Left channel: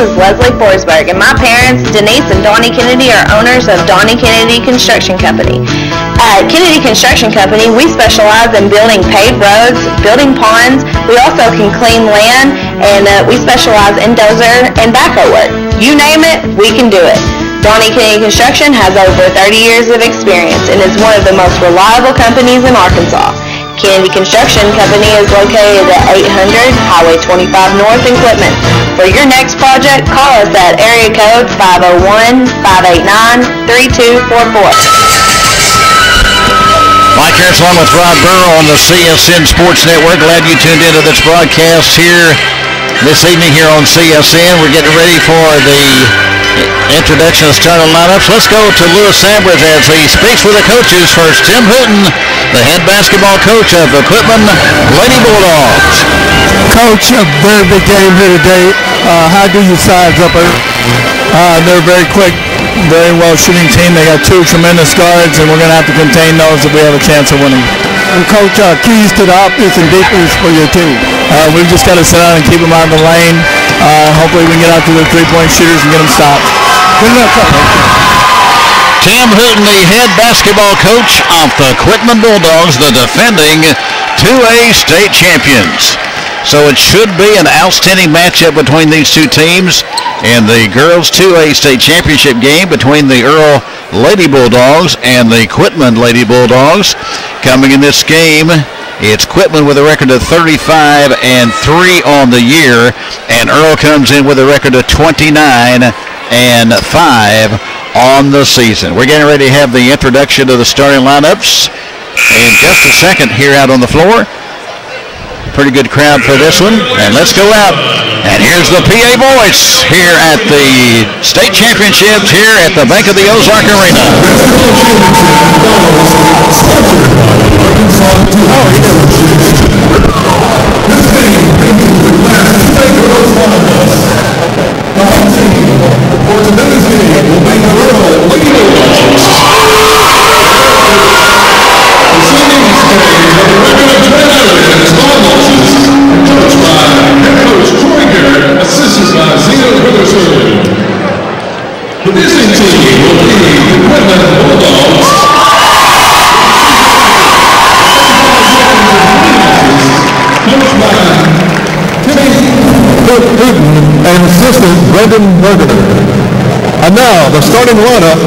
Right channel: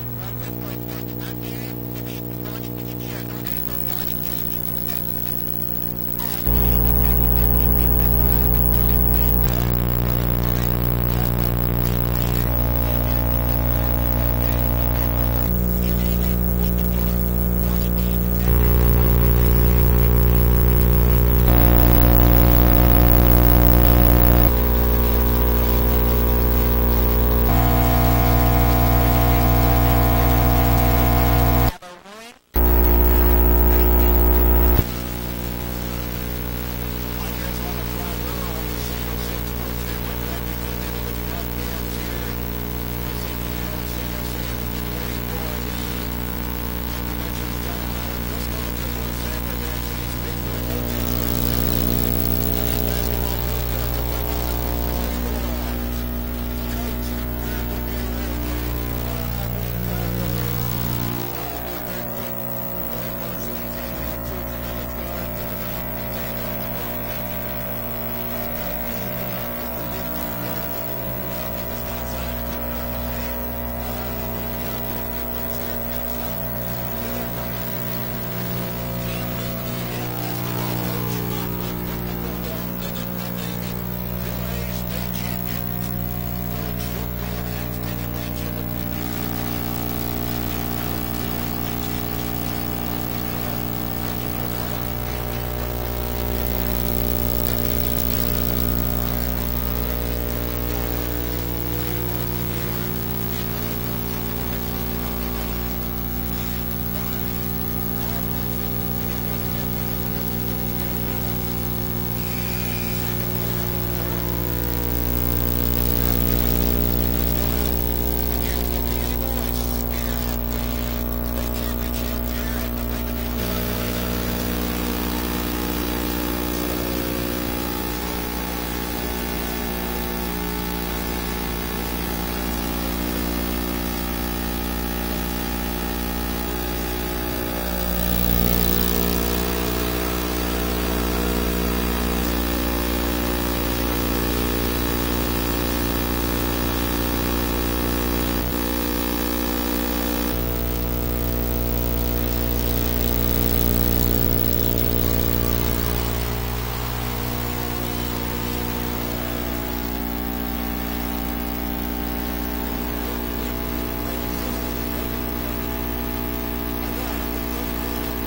is Leslie Forsberg, and my parents, Denise and Donnie Kennedy, are owners of Donnie Kennedy Construction Company. At Kennedy Construction Company, we specialize in building paved roads, building ponds. We also can clean land, and we specialize in dozer and backhoe work. You name it, we can do it. Donnie Kennedy Construction has over 30 years of experience and is one of the most reliable companies in Arkansas. Kennedy Construction Company is located at 800 Highway 25 North in Quitman. For your next project, call us at area code 501-589-3244. Mike Harris along with Rod Burrow on the CSN Sports Network. Glad you tuned into this broadcast here this evening here on CSN. We're getting ready for the introduction of the starting lineups. Let's go to Lewis Sanders as he speaks with the coaches. First, Tim Hooten, the head basketball coach of the Quitman Lady Bulldogs. Coach, a very big game here today. How do you size up her? They're very quick, very well shooting team. They got two tremendous guards, and we're going to have to contain those if we have a chance of winning. And Coach, keys to the offense and defense for your team? We've just got to sit down and keep them out of the lane. Hopefully we can get out to the three-point shooters and get them stopped. Good luck, Coach. Tim Hooten, the head basketball coach of the Quitman Bulldogs, the defending 2A state champions. So it should be an outstanding matchup between these two teams in the girls 2A state championship game between the Earl Lady Bulldogs and the Quitman Lady Bulldogs. Coming in this game, it's Quitman with a record of 35-3 on the year, and Earl comes in with a record of 29-5 on the season. We're getting ready to have the introduction of the starting lineups in just a second here out on the floor. Pretty good crowd for this one, and let's go out. And here's the PA voice here at the state championships here at the Bank of the Ozark Arena. The visiting team will be the Quitman Bulldogs. Coached by Timmy Hooten and assistant Brendan Berger. And now the starting lineup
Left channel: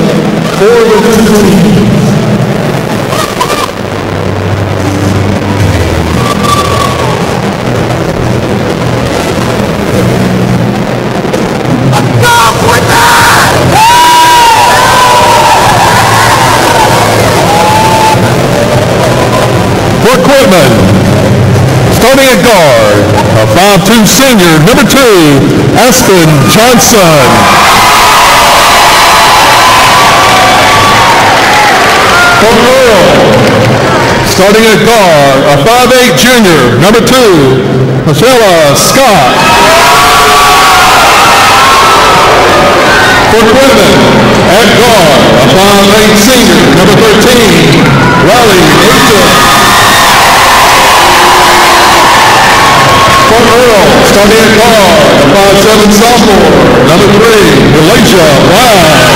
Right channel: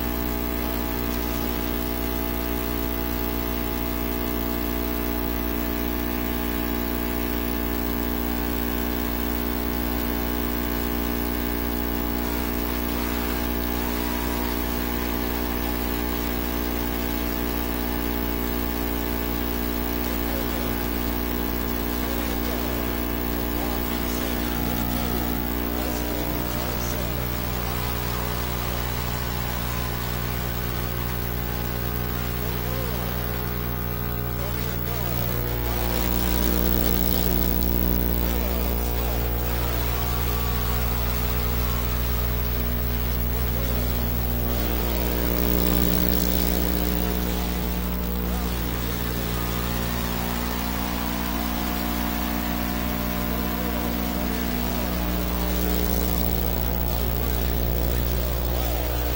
for the visiting team. Quitman, starting at guard, a 5'2" senior, number 2, Aspen Johnson. For Earl, starting at guard, a 5'8" junior, number 2, Michelle Scott. For Quitman, at guard, a 5'8" senior, number 13, Riley Aitken. For Earl, starting at guard, a 5'7" sophomore, number 3, Elijah Ryan.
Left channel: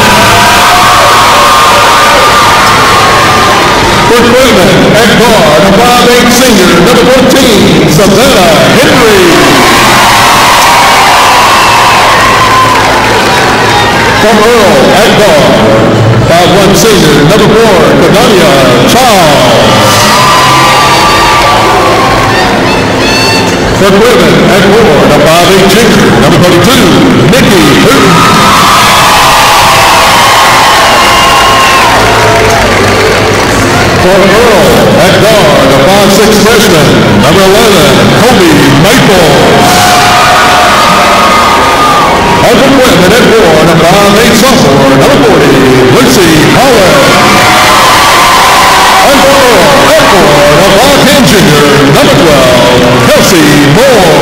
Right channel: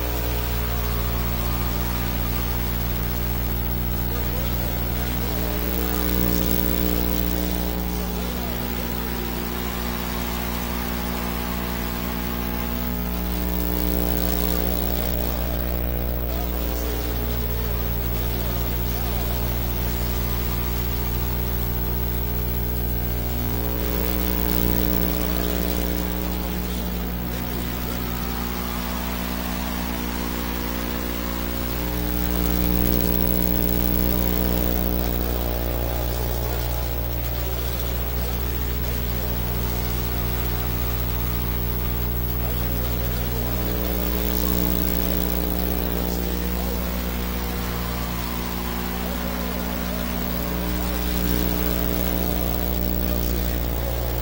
For Quitman, at guard, a 5'8" senior, number 14, Savannah Henry. For Earl, at guard, 5'1" senior, number 4, Kadania Charles. For Quitman, at guard, a 5'8" junior, number 32, Nikki Hooten. For Earl, at guard, a 5'6" freshman, number 11, Kobe Maple. And for Quitman, at guard, a 5'8" sophomore, number 40, Lucy Howard. And for Earl, at guard, a 5'10" junior, number 12, Kelsey Moore.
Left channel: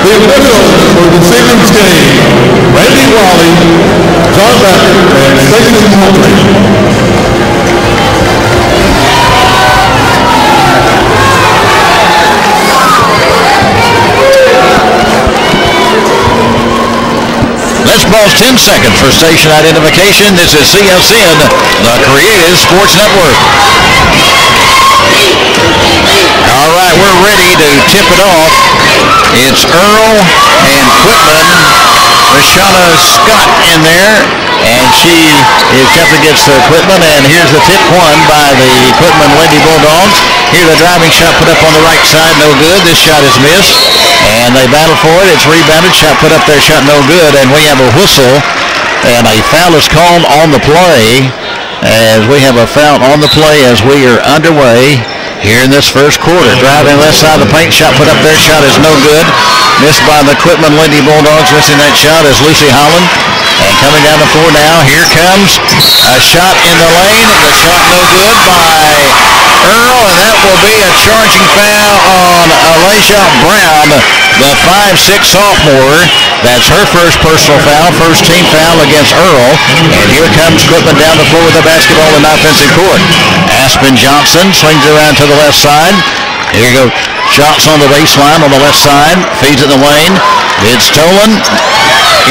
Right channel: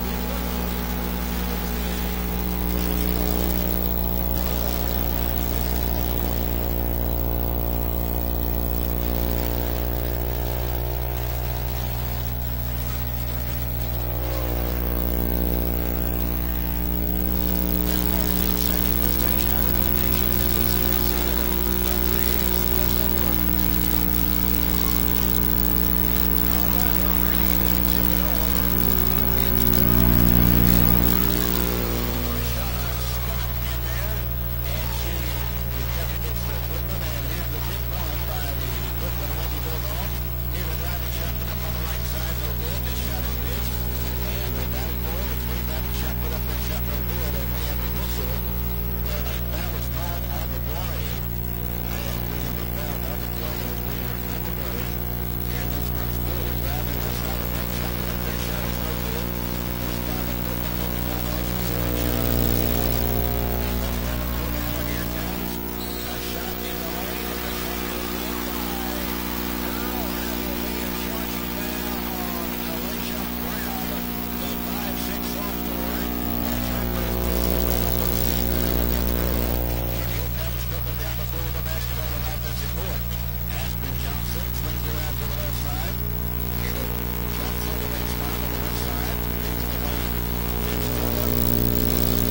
The officials for this evening's game, Randy Raleigh, John Backer, and Stacey Moultrie. Let's pause 10 seconds for station identification. This is CSN, the Creative Sports Network. All right, we're ready to tip it off. It's Earl and Quitman. Rashana Scott in there, and she is up against the Quitman, and here's the tip won by the Quitman Lady Bulldogs. Here's the driving shot put up on the right side, no good. This shot is missed, and they battle for it. It's rebounded, shot put up there, shot no good, and we have a whistle, and a foul is called on the play, as we have a foul on the play as we are underway here in this first quarter. Driving left side of the paint, shot put up there, shot is no good. Missed by the Quitman Lady Bulldogs. Missing that shot is Lucy Holland. And coming down the floor now, here comes a shot in the lane. The shot no good by Earl, and that will be a charging foul on Alasia Brown, the 5'6" sophomore. That's her first personal foul, first team foul against Earl. And here comes Quitman down the floor with the basketball in offensive court. Aspen Johnson swings around to the left side. Here you go. Shots on the baseline on the left side. Feeds it in the lane. It's stolen.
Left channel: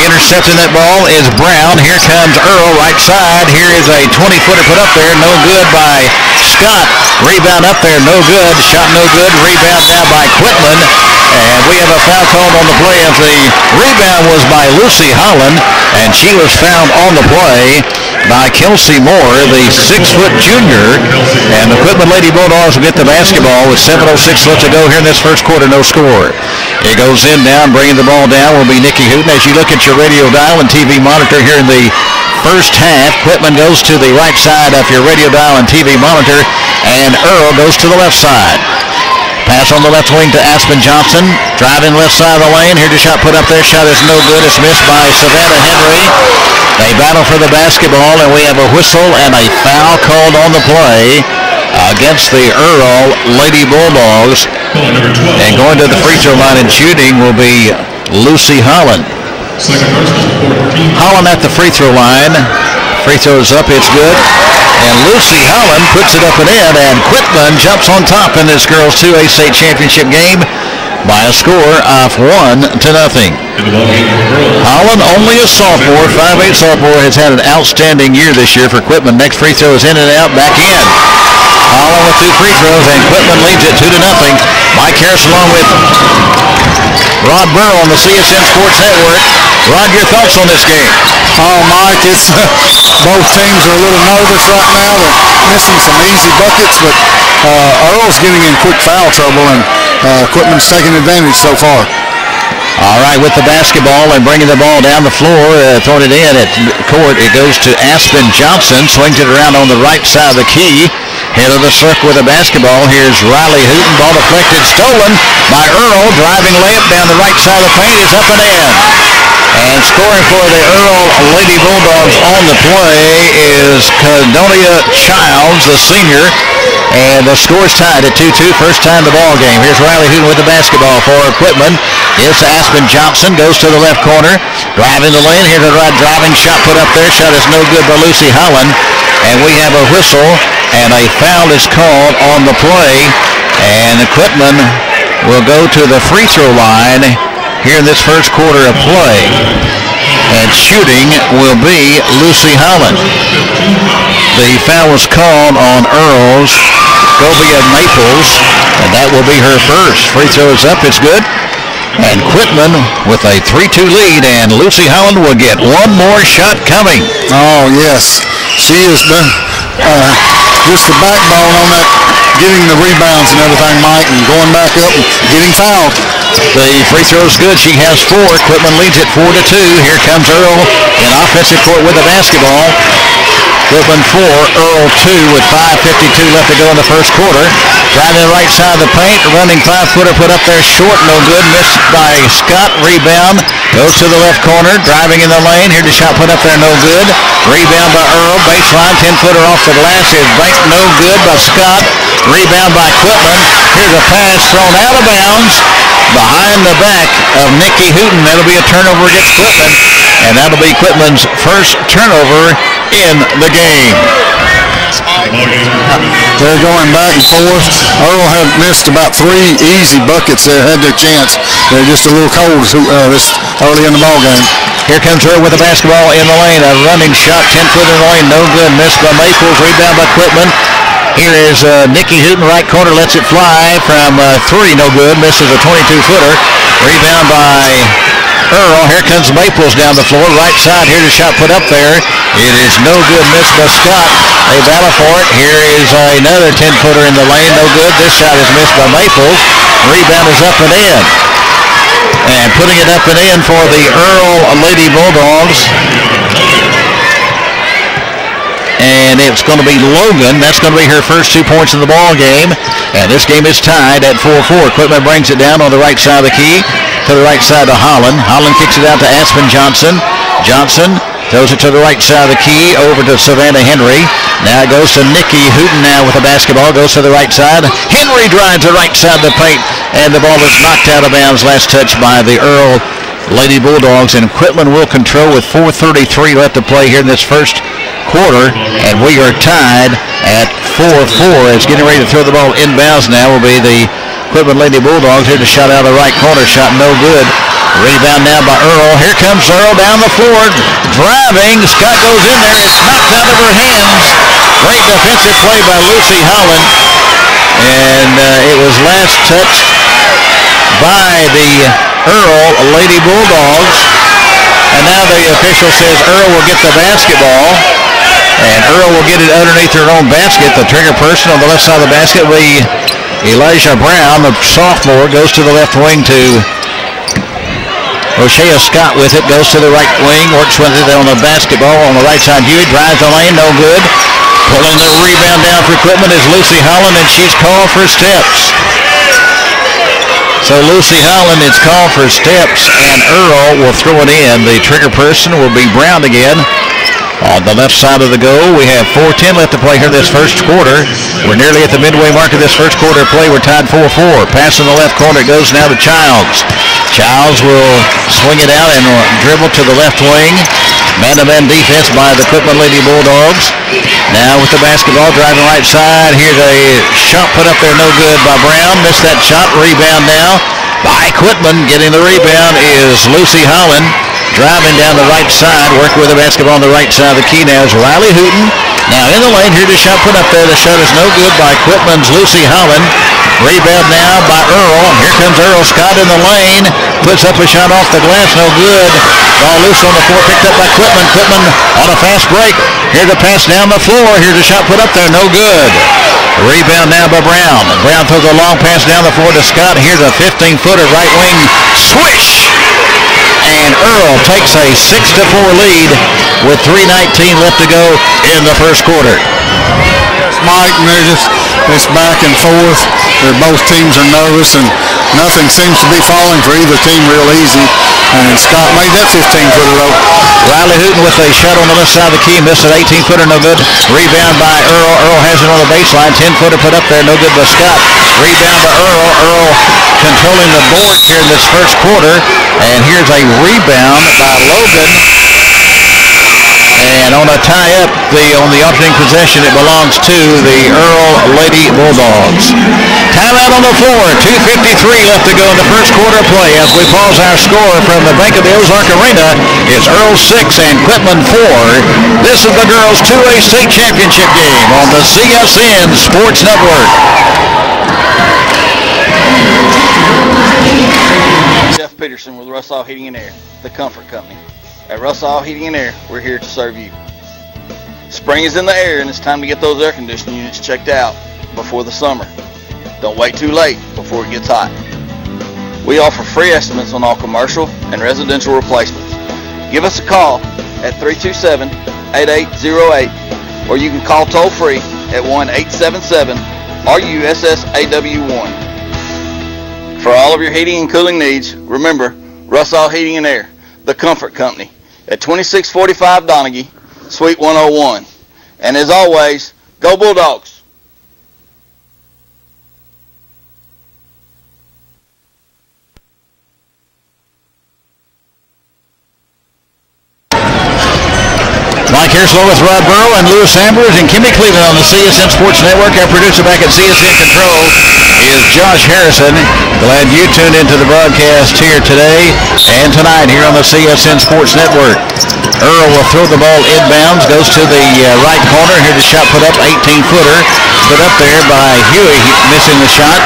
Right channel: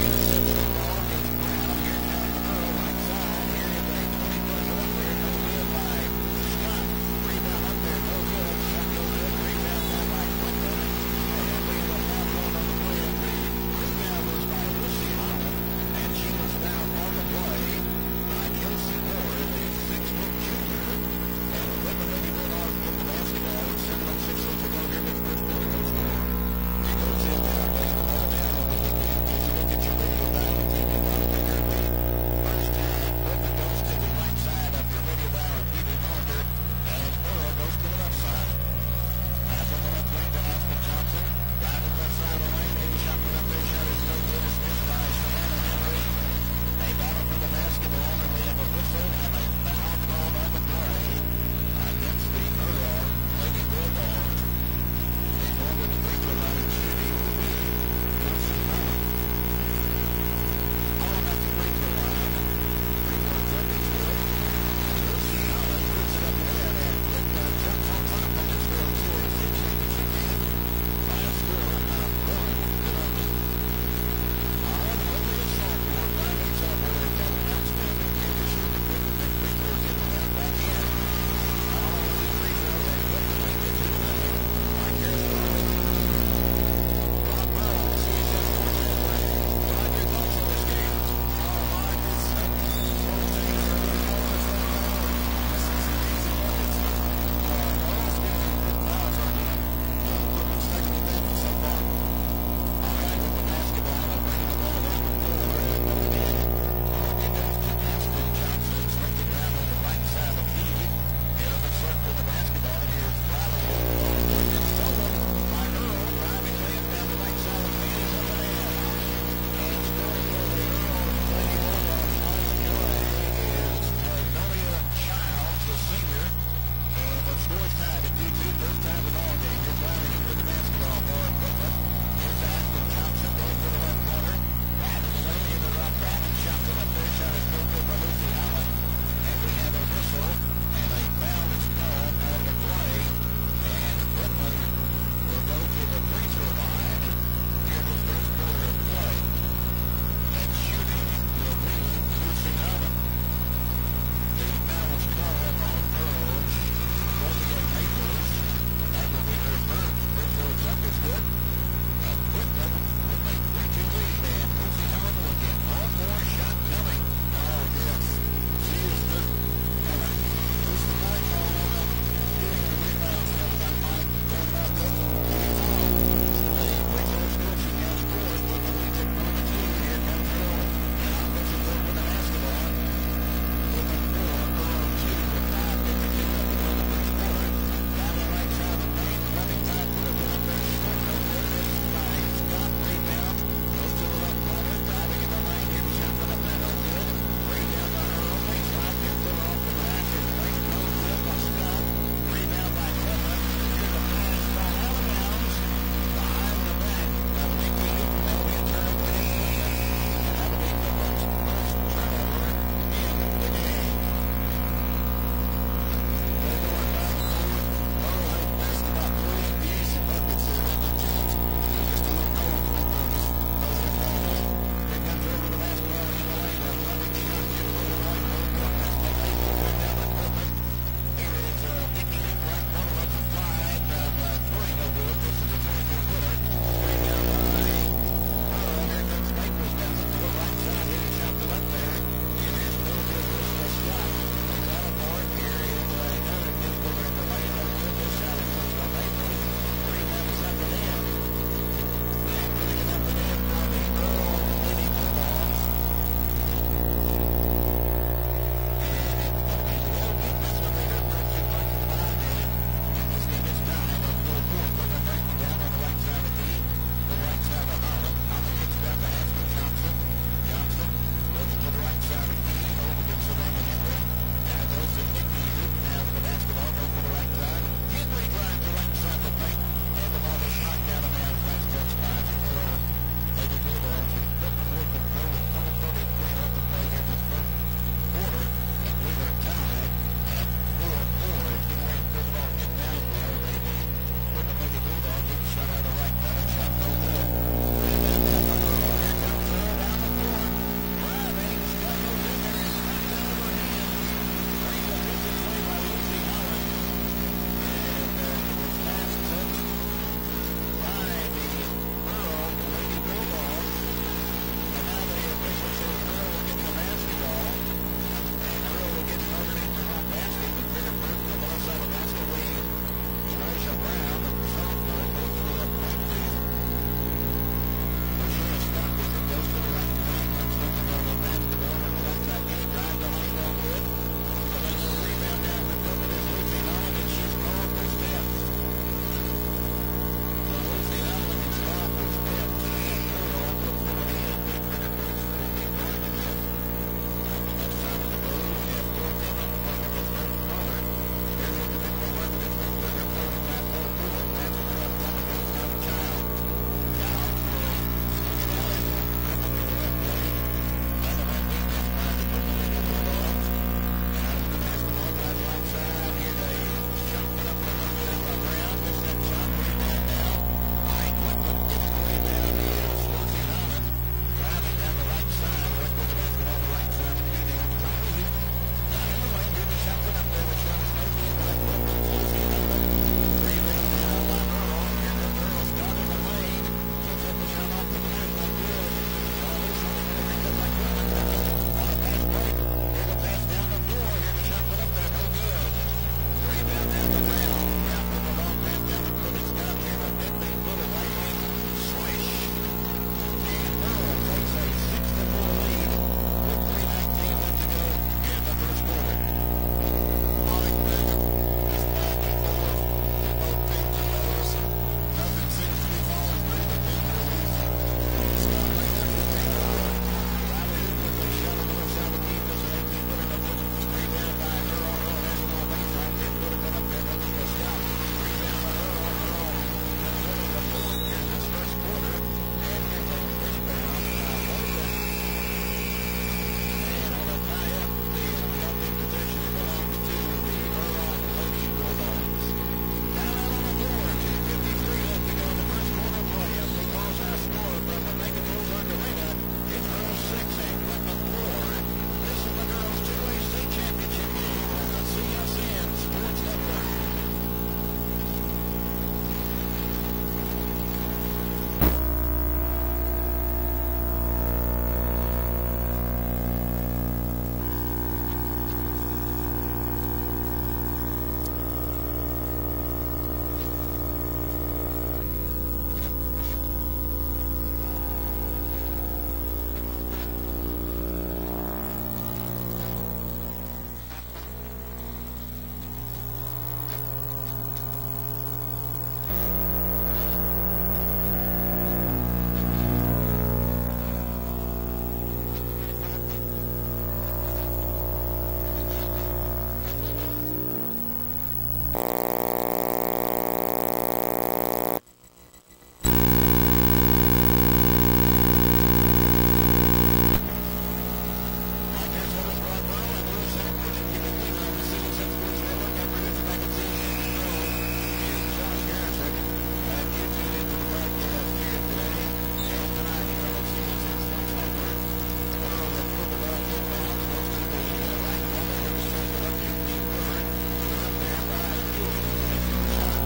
Intercepting that ball is Brown. Here comes Earl, right side. Here is a 20-footer put up there. No good by Scott. Rebound up there. No good. Shot no good. Rebound now by Quitman. And we have a foul called on the play as the rebound was by Lucy Holland, and she was fouled on the play by Kelsey Moore, the 6-foot junior. And the Quitman Lady Bulldogs will get the basketball with 7:06 left to go here in this first quarter. No score. It goes in down, bringing the ball down will be Nikki Hooten. As you look at your radio dial and TV monitor here in the first half, Quitman goes to the right side of your radio dial and TV monitor, and Earl goes to the left side. Pass on the left wing to Aspen Johnson. Driving left side of the lane. Here's a shot put up there. Shot is no good. It's missed by Savannah Henry. They battle for the basketball, and we have a whistle and a foul called on the play against the Earl Lady Bulldogs. And going to the free throw line and shooting will be Lucy Holland. Holland at the free throw line. Free throw is up. It's good. And Lucy Holland puts it up and in, and Quitman jumps on top in this girls 2A state championship game by a score of 1-0. Holland, only a sophomore, 5'8" sophomore, has had an outstanding year this year for Quitman. Next free throw is in and out, back in. Holland with 2 free throws, and Quitman leads it 2-0. Mike Harris along with Rod Burrow on the CSN Sports Network. Rod, your thoughts on this game? Oh, Mike, it's both teams are a little nervous right now. They're missing some easy buckets, but Earl's getting in quick foul trouble, and Quitman's taking advantage so far. All right, with the basketball and bringing the ball down the floor, throwing it in at court, it goes to Aspen Johnson, swings it around on the right side of the key. Head of the circle with the basketball. Here's Riley Hooten. Ball deflected, stolen by Earl. Driving layup down the right side of the paint is up and in. And scoring for the Earl Lady Bulldogs on the play is Cadonia Childs, the senior. And the score's tied at 2-2. First time the ball game. Here's Riley Hooten with the basketball for Quitman. It's Aspen Johnson. Goes to the left corner. Driving the lane. Here's a driving shot put up there. Shot is no good by Lucy Holland. And we have a whistle. And a foul is called on the play. And Quitman will go to the free throw line here in this first quarter of play. And shooting will be Lucy Holland. The foul was called on Earl's Scobia Maples, and that will be her first. Free throw is up, it's good. And Quitman with a 3-2 lead, and Lucy Holland will get one more shot coming. Oh, yes. She has been just the backbone on that, getting the rebounds and everything, Mike, and going back up and getting fouled. The free throw is good. She has 4. Quitman leads it 4-2. Here comes Earl in offensive court with the basketball. Quitman 4, Earl 2 with 5:52 left to go in the first quarter. Driving the right side of the paint, running 5-footer put up there short, no good. Missed by Scott. Rebound goes to the left corner. Driving in the lane. Here's the shot put up there, no good. Rebound by Earl. Baseline 10-footer off the glass is banked, no good by Scott. Rebound by Quitman. Here's a pass thrown out of bounds behind the back of Nikki Hooten. That'll be a turnover against Quitman, and that'll be Quitman's first turnover in the game. They're going back and forth. Earl had missed about 3 easy buckets there, had their chance. They're just a little cold this early in the ball game. Here comes Earl with the basketball in the lane. A running shot, 10-foot in the lane, no good. Missed by Maples. Rebound by Quitman. Here is Nikki Hooten, right corner, lets it fly from 3, no good. Misses a 22-footer. Rebound by Earl. Here comes Maples down the floor. Right side. Here's a shot put up there. It is no good. Missed by Scott. They battle for it. Here is another 10-footer in the lane. No good. This shot is missed by Maples. Rebound is up and in. And putting it up and in for the Earl Lady Bulldogs. And it's going to be Logan. That's going to be her first 2 points in the ball game. And this game is tied at 4-4. Quitman brings it down on the right side of the key to the right side of Holland. Holland kicks it out to Aspen Johnson. Johnson throws it to the right side of the key over to Savannah Henry. Now it goes to Nikki Hooten now with the basketball. Goes to the right side. Henry drives the right side of the paint. And the ball is knocked out of bounds. Last touch by the Earl Lady Bulldogs. And Quitman will control with 4:33 left to play here in this first quarter. And we are tied at 4-4. It's getting ready to throw the ball inbounds now will be the Quitman Lady Bulldogs. Here to shot out of the right corner. Shot no good. Rebound now by Earl. Here comes Earl down the floor. Driving. Scott goes in there. It's knocked out of her hands. Great defensive play by Lucy Holland. And it was last touched by the Earl Lady Bulldogs. And now the official says Earl will get the basketball. And Earl will get it underneath her own basket. The trigger person on the left side of the basket will be Elijah Brown, the sophomore, goes to the left wing to O'Shea Scott with it, goes to the right wing, works with it on the basketball on the right side. Hewitt drives the lane, no good. Pulling the rebound down for Quitman is Lucy Holland, and she's called for steps. So Lucy Holland is called for steps, and Earl will throw it in. The trigger person will be Brown again. On the left side of the goal, we have 4:10 left to play here this first quarter. We're nearly at the midway mark of this first quarter play. We're tied 4-4. Pass in the left corner. It goes now to Childs. Childs will swing it out and dribble to the left wing. Man-to-man defense by the Quitman Lady Bulldogs. Now with the basketball, driving right side. Here's a shot put up there, no good by Brown. Missed that shot. Rebound now by Quitman. Getting the rebound is Lucy Holland. Driving down the right side, working with the basketball on the right side of the key now is Riley Hooten. Now in the lane, here's a shot put up there. The shot is no good by Quitman's Lucy Holland. Rebound now by Earl. Here comes Earl Scott in the lane. Puts up a shot off the glass, no good. Ball loose on the floor, picked up by Quitman. Quitman on a fast break. Here's a pass down the floor. Here's a shot put up there, no good. Rebound now by Brown. Brown throws a long pass down the floor to Scott. Here's a 15-footer right wing swish. And Earl takes a 6-4 lead with 3:19 left to go in the first quarter. Yes, Mike, and it's back and forth. Both teams are nervous, and nothing seems to be falling for either team real easy. And Scott made that 15-footer though. Riley Hooten with a shot on the left side of the key, missed an 18-footer, no good. Rebound by Earl. Earl has it on the baseline. 10-footer put up there, no good by Scott. Rebound by Earl. Earl controlling the board here in this first quarter. And here's a rebound by Logan. And on a tie-up, on the alternating possession, it belongs to the Earl Lady Bulldogs. Timeout on the floor. 2:53 left to go in the first quarter play. As we pause our score from the Bank of the Ozark Arena, it's Earl 6 and Quitman 4. This is the girls' 2A state championship game on the CSN Sports Network. Jeff Peterson with Russell Heating and Air, the Comfort Company. At Russell Heating and Air, we're here to serve you. Spring is in the air and it's time to get those air conditioning units checked out before the summer. Don't wait too late before it gets hot. We offer free estimates on all commercial and residential replacements. Give us a call at 327-8808 or you can call toll free at 1-877-RUSSAW1. For all of your heating and cooling needs, remember Russell Heating and Air, the Comfort Company, at 2645 Donaghy, Suite 101. And as always, go Bulldogs! Mike Herslow with Rod Burrow and Lewis Ambers and Kimmy Cleveland on the CSN Sports Network. Our producer back at CSN Control is Josh Harrison. Glad you tuned into the broadcast here today and tonight here on the CSN Sports Network. Earl will throw the ball inbounds, goes to the right corner. Here the shot put up, 18-footer. Put up there by Huey, missing the shot.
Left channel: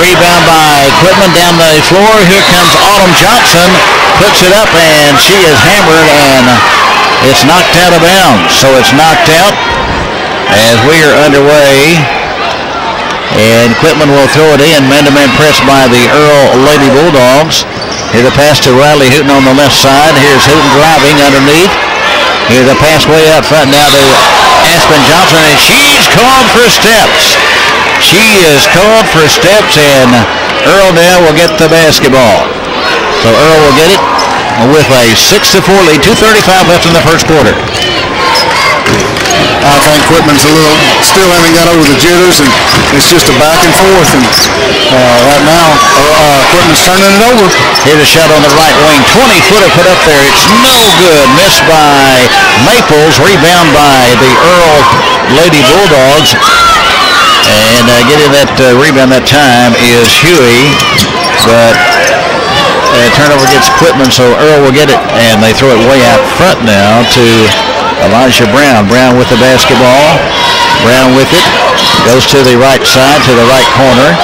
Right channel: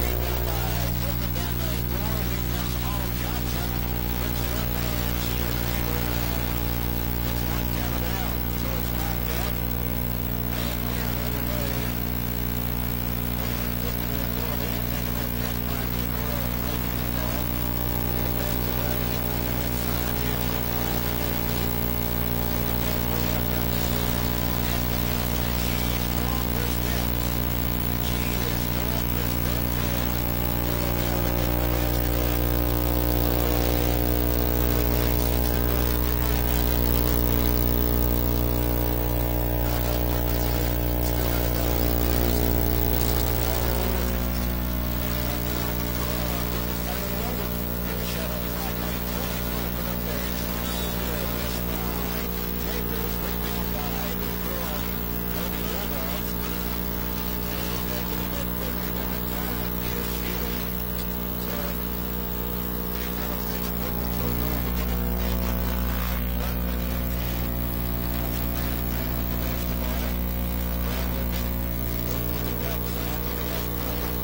Rebound by Quitman down the floor. Here comes Autumn Johnson. Puts it up, and she is hammered, and it's knocked out of bounds. So it's knocked out as we are underway. And Quitman will throw it in. Man-to-man press by the Earl Lady Bulldogs. Here the pass to Riley Hooten on the left side. Here's Hooten driving underneath. Here the pass way out front now to Aspen Johnson, and she's called for steps. She is called for steps, and Earl now will get the basketball. So Earl will get it with a 6-4 lead. 2:35 left in the first quarter. I think Quitman's still haven't got over the jitters, and it's just a back and forth. And right now, Quitman's turning it over. Here's a shot on the right wing. 20-footer put up there. It's no good. Missed by Maples. Rebound by the Earl Lady Bulldogs. And getting that rebound that time is Huey. But turnover gets Quitman, so Earl will get it. And they throw it way out front now to Elijah Brown. Brown with the basketball. Brown with it. Goes to the right side, to the right corner.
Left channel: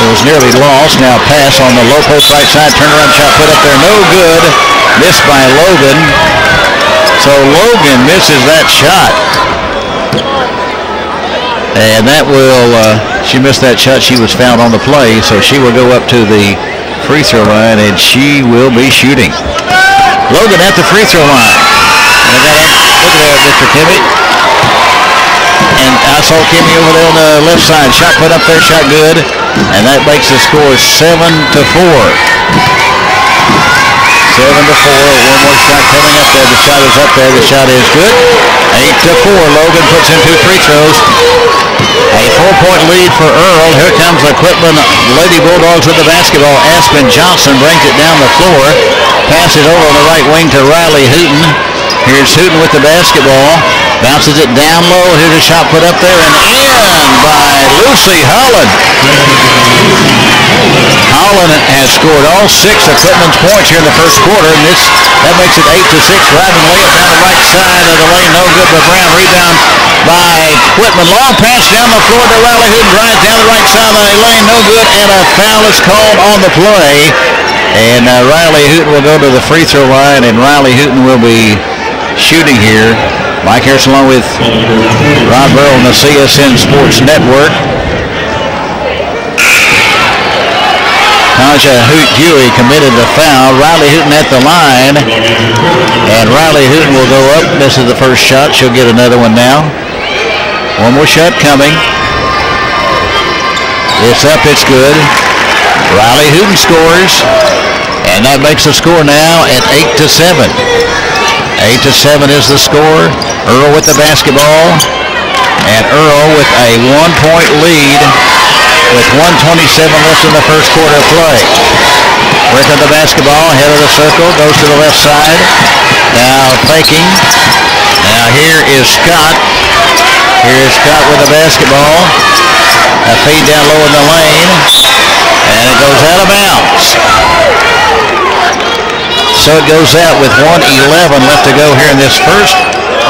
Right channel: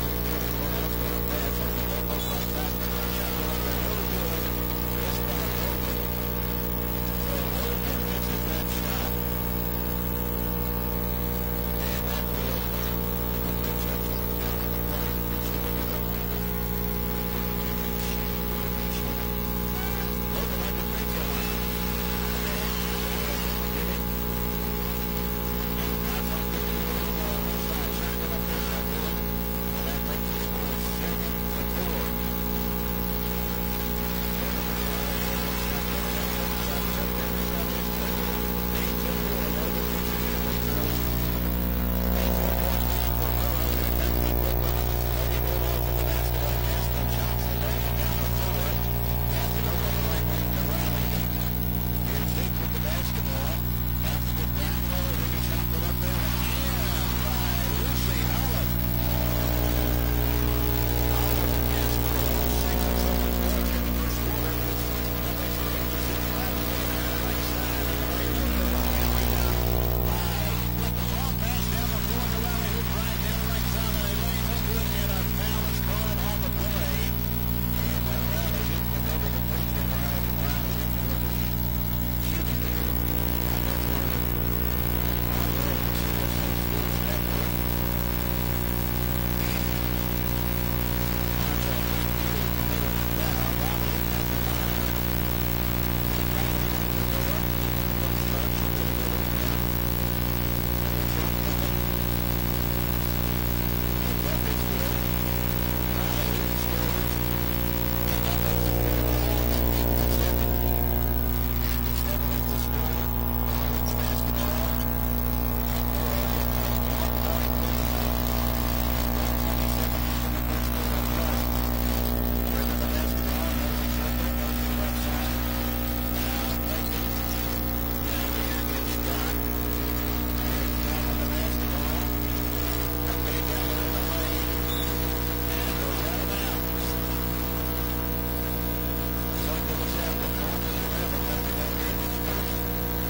It was nearly lost. Now pass on the low post right side. Turnaround shot put up there. No good. Missed by Logan. So Logan misses that shot. And that will, she missed that shot. She was fouled on the play. So she will go up to the free throw line, and she will be shooting. Logan at the free throw line. And I got up. Look at that, Mr. Kimmy. And I saw Kimmy over there on the left side. Shot put up there, shot good. And that makes the score 7-4. 7-4. One more shot coming up there. The shot is up there. The shot is good. 8-4. Logan puts in 2 free throws. A 4-point lead for Earl. Here comes the Quitman Lady Bulldogs with the basketball. Aspen Johnson brings it down the floor. Passes over on the right wing to Riley Hooten. Here's Hooten with the basketball. Bounces it down low. Here's a shot put up there and in by Lucy Holland. Holland has scored all 6 of Quitman's points here in the first quarter, and that makes it 8-6. Driving layup down the right side of the lane. No good by Brown. Rebound by Quitman. Long pass down the floor to Riley Hooten. Drives down the right side of the lane. No good, and a foul is called on the play. And Riley Hooten will go to the free throw line, and Riley Hooten will be shooting here. Mike Harrison along with Rod Burrow on the CSN Sports Network. Taja Huey committed the foul. Riley Hooten at the line. And Riley Hooten will go up. Misses the first shot. She'll get another one now. One more shot coming. It's up. It's good. Riley Hooten scores. And that makes the score now at 8-7. 8-7 is the score. Earl with the basketball. And Earl with a 1-point lead with 1:27 left in the first quarter of play. Working the basketball, head of the circle, goes to the left side. Now faking. Now here is Scott. Here's Scott with the basketball. A feed down low in the lane. And it goes out of bounds. So it goes out with 1:11 left to go here in this first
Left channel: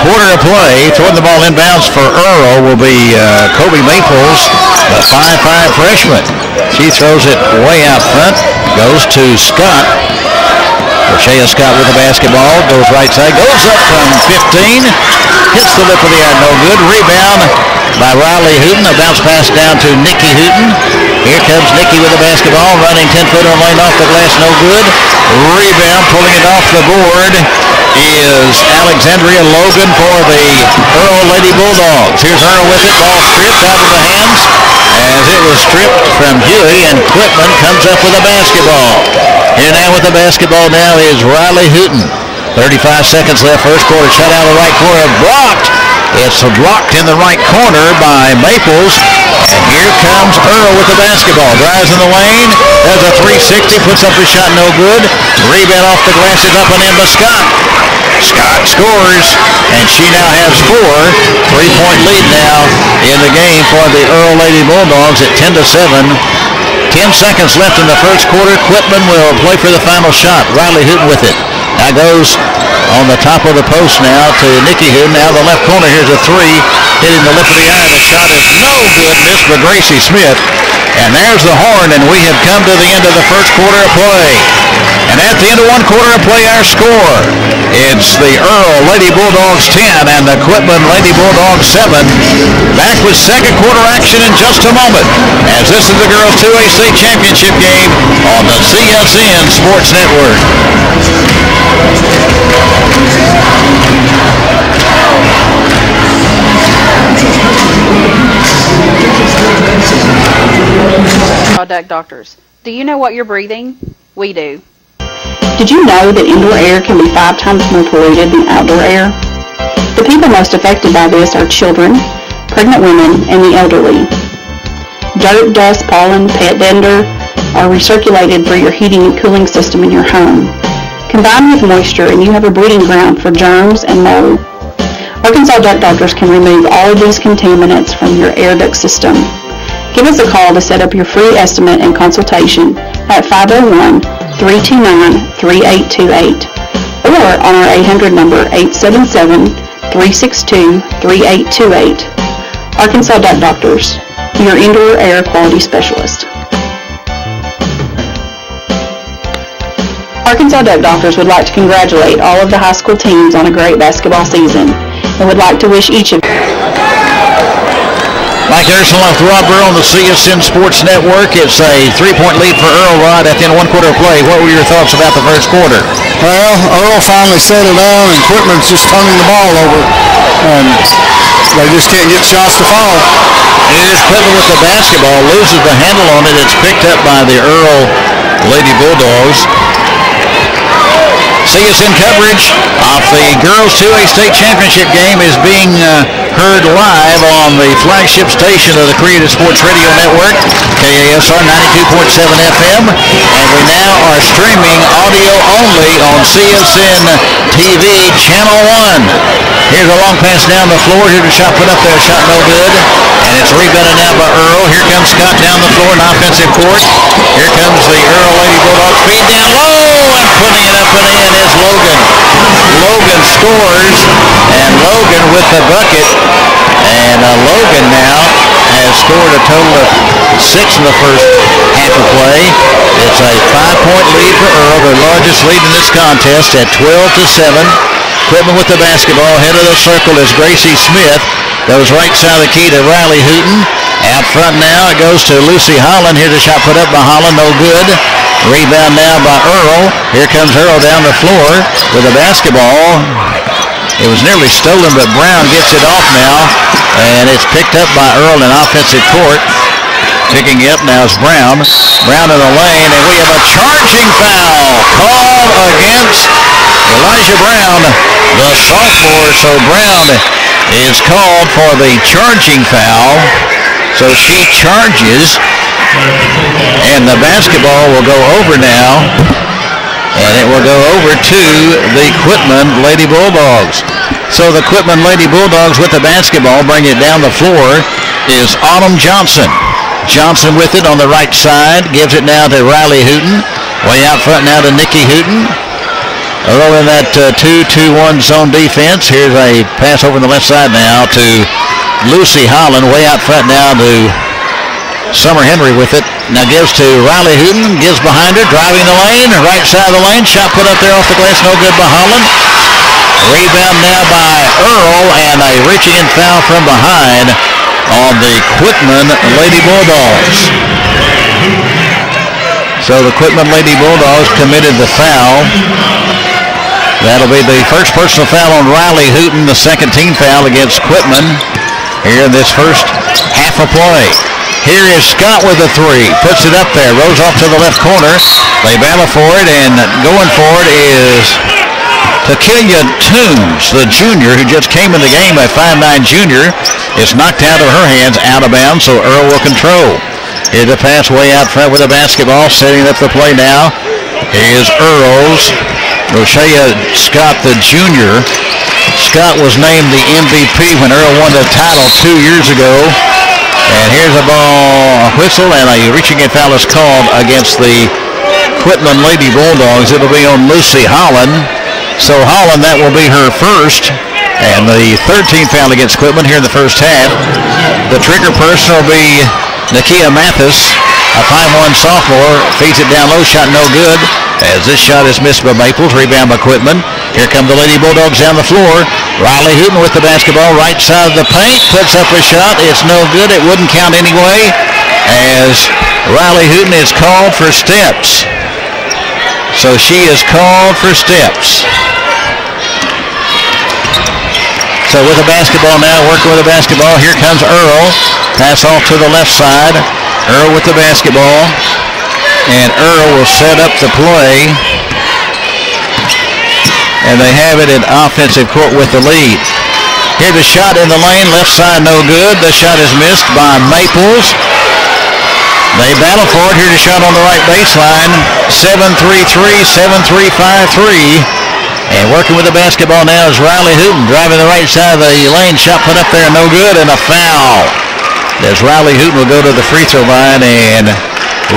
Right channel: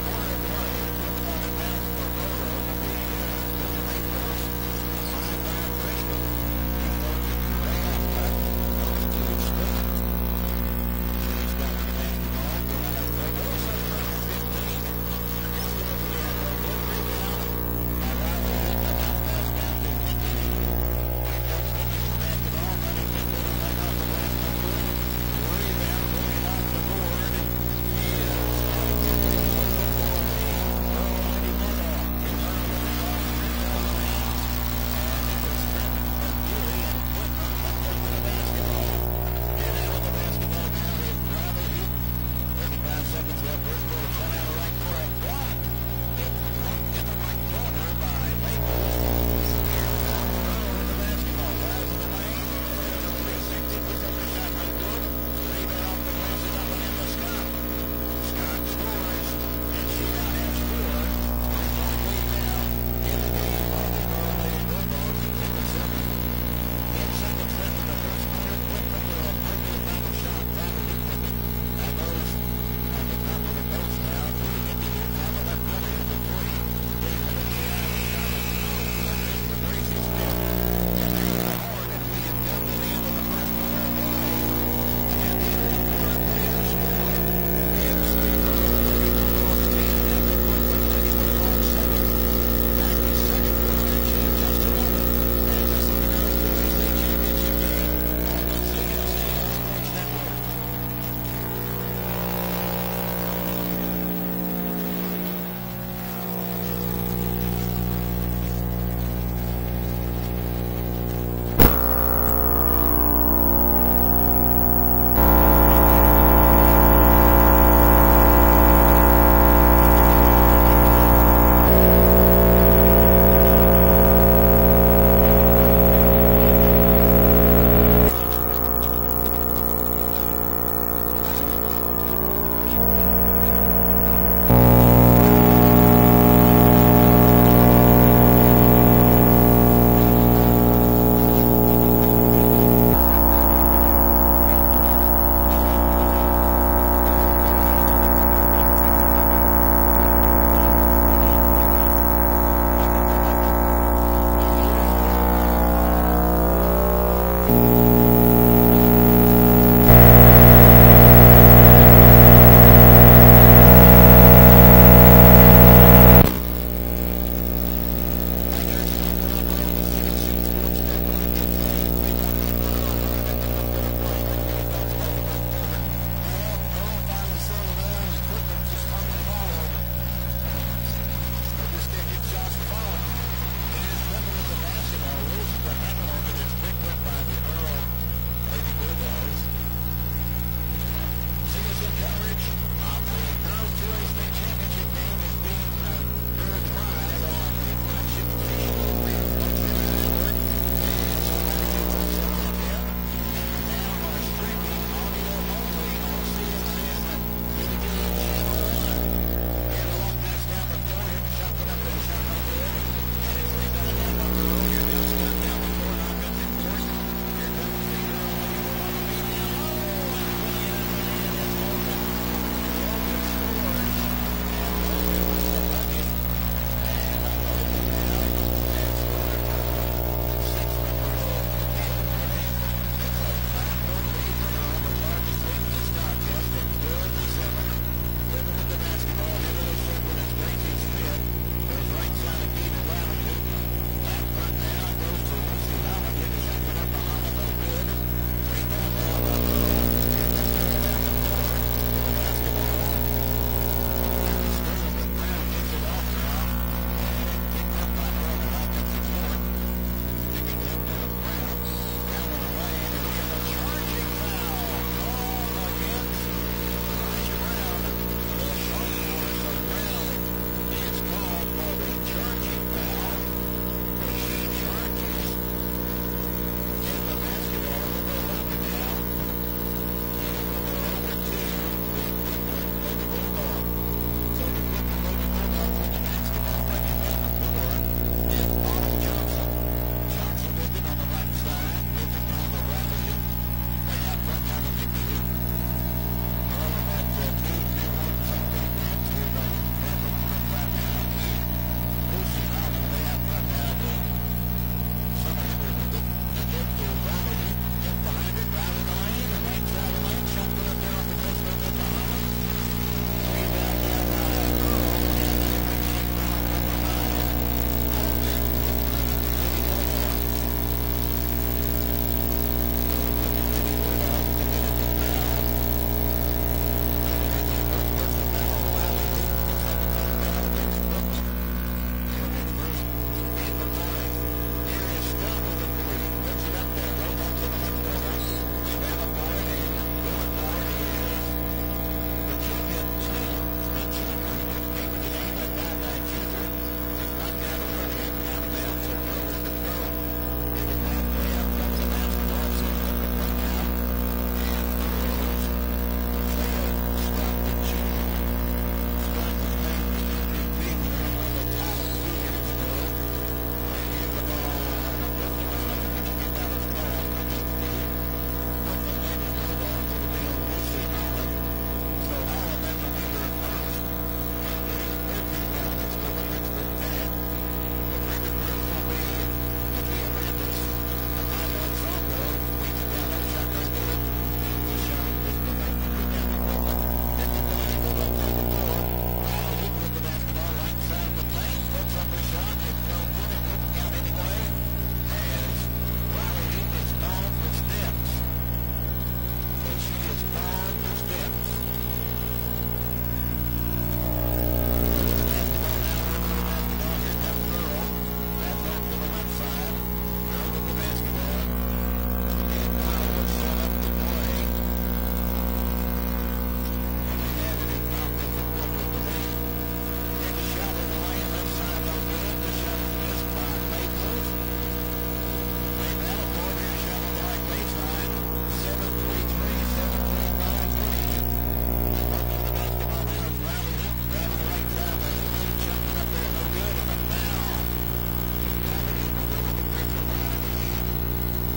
quarter of play. Throwing the ball inbounds for Earl will be Kobe Maples, the 5'5" freshman. She throws it way out front. Goes to Scott. Shea Scott with the basketball. Goes right side. Goes up from 15. Hits the lip of the iron. No good. Rebound by Riley Hooten. A bounce pass down to Nikki Hooten. Here comes Nikki with the basketball. Running 10-footer lane off the glass. No good. Rebound. Pulling it off the board is Alexandria Logan for the Earl Lady Bulldogs. Here's Earl with it. Ball stripped out of the hands as it was stripped from Huey, and Quitman comes up with a basketball. Here now with the basketball now is Riley Hooten. 35 seconds left. First quarter. Shot out of the right corner. Blocked. It's blocked in the right corner by Maples. And here comes Earl with the basketball. Drives in the lane. Does a 360. Puts up the shot. No good. Rebound off the glass is up and in by Scott. Scott scores, and she now has 4. 3-point lead now in the game for the Earl Lady Bulldogs at 10-7. 10 seconds left in the first quarter. Quitman will play for the final shot. Riley Hooten with it. Now goes on the top of the post now to Nikki Hooten. Now the left corner. Here's a 3. Hitting the lip of the eye. The shot is no good. Missed by Gracie Smith. And there's the horn, and we have come to the end of the first quarter of play. And at the end of one quarter of play, our score, it's the Earl Lady Bulldogs 10 and the Quitman Lady Bulldogs 7. Back with second quarter action in just a moment, as this is the girls 2A state championship game on the CSN Sports Network. Contact doctors. Do you know what you're breathing? We do. Did you know that indoor air can be 5 times more polluted than outdoor air? The people most affected by this are children, pregnant women, and the elderly. Dirt, dust, pollen, pet dander are recirculated through your heating and cooling system in your home. Combine with moisture and you have a breeding ground for germs and mold. Arkansas Duck Doctors can remove all of these contaminants from your air duct system. Give us a call to set up your free estimate and consultation at 501-329-3828 or on our 800 number 877-362-3828. Arkansas Duck Doctors, your indoor air quality specialist. Arkansas Duck Doctors would like to congratulate all of the high school teams on a great basketball season and would like to wish each of you. Mike Harrison left Rod Burrow on the CSN Sports Network. It's a 3-point lead for Earl, Rod, at the end of one quarter of play. What were your thoughts about the first quarter? Well, Earl finally settled down, and Quitman's just turning the ball over, and they just can't get shots to fall. It is Quitman with the basketball, loses the handle on it. It's picked up by the Earl Lady Bulldogs. CSN coverage of the Girls 2A State Championship game is being heard live on the flagship station of the Creative Sports Radio Network, KASR 92.7 FM, and we now are streaming audio only on CSN-TV Channel 1. Here's a long pass down the floor. Here's a shot put up there, shot no good, and it's rebounded now by Earl. Here comes Scott down the floor in offensive court. Here comes the Earl Lady Bulldogs, feed down low, and putting it up and in is Logan. Logan scores, and Logan with the bucket. And Logan now has scored a total of 6 in the first half of play. It's a 5-point lead for Earl, their largest lead in this contest at 12-7. Quitman with the basketball. Head of the circle is Gracie Smith. Goes right side of the key to Riley Hooten. Out front now it goes to Lucy Holland. Here's a shot put up by Holland, no good. Rebound now by Earl. Here comes Earl down the floor with the basketball. It was nearly stolen, but Brown gets it off now, and it's picked up by Earl in offensive court. Picking it up now is Brown. Brown in the lane, and we have a charging foul called against Elijah Brown, the sophomore. So Brown is called for the charging foul. So she charges, and the basketball will go over now. And it will go over to the Quitman Lady Bulldogs. So the Quitman Lady Bulldogs with the basketball, bringing it down the floor, is Autumn Johnson. Johnson with it on the right side, gives it now to Riley Hooten. Way out front now to Nikki Hooten. Earl in that 2-2-1 zone defense. Here's a pass over the left side now to Lucy Holland. Way out front now to Summer Henry with it. Now gives to Riley Hooten, gives behind her, driving the lane, right side of the lane, shot put up there off the glass, no good by Holland. Rebound now by Earl, and a reaching in foul from behind on the Quitman Lady Bulldogs. So the Quitman Lady Bulldogs committed the foul. That'll be the first personal foul on Riley Hooten, the second team foul against Quitman here in this first half of play. Here is Scott with a 3. Puts it up there. Rolls off to the left corner. They battle for it, and going for it is Takilia Toombs, the junior, who just came in the game, a 5'9 junior. It's knocked out of her hands, out of bounds, so Earl will control. Here's a pass way out front with the basketball. Setting up the play now is Earl's Roshea Scott, the junior. Scott was named the MVP when Earl won the title 2 years ago. And here's a ball, a whistle, and a reaching in foul is called against the Quitman Lady Bulldogs. It'll be on Lucy Holland. So Holland, that will be her first. And the 13th foul against Quitman here in the first half. The trigger person will be Nakia Mathis, a 5'1" sophomore. Feeds it down low, shot no good. As this shot is missed by Maples, rebound by Quitman. Here come the Lady Bulldogs down the floor. Riley Hooten with the basketball, right side of the paint, puts up a shot. It's no good. It wouldn't count anyway, as Riley Hooten is called for steps. So she is called for steps. So with the basketball now, working with the basketball, here comes Earl. Pass off to the left side. Earl with the basketball. And Earl will set up the play. And they have it in offensive court with the lead. Here's the shot in the lane, left side no good. The shot is missed by Maples. They battle for it. Here's a shot on the right baseline. 7-3-3, 7-3-5-3. And working with the basketball now is Riley Hooten, driving the right side of the lane. Shot put up there, no good, and a foul. As Riley Hooten will go to the free throw line, and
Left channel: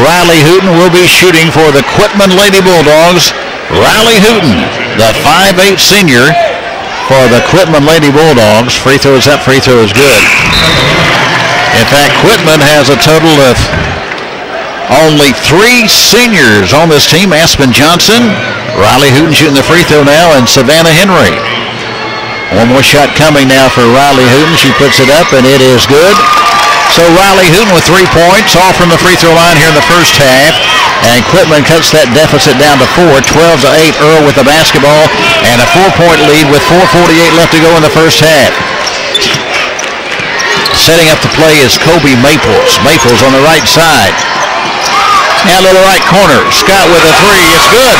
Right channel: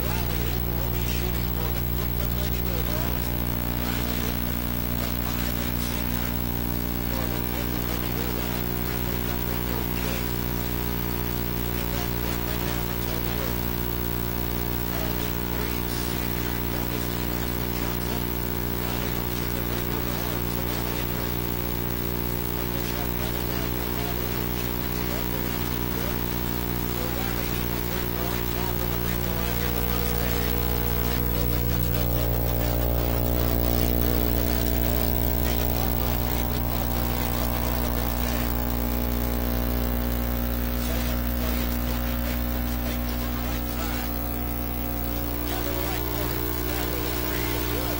Riley Hooten will be shooting for the Quitman Lady Bulldogs. Riley Hooten, the 5'8" senior for the Quitman Lady Bulldogs. Free throw is up, free throw is good. In fact, Quitman has a total of only 3 seniors on this team. Aspen Johnson, Riley Hooten shooting the free throw now, and Savannah Henry. One more shot coming now for Riley Hooten. She puts it up, and it is good. So Riley Hooten with 3 points, all from the free throw line here in the first half. And Quitman cuts that deficit down to 4, 12-8. Earl with the basketball, and a 4-point lead with 4:48 left to go in the first half. Setting up the play is Kobe Maples. Maples on the right side. Now little right corner. Scott with a 3. It's good.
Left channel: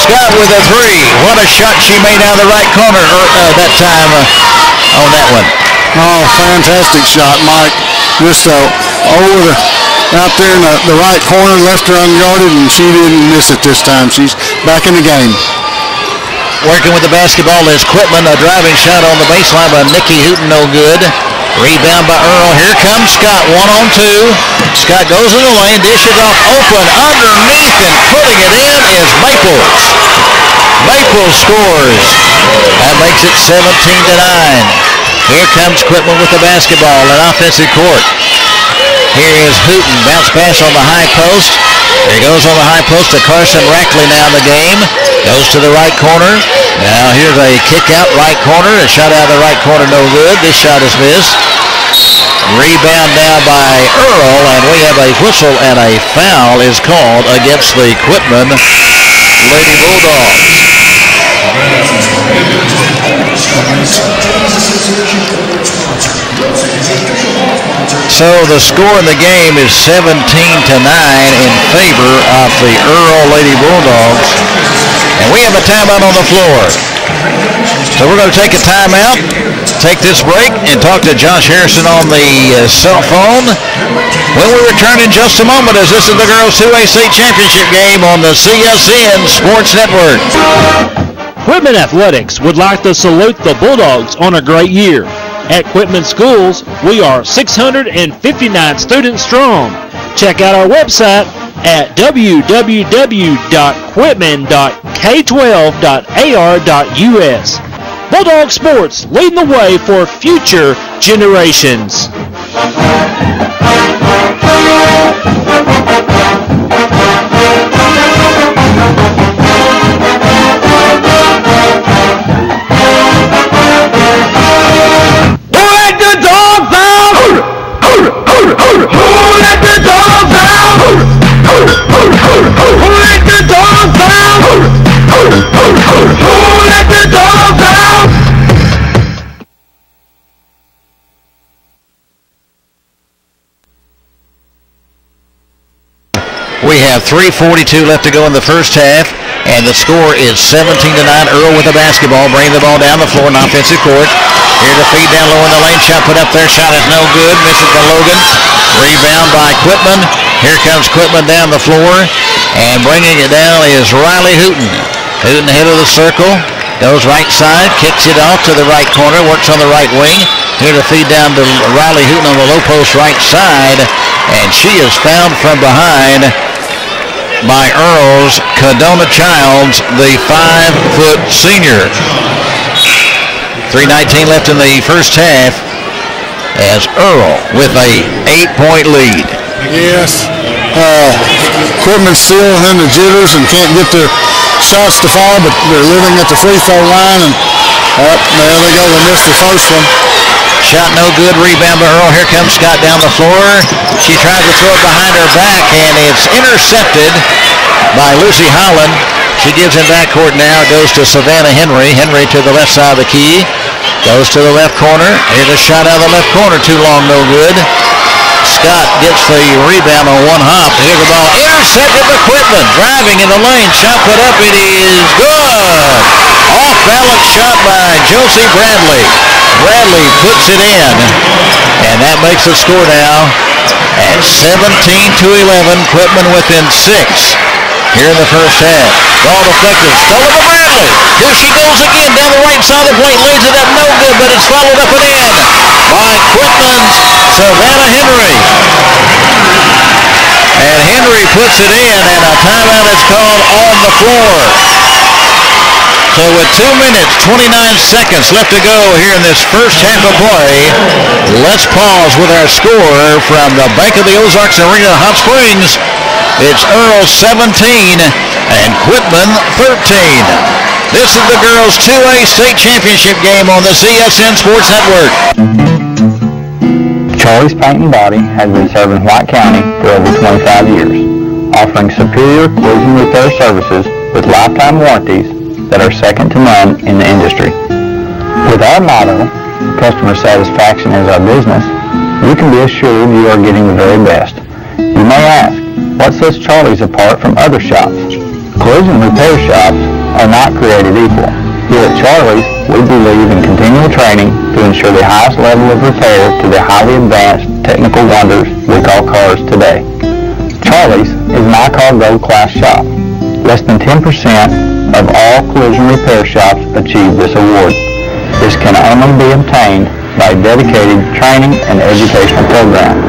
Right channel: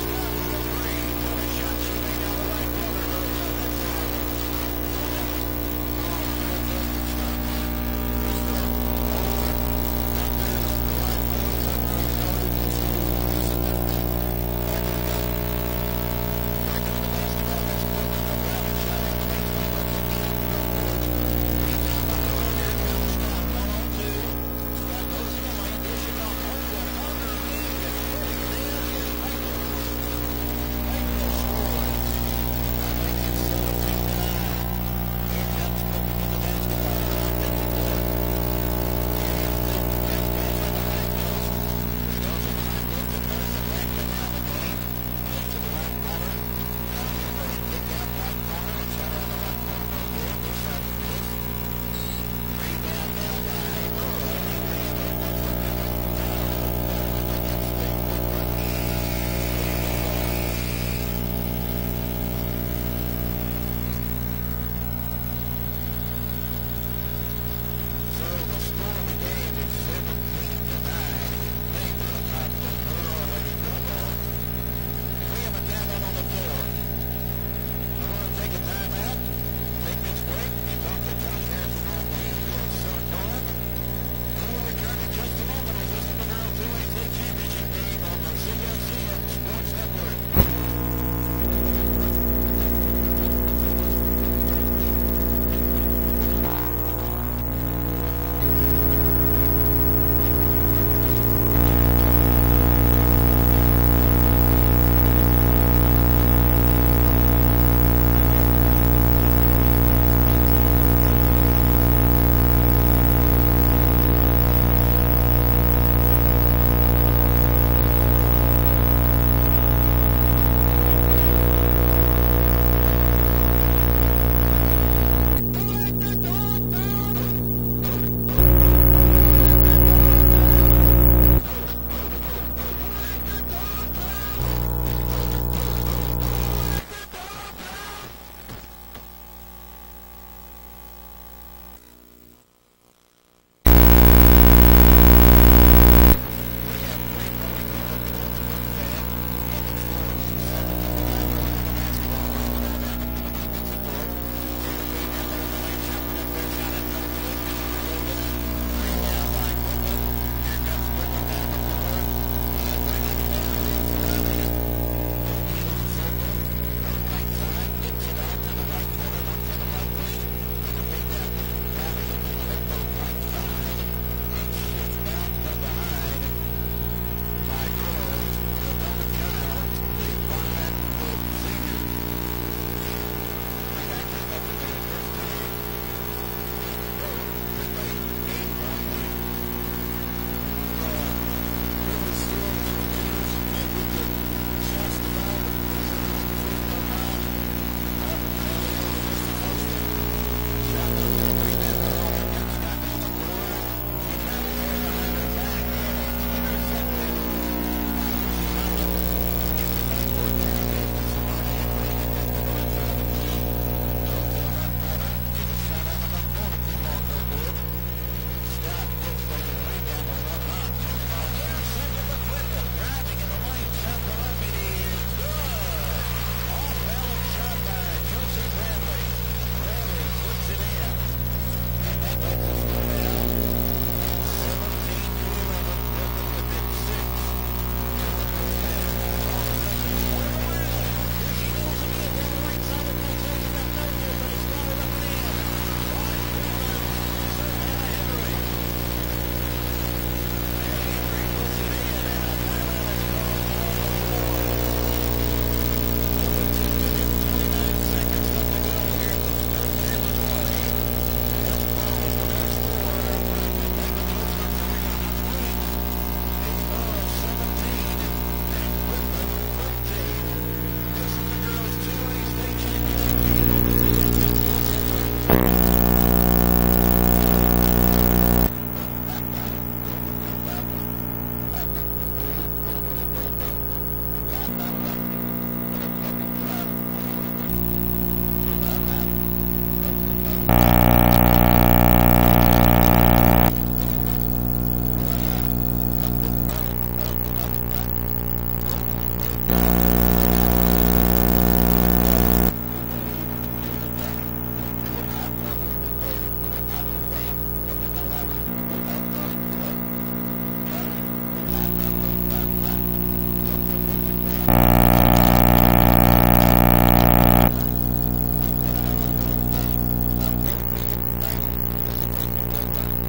Scott with a 3. What a shot she made out of the right corner that time on that one. Oh, fantastic shot, Mike. Just out there in the right corner, left her unguarded, and she didn't miss it this time. She's back in the game. Working with the basketball is Quitman. A driving shot on the baseline by Nikki Hooten, no good. Rebound by Earl. Here comes Scott, 1-on-2. Scott goes in the lane, dishes off open underneath, and putting it in is Maples. Maples scores. That makes it 17-9. Here comes Quitman with the basketball in offensive court. Here is Hooten. Bounce pass on the high post. Here goes on the high post to Carson Rackley now in the game. Goes to the right corner. Now here's a kick out right corner. A shot out of the right corner, no good. This shot is missed. Rebound now by Earl, and we have a whistle, and a foul is called against the Quitman Lady Bulldogs. So the score in the game is 17-9 in favor of the Earl Lady Bulldogs. And we have a timeout on the floor. So we're going to take a timeout, take this break, and talk to Josh Harrison on the cell phone when we return in just a moment, as this is the Girls 2A State Championship game on the CSN Sports Network. Quitman Athletics would like to salute the Bulldogs on a great year. At Quitman Schools, we are 659 students strong. Check out our website at www.quitman.k12.ar.us. Bulldog Sports, leading the way for future generations. We have 3:42 left to go in the first half, and the score is 17-9. Earl with the basketball, bringing the ball down the floor in offensive court. Here to feed down low in the lane. Shot put up there. Shot is no good. Misses by Logan. Rebound by Quitman. Here comes Quitman down the floor. And bringing it down is Riley Hooten. Hooten head of the circle. Goes right side, kicks it off to the right corner, works on the right wing. Here to feed down to Riley Hooten on the low post right side. And she is found from behind by Earl's Cadona Childs, the 5-foot senior. 3:19 left in the first half as Earl with a 8-point lead. Yes. Quitman's still in the jitters and can't get their shots to fall, but they're living at the free throw line, and there they go. They missed the first one. Shot no good. Rebound by Earl. Here comes Scott down the floor. She tries to throw it behind her back, and it's intercepted by Lucy Holland. She gives him backcourt now. Goes to Savannah Henry. Henry to the left side of the key. Goes to the left corner. Here's a shot out of the left corner. Too long, no good. Scott gets the rebound on one hop. Here's the ball. Intercepted by Quitman. Driving in the lane. Shot put up. It is good. Off-balance shot by Josie Bradley. Bradley puts it in. And that makes the score now at 17-11. Quitman within 6 here in the first half. Ball deflected. Stolen by Bradley. Here she goes again down the right side of the plate. Lays it up. No good, but it's followed up and in by Quitman's Savannah Henry. And Henry puts it in, and a timeout is called on the floor. So with 2 minutes, 29 seconds left to go here in this first half of play, let's pause with our score from the Bank of the Ozarks Arena, Hot Springs. It's Earl 17 and Quitman 13. This is the girls' 2A state championship game on the CSN Sports Network. Charlie's Paint and Body has been serving White County for over 25 years, offering superior collision repair services with lifetime warranties that are second to none in the industry. With our motto, customer satisfaction is our business, you can be assured you are getting the very best. You may ask, what sets Charlie's apart from other shops? Collision repair shops are not created equal. Here at Charlie's, we believe in continual training to ensure the highest level of repair to the highly advanced technical wonders we call cars today. Charlie's is an I-Car Gold Class shop. Less than 10% of all collision repair shops achieve this award. This can only be obtained by a dedicated training and educational program.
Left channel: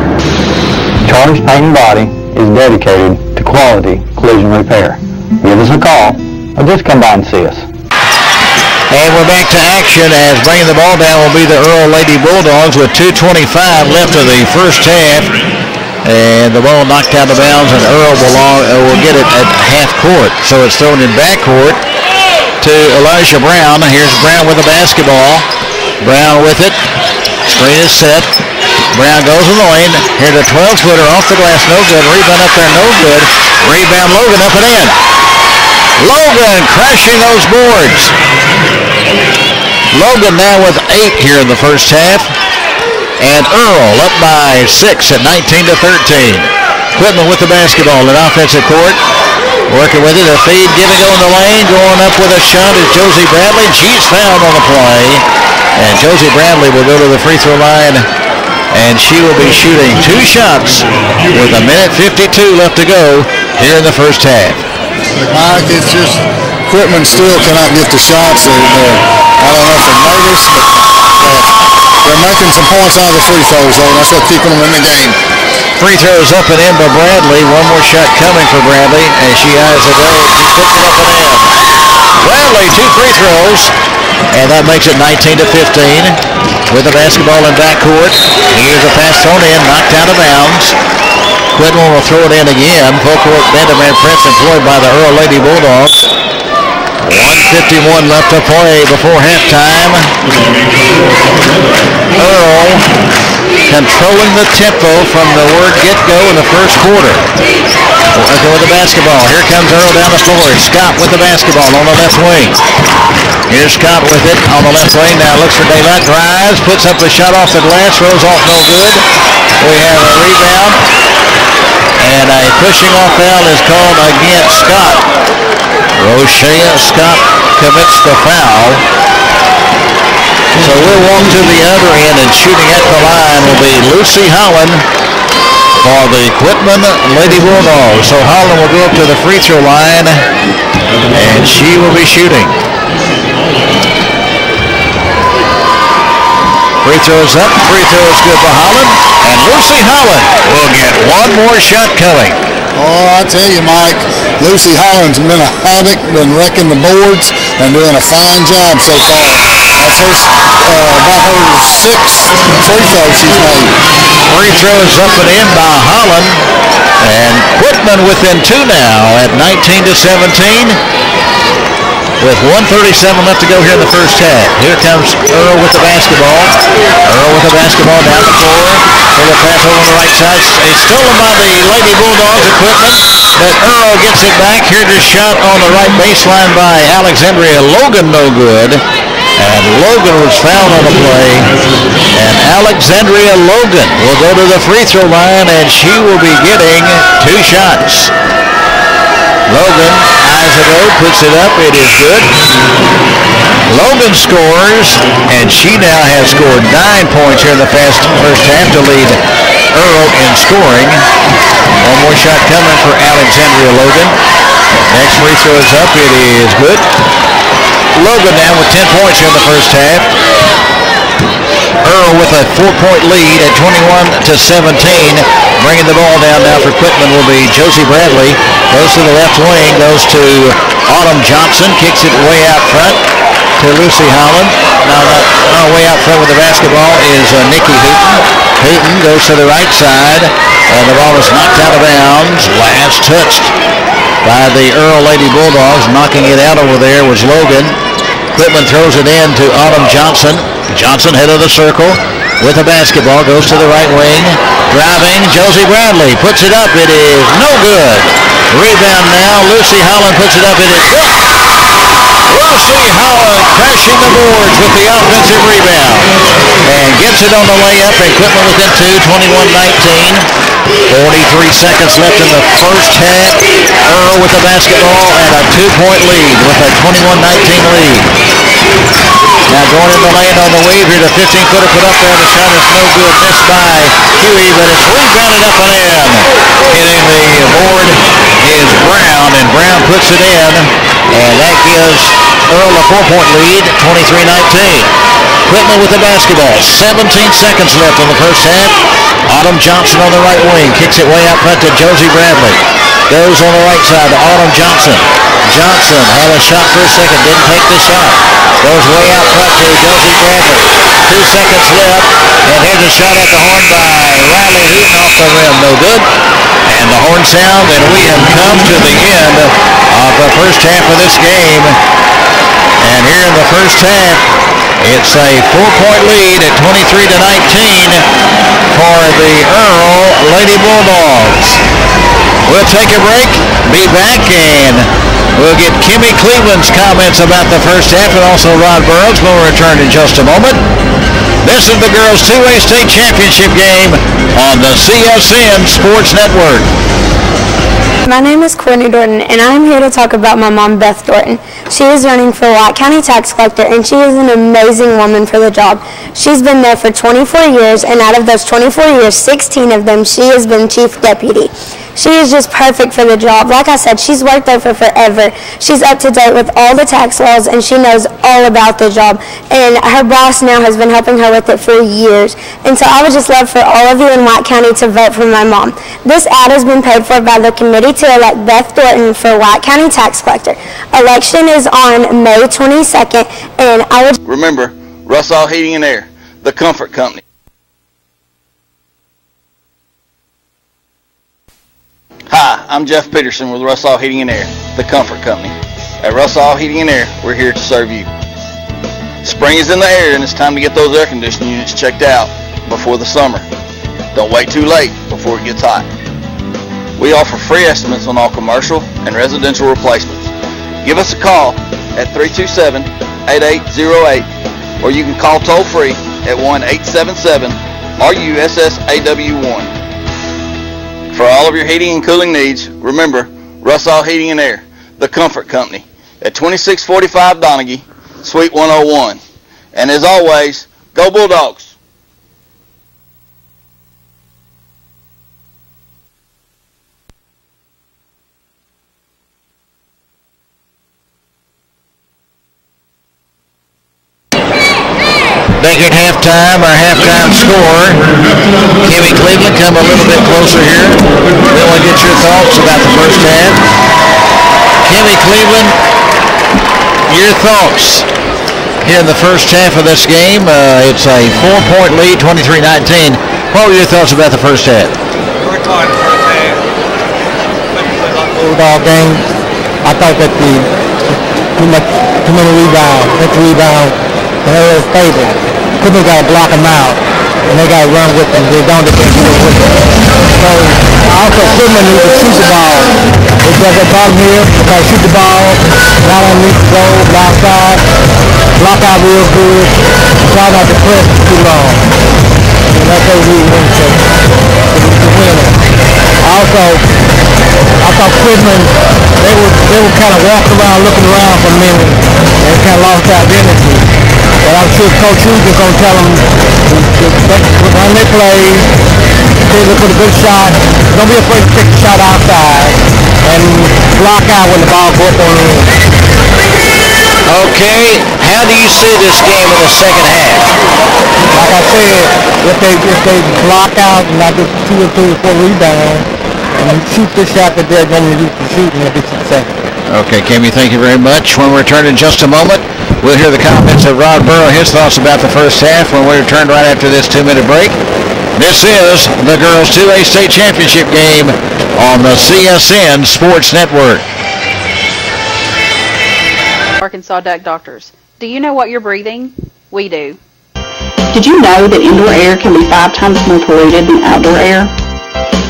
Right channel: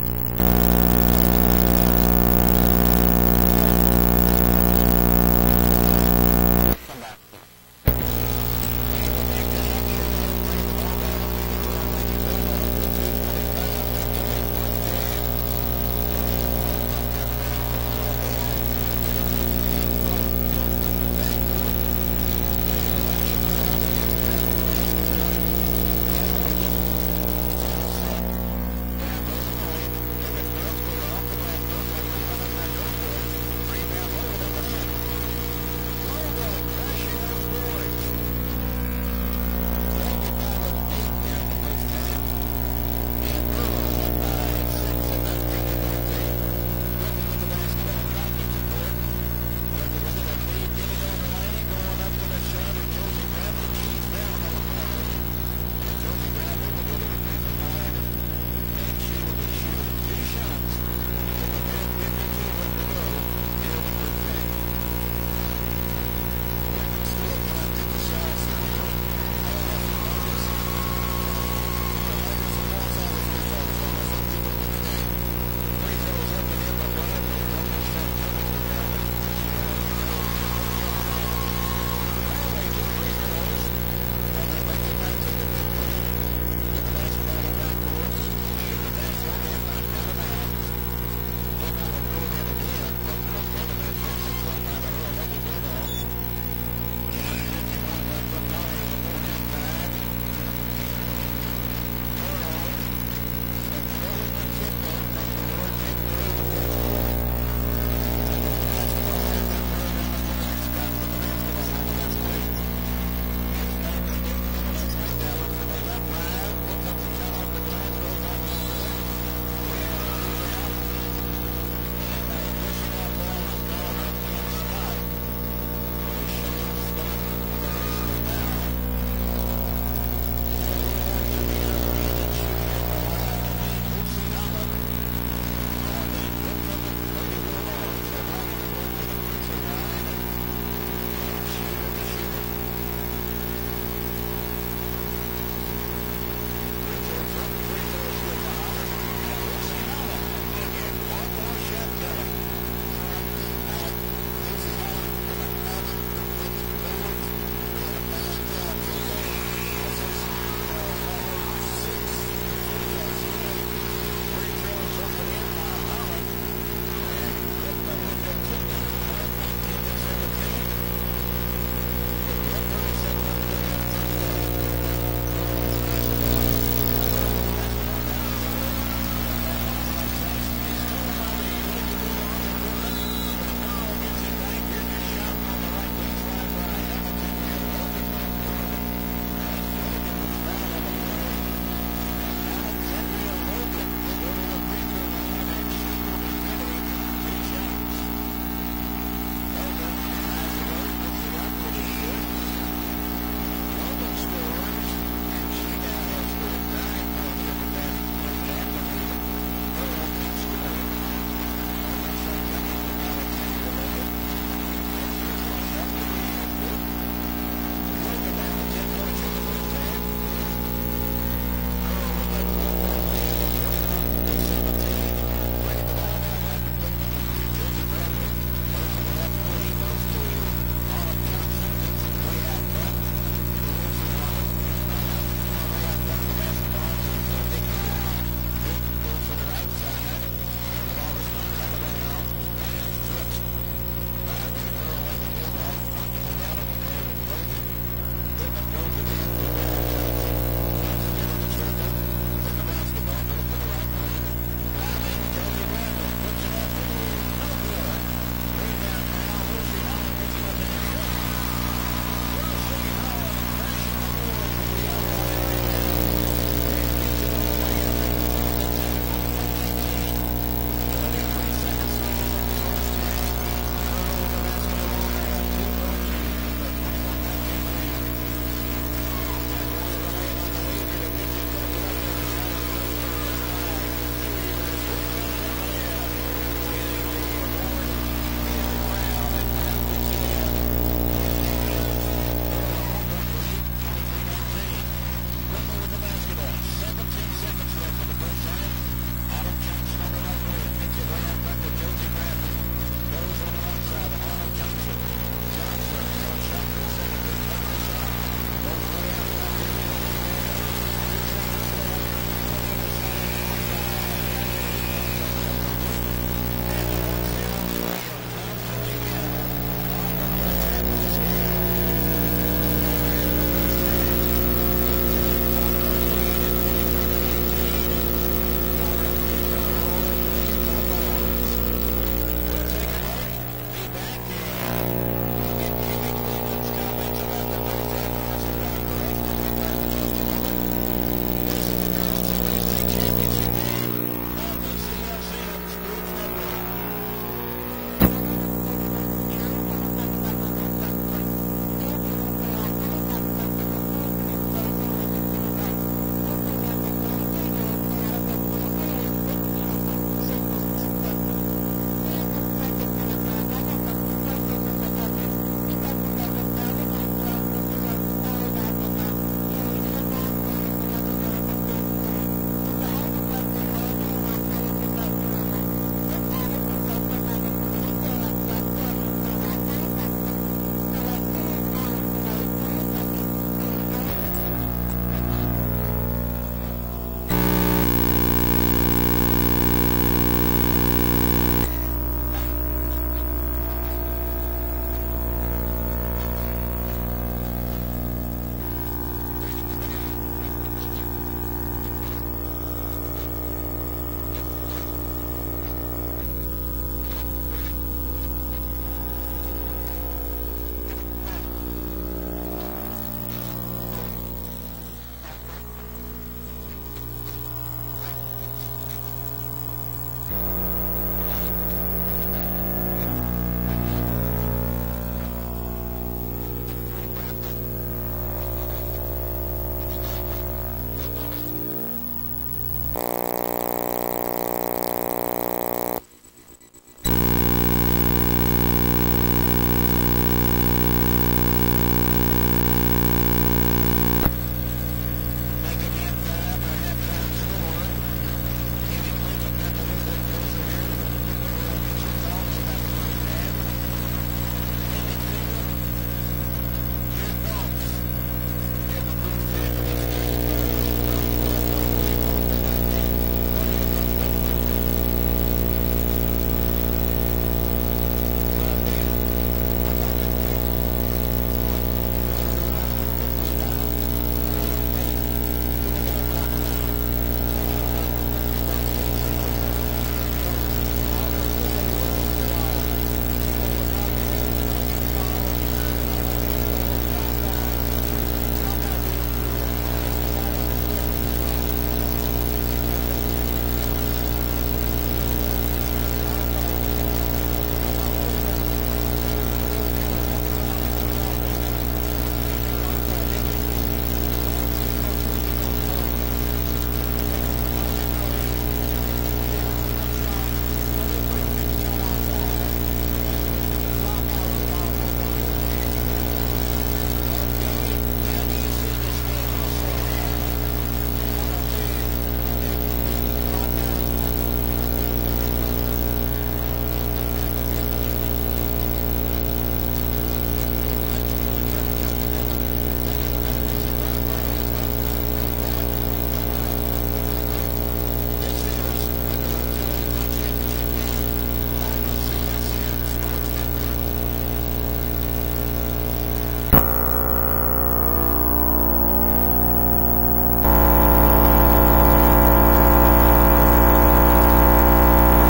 Charlie's Paint and Body is dedicated to quality collision repair. Give us a call or just come by and see us. And we're back to action as bringing the ball down will be the Earl Lady Bulldogs with 2:25 left of the first half. And the ball knocked out of bounds, and Earl will get it at half court. So it's thrown in backcourt to Elijah Brown. Here's Brown with the basketball. Brown with it. Screen is set. Brown goes in the lane. Here's a 12-footer off the glass. No good. Rebound up there. No good. Rebound Logan up and in. Logan crashing those boards. Logan now with 8 here in the first half. And Earl up by 6 at 19-13. Quitman with the basketball in offensive court. Working with it. A feed. Giving go in the lane. Going up with a shot is Josie Bradley. She's fouled on the play. And Josie Bradley will go to the free throw line. And she will be shooting 2 shots with 1:52 left to go here in the first half. Mike, it's just Quitman still cannot get the shots. I don't know if they're nervous, but they're making some points out of the free throws, though. That's what's keeping them in the game. Free throws up and in by Bradley. One more shot coming for Bradley, and she has it go. She puts it up and in. Bradley, 2 free throws, and that makes it 19-15 with the basketball in backcourt. Here's a pass thrown in, knocked out of bounds. Quitman will throw it in again. Full court man-to-man press employed by the Earl Lady Bulldogs. 1:51 left to play before halftime. Earl controlling the tempo from the word get-go in the first quarter. Working with the basketball. Here comes Earl down the floor. Scott with the basketball on the left wing. Here's Scott with it on the left wing. Now looks for daylight. Drives. Puts up the shot off the glass. Throws off no good. We have a rebound. And a pushing off foul is called against Scott. Rochelle Scott commits the foul. So we'll walk to the other end, and shooting at the line will be Lucy Holland. for the Quitman Lady Bulldogs. So Holland will go up to the free throw line, and she will be shooting. Free throw is up. Free throw is good for Holland. And Lucy Holland will get one more shot coming. Oh, I tell you, Mike, Lucy Holland's been a havoc, been wrecking the boards and doing a fine job so far. That's her, about her sixth free throw she's made. Free throw is up and in by Holland. And Quitman within two now at 19-17. With 1:37 left to go here in the first half. Here comes Earl with the basketball. Earl with the basketball down the floor. For the pass over on the right side. It's stolen by the Lady Bulldogs equipment. But Earl gets it back. Here's a shot on the right baseline by Alexandria Logan. No good. And Logan was fouled on the play. And Alexandria Logan will go to the free throw line. And she will be getting two shots. Logan eyes it out, puts it up. It is good. Logan scores, and she now has scored 9 points here in the first half to lead Earl in scoring. One more shot coming for Alexandria Logan. Next free throw is up. It is good. Logan now with 10 points here in the first half. Earl with a 4-point lead at 21-17. Bringing the ball down now for Quitman will be Josie Bradley. Goes to the left wing, goes to Autumn Johnson, kicks it way out front to Lucy Holland. Now way out front with the basketball is Nikki Hooten. Hooten goes to the right side, and the ball is knocked out of bounds. Last touched by the Earl Lady Bulldogs. Knocking it out over there was Logan. Quitman throws it in to Autumn Johnson. Johnson head of the circle with the basketball, goes to the right wing. Driving, Josie Bradley puts it up. It is no good. Rebound now. Lucy Holland puts it up. It is good. Lucy Holland crashing the boards with the offensive rebound. And gets it on the layup. And Quitman within two, 21-19. 43 seconds left in the first half. Earl with the basketball and a 2-point lead with a 21-19 lead. Now going in the lane on the wave here, the 15-footer put up there. The shot is no good. Missed by Huey, but it's rebounded up and in. Hitting the board is Brown, and Brown puts it in. And that gives Earl a 4-point lead, 23-19. Quitman with the basketball. 17 seconds left in the first half. Autumn Johnson on the right wing. Kicks it way out front to Josie Bradley. Goes on the right side to Autumn Johnson. Johnson had a shot for a second. Didn't take the shot. Goes way out front to Josie Bradley. 2 seconds left. And here's a shot at the horn by Riley Hooten off the rim. No good. And the horn sound, and we have come to the end of the first half of this game. And here in the first half, it's a 4-point lead at 23-19 for the Earl Lady Bulldogs. We'll take a break, be back, and we'll get Kimmy Cleveland's comments about the first half and also Rod Burrows when we return in just a moment. This is the girls' 2A state championship game on the CSN Sports Network. My name is Courtney Dorton, and I'm here to talk about my mom, Beth Dorton. She is running for White County Tax Collector, and she is an amazing woman for the job. She's been there for 24 years, and out of those 24 years, 16 of them, she has been Chief Deputy. She is just perfect for the job. Like I said, she's worked there for forever. She's up to date with all the tax laws, and she knows all about the job. And her boss now has been helping her with it for years. And so I would just love for all of you in White County to vote for my mom. This ad has been paid for by the committee to elect Beth Dorton for White County Tax Collector. Election is on May 22nd, and I would... Remember, Russell Heating and Air, the comfort company. Hi, I'm Jeff Peterson with Russell Heating and Air, the comfort company. At Russell Heating and Air, we're here to serve you. Spring is in the air and it's time to get those air conditioning units checked out before the summer. Don't wait too late before it gets hot. We offer free estimates on all commercial and residential replacements. Give us a call at 327-8808 or you can call toll free at 1-877-RUSSAW1. For all of your heating and cooling needs, remember Russell Heating and Air, the comfort company, at 2645 Donaghy, Suite 101. And as always, go Bulldogs! Back at halftime, our halftime score. Kimmy Cleveland, come a little bit closer here. We want to get your thoughts about the first half. Kimmy Cleveland, your thoughts here in the first half of this game. It's a 4-point lead, 23-19. What were your thoughts about the first half? We're tired the first half. Bulldog game. I thought that too many rebounds. That's rebound in their favor. Couldn't got to block them out, and they got to run with them. They don't defend with them. So also Quitman needs to shoot the ball. It does that bottom here. They got to shoot the ball. Not underneath the goal, outside. Block out real good. Try not to press too long. And that's what we win to win it. Also, I thought Quitman, they were kind of walking around, looking around for a minute. They kind of lost their identity. But I'm sure Coach Hughes is going to tell them when they play, they look for a good shot. Don't be afraid to take the shot outside and block out when the ball goes on in. Okay, how do you see this game in the second half? Like I said, if they block out and not get 2 or 3 or 4 rebounds and shoot the shot that they're going to use for shooting, they'll be successful. Okay, Kimmy, thank you very much. When we return in just a moment, we'll hear the comments of Rod Burrow, his thoughts about the first half when we return right after this 2-minute break. This is the Girls 2A State Championship game on the CSN Sports Network. Arkansas Duck Doctors. Do you know what you're breathing? We do. Did you know that indoor air can be 5 times more polluted than outdoor air?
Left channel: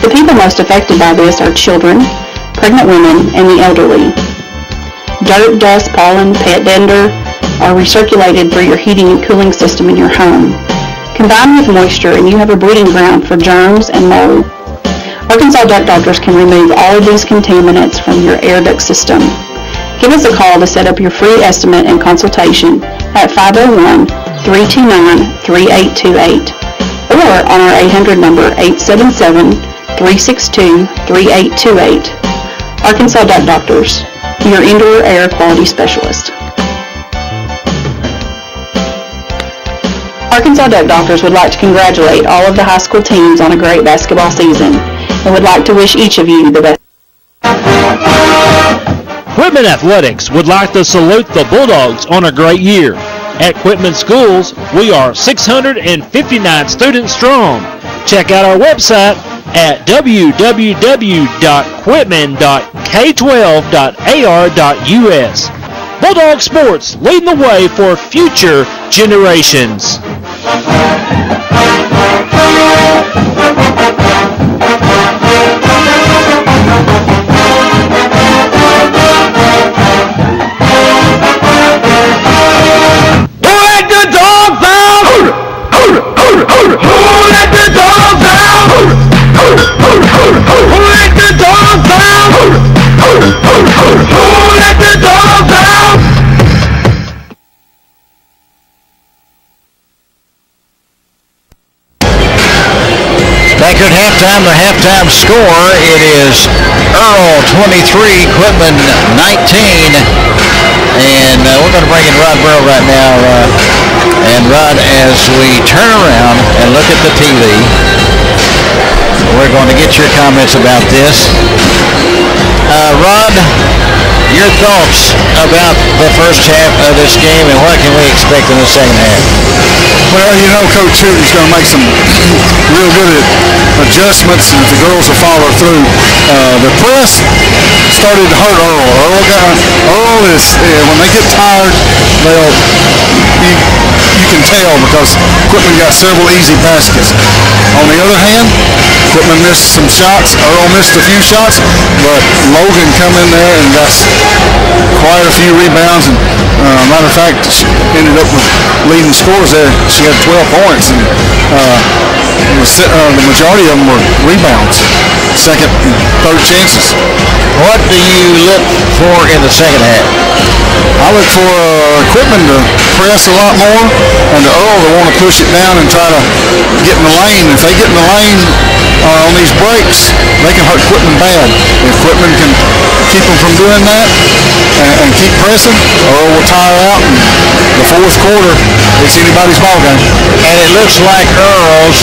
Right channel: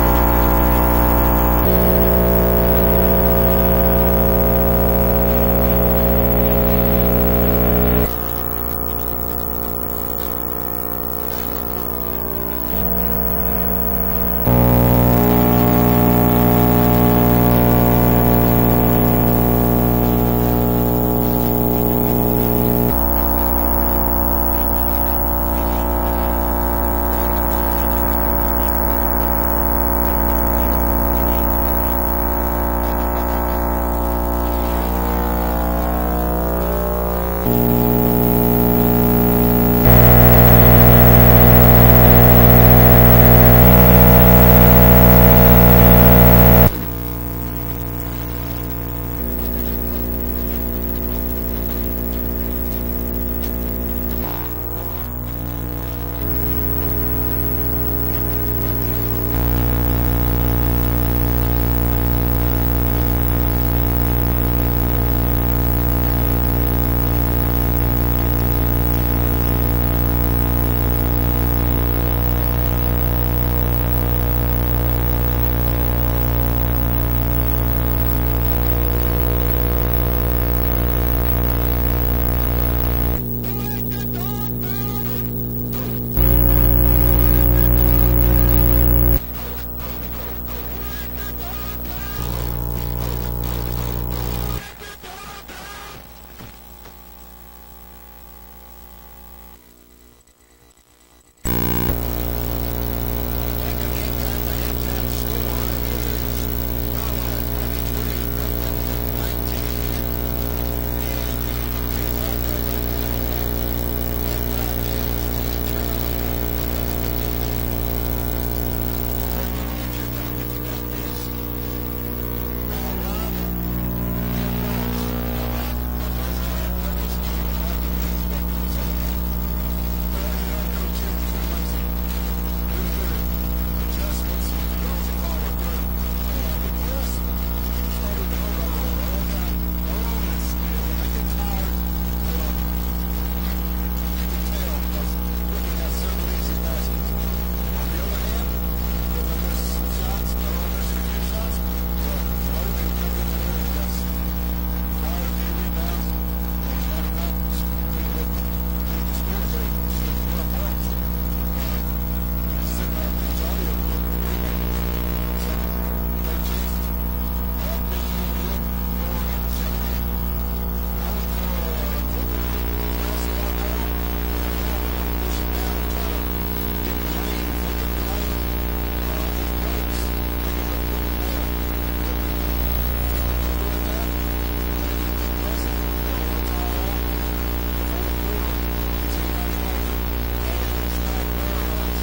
The people most affected by this are children, pregnant women, and the elderly. Dirt, dust, pollen, pet dander are recirculated through your heating and cooling system in your home. Combine with moisture and you have a breeding ground for germs and mold. Arkansas Duck Doctors can remove all of these contaminants from your air duct system. Give us a call to set up your free estimate and consultation at 501-329-3828 or on our 800 number 877-362-3828. Arkansas Duck Doctors, your indoor air quality specialist. Arkansas Duck Doctors would like to congratulate all of the high school teams on a great basketball season and would like to wish each of you the best. Quitman Athletics would like to salute the Bulldogs on a great year. At Quitman Schools, we are 659 students strong. Check out our website at www.quitman.k12.ar.us. Bulldog Sports, leading the way for future generations. Back at halftime, the halftime score, it is Earl 23, Quitman 19. And we're going to bring in Rod Burrow right now. And Rod, as we turn around and look at the TV, we're going to get your comments about this. Rod, your thoughts about the first half of this game and what can we expect in the second half? Well, you know, Coach Hooten's going to make some real good adjustments, and if the girls will follow through. The press started to hurt Earl. Earl is, when they get tired, you can tell because Quitman got several easy baskets. On the other hand, Quitman missed some shots. Earl missed a few shots, but Logan come in there and got quite a few rebounds. And matter of fact, she ended up with leading scores there. She had 12 points, and the majority of them were rebounds, second and third chances. What do you look for in the second half? I look for Quitman to press a lot more, and the Earl to want to push it down and try to get in the lane. If they get in the lane on these breaks, they can hurt Quitman bad. If Quitman can keep them from doing that and keep pressing, Earl will tire out. In the fourth quarter, it's anybody's ball game. And it looks like Earl's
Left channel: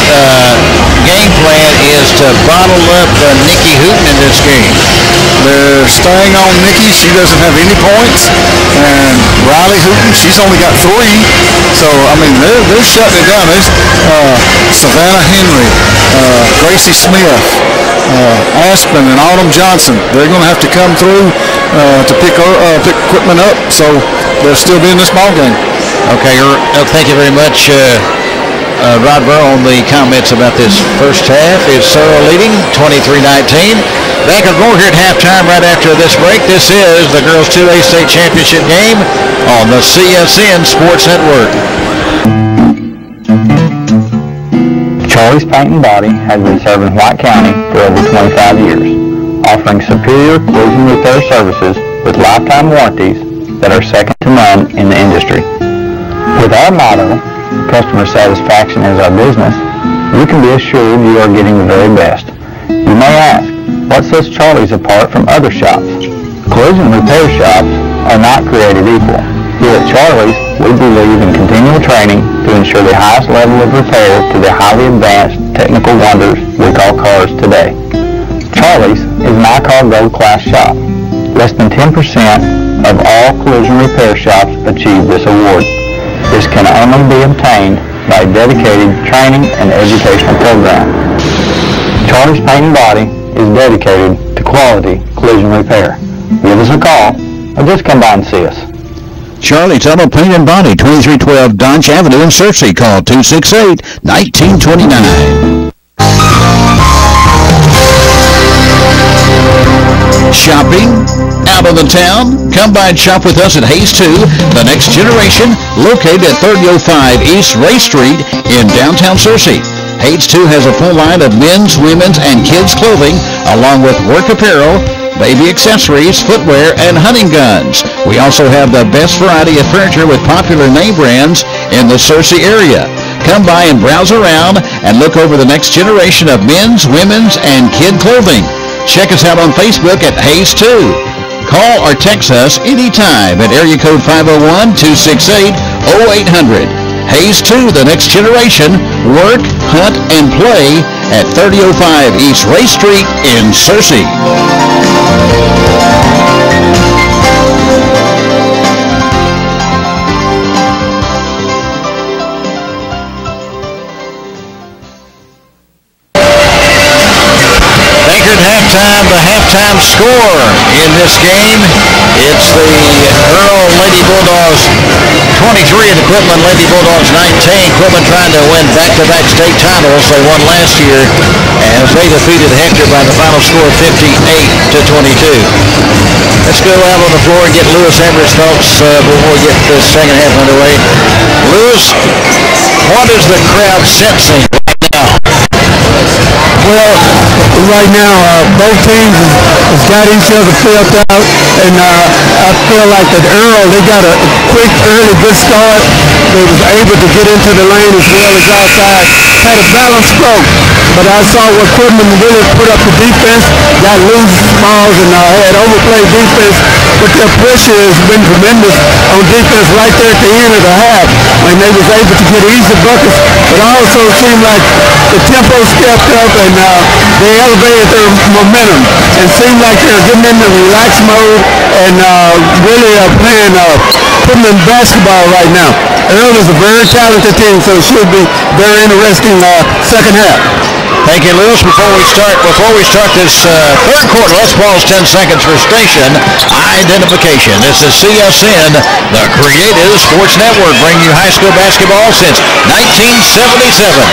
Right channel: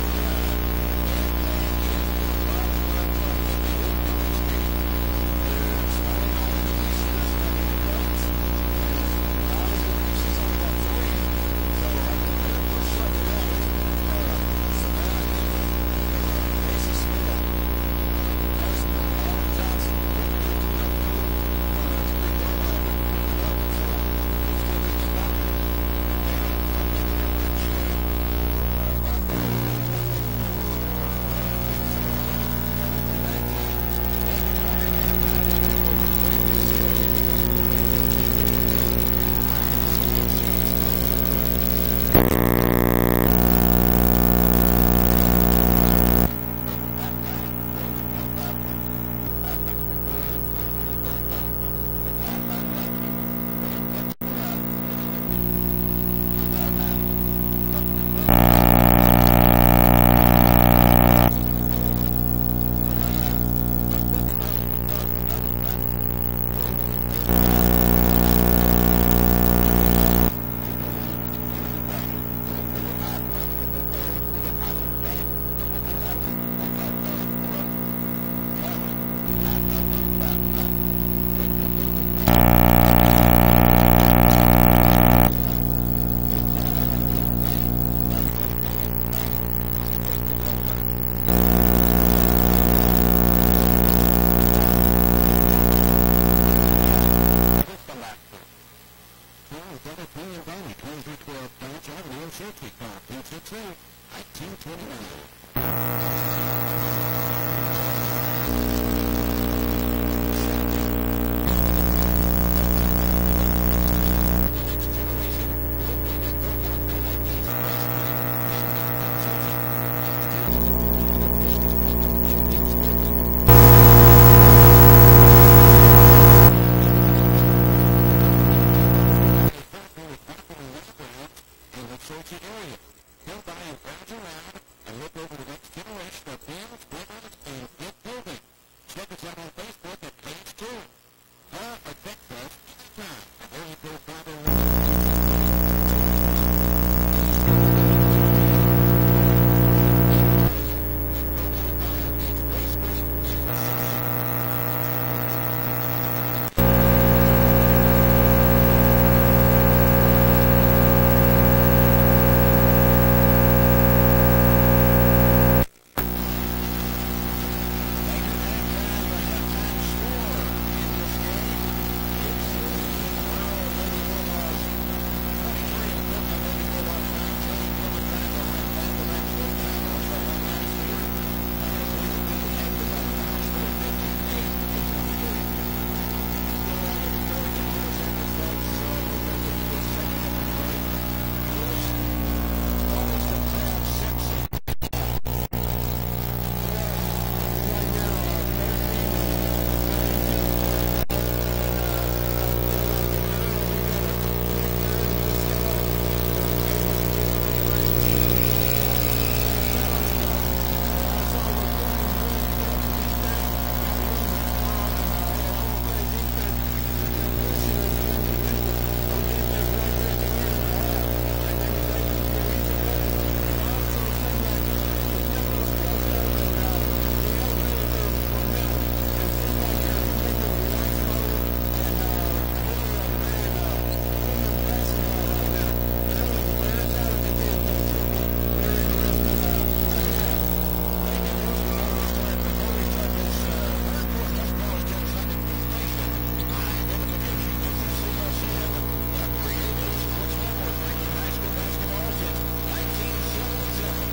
game plan is to bottle up Nikki Hooten in this game. They're staying on Nikki. She doesn't have any points. And Riley Hooten, she's only got 3. So, I mean, they're shutting it down. There's Savannah Henry, Gracie Smith, Aspen, and Autumn Johnson. They're going to have to come through to pick equipment up. So, they'll still be in this ball game. Okay, thank you very much, Rod Burrow, on the comments about this first half. It's Searle leading 23-19. Back and more here at halftime right after this break. This is the Girls 2A State Championship game on the CSN Sports Network. Charlie's Paint and Body has been serving White County for over 25 years, offering superior collision repair services with lifetime warranties that are second to none in the industry. With our motto, customer satisfaction is our business, you can be assured you are getting the very best. You may ask, what sets Charlie's apart from other shops? Collision repair shops are not created equal. Here at Charlie's, we believe in continual training to ensure the highest level of repair to the highly advanced technical wonders we call cars today. Charlie's is an I-Car Gold Class shop. Less than 10% of all collision repair shops achieve this award. This can only be obtained by a dedicated training and educational program. Charlie's Paint and Body is dedicated to quality collision repair. Give us a call or just come by and see us. Charlie's Auto Paint and Body, 2312 Dodge Avenue in Searcy. Call 268-1929. Shopping out of the town? Come by and shop with us at Hayes 2, the next generation, located at 3005 East Ray Street in downtown Searcy. Hayes 2 has a full line of men's, women's, and kids' clothing, along with work apparel, baby accessories, footwear, and hunting guns. We also have the best variety of furniture with popular name brands in the Searcy area. Come by and browse around and look over the next generation of men's, women's, and kid clothing. Check us out on Facebook at Hayes 2. Call or text us anytime at area code 501-268-0800. Hayes 2, the next generation. Work, hunt, and play at 3005 East Ray Street in Searcy. Halftime, the halftime score in this game. It's the Earl Lady Bulldogs 23 and the Quitman Lady Bulldogs 19. Quitman trying to win back-to-back state titles. They won last year as they defeated Hector by the final score of 58-22. Let's go out on the floor and get Lewis Everett's thoughts before we get this second half underway. Lewis, what is the crowd sensing right now? Well, right now, both teams has got each other filled out, and I feel like that Earl, they got a quick, early, good start. They was able to get into the lane as well as outside. Had a balanced stroke, but I saw what Quitman really put up the defense, got loose balls, and had overplayed defense, but their pressure has been tremendous on defense right there at the end of the half, and they was able to get easy buckets, but also it seemed like the tempo stepped up, and they elevated their momentum, and seemed like they're getting into relaxed mode, and really playing Quitman basketball right now. Earl is a very talented team, so it should be very interesting second half. Thank you, Lewis. Before we start this third quarter, let's pause 10 seconds for station identification. This is CSN, the Creative Sports Network, bringing you high school basketball since 1977.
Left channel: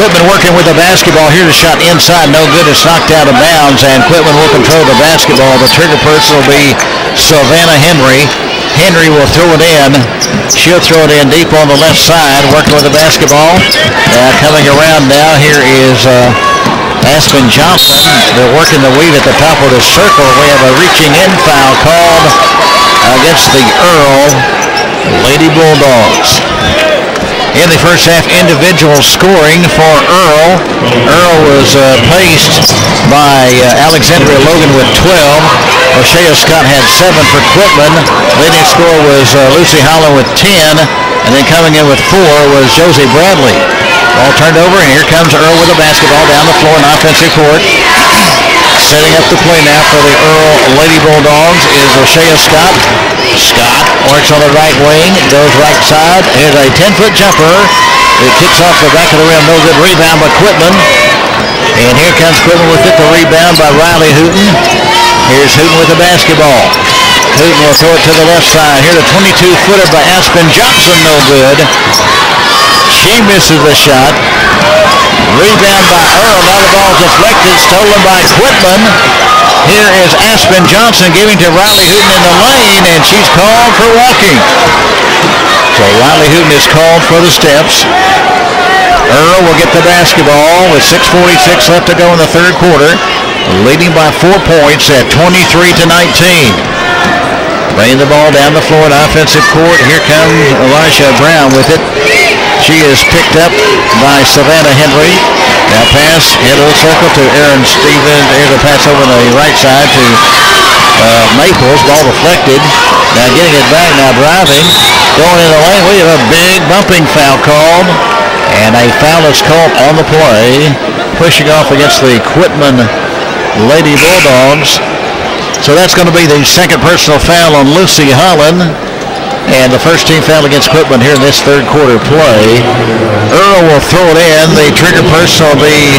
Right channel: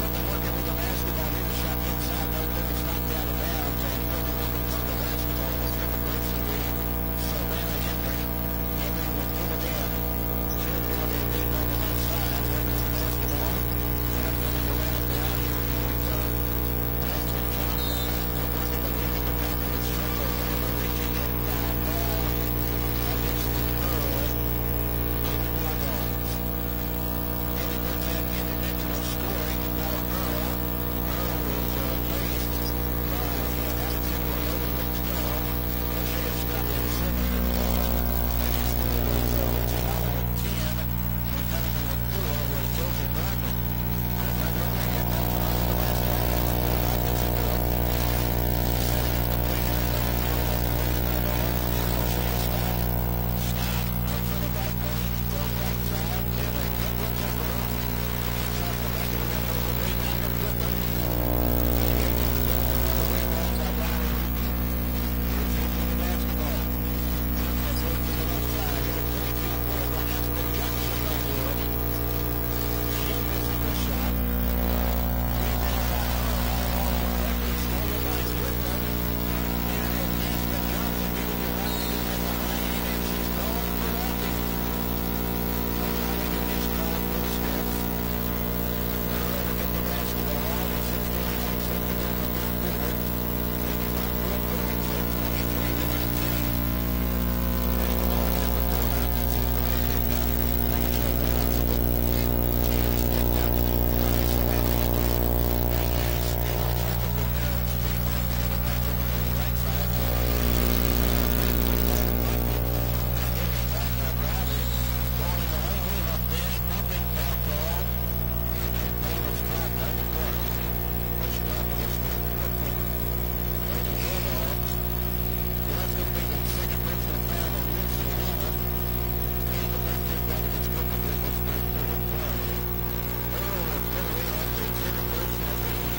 Quitman working with the basketball. Here's a shot inside, no good. It's knocked out of bounds, and Quitman will control the basketball. The trigger person will be Savannah Henry. Henry will throw it in. She'll throw it in deep on the left side, working with the basketball. Coming around now, here is Aspen Johnson. They're working the weave at the top of the circle. We have a reaching in foul called against the Earl Lady Bulldogs. In the first half, individual scoring for Earl. Earl was paced by Alexandria Logan with 12. O'Shea Scott had 7 for Quitman. Leading scorer was Lucy Holland with 10. And then coming in with 4 was Josie Bradley. Ball turned over, and here comes Earl with the basketball down the floor in offensive court. Setting up the play now for the Earl Lady Bulldogs is O'Shea Scott. Scott works on the right wing, goes right side. Here's a 10-foot jumper. It kicks off the back of the rim. No good rebound by Quitman. And here comes Quitman with it. The rebound by Riley Hooten. Here's Hooten with the basketball. Hooten will throw it to the left side. Here the 22-footer by Aspen Johnson. No good. She misses the shot. Rebound by Earl. Now the ball deflected. Stolen by Quitman. Here is Aspen Johnson giving to Riley Hooten in the lane, and she's called for walking. So Riley Hooten is called for the steps. Earl will get the basketball with 6:46 left to go in the third quarter, leading by 4 points at 23-19. Bringing the ball down the floor in offensive court. Here comes Elisha Brown with it. She is picked up by Savannah Henry. Now pass, head of the circle to Aaron Stevens. Here's a pass over the right side to Maples. Ball deflected. Now getting it back, now driving. Going in the lane. We have a big bumping foul called. And a foul is called on the play. Pushing off against the Quitman Lady Bulldogs. So that's going to be the second personal foul on Lucy Holland. And the first team foul against Quitman here in this third quarter play. Earl will throw it in. The trigger person will be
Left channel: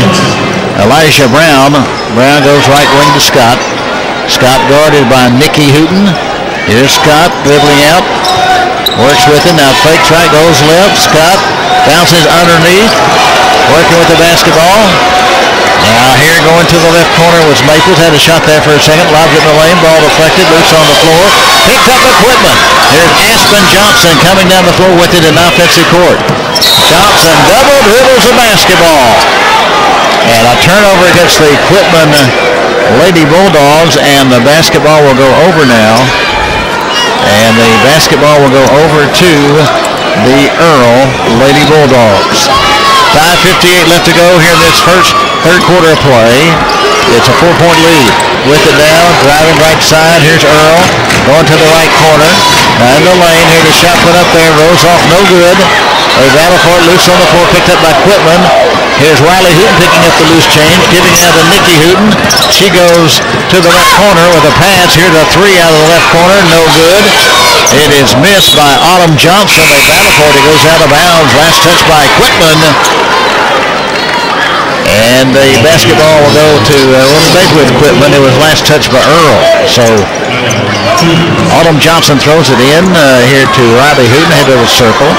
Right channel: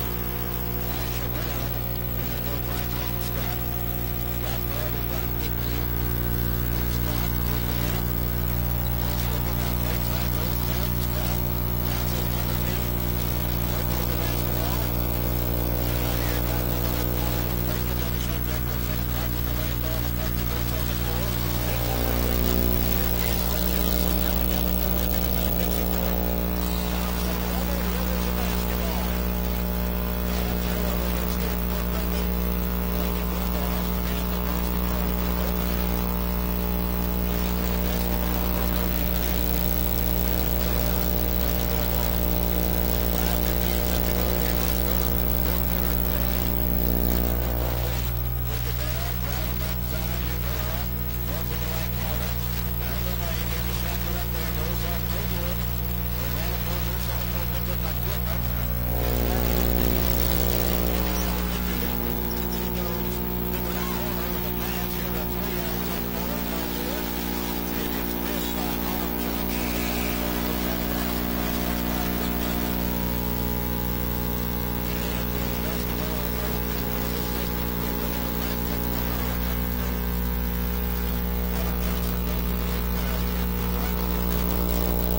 Elijah Brown. Brown goes right wing to Scott. Scott guarded by Nikki Hooten. Here's Scott dribbling out. Works with it. Now fakes right, goes left. Scott bounces underneath. Working with the basketball. Now here going to the left corner was Maples. Had a shot there for a second. Lobbed it in the lane. Ball deflected. Loose on the floor. Picked up by Quitman. Here's Aspen Johnson coming down the floor with it in offensive court. Johnson double dribbles the basketball. And a turnover against the Quitman Lady Bulldogs. And the basketball will go over now. And the basketball will go over to the Earl Lady Bulldogs. 5:58 left to go here in this third quarter of play. It's a 4-point lead. With it down, driving right side. Here's Earl going to the right corner. In the lane, here the shot put up there. Rose off, no good. A battle for it, loose on the floor, picked up by Quitman. Here's Riley Hooten picking up the loose change, giving out to Nikki Hooten. She goes to the left corner with a pass. Here's a 3 out of the left corner, no good. It is missed by Autumn Johnson. They battle for it. It goes out of bounds. Last touch by Quitman. And the basketball will go to, with Quitman. It was last touch by Earl. So Autumn Johnson throws it in here to Riley Hooten, head of the circle.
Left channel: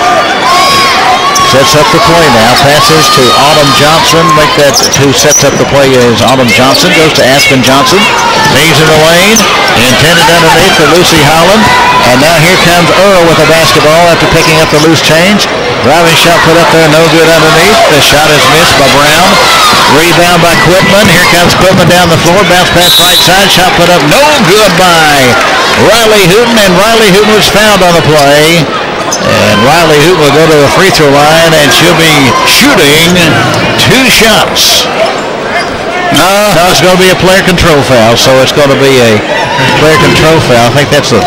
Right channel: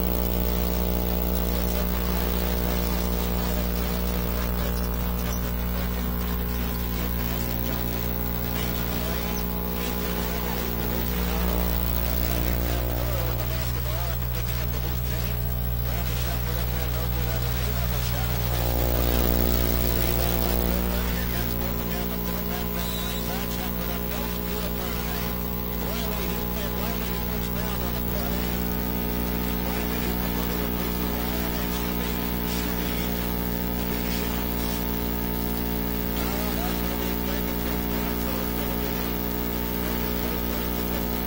Sets up the play now. Passes to Autumn Johnson. Who sets up the play is Autumn Johnson. Goes to Aspen Johnson. Leaves in the lane. Intended underneath for Lucy Holland. And now here comes Earl with the basketball after picking up the loose change. Driving shot put up there, no good underneath. The shot is missed by Brown. Rebound by Quitman. Here comes Quitman down the floor. Bounce pass right side. Shot put up, no good by Riley Hooten. And Riley Hooten was fouled on the play. And Riley Hooten will go to the free throw line, and she'll be shooting 2 shots. No, it's going to be a player control foul, so it's going to be a player control foul. I think that's the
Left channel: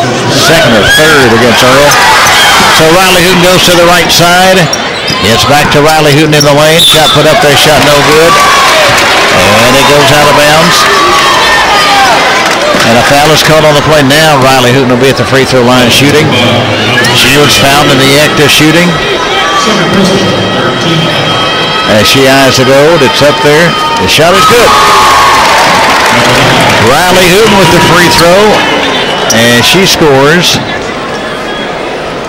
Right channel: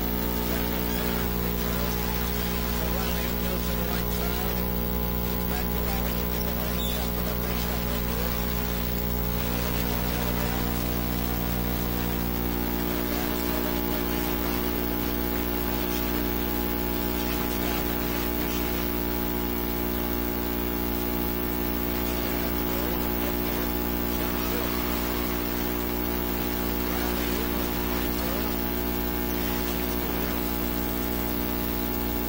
second or third against Earl. So Riley Hooten goes to the right side. It's back to Riley Hooten in the lane. Shot put up there, shot no good. And it goes out of bounds. And a foul is called on the play now. Riley Hooten will be at the free throw line shooting. She was found in the act of shooting. As she eyes the goal, it's up there. The shot is good. Riley Hooten with the free throw. And she scores.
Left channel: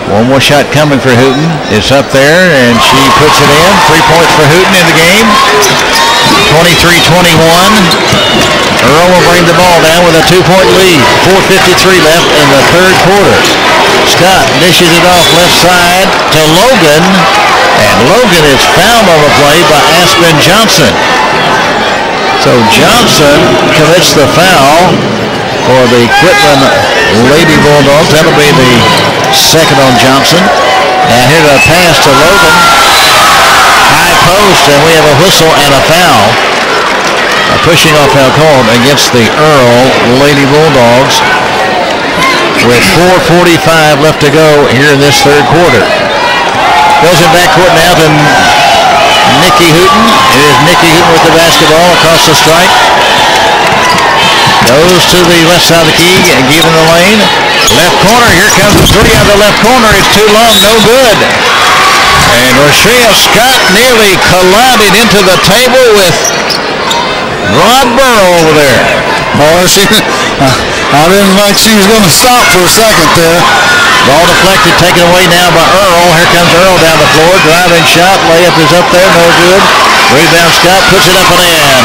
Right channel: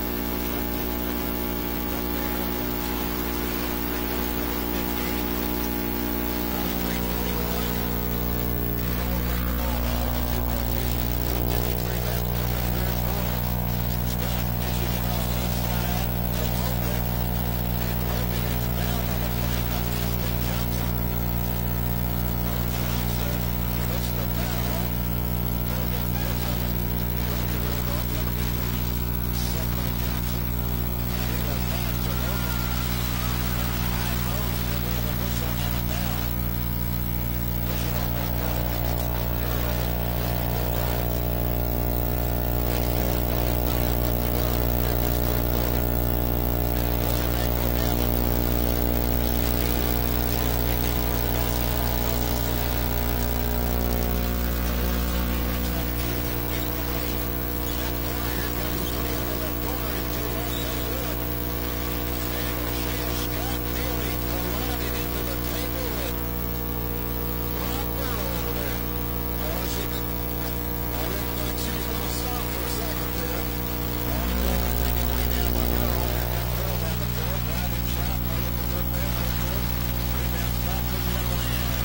One more shot coming for Hooten. It's up there, and she puts it in. 3 points for Hooten in the game. 23-21. Earl will bring the ball down with a 2-point lead. 4:53 left in the third quarter. Scott dishes it off left side to Logan. And Logan is fouled on the play by Aspen Johnson. So Johnson commits the foul for the Quitman Lady Bulldogs. That'll be the second on Johnson. Now here's a pass to Logan. High post, and we have a whistle and a foul. A pushing off foul called against the Earl Lady Bulldogs with 4:45 left to go here in this third quarter. Goes in backcourt now to Nikki Hooten. It is Nikki Hooten with the basketball across the stripe. Goes to the left side of the key and given the lane. Left corner, here comes the three out of the left corner. It's too long, no good. And Rochelle Scott nearly collided into the table with Rod Burrow over there. Oh, I didn't think she was going to stop for a second there. Ball deflected, taken away now by Earl. Here comes Earl down the floor. Driving shot, layup is up there, no good. Rebound Scott, puts it up and in.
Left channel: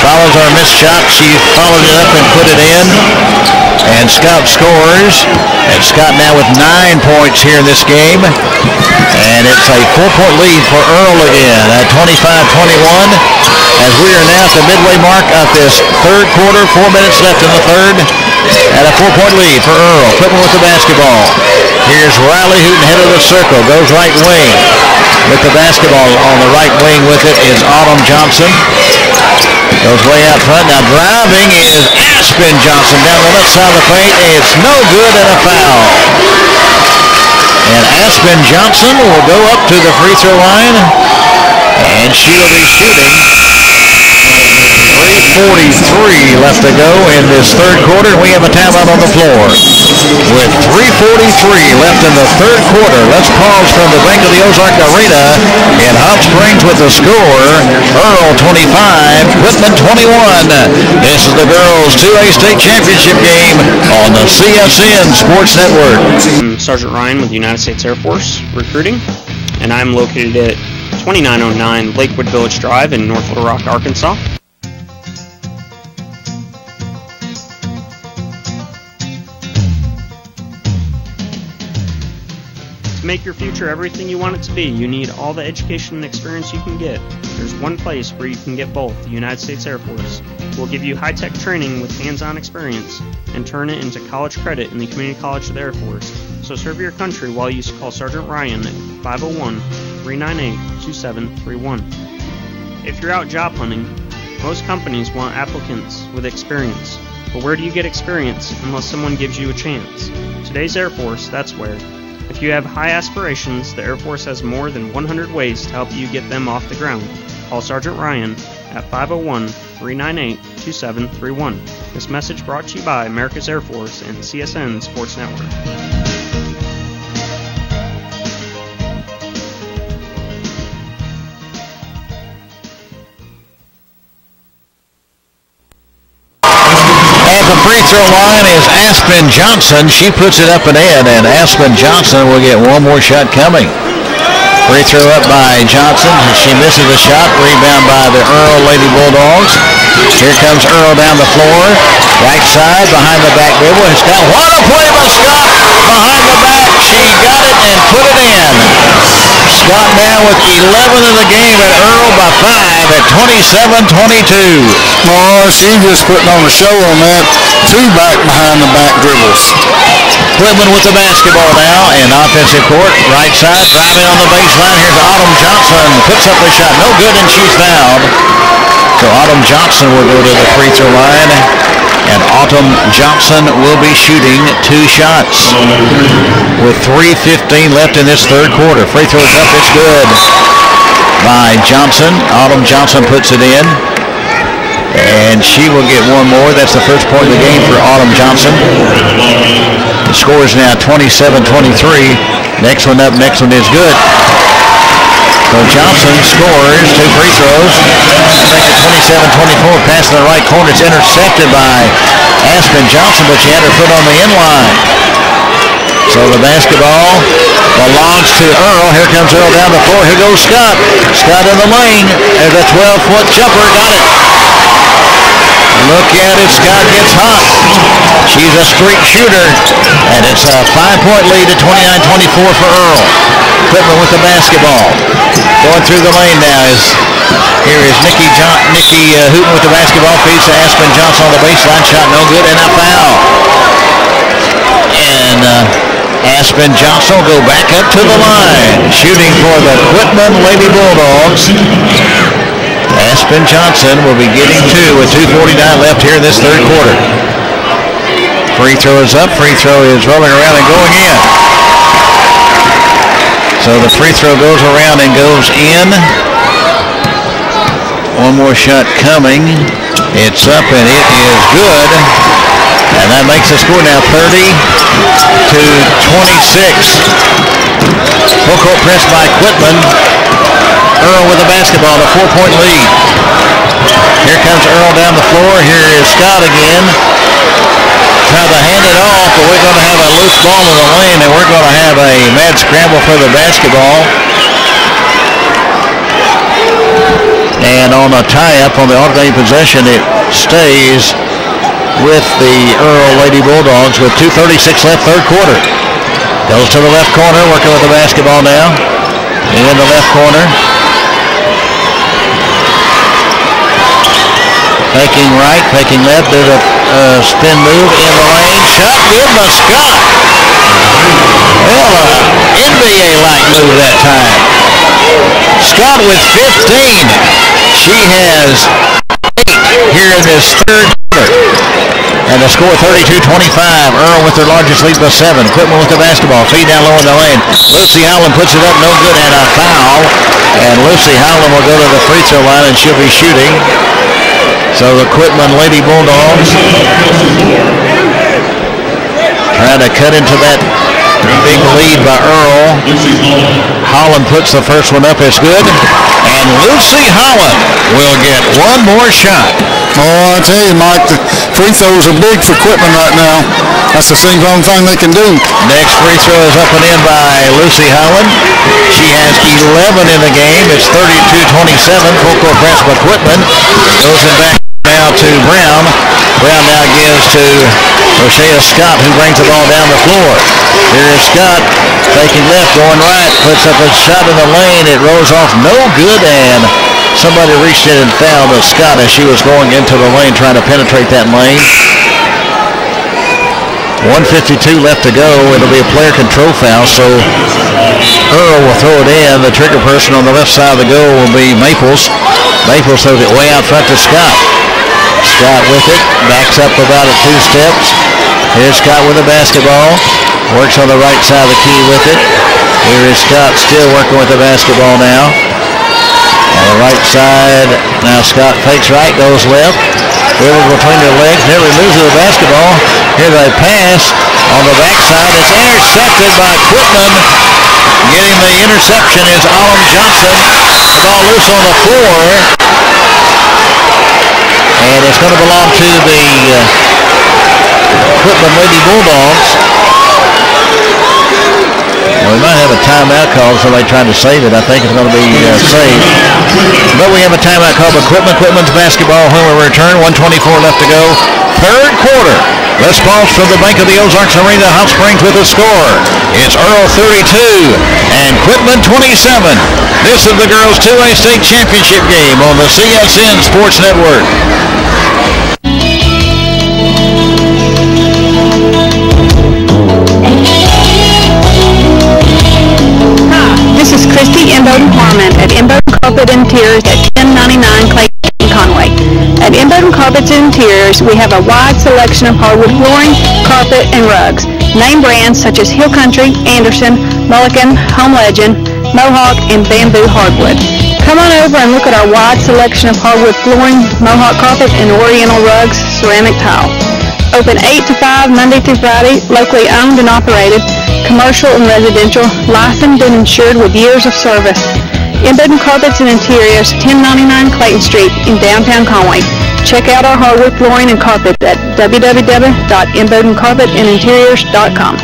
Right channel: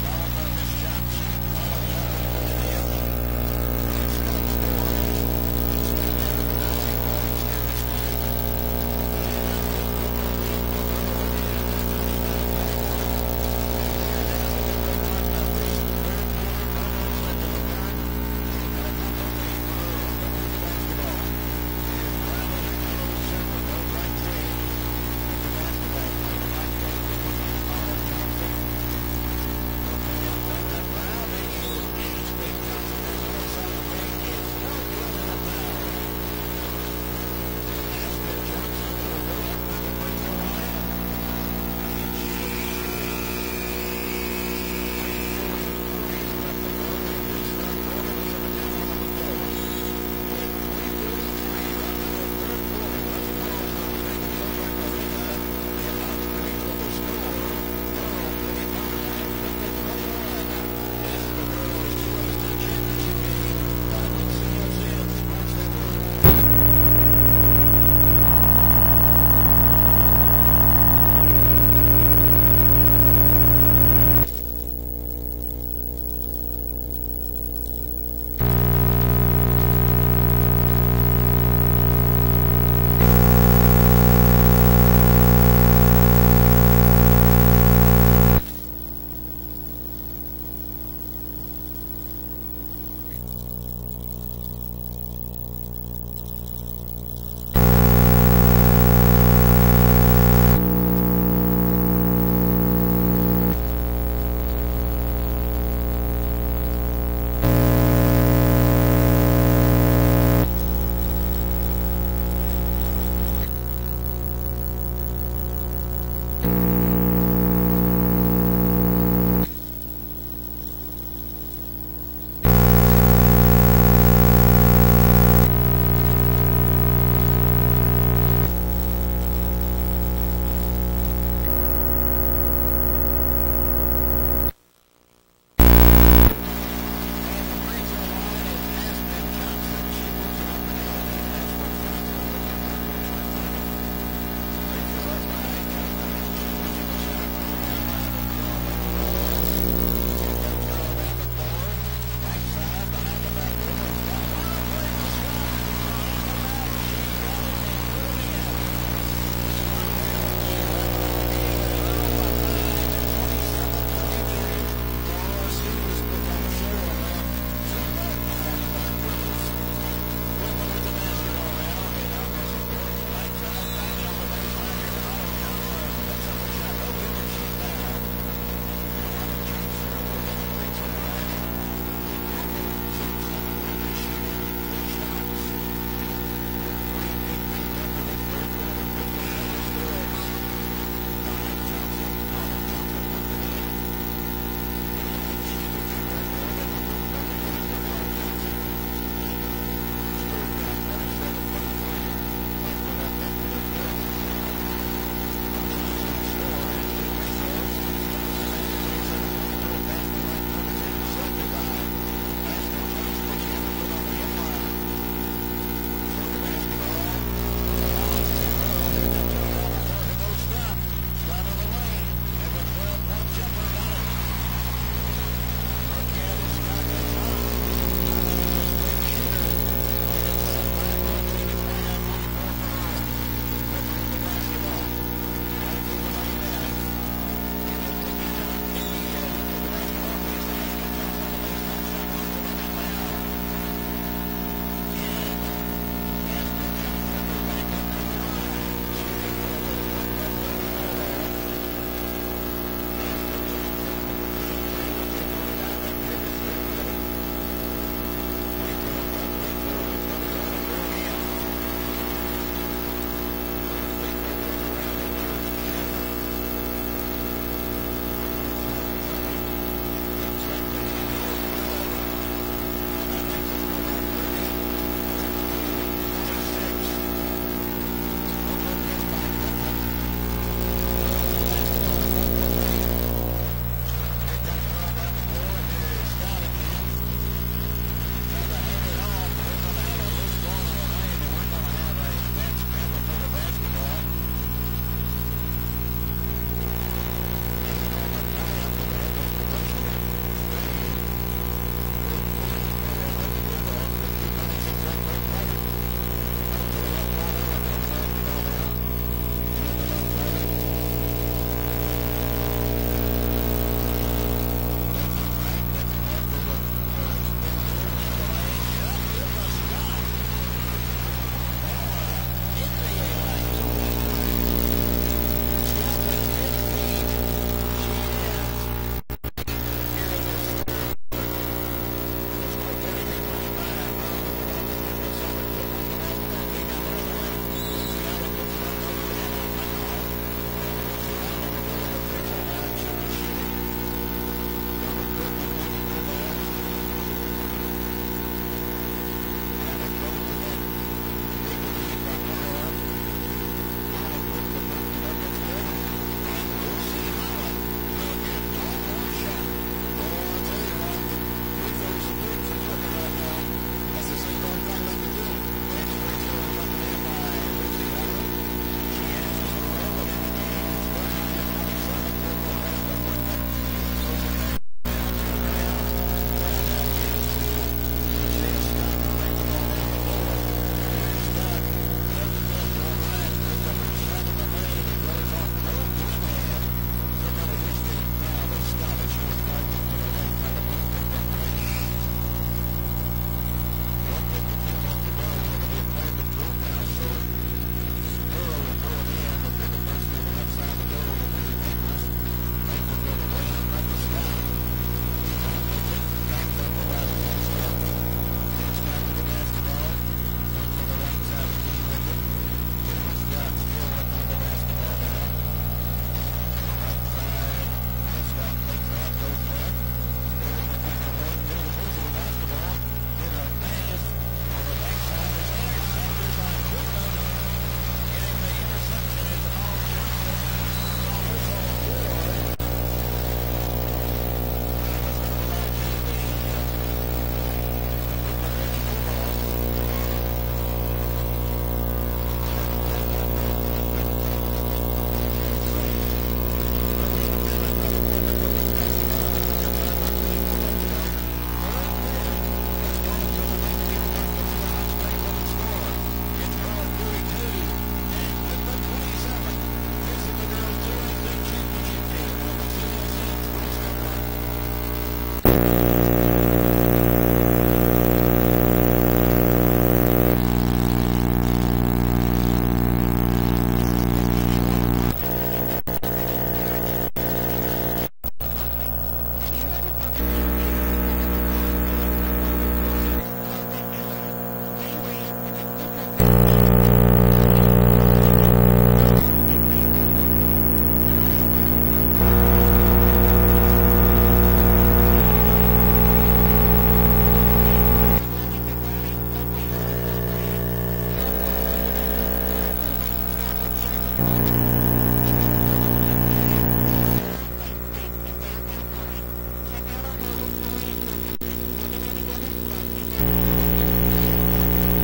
Follows our missed shot. She followed it up and put it in. And Scott scores. And Scott now with 9 points here in this game. And it's a 4-point lead for Earl again at 25-21. As we are now at the midway mark of this third quarter, 4 minutes left in the third. At a 4-point lead for Earl. Pittman with the basketball. Here's Riley Hooten, head of the circle. Goes right wing with the basketball. On the right wing with it is Autumn Johnson. Goes way out front. Now driving is Aspen Johnson down the left side of the paint. It's no good and a foul. And Aspen Johnson will go up to the free throw line. And she will be shooting. 3:43 left to go in this third quarter. We have a timeout on the floor. With 3:43 left in the third quarter, let's pause from the Bank of the Ozark Arena in Hot Springs with the score. Earl 25, Whitman 21. This is the girls' 2A state championship game on the CSN Sports Network. I'm Sergeant Ryan with the United States Air Force recruiting, and I'm located at 2909 Lakewood Village Drive in North Little Rock, Arkansas. To make your future everything you want it to be, you need all the education and experience you can get. There's one place where you can get both, the United States Air Force. We'll give you high-tech training with hands-on experience and turn it into college credit in the Community College of the Air Force. So serve your country while you call Sergeant Ryan at 501-398-2731. If you're out job hunting, most companies want applicants with experience. But where do you get experience unless someone gives you a chance? Today's Air Force, that's where. If you have high aspirations, the Air Force has more than 100 ways to help you get them off the ground. Call Sergeant Ryan at 501-398-2731. This message brought to you by America's Air Force and CSN Sports Network. At the free throw line is Aspen Johnson. She puts it up and in, and Aspen Johnson will get one more shot coming. Free throw up by Johnson. She misses the shot. Rebound by the Earl Lady Bulldogs. Here comes Earl down the floor. Right side behind the back dribble. Scott, what a play by Scott behind the back. She got it and put it in. Scott now with 11 in the game at Earl by 5 at 27-22. Oh, she's just putting on a show on that. 2 back behind the back dribbles. Whitman with the basketball now in offensive court. Right side, driving on the baseline. Here's Autumn Johnson. Puts up a shot. No good, and she's fouled. So Autumn Johnson will go to the free throw line. And Autumn Johnson will be shooting 2 shots with 3:15 left in this third quarter. Free throw is up. It's good by Johnson. Autumn Johnson puts it in. And she will get one more. That's the first point of the game for Autumn Johnson. The score is now 27-23. Next one up. Next one is good. So Johnson scores 2 free throws. Make it 27-24. Pass in the right corner. It's intercepted by Aspen Johnson, but she had her foot on the end line. So the basketball belongs to Earl. Here comes Earl down the floor. Here goes Scott. Scott in the lane. There's a 12-foot jumper. Got it. Look at it. Scott gets hot. She's a streak shooter. And it's a 5-point lead at 29-24 for Earl. Pittman with the basketball. Going through the lane now is here is Nikki Hooten with the basketball. Feeds to Aspen Johnson on the baseline. Shot no good and a foul. And Aspen Johnson will go back up to the line. Shooting for the Whitman Lady Bulldogs. Aspen Johnson will be getting two with 2:49 left here in this third quarter. Free throw is up. Free throw is rolling around and going in. So the free throw goes around and goes in. One more shot coming. It's up and it is good. And that makes the score now 30-26. Full court press by Quitman. Earl with the basketball, a 4-point lead. Here comes Earl down the floor. Here is Scott again. Trying to hand it off, but we're going to have a loose ball in the lane, and we're going to have a mad scramble for the basketball. And on a tie-up on the alternating possession, it stays with the Earl Lady Bulldogs with 2:36 left, third quarter. Goes to the left corner, working with the basketball now. In the left corner. Faking right, faking left, there's a spin move in the lane. Shot good by Scott. Well, NBA-like move that time. Scott with 15. She has 8 here in this third quarter. And the score 32-25. Earl with their largest lead by 7. Quitman with the basketball. Feed down low in the lane. Lucy Howland puts it up, no good, and a foul. And Lucy Howland will go to the free throw line, and she'll be shooting. So the Quitman Lady Bulldogs trying to cut into that big lead by Earl. Holland puts the first one up. It's good. And Lucy Holland will get one more shot. Oh, I tell you, Mike, the free throws are big for Quitman right now. That's the only thing they can do. Next free throw is up and in by Lucy Holland. She has 11 in the game. It's 32-27. Full court press by Quitman. Goes in back now to Brown. Brown now gives to Rochelle Scott, who brings the ball down the floor. Here is Scott taking left, going right, puts up a shot in the lane. It rolls off, no good, and somebody reached in and fouled Scott as she was going into the lane, trying to penetrate that lane. 1:52 left to go. It'll be a player control foul, so Earl will throw it in. The trigger person on the left side of the goal will be Maples. Maples throws it way out front to Scott. Scott with it, backs up about 2 steps. Here's Scott with the basketball. Works on the right side of the key with it. Here is Scott still working with the basketball now. On the right side, now Scott fakes right, goes left. Dribbles between their legs, nearly loses the basketball. Here's a pass on the backside. It's intercepted by Quitman. Getting the interception is Autumn Johnson. The ball loose on the floor. And it's going to belong to the Quitman Lady Bulldogs. Well, we might have a timeout call. Somebody trying to save it. I think it's going to be saved. But we have a timeout call by Quitman. Quitman's basketball when we return. 1:24 left to go. Third quarter. Let's pause from the Bank of the Ozarks Arena, Hot Springs, with a score. It's Earl 32 and Quitman 27. This is the girls' 2A state championship game on the CSN Sports Network. This is Christy Imboden Harmon at Imboden Carpet Interiors at 1099 Clayton Conway. At Imboden Carpets and Interiors, we have a wide selection of hardwood flooring, carpet, and rugs. Name brands such as Hill Country, Anderson, Mulligan, Home Legend, Mohawk, and Bamboo Hardwood. Come on over and look at our wide selection of hardwood flooring, Mohawk carpet, and Oriental rugs, ceramic tile. Open 8 to 5 Monday through Friday, locally owned and operated, commercial and residential, licensed and insured with years of service. Imboden Carpets and Interiors, 1099 Clayton Street in downtown Conway. Check out our hardwood flooring and carpet at www.imbodencarpetandinteriors.com.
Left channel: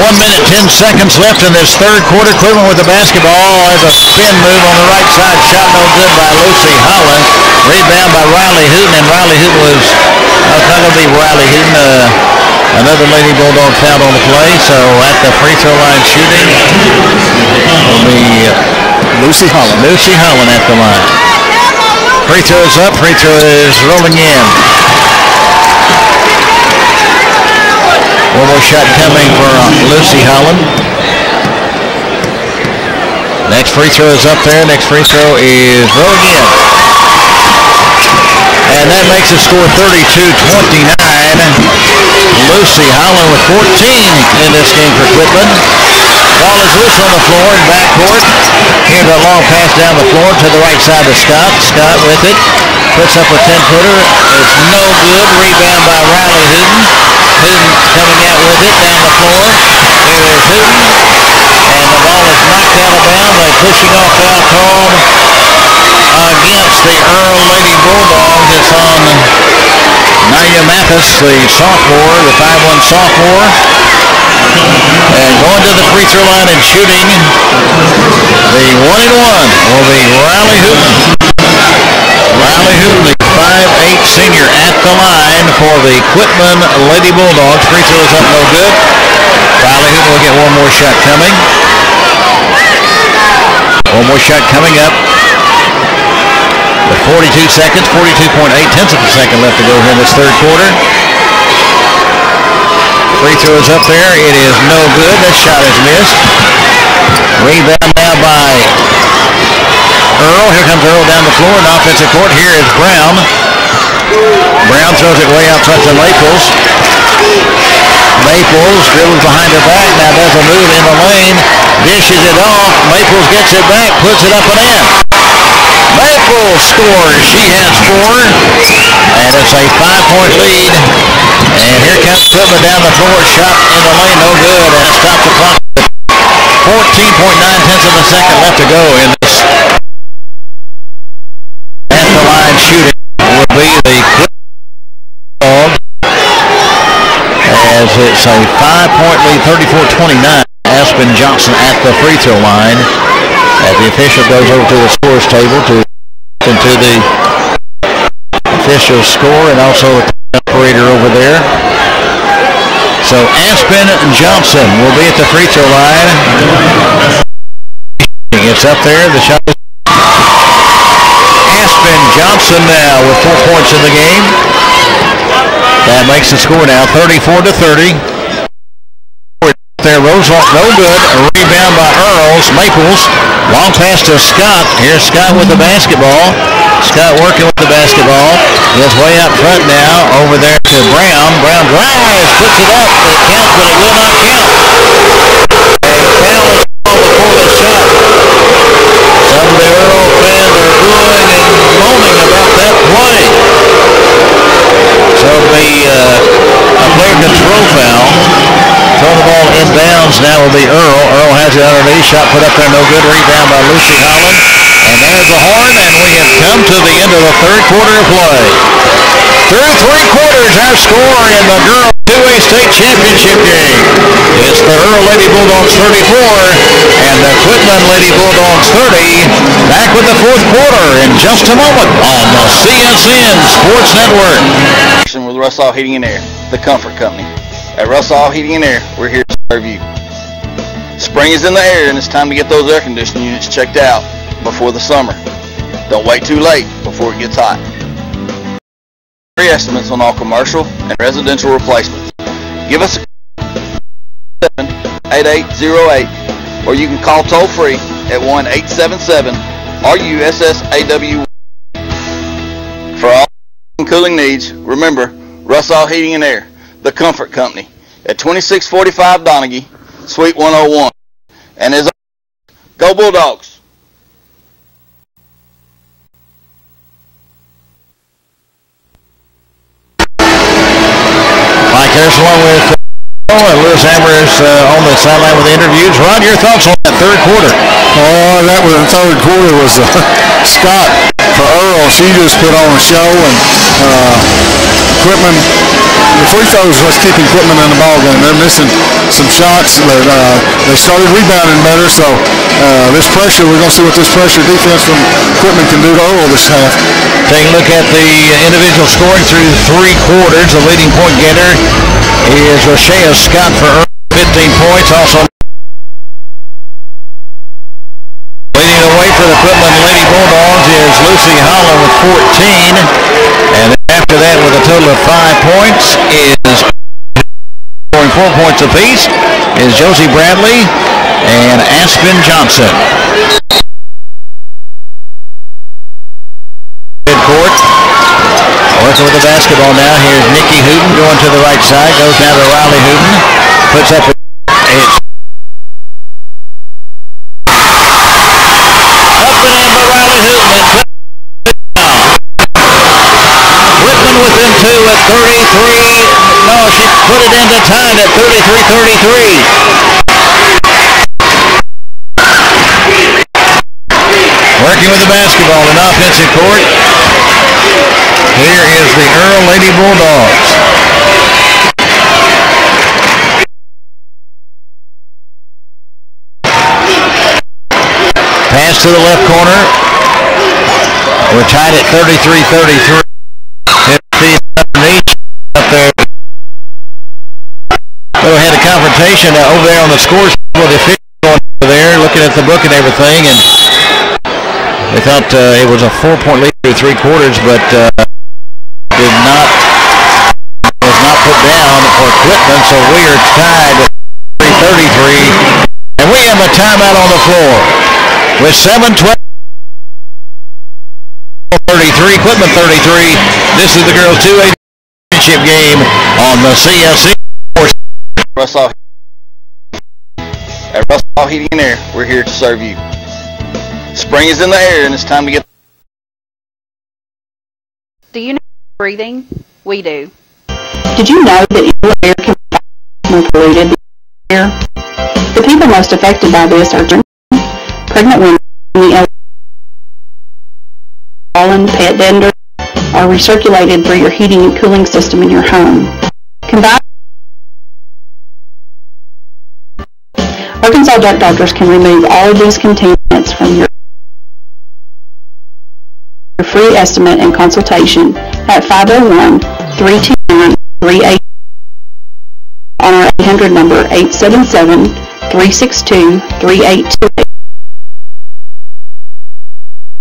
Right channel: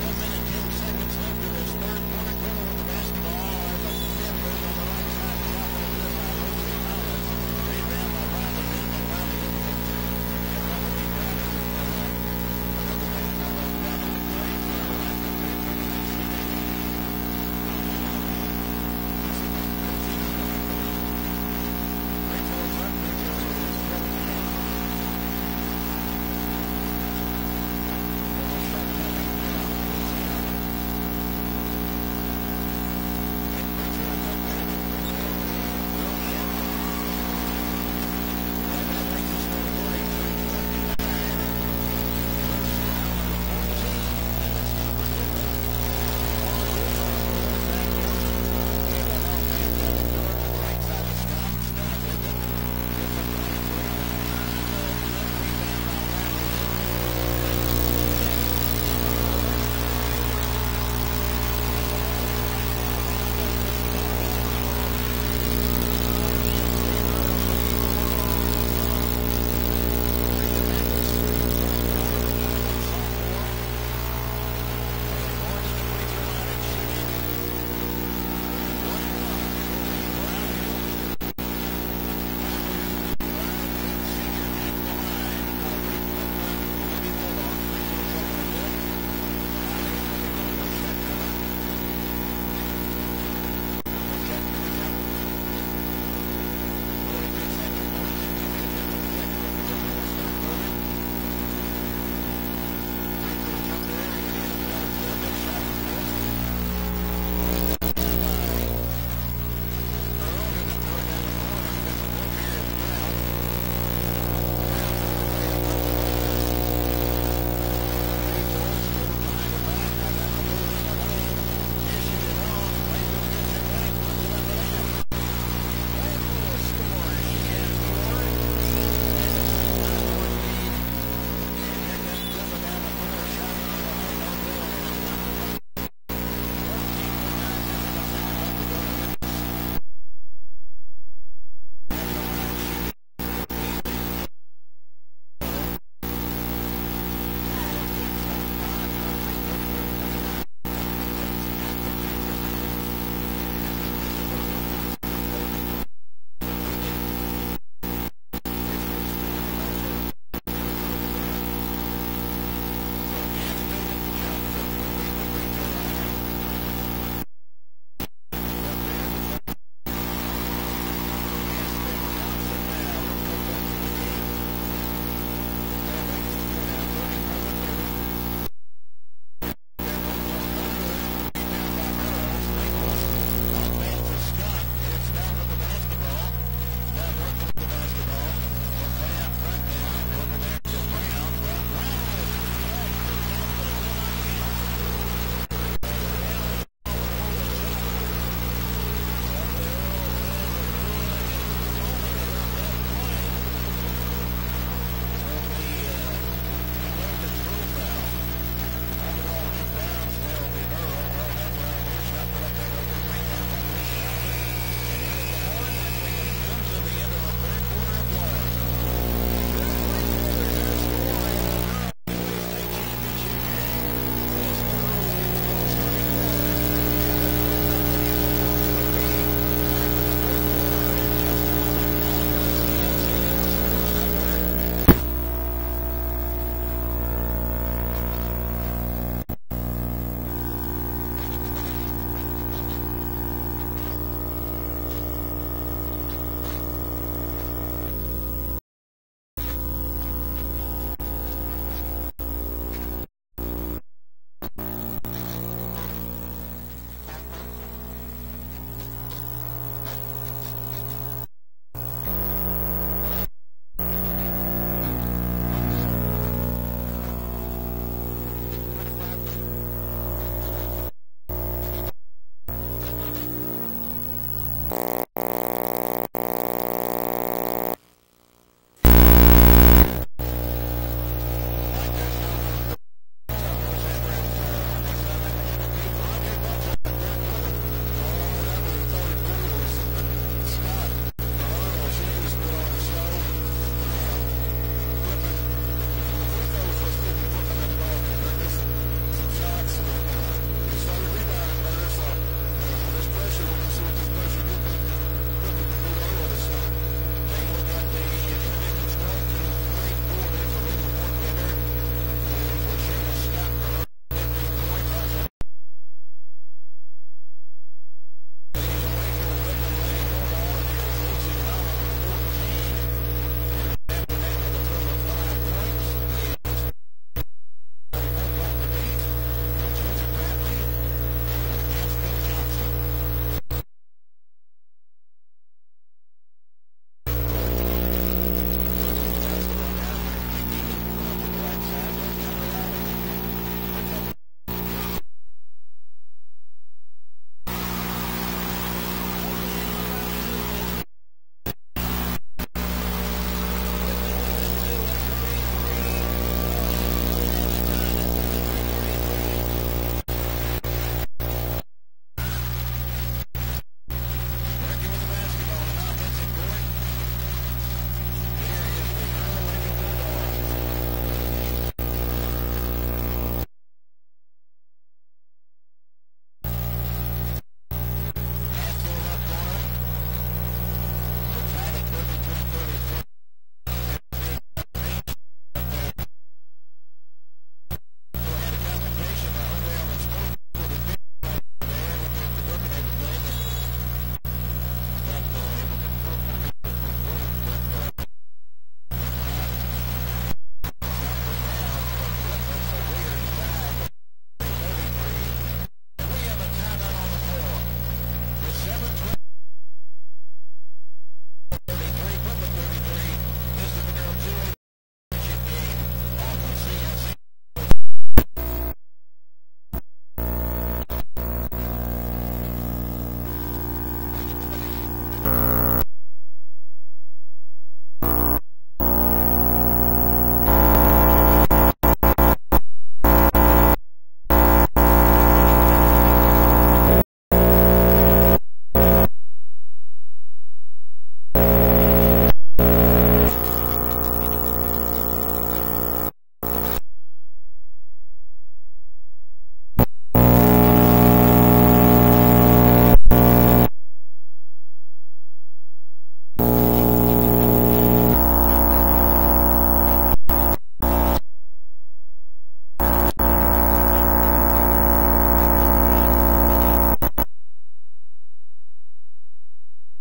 One minute, 10 seconds left in this third quarter. Quitman with the basketball as a spin move on the right side. Shot no good by Lucy Holland. Rebound by Riley Hooten, and Riley Hooten was, it's not going to be Riley Hooten. Another Lady Bulldog foul on the play. So at the free throw line shooting will be Lucy Holland. Lucy Holland at the line. Free throw is up. Free throw is rolling in. One more shot coming for Lucy Holland. Next free throw is up there. Next free throw is roll again. And that makes it score 32-29. Lucy Holland with 14 in this game for Quitman. Ball is loose on the floor in backcourt. Here's a long pass down the floor to the right side of Scott. Scott with it. Puts up a 10-footer. It's no good. Rebound by Riley Hooten. Hooten coming out with it down the floor. Here is Hooten. And the ball is knocked out of bounds. A pushing off foul called against the Earl Lady Bulldogs. It's on Naya Mathis, the sophomore, the 5'1 sophomore. And going to the free throw line and shooting, the 1-and-1 will be Riley Hooten. Riley Hooten, the 5'8 senior at the line for the Quitman Lady Bulldogs. Free throw is up, no good. Riley Hooten will get one more shot coming. One more shot coming up. With 42 seconds, 42.8 tenths of a second left to go here in this third quarter. Free throw is up there. It is no good. That shot is missed. Rebound now by Earl. Here comes Earl down the floor in offensive court. Here is Brown. Brown throws it way out front to Maples. Maples dribbles behind her back. Now does a move in the lane. Dishes it off. Maples gets it back. Puts it up and in. Maples scores. She has 4. And it's a 5-point lead. And here comes Quitman down the floor. Shot in the lane. No good. And it stops the clock. 14.9 tenths of a second left to go in this. At the line shooting would be the Quitman Bulldogs. As it's a 5-point lead, 34-29. Aspen Johnson at the free throw line. As the official goes over to the scores table to into the official score and also the operator over there. So Aspen Johnson will be at the free throw line. It's up there. The shot is Aspen Johnson now with 4 points in the game. That makes the score now 34-30. There, Roosevelt, no good. A rebound by Earls. Maples, long pass to Scott. Here's Scott with the basketball. Scott working with the basketball. Gets way out front now. Over there to Brown. Brown drives, puts it up. It counts, but it will not count. A foul is called before the shot. Some of the Earl fans are booing and moaning about that play. So a player control foul. Throw the ball inbounds. Now will be Earl. Earl has it underneath. Shot put up there. No good. Rebound by Lucy Holland. And there's the horn. And we have come to the end of the third quarter of play. Through 3 quarters, our score in the girls 2A state championship game. It's the Earl Lady Bulldogs 34 and the Quitman Lady Bulldogs 30. Back with the fourth quarter in just a moment on the CSN Sports Network. With Russell Heating and Air, the comfort company. At Russell Heating and Air, we're here to serve you. Spring is in the air and it's time to get those air conditioning units checked out before the summer. Don't wait too late before it gets hot. Free estimates on all commercial and residential replacements. Give us a call 78808 or you can call toll free at 1-877-RUSSAW. For all cooling needs, remember Russell Heating and Air, the comfort company, at 2645 Donaghy, Suite 101. And as always, go Bulldogs! Mike Harrison along with Lewis Ambrose on the sideline with the interviews. Rod, your thoughts on that third quarter? Oh, that was the third quarter was Scott for Earl. She just put on a show, and Quitman, the free throws was keeping Quitman in the ball game. They're missing some shots. They started rebounding better, so this pressure, we're going to see what this pressure defense from Quitman can do to Earl this half. Take a look at the individual scoring through 3 quarters. The leading point getter is Rochea Scott for Earl, 15 points. Also leading away for the Quitman Lady Bulldogs is Lucy Holland with 14. And after that with a total of 5 points is scoring 4 points apiece is Josie Bradley and Aspen Johnson. Midcourt. Working with the basketball now. Here's Nikki Hooten going to the right side. Goes down to Riley Hooten. Puts up a up and in by Riley Hooten. Whitman within 2 at 33. No, she put it into time at 33-33. Working with the basketball in offensive court. Here is the Earl Lady Bulldogs. Pass to the left corner. We're tied at 33-33. 50 underneath up there. We had a confrontation over there on the scores with the official going over there, looking at the book and everything, and they thought it was a 4-point lead through 3 quarters, but was not put down for Quitman, so we are tied at 33, and we have a timeout on the floor with 7:12. 33, Quitman 33. This is the girls 2A championship game on the CSN. Russell Heating and Air, we're here to serve you. Spring is in the air and it's time to get... Do you know breathing? We do. Did you know that indoor air can be more polluted than air? The people most affected by this are pregnant women, the elderly, pollen, pet dander, are recirculated through your heating and cooling system in your home. Combined, Arkansas Duck Doctors can remove all of these contaminants from your free estimate and consultation at 501-329-38 on our 800 number 877-362-3828.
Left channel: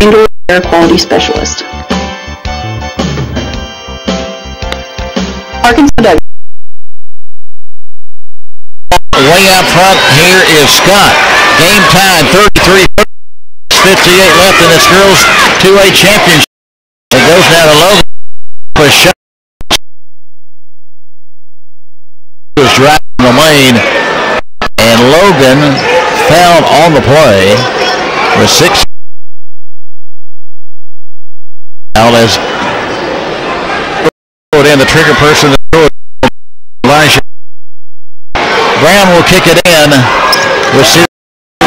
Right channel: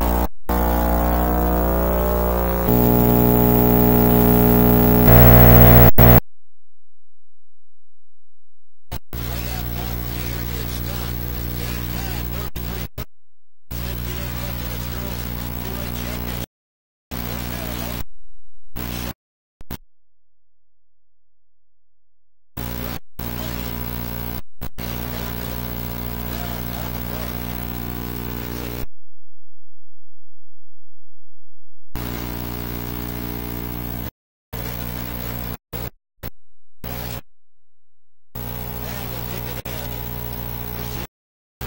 Indoor Air Quality Specialist. Arkansas Duck. Way out front here is Scott. Game time 33-58 left in this girls 2A championship. It goes down to Logan for a shot. He was driving the lane, and Logan fouled on the play with 6. Foul as put in the trigger person. Elijah Brown will kick it in with 6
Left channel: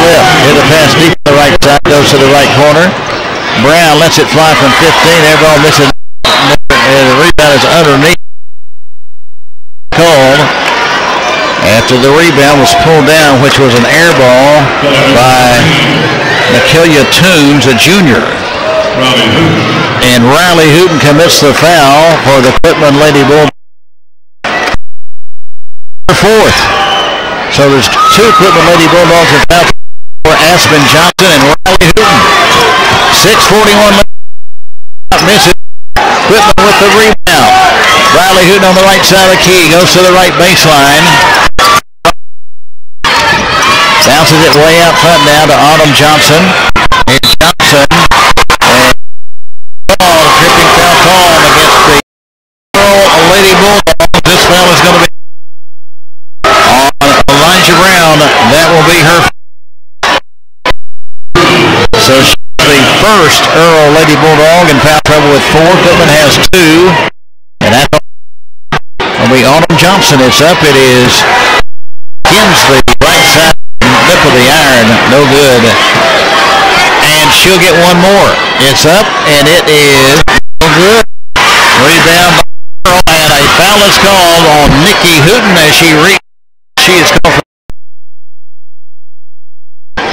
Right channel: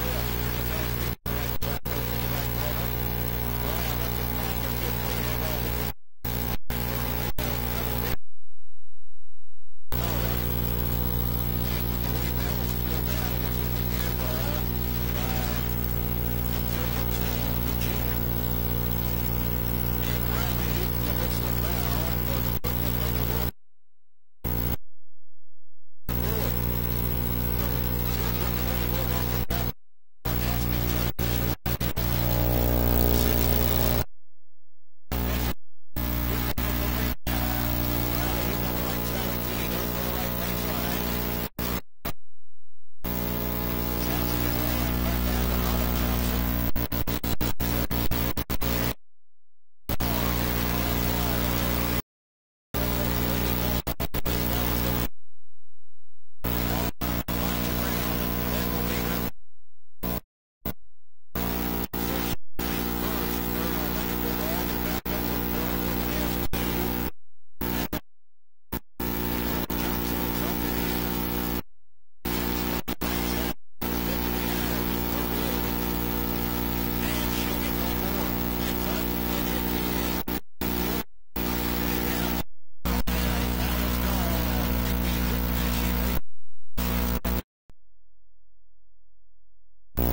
left. Hit a pass deep to the right side, goes to the right corner. Brown lets it fly from 15. Air ball misses. And the rebound is underneath. Called after the rebound was pulled down, which was an air ball by Nakilia Toombs, a junior. And Riley Hooten commits the foul for the Quitman Lady Bulldogs. 4th. So there's 2 Quitman Lady Bulldogs in foul for Aspen Johnson and Riley Hooten. 6:41 left. Misses. Quitman with the rebound. Riley Hooten on the right side of the key. Goes to the right baseline. Bounces it way out front now to Autumn Johnson. Here's Johnson. And tripping foul call against the Lady Bulldogs. This foul is going to be Elijah Brown. That will be her. So she's the first Earl Lady Bulldog in foul trouble with 4. Quitman has 2. And that will be Autumn Johnson. It's up. It is Kinsley, right side, lip of the iron. No good. And she'll get one more. It's up, and it is no good. Rebound by Earl, and a foul is called on Nikki Hooten as she is called for.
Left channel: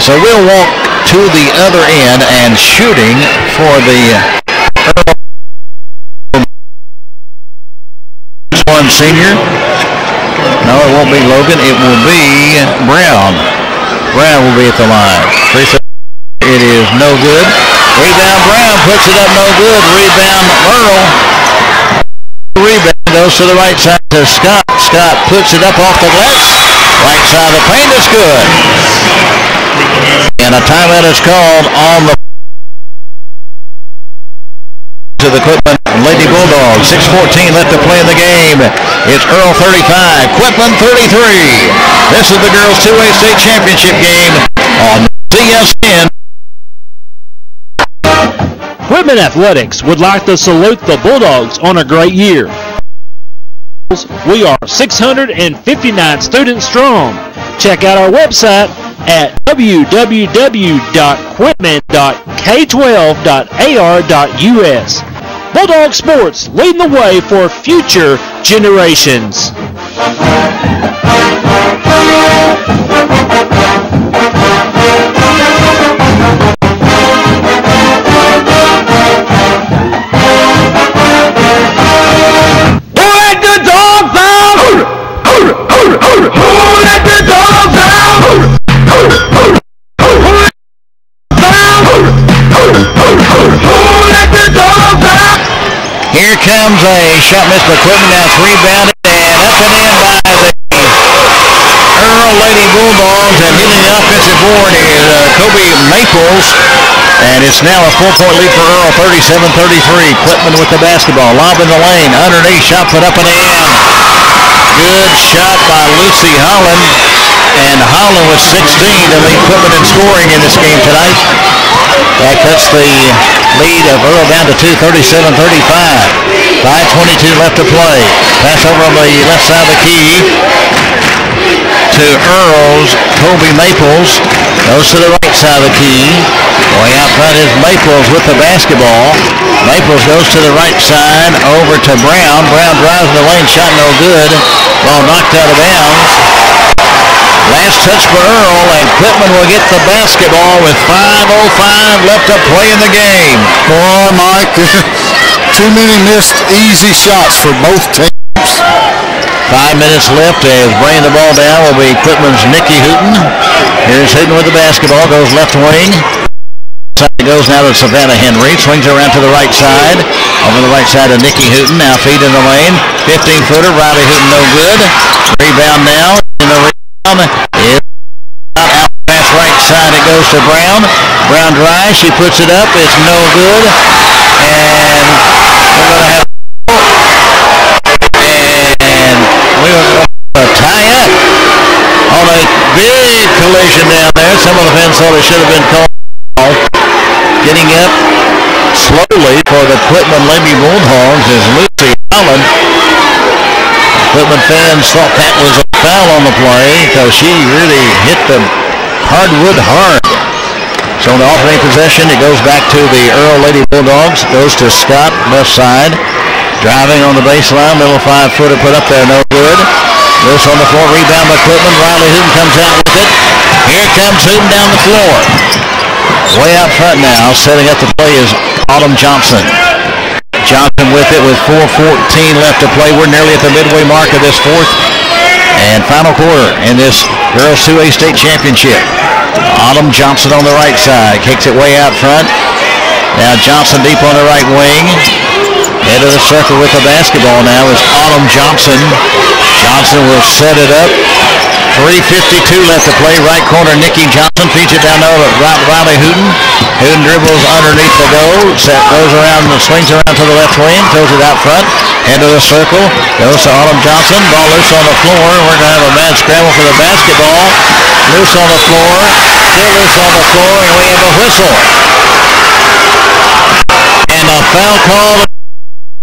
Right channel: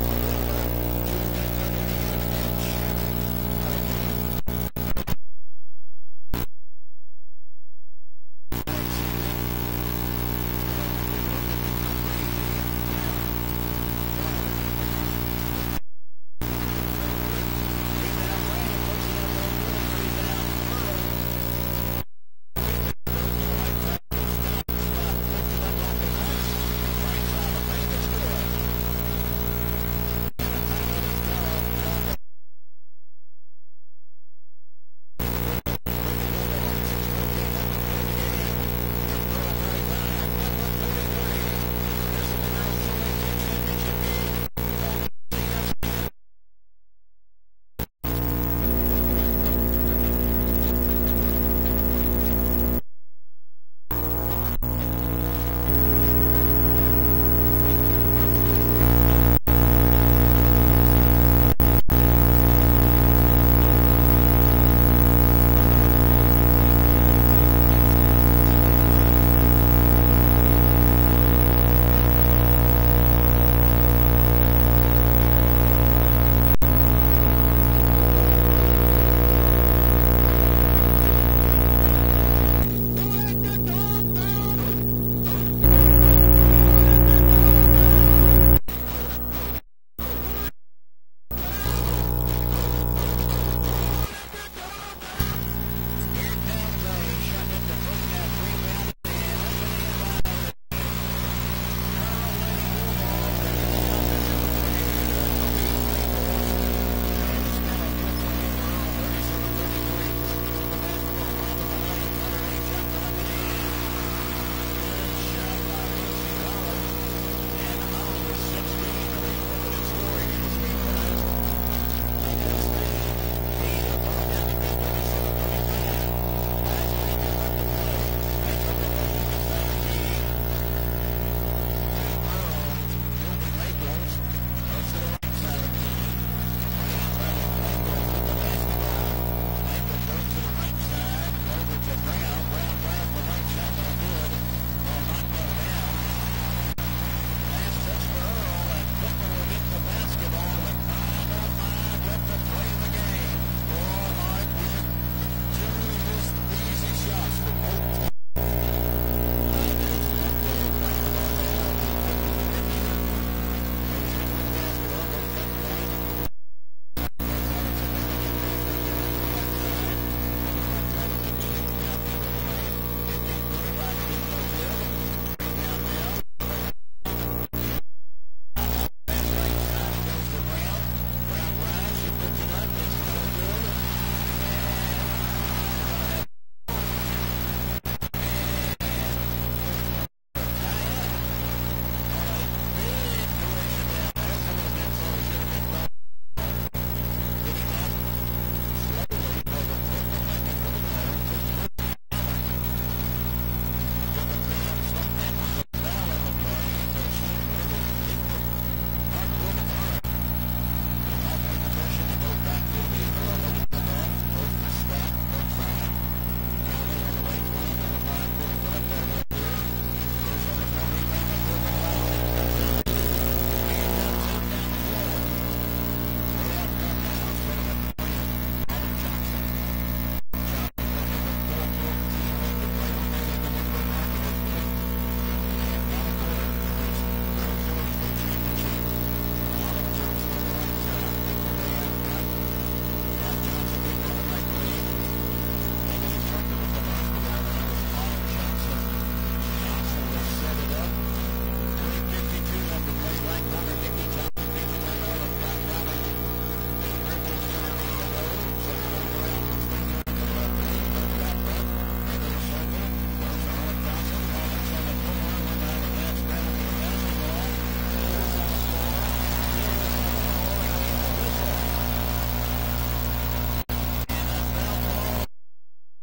So we'll walk to the other end and shooting for the Earl one senior. No, it won't be Logan. It will be Brown. Brown will be at the line. It is no good. Rebound Brown puts it up, no good. Rebound Earl. rebound. Goes to the right side to Scott. Scott puts it up off the glass. Right side of the paint is good. And a timeout is called on the to the Quitman Lady Bulldogs. 6:14 left to play in the game. It's Earl 35, Quitman 33. This is the girls 2A state championship game on CSN. Quitman Athletics would like to salute the Bulldogs on a great year. We are 659 students strong. Check out our website at www.quitman.k12.ar.us. Bulldog Sports, leading the way for future generations. Here comes a shot missed by Quitman. Now it's rebounded and up and in by the Earl Lady Bulldogs. And hitting the offensive board is Kobe Maples. And it's now a 4-point lead for Earl, 37-33. Quitman with the basketball. Lob in the lane. Underneath, shot put up and in. Good shot by Lucy Holland. And Holland with 16 to lead Quitman in scoring in this game tonight. That cuts the lead of Earl down to 2, 37-35. 5:22 left to play. Pass over on the left side of the key to Earl's Kobe Maples. Goes to the right side of the key. Way out front is Maples with the basketball. Maples goes to the right side over to Brown. Brown drives in the lane, shot no good. Ball knocked out of bounds. Last touch for Earl, and Quitman will get the basketball with 5:05 left to play in the game. Boy, Mike, too many missed easy shots for both teams. 5 minutes left as bringing the ball down will be Quitman's Nikki Hooten. Here's Hooten with the basketball, goes left wing. It goes now to Savannah Henry, swings around to the right side. Over the right side of Nikki Hooten, now feed in the lane. 15-footer, Riley Hooten no good. Rebound now in the rebound. Is out past right side, it goes to Brown. Brown drives, she puts it up, it's no good. And we're going to have a tie up on a big collision down there. Some of the fans thought it should have been called. Getting up slowly for the Quitman Lady Bulldogs is Lucy Holland. Quitman fans thought that was a foul on the play because she really hit the hardwood hard. So on the alternating possession, it goes back to the Earl Lady Bulldogs. Goes to Scott, left side. Driving on the baseline, little 5-footer put up there, no good. Loose on the floor, rebound by Quitman. Riley Hooten comes out with it. Here comes Hooten down the floor. Way out front now, setting up the play is Autumn Johnson. Johnson with it with 4:14 left to play. We're nearly at the midway mark of this fourth and final quarter in this Girls 2A State Championship. Autumn Johnson on the right side. Kicks it way out front. Now Johnson deep on the right wing. Head of the circle with the basketball now is Autumn Johnson. Johnson will set it up. 3:52 left to play. Right corner, Nikki Johnson feeds it down over Riley Hooten. Hooten dribbles underneath the goal. Goes around and swings around to the left wing. Throws it out front. End of the circle. Goes to Autumn Johnson. Ball loose on the floor. We're going to have a mad scramble for the basketball. Loose on the floor. Still loose on the floor. And we have a whistle. And a foul call to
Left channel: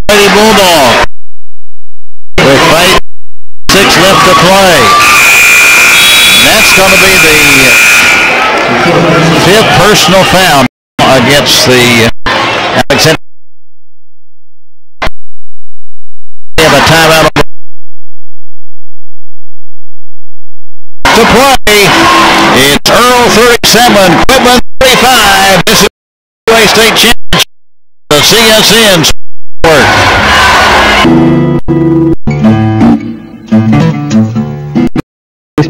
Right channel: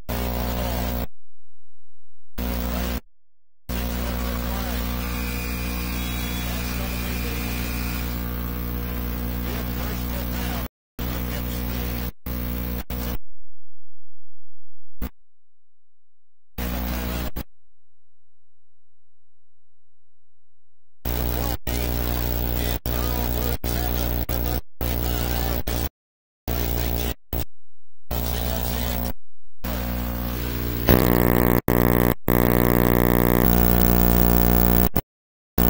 Lady Bulldog. With 5:6 left to play. That's going to be the 5th personal foul against the Alexander. We have a timeout to play. It's Earl 37, Quitman 35. This is the UA State Championship. The CSN Sport.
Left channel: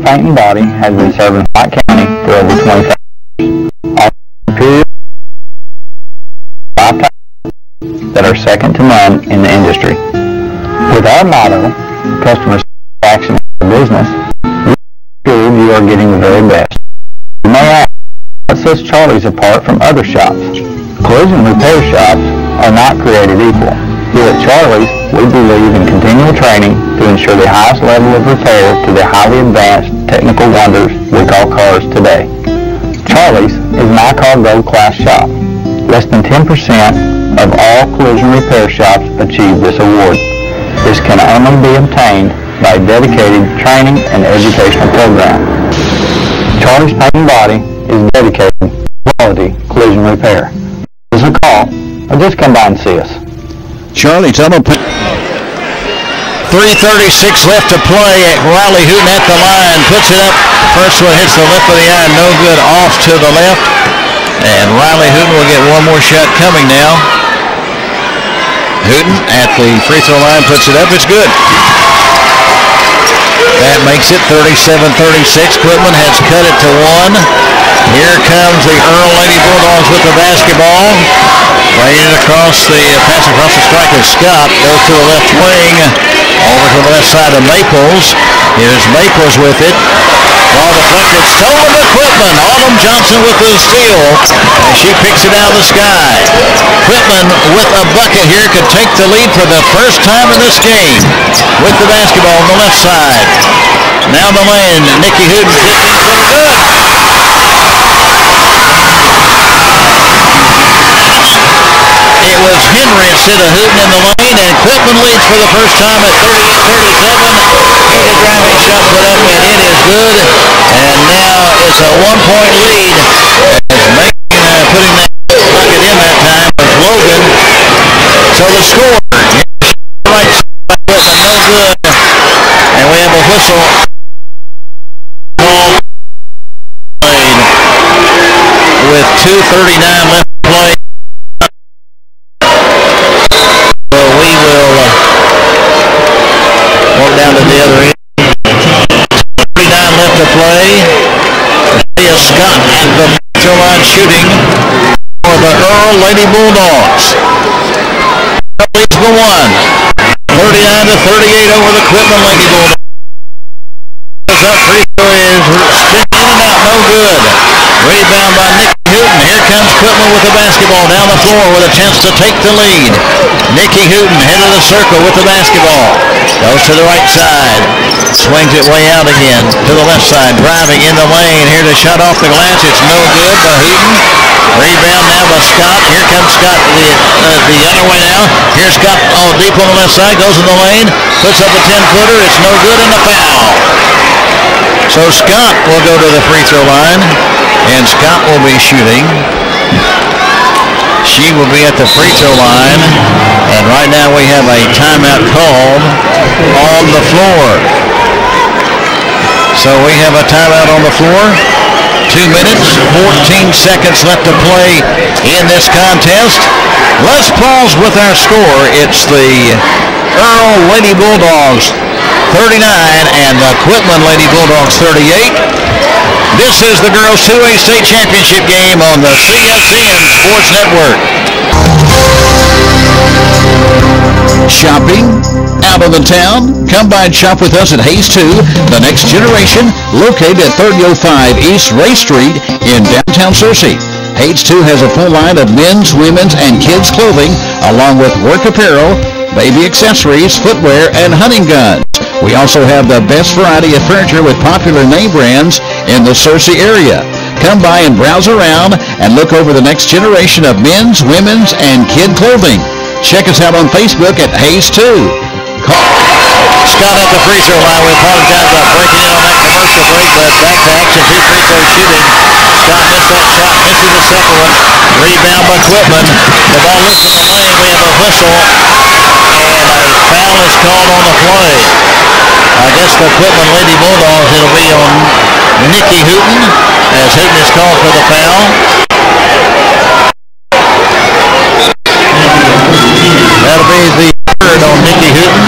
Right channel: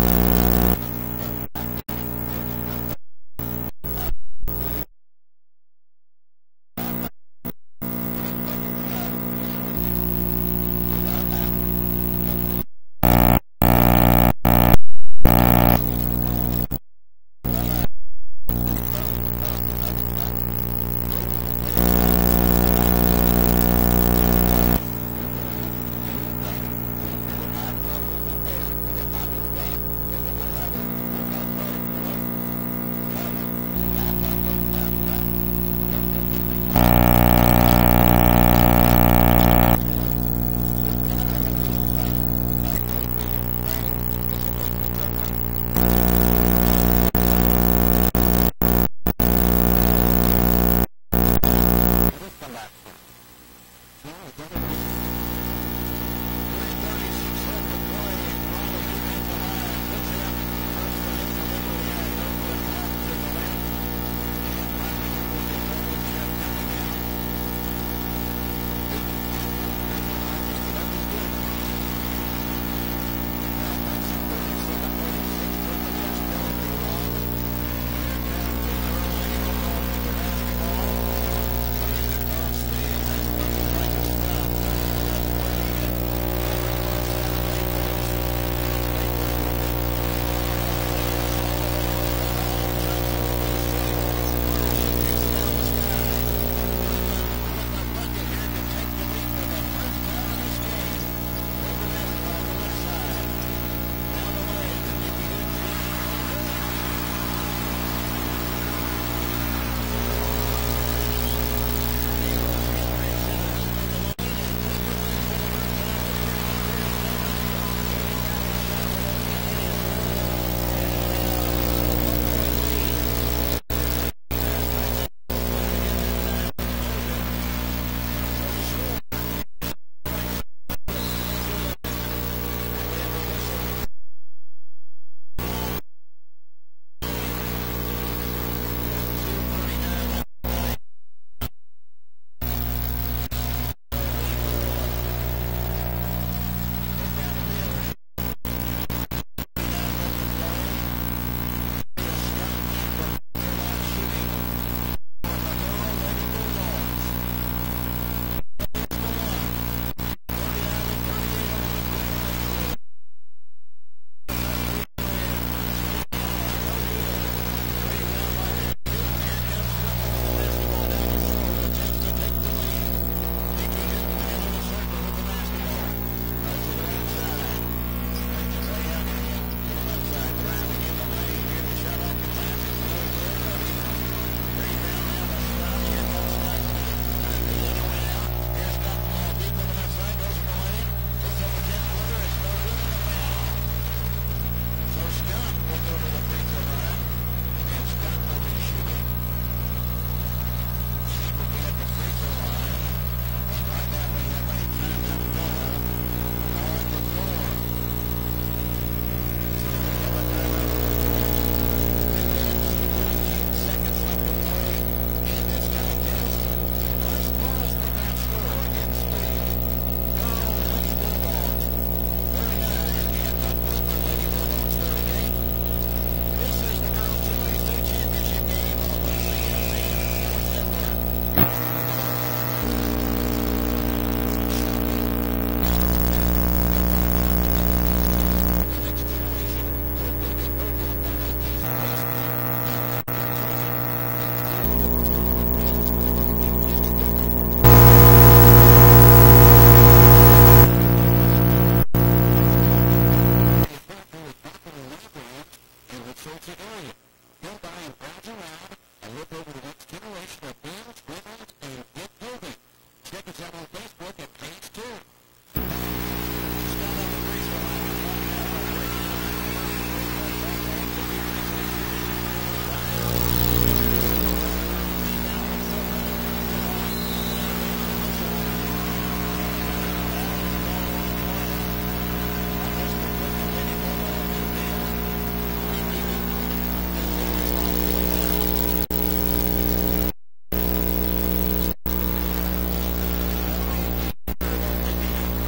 Paint and Body has been serving White County for over 25 years. Offering superior lifetime that are second to none in the industry. With our motto, customer satisfaction is business, you are getting the very best. You may ask, what sets Charlie's apart from other shops? Collision repair shops are not created equal. Here at Charlie's, we believe in continual training to ensure the highest level of repair to the highly advanced technical wonders we call cars today. Charlie's is my car gold class shop. Less than 10% of all collision repair shops achieve this award. This can only be obtained by a dedicated training and educational program. Charlie's Paint and Body is dedicated to quality collision repair. Give us a call or just come by and see us. Charlie, tell them 3:36 left to play. Riley Hooten at the line, puts it up. First one hits the left of the iron, no good, off to the left. And Riley Hooten will get one more shot coming now. Hooten at the free throw line, puts it up, it's good. That makes it 37-36. Quitman has cut it to one. Here comes the Earl Lady Bulldogs with the basketball. Laying it across the pass across the strike is Scott. Goes to the left wing. Over to the left side of Maples. Here's Maples with it. Ball deflected. Stolen to Quitman. Autumn Johnson with the steal. And she picks it out of the sky. Quitman with a bucket here could take the lead for the first time in this game. With the basketball on the left side. Now the lane. Nikki Hooten kicking for good. It was Henry instead of Hooten in the lane, and Quitman leads for the first time at 38-37. Here's a driving shot put up, and it is good. And now it's a 1-point lead. As putting that bucket in that time was Logan. So the score, right side, Quitman, no good. And we have a whistle. Ball played with 2:39 left to play. Down to the other end. 39 left to play. Leah Scott at the free line shooting for the Earl Lady Bulldogs. Leads the one. 39-38 over the Quitman Lady Bulldogs. Up free throw is spinning in and out, no good. Rebound by Nikki Hooten. Here comes Quitman with the basketball down the floor with a chance to take the lead. Nikki Hooten head of the circle with the basketball. Goes to the right side. Swings it way out again to the left side. Driving in the lane. Here to shot off the glass. It's no good by Hooten. Rebound now by Scott. Here comes Scott the other way now. Here's Scott deep on the left side. Goes in the lane. Puts up a 10-footer. It's no good and a foul. So Scott will go to the free throw line. And Scott will be shooting. She will be at the free throw line. And right now we have a timeout called on the floor. So we have a timeout on the floor. 2 minutes, 14 seconds left to play in this contest. Let's pause with our score. It's the Earl Lady Bulldogs 39 and the Quitman Lady Bulldogs 38. This is the Girls 2A State Championship game on the CSN Sports Network. Shopping out of the town? Come by and shop with us at Hayes 2, the next generation, located at 3005 East Ray Street in downtown Searcy. Hayes 2 has a full line of men's, women's, and kids' clothing, along with work apparel, baby accessories, footwear, and hunting guns. We also have the best variety of furniture with popular name brands in the Searcy area. Come by and browse around and look over the next generation of men's, women's, and kid clothing. Check us out on Facebook at Hayes 2. Scott at the free throw line. We apologize about breaking in on that commercial break, but back to action, 2 free throw shooting. Scott missed that shot, misses the second one. Rebound by Quitman. The ball loose in the lane. We have a whistle, and a foul is called on the play. I guess the Quitman Lady Bulldogs, it'll be on Nikki Hooten, as Hooten is called for the foul. That'll be the third on Nikki Hooten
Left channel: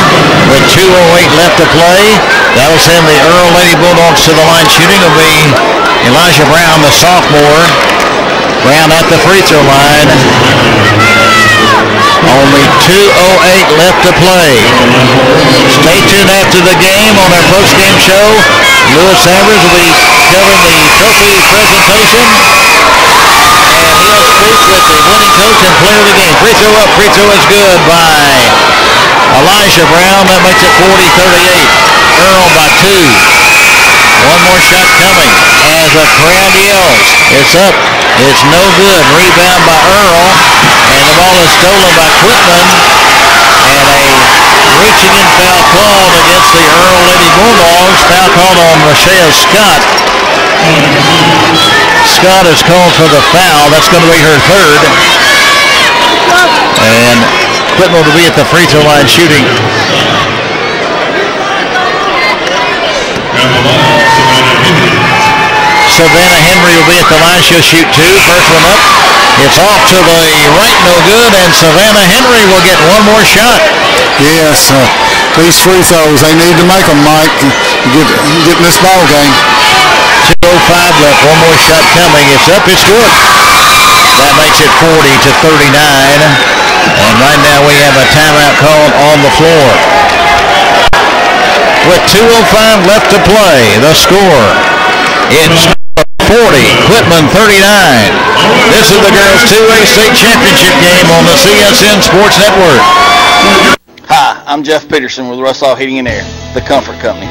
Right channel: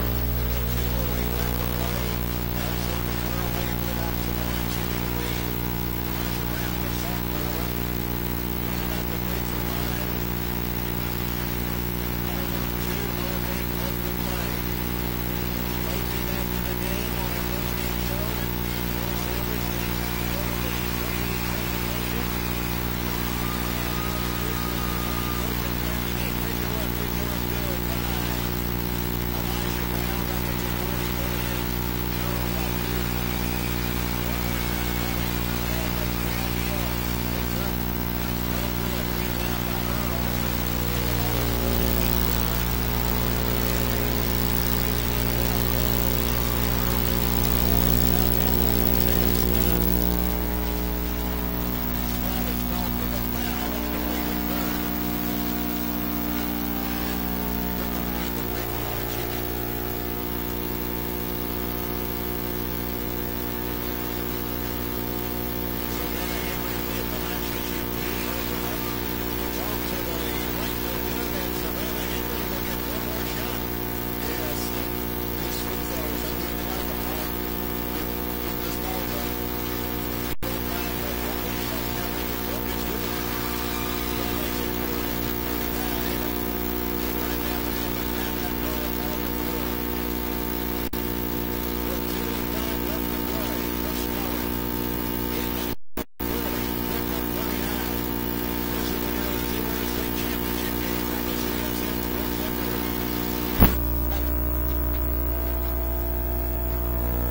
with 2:08 left to play. That'll send the Earl Lady Bulldogs to the line. Shooting will be Elijah Brown, the sophomore. Brown at the free throw line. Only 2:08 left to play. Stay tuned after the game on our post-game show. Lewis Sanders will be covering the trophy presentation. And he'll speak with the winning coach and player of the game. Free throw up. Free throw is good by Elijah Brown. That makes it 40-38. Earl by 2. One more shot coming as a crowd yells. It's up. It's no good. Rebound by Earl. And the ball is stolen by Quitman. And a reaching in foul called against the Earl Lady Bulldogs. Foul called on Rochelle Scott. Scott is called for the foul. That's going to be her third. And Quitman will be at the free throw line shooting. Savannah Henry will be at the line. She'll shoot 2. First one up. It's off to the right, no good, and Savannah Henry will get one more shot. Yes, these free throws, they need to make them, Mike, get in this ball game. 2:05 left. One more shot coming. It's up. It's good. That makes it 40-39. And right now we have a timeout called on the floor. With 2:05 left to play, the score, it's 40, Quitman 39. This is the girls' 2A state championship game on the CSN Sports Network. Hi, I'm Jeff Peterson with Russell Heating and Air, the comfort company.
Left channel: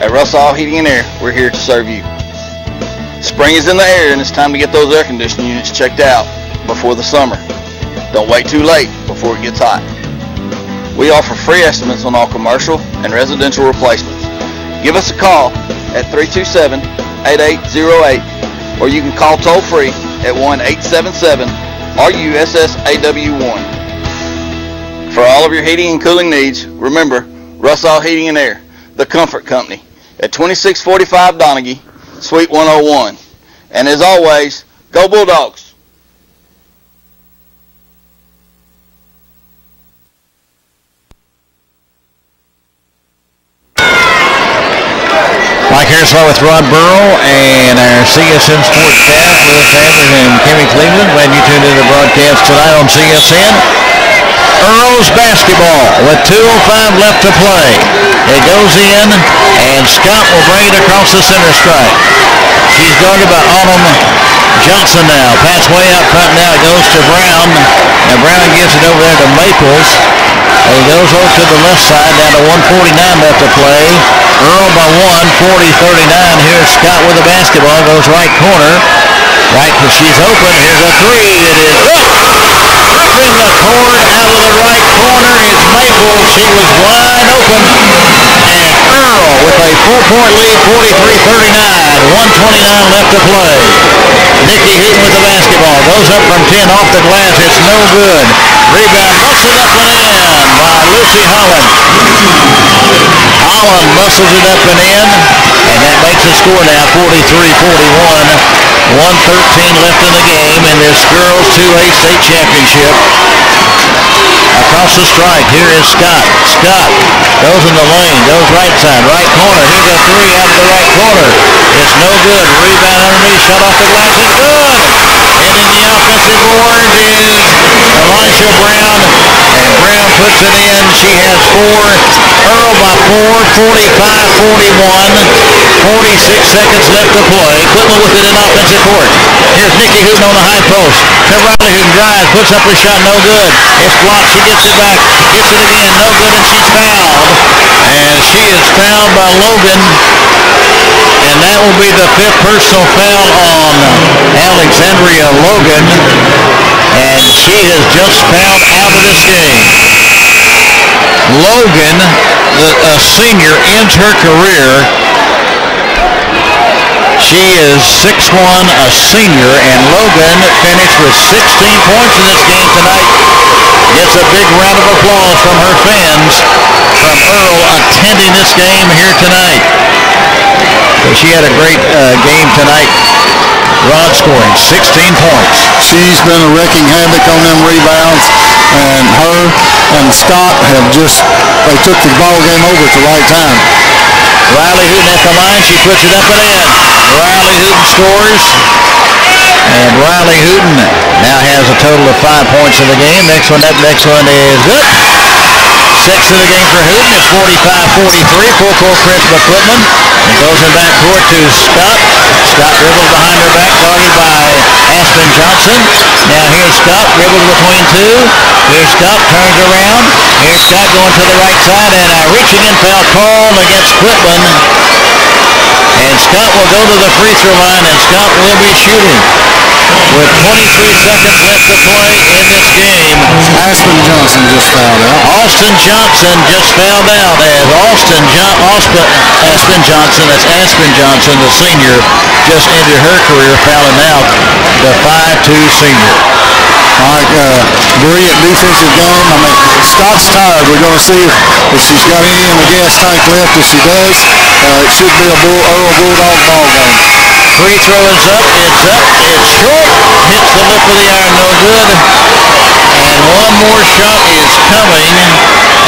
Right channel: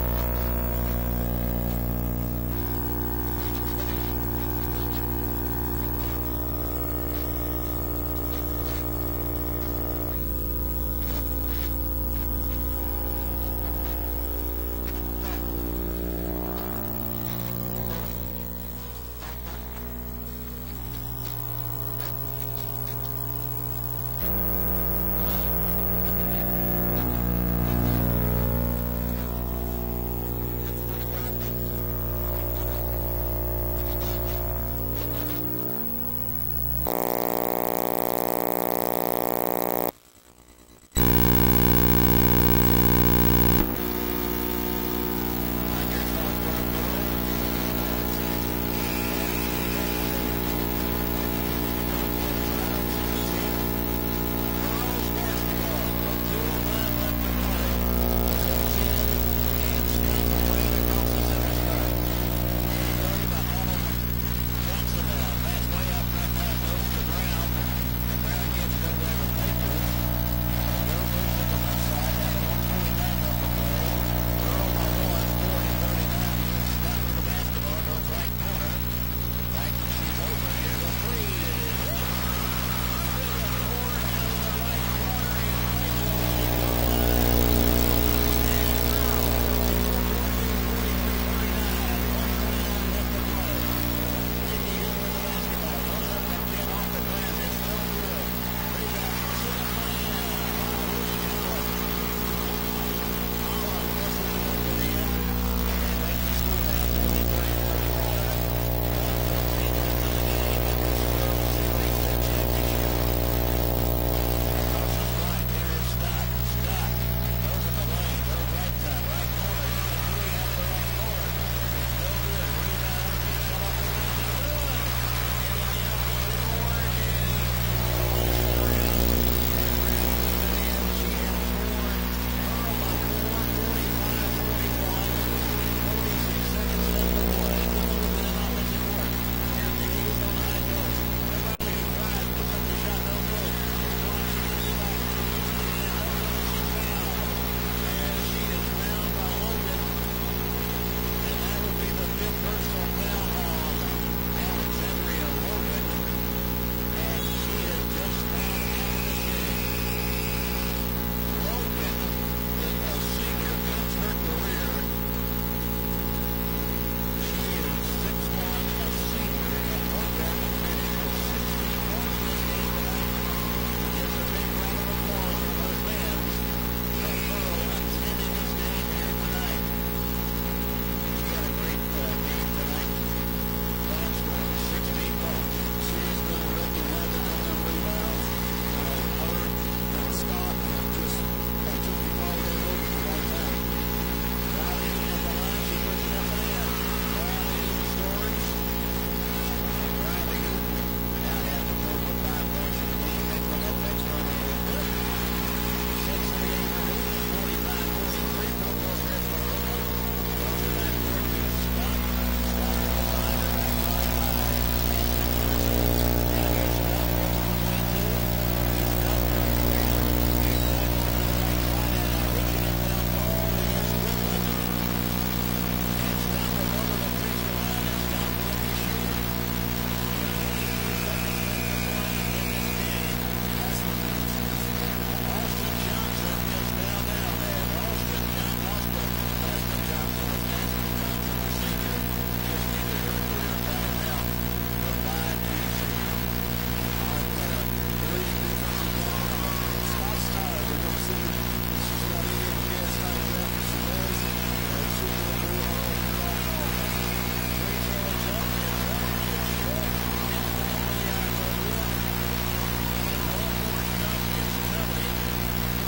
At Russell Heating and Air, we're here to serve you. Spring is in the air and it's time to get those air conditioning units checked out before the summer. Don't wait too late before it gets hot. We offer free estimates on all commercial and residential replacements. Give us a call at 327-8808, or you can call toll-free at 1-877-RUSSAW1. For all of your heating and cooling needs, remember Russell Heating and Air, the comfort company, at 2645 Donaghy, Suite 101. And as always, go Bulldogs! Mike Harrislow with Rod Burrow and our CSN Sports staff, Lewis Sanders and Kimmy Cleveland. Glad you tuned in to the broadcast tonight on CSN. Earls basketball with 2:05 left to play. It goes in, and Scott will bring it across the center stripe. She's guarded by Autumn Johnson now. Pass way out front now. It goes to Brown. And Brown gives it over there to Maples. And he goes over to the left side, down to 1:49 left to play. Earl by 1, 40-39. Here's Scott with the basketball. Goes right corner. Right, because she's open. Here's a three. It is up. Up in the court. Out of the right corner is Maples. She was wide open. And Earl with a 4-point lead, 43-39. 1:29 left to play. Nikki Hooten with the basketball. Goes up from 10 off the glass. It's no good. Rebound busted up and in by Lucy Holland. Holland muscles it up and in, and that makes the score now 43-41. 1:13 left in the game in this girls 2A state championship. Across the stripe, here is Scott. Scott goes in the lane, goes right side, right corner. Here's a three out of the right corner. It's no good. Rebound underneath, shot off the glass. It's good. And in the offensive board is Elisha Brown. And Brown puts it in. She has 4. Earl by 4, 45-41. 46 seconds left to play. Quitman with it in offensive court. Here's Nikki Hooten on the high post. To Riley Hooten drives, puts up her shot, no good. It's blocked. She gets it back, gets it again, no good, and she's fouled. And she is fouled by Logan. And that will be the 5th personal foul on Alexandria Logan. And she has just fouled out of this game. Logan, a senior, ends her career. She is 6'1", a senior, and Logan finished with 16 points in this game tonight. Gets a big round of applause from her fans from Earl attending this game here tonight. So she had a great game tonight. Rod scoring 16 points. She's been a wrecking havoc on them rebounds, and her and Scott have just, they took the ball game over at the right time. Riley Hooten at the line. She puts it up and in. Riley Hooten scores. And Riley Hooten now has a total of 5 points in the game. Next one is good. Sixth of the game for Hooten. It's 45-43. Full court press by Quitman. And goes in back court to Scott. Scott dribbles behind her back, guarded by Aspen Johnson. Now here's Scott, dribbles between two. Here's Scott, turns around. Here's Scott going to the right side, and a reaching in foul called against Quitman. And Scott will go to the free throw line, and Scott will be shooting with 23 seconds left to play in this game. Aspen Johnson just fouled out. Austin Johnson just fouled out as Aspen Johnson, that's Aspen Johnson, the senior, just ended her career fouling out the 5'2 senior. All right, brilliant defensive game. I mean, Scott's tired. We're going to see if she's got any in the gas tank left. If she does, it should be a Earl Bulldog ball game. Free throw is up. It's up. It's short. Hits the lip of the iron. No good. And one more shot is coming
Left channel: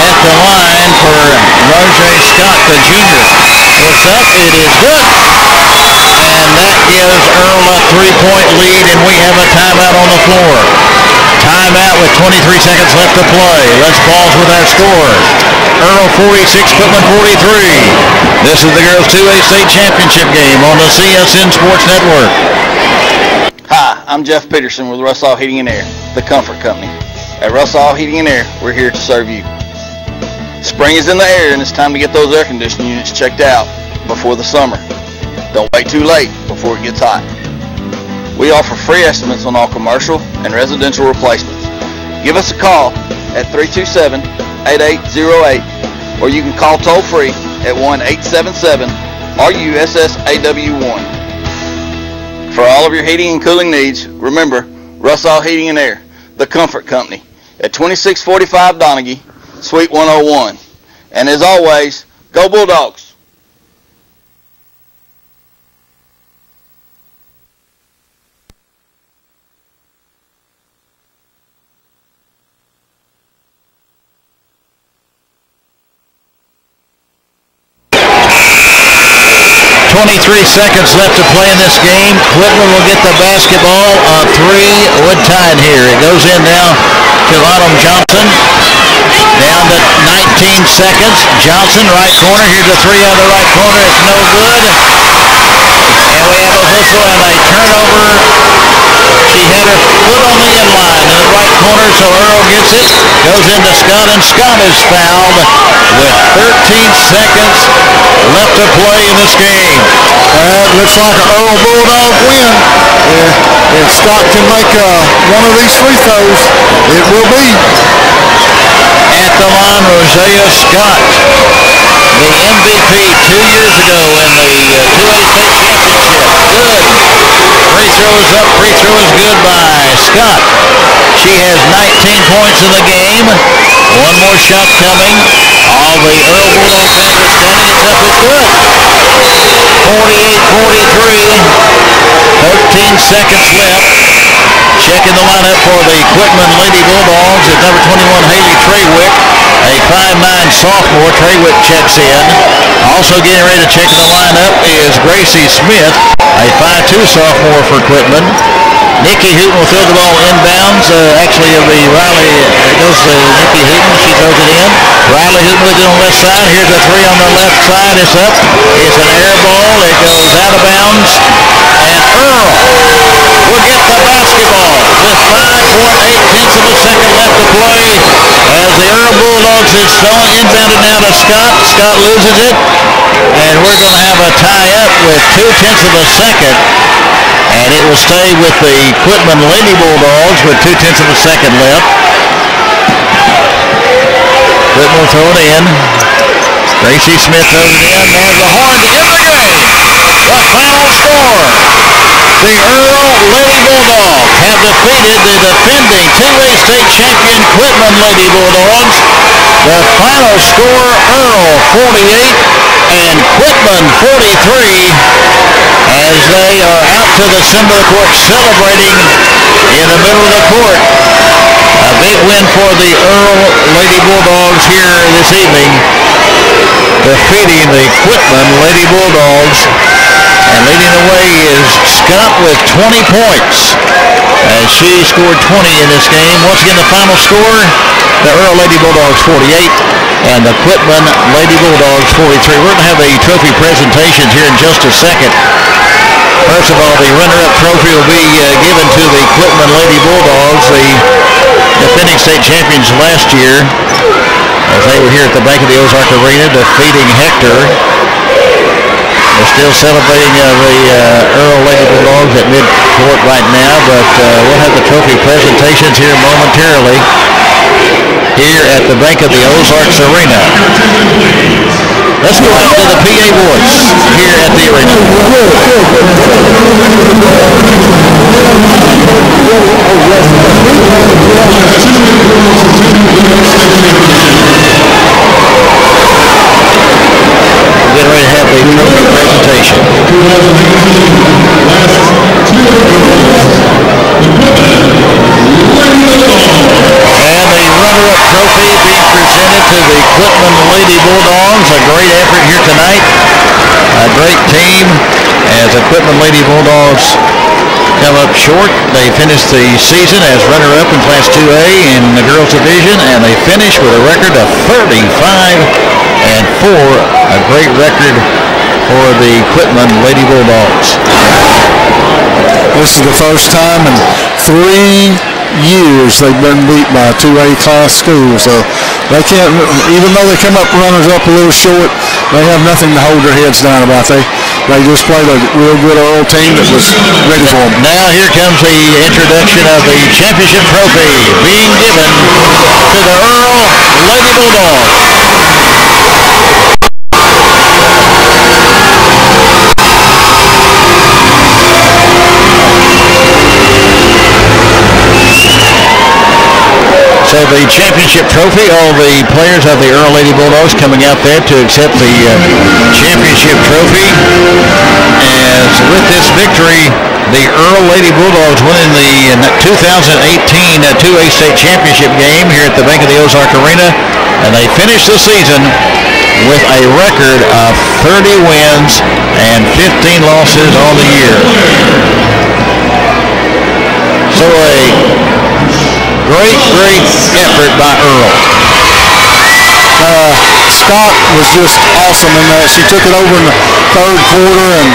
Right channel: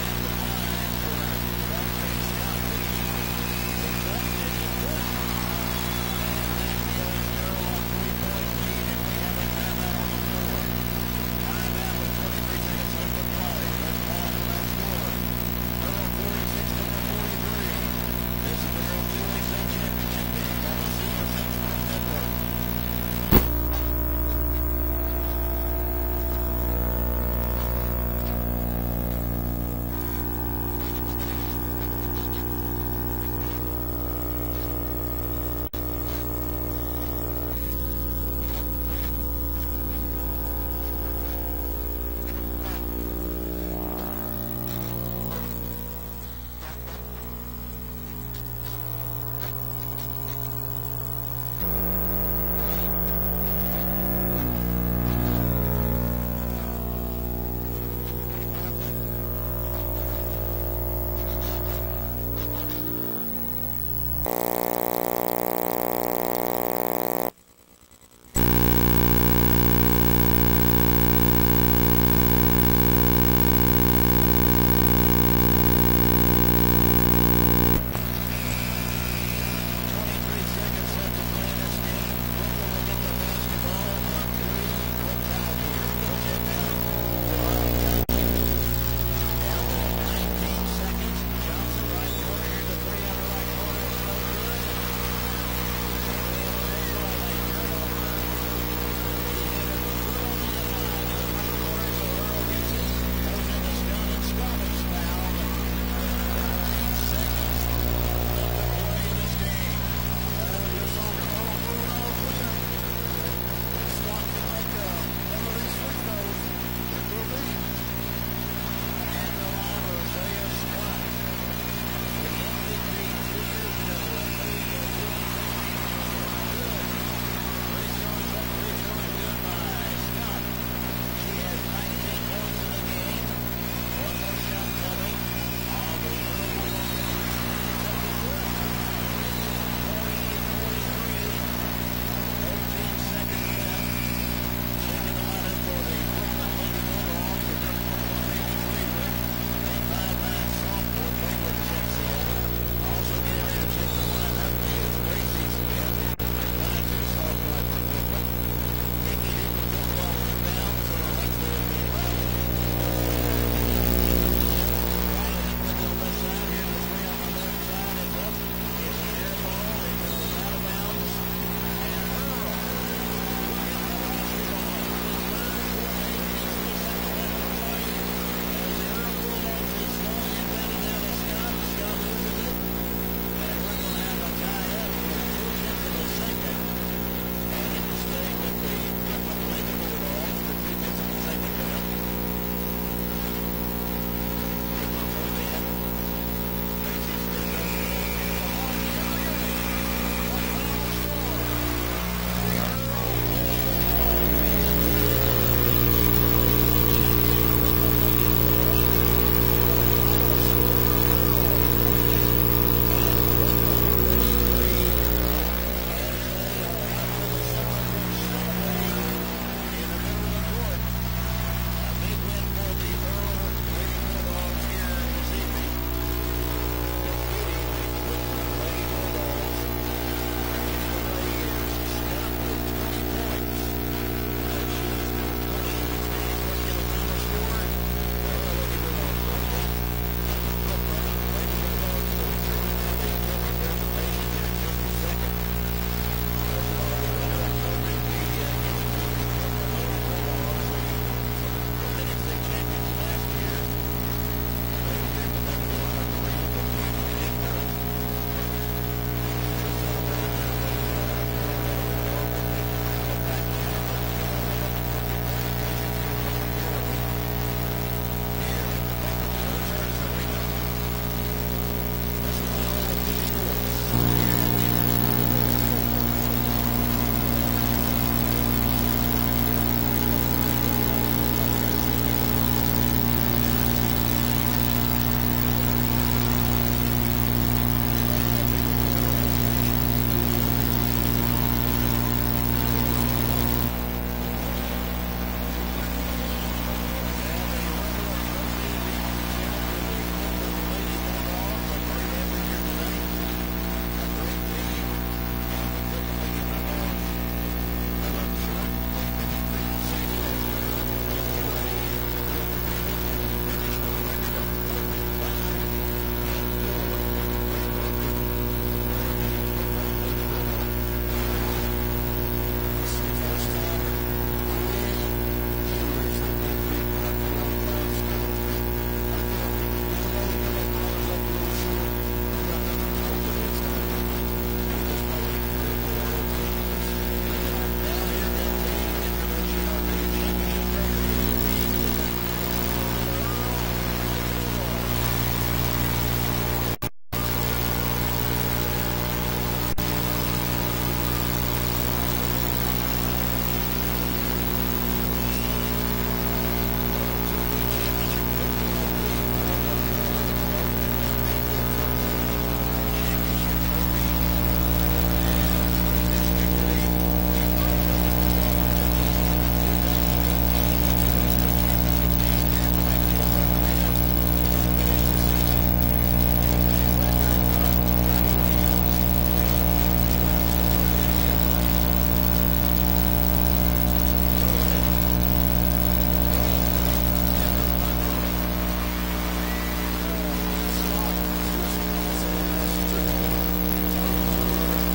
at the line for Roger Scott, the junior. It's up. It is good. And that gives Earl a 3-point lead, and we have a timeout on the floor. Timeout with 23 seconds left to play. Let's pause with our score. Earl 46, Quitman 43. This is the girls 2A state championship game on the CSN Sports Network. Hi, I'm Jeff Peterson with Russell Heating and Air, the comfort company. At Russell Heating and Air, we're here to serve you. Spring is in the air, and it's time to get those air conditioning units checked out before the summer. Don't wait too late before it gets hot. We offer free estimates on all commercial and residential replacements. Give us a call at 327-8808, or you can call toll-free at 1-877-RUSSAW1. For all of your heating and cooling needs, remember Russell Heating and Air, the comfort company, at 2645 Donaghy, Suite 101. And as always, go Bulldogs! 23 seconds left to play in this game. Quitman will get the basketball. A three would tie it here. It goes in now to Autumn Johnson. Down to 19 seconds. Johnson, right corner. Here's a three out of the right corner. It's no good. And we have a whistle and a turnover. She had her foot on the end line in the right corner, so Earl gets it. Goes into Scott, and Scott is fouled with 13 seconds left to play in this game. Looks like an Earl Bulldog win. If Scott can make one of these free throws, it will be. At the line, Rosia Scott, the MVP 2 years ago in the 2A state championship. Good. Free throw is up. Free throw is good by Scott. She has 19 points in the game. One more shot coming. All the Earl Bulldog fans are standing. It's up. It's good. 48-43. 13 seconds left. Checking the lineup for the Quitman Lady Bulldogs is number 21, Haley Traywick, a 5'9 sophomore. Traywick checks in. Also getting ready to check in the lineup is Gracie Smith, a 5'2 sophomore for Quitman. Nikki Hooten will throw the ball inbounds. Actually, it'll be Riley. It goes to Nikki Hooten. She throws it in. Riley Hooten with it on the left side. Here's a three on the left side. It's up. It's an air ball. It goes out of bounds. And Earl will get the basketball with 5.8 of a second left to play. As the Earl Bulldogs is thrown inbounded now to Scott. Scott loses it. And we're going to have a tie-up with 0.2 of a second. And it will stay with the Quitman Lady Bulldogs with 0.2 of a second left. Quitman will throw it in. Gracie Smith throws it in. There's the horn to end the game. The final score. The Earl Lady Bulldogs have defeated the defending 2A state champion Quitman Lady Bulldogs. The final score, Earl 48 and Quitman 43. As they are out to the center of the court celebrating in the middle of the court. A big win for the Earl Lady Bulldogs here this evening, defeating the Quitman Lady Bulldogs And leading the way is Scott with 20 points. As she scored 20 in this game. Once again, the final score, the Earl Lady Bulldogs 48 and the Quitman Lady Bulldogs 43. We're going to have a trophy presentation here in just a second. First of all, the runner-up trophy will be given to the Quitman Lady Bulldogs, the defending state champions last year, as they were here at the Bank of the Ozark Arena defeating Hector. We're still celebrating the Earl Lady Bulldogs at mid-court right now, but we'll have the trophy presentations here momentarily here at the Bank of the Ozarks Arena. Let's go out to the PA boys here at the arena. Getting ready to have the trophy presentation. And the runner-up trophy being presented to the Quitman Lady Bulldogs. A great effort here tonight. A great team as the Quitman Lady Bulldogs come up short. They finished the season as runner-up in Class 2A in the girls division, and they finished with a record of 35-4. A great record for the Quitman Lady Bulldogs. This is the first time in 3 years they've been beat by a 2A class school, so they can't, even though they come up runners-up a little short, they have nothing to hold their heads down about. They just played a real good Earl team that was ready for them. Now here comes the introduction of the championship trophy being given to the Earl Lady Bulldogs. So the championship trophy, all the players of the Earl Lady Bulldogs coming out there to accept the championship trophy. As with this victory, the Earl Lady Bulldogs winning the 2018 2A state championship game here at the Bank of the Ozark Arena. And they finished the season with a record of 30 wins and 15 losses on the year. So a great effort by Earl. Scott was just awesome in that. She took it over in the third quarter, and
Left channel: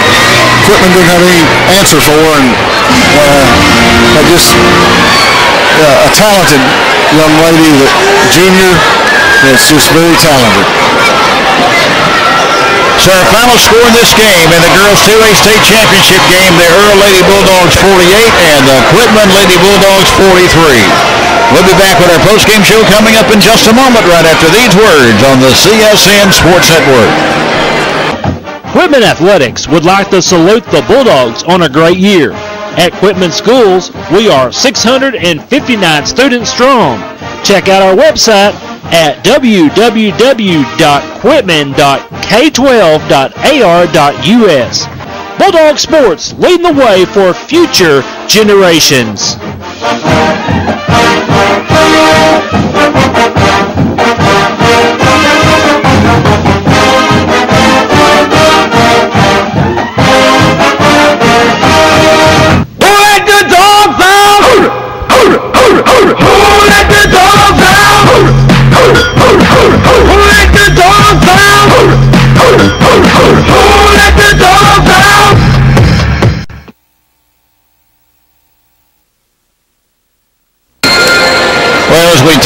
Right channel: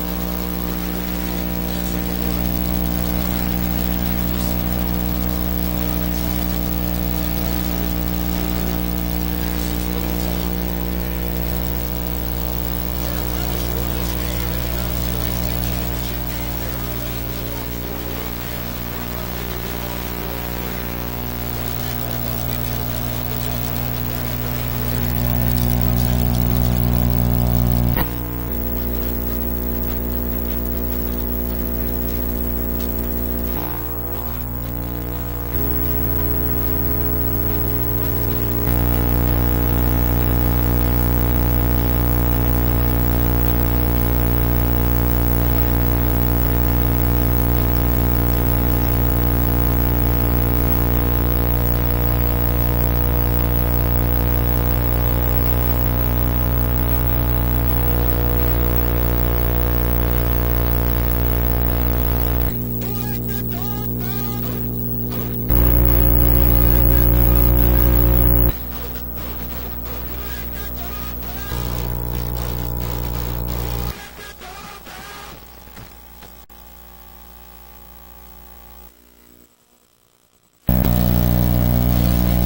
Quitman didn't have any answer for her, and just a talented young lady, junior, that's just very talented. So our final score in this game, in the girls 2A state championship game, the Earl Lady Bulldogs 48 and the Quitman Lady Bulldogs 43. We'll be back with our post-game show coming up in just a moment right after these words on the CSN Sports Network. Quitman Athletics would like to salute the Bulldogs on a great year. At Quitman Schools, we are 659 students strong. Check out our website at www.quitman.k12.ar.us. Bulldog Sports, leading the way for future generations.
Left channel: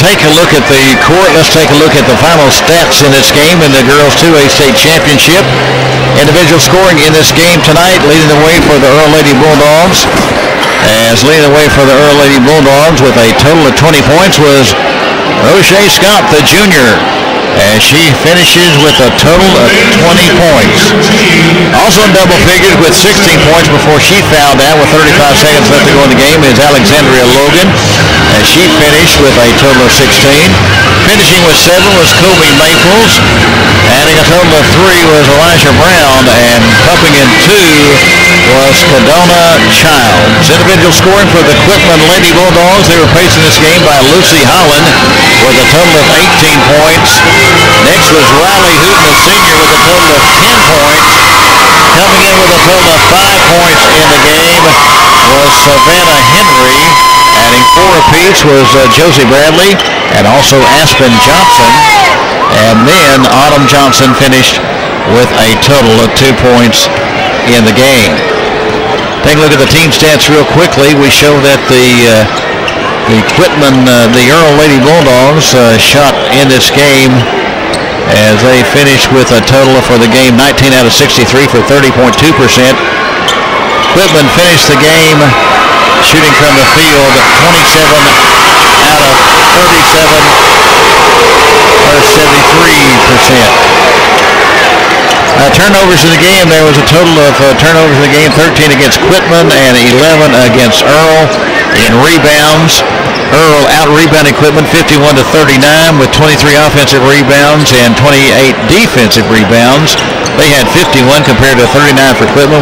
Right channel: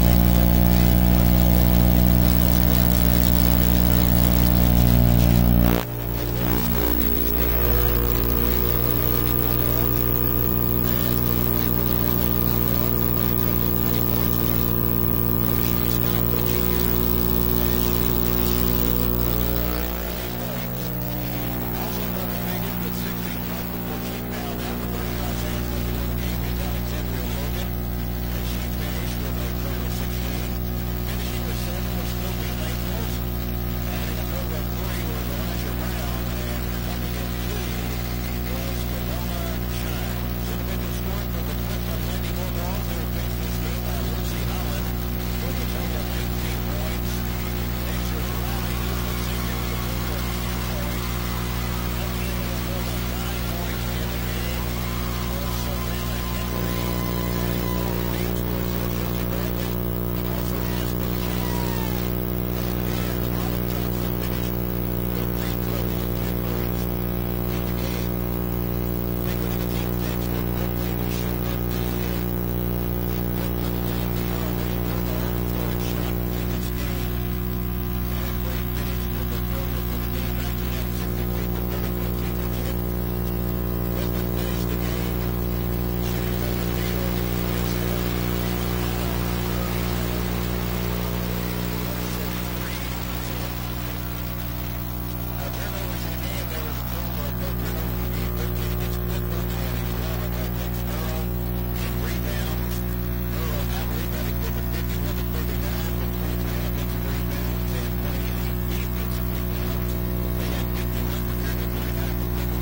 Take a look at the court. Let's take a look at the final stats in this game in the girls 2A state championship. Individual scoring in this game tonight, leading the way for the Earl Lady Bulldogs. As leading the way for the Earl Lady Bulldogs with a total of 20 points was Roche Scott, the junior, as she finishes with a total of 20 points. Also in double figures with 16 points before she fouled out with 35 seconds left to go in the game is Alexandria Logan, as she finished with a total of 16. Finishing with 7 was Kobe Maples. Adding a total of 3 was Elijah Brown, and pumping in 2 was Cadona Childs. Individual scoring for the Quitman Lady Bulldogs. They were pacing this game by Lucy Holland with a total of 18 points. Next was Riley Hooten, a senior, with a total of 10 points. Coming in with a total of 5 points in the game was Savannah Henry. Adding 4 apiece was Josie Bradley and also Aspen Johnson. And then Autumn Johnson finished with a total of 2 points in the game. Take a look at the team stats real quickly. We show that the Quitman, the Earl Lady Bulldogs shot in this game as they finished with a total for the game 19 out of 63 for 30.2%. Quitman finished the game shooting from the field 27 out of 37 or 73%. Turnovers in the game, there was a total of turnovers in the game, 13 against Quitman and 11 against Earl. In rebounds, Earl out-rebounded Quitman 51-39 with 23 offensive rebounds and 28 defensive rebounds. They had 51 compared to 39 for Quitman,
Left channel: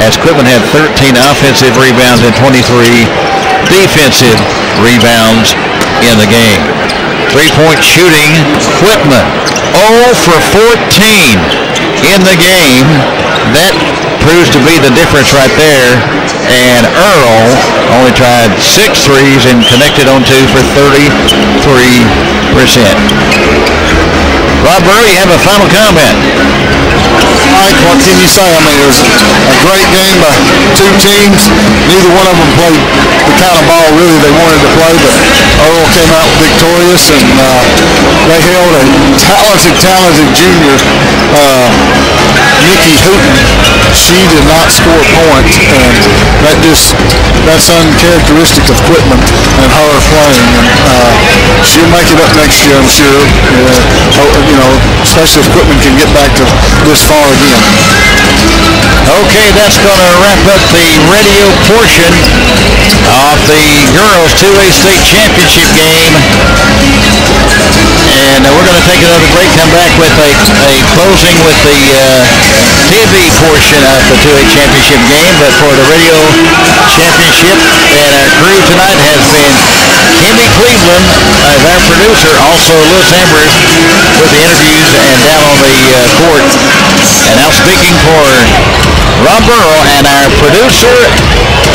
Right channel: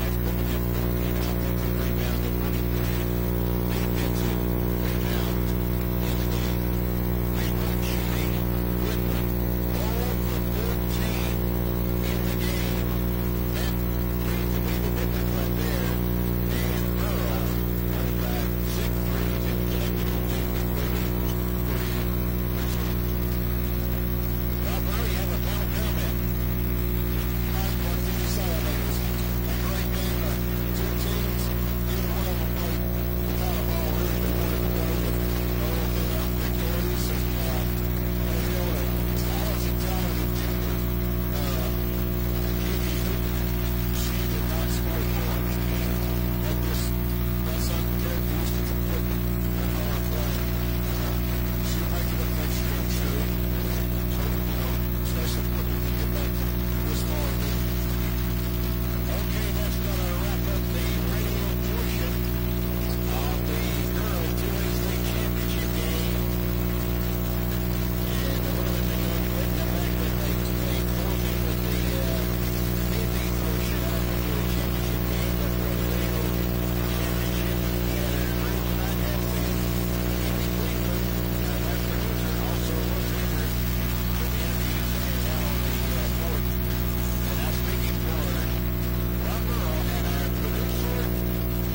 as Quitman had 13 offensive rebounds and 23 defensive rebounds in the game. Three-point shooting, Quitman 0 for 14 in the game. That proves to be the difference right there. And Earl only tried 6 threes and connected on 2 for 33%. Rob Burrow, you have a final comment. Mike, what can you say? I mean, it was a great game by 2 teams. Neither one of them played the kind of ball really they wanted to play, but Earl came out victorious, and they held a talented junior, Nikki Hooten. She did not score a point, and that's uncharacteristic of Quitman and her playing. And she'll make it up next year, I'm sure. Especially if Quitman can get back to this far again. Okay, that's going to wrap up the radio portion of the girls 2A state championship game. And we're going to take another break, come back with a closing with the TV portion of the 2A championship game. But for the radio championship, and our crew tonight has been Kimmy Cleveland as our producer, also Louis Amber with the interviews and down on the court. And now speaking for Rob Burrow and our producer,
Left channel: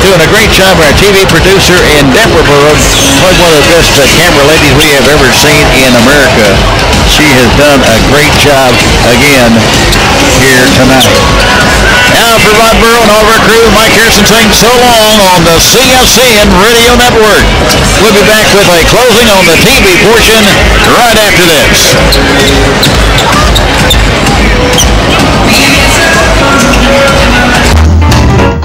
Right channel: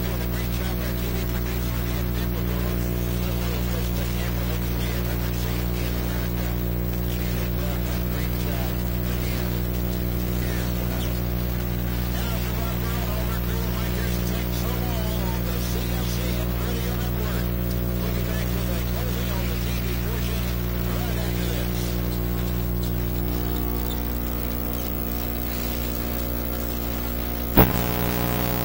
doing a great job, our TV producer in Deborah Burrow, probably one of the best camera ladies we have ever seen in America. She has done a great job again here tonight. Now for Rob Burrow and all of our crew, Mike Harrison saying so long on the CSN Radio Network. We'll be back with a closing on the TV portion right after this.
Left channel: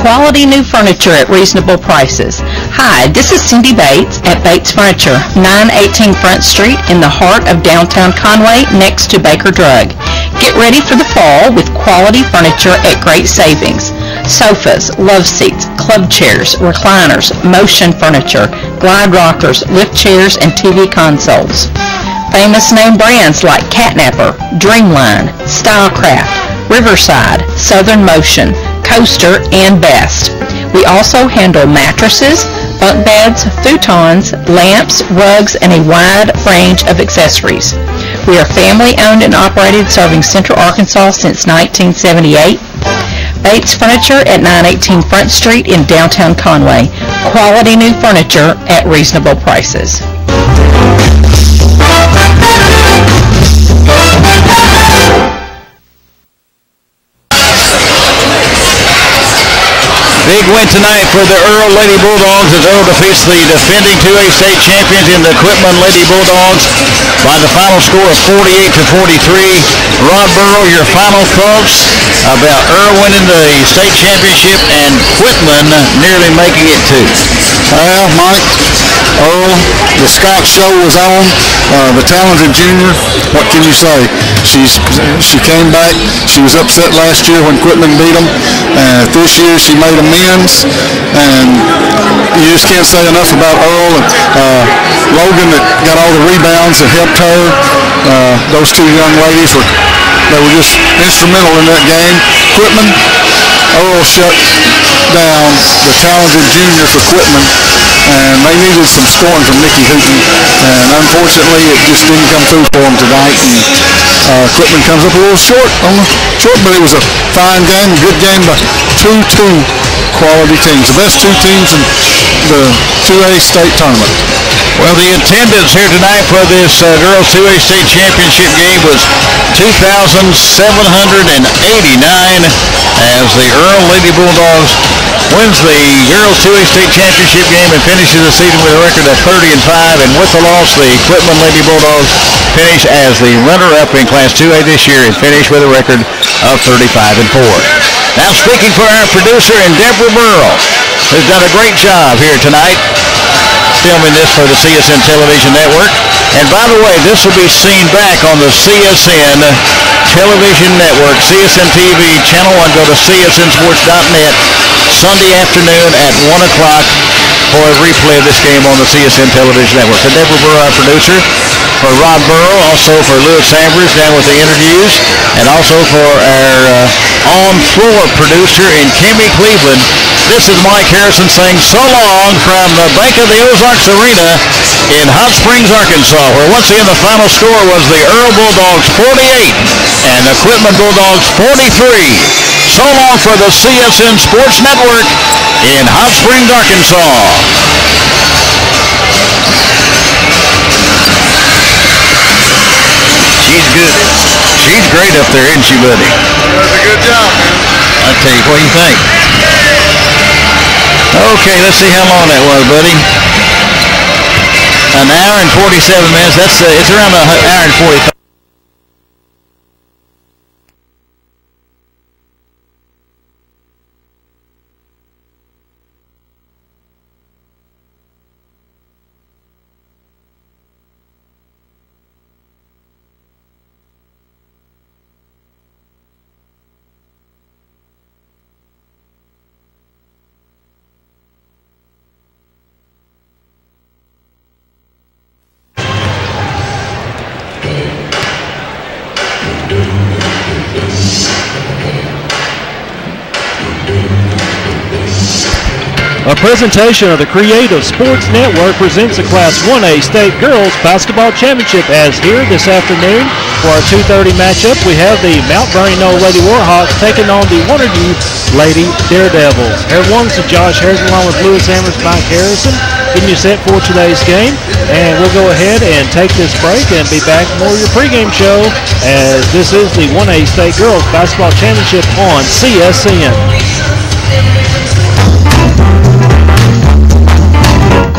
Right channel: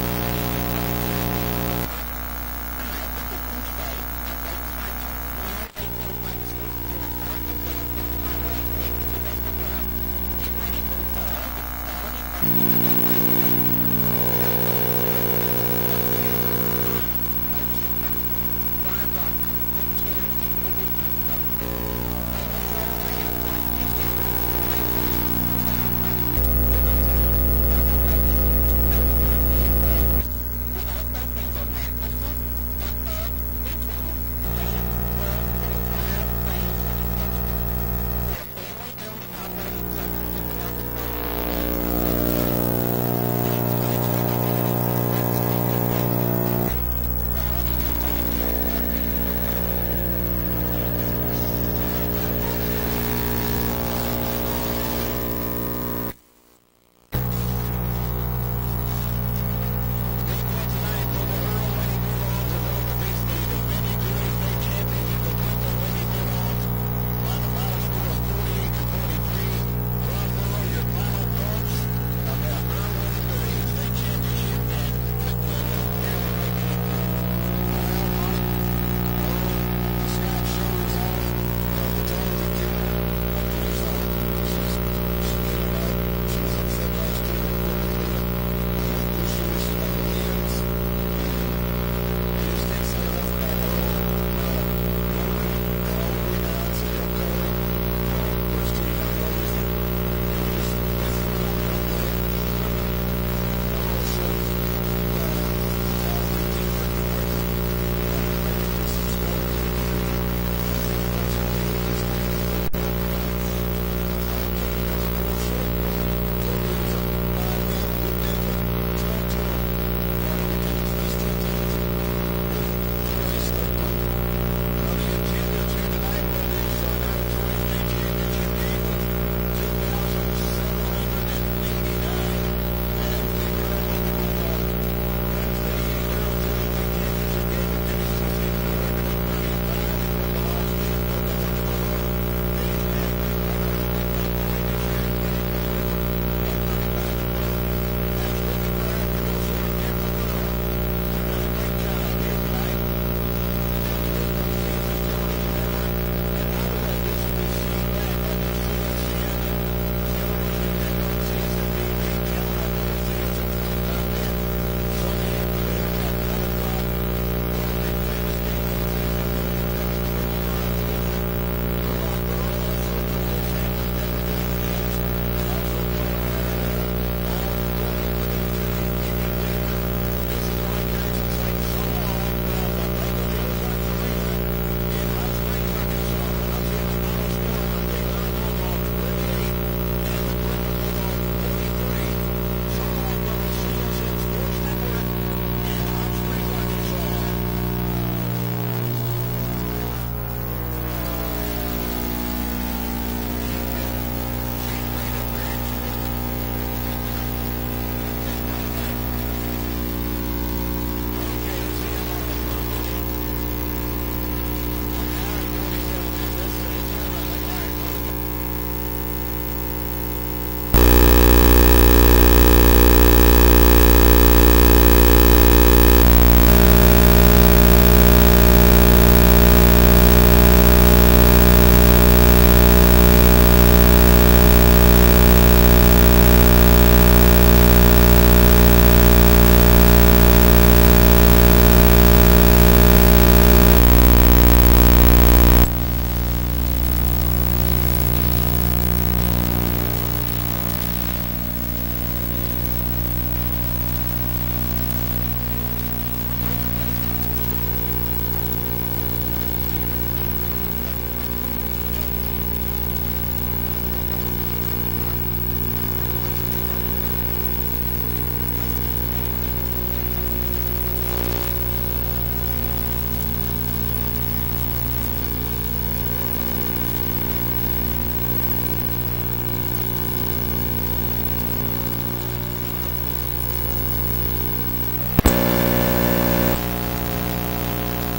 Quality new furniture at reasonable prices. Hi, this is Cindy Bates at Bates Furniture, 918 Front Street in the heart of downtown Conway next to Baker Drug. Get ready for the fall with quality furniture at great savings. Sofas, love seats, club chairs, recliners, motion furniture, glide rockers, lift chairs, and TV consoles. Famous name brands like Catnapper, Dreamline, Stylecraft, Riverside, Southern Motion, Coaster, and Best. We also handle mattresses, bunk beds, futons, lamps, rugs, and a wide range of accessories. We are family owned and operated, serving Central Arkansas since 1978. Bates Furniture at 918 Front Street in downtown Conway. Quality new furniture at reasonable prices. Big win tonight for the Earl Lady Bulldogs as Earl defeats the defending 2A state champions in the Quitman Lady Bulldogs by the final score of 48-43. Rob Burrow, your final thoughts about Earl winning the state championship and Quitman nearly making it too. Well, Mike, Earl, the Scott show was on. The talented junior, what can you say? She came back. She was upset last year when Quitman beat them. This year she made amends, and you just can't say enough about Earl and Logan that got all the rebounds that helped her. Those two young ladies were just instrumental in that game. Quitman, Earl shut down the talented junior for Quitman, and they needed some scoring from Nikki Hooten, and unfortunately it just didn't come through for them tonight. And Quitman comes up a little short but it was a fine game, good game by two quality teams, the best two teams in the 2A state tournament. Well, the attendance here tonight for this girls 2A state championship game was 2,789 as the Earl Lady Bulldogs wins the girls 2A state championship game and finishes the season with a record of 30-5. And with the loss, the Quitman Lady Bulldogs finish as the runner-up in Class 2A this year and finish with a record of 35-4. Now speaking for our producer and Deborah Burrell, who's done a great job here tonight filming this for the CSN Television Network. And by the way, this will be seen back on the CSN Television Network, CSN-TV, Channel 1. Go to csnsports.net Sunday afternoon at 1 o'clock for a replay of this game on the CSN Television Network. For Deborah Burrow, our producer, for Rod Burrow, also for Lewis Sambers down with the interviews, and also for our on-floor producer in Kimmy Cleveland, this is Mike Harrison saying so long from the Bank of the Ozarks Arena in Hot Springs, Arkansas, where once again the final score was the Earl Bulldogs 48 and the Quitman Bulldogs 43. So long for the CSN Sports Network in Hot Springs, Arkansas. She's good. She's great up there, isn't she, buddy? Does a good job, man. I tell you, what do you think? Okay, let's see how long that was, buddy. An hour and 47 minutes. It's around an hour and 45. A presentation of the Creative Sports Network presents the Class 1A State Girls Basketball Championship. As here this afternoon for our 2:30 matchup, we have the Mount Vernon-Enola Lady Warhawks taking on the Wonderview Lady Daredevils. Everyone, this is Josh Harrison along with Lewis Hammers, Mike Harrison, getting you set for today's game. And we'll go ahead and take this break and be back for more of your pregame show, as this is the 1A State Girls Basketball Championship on CSN.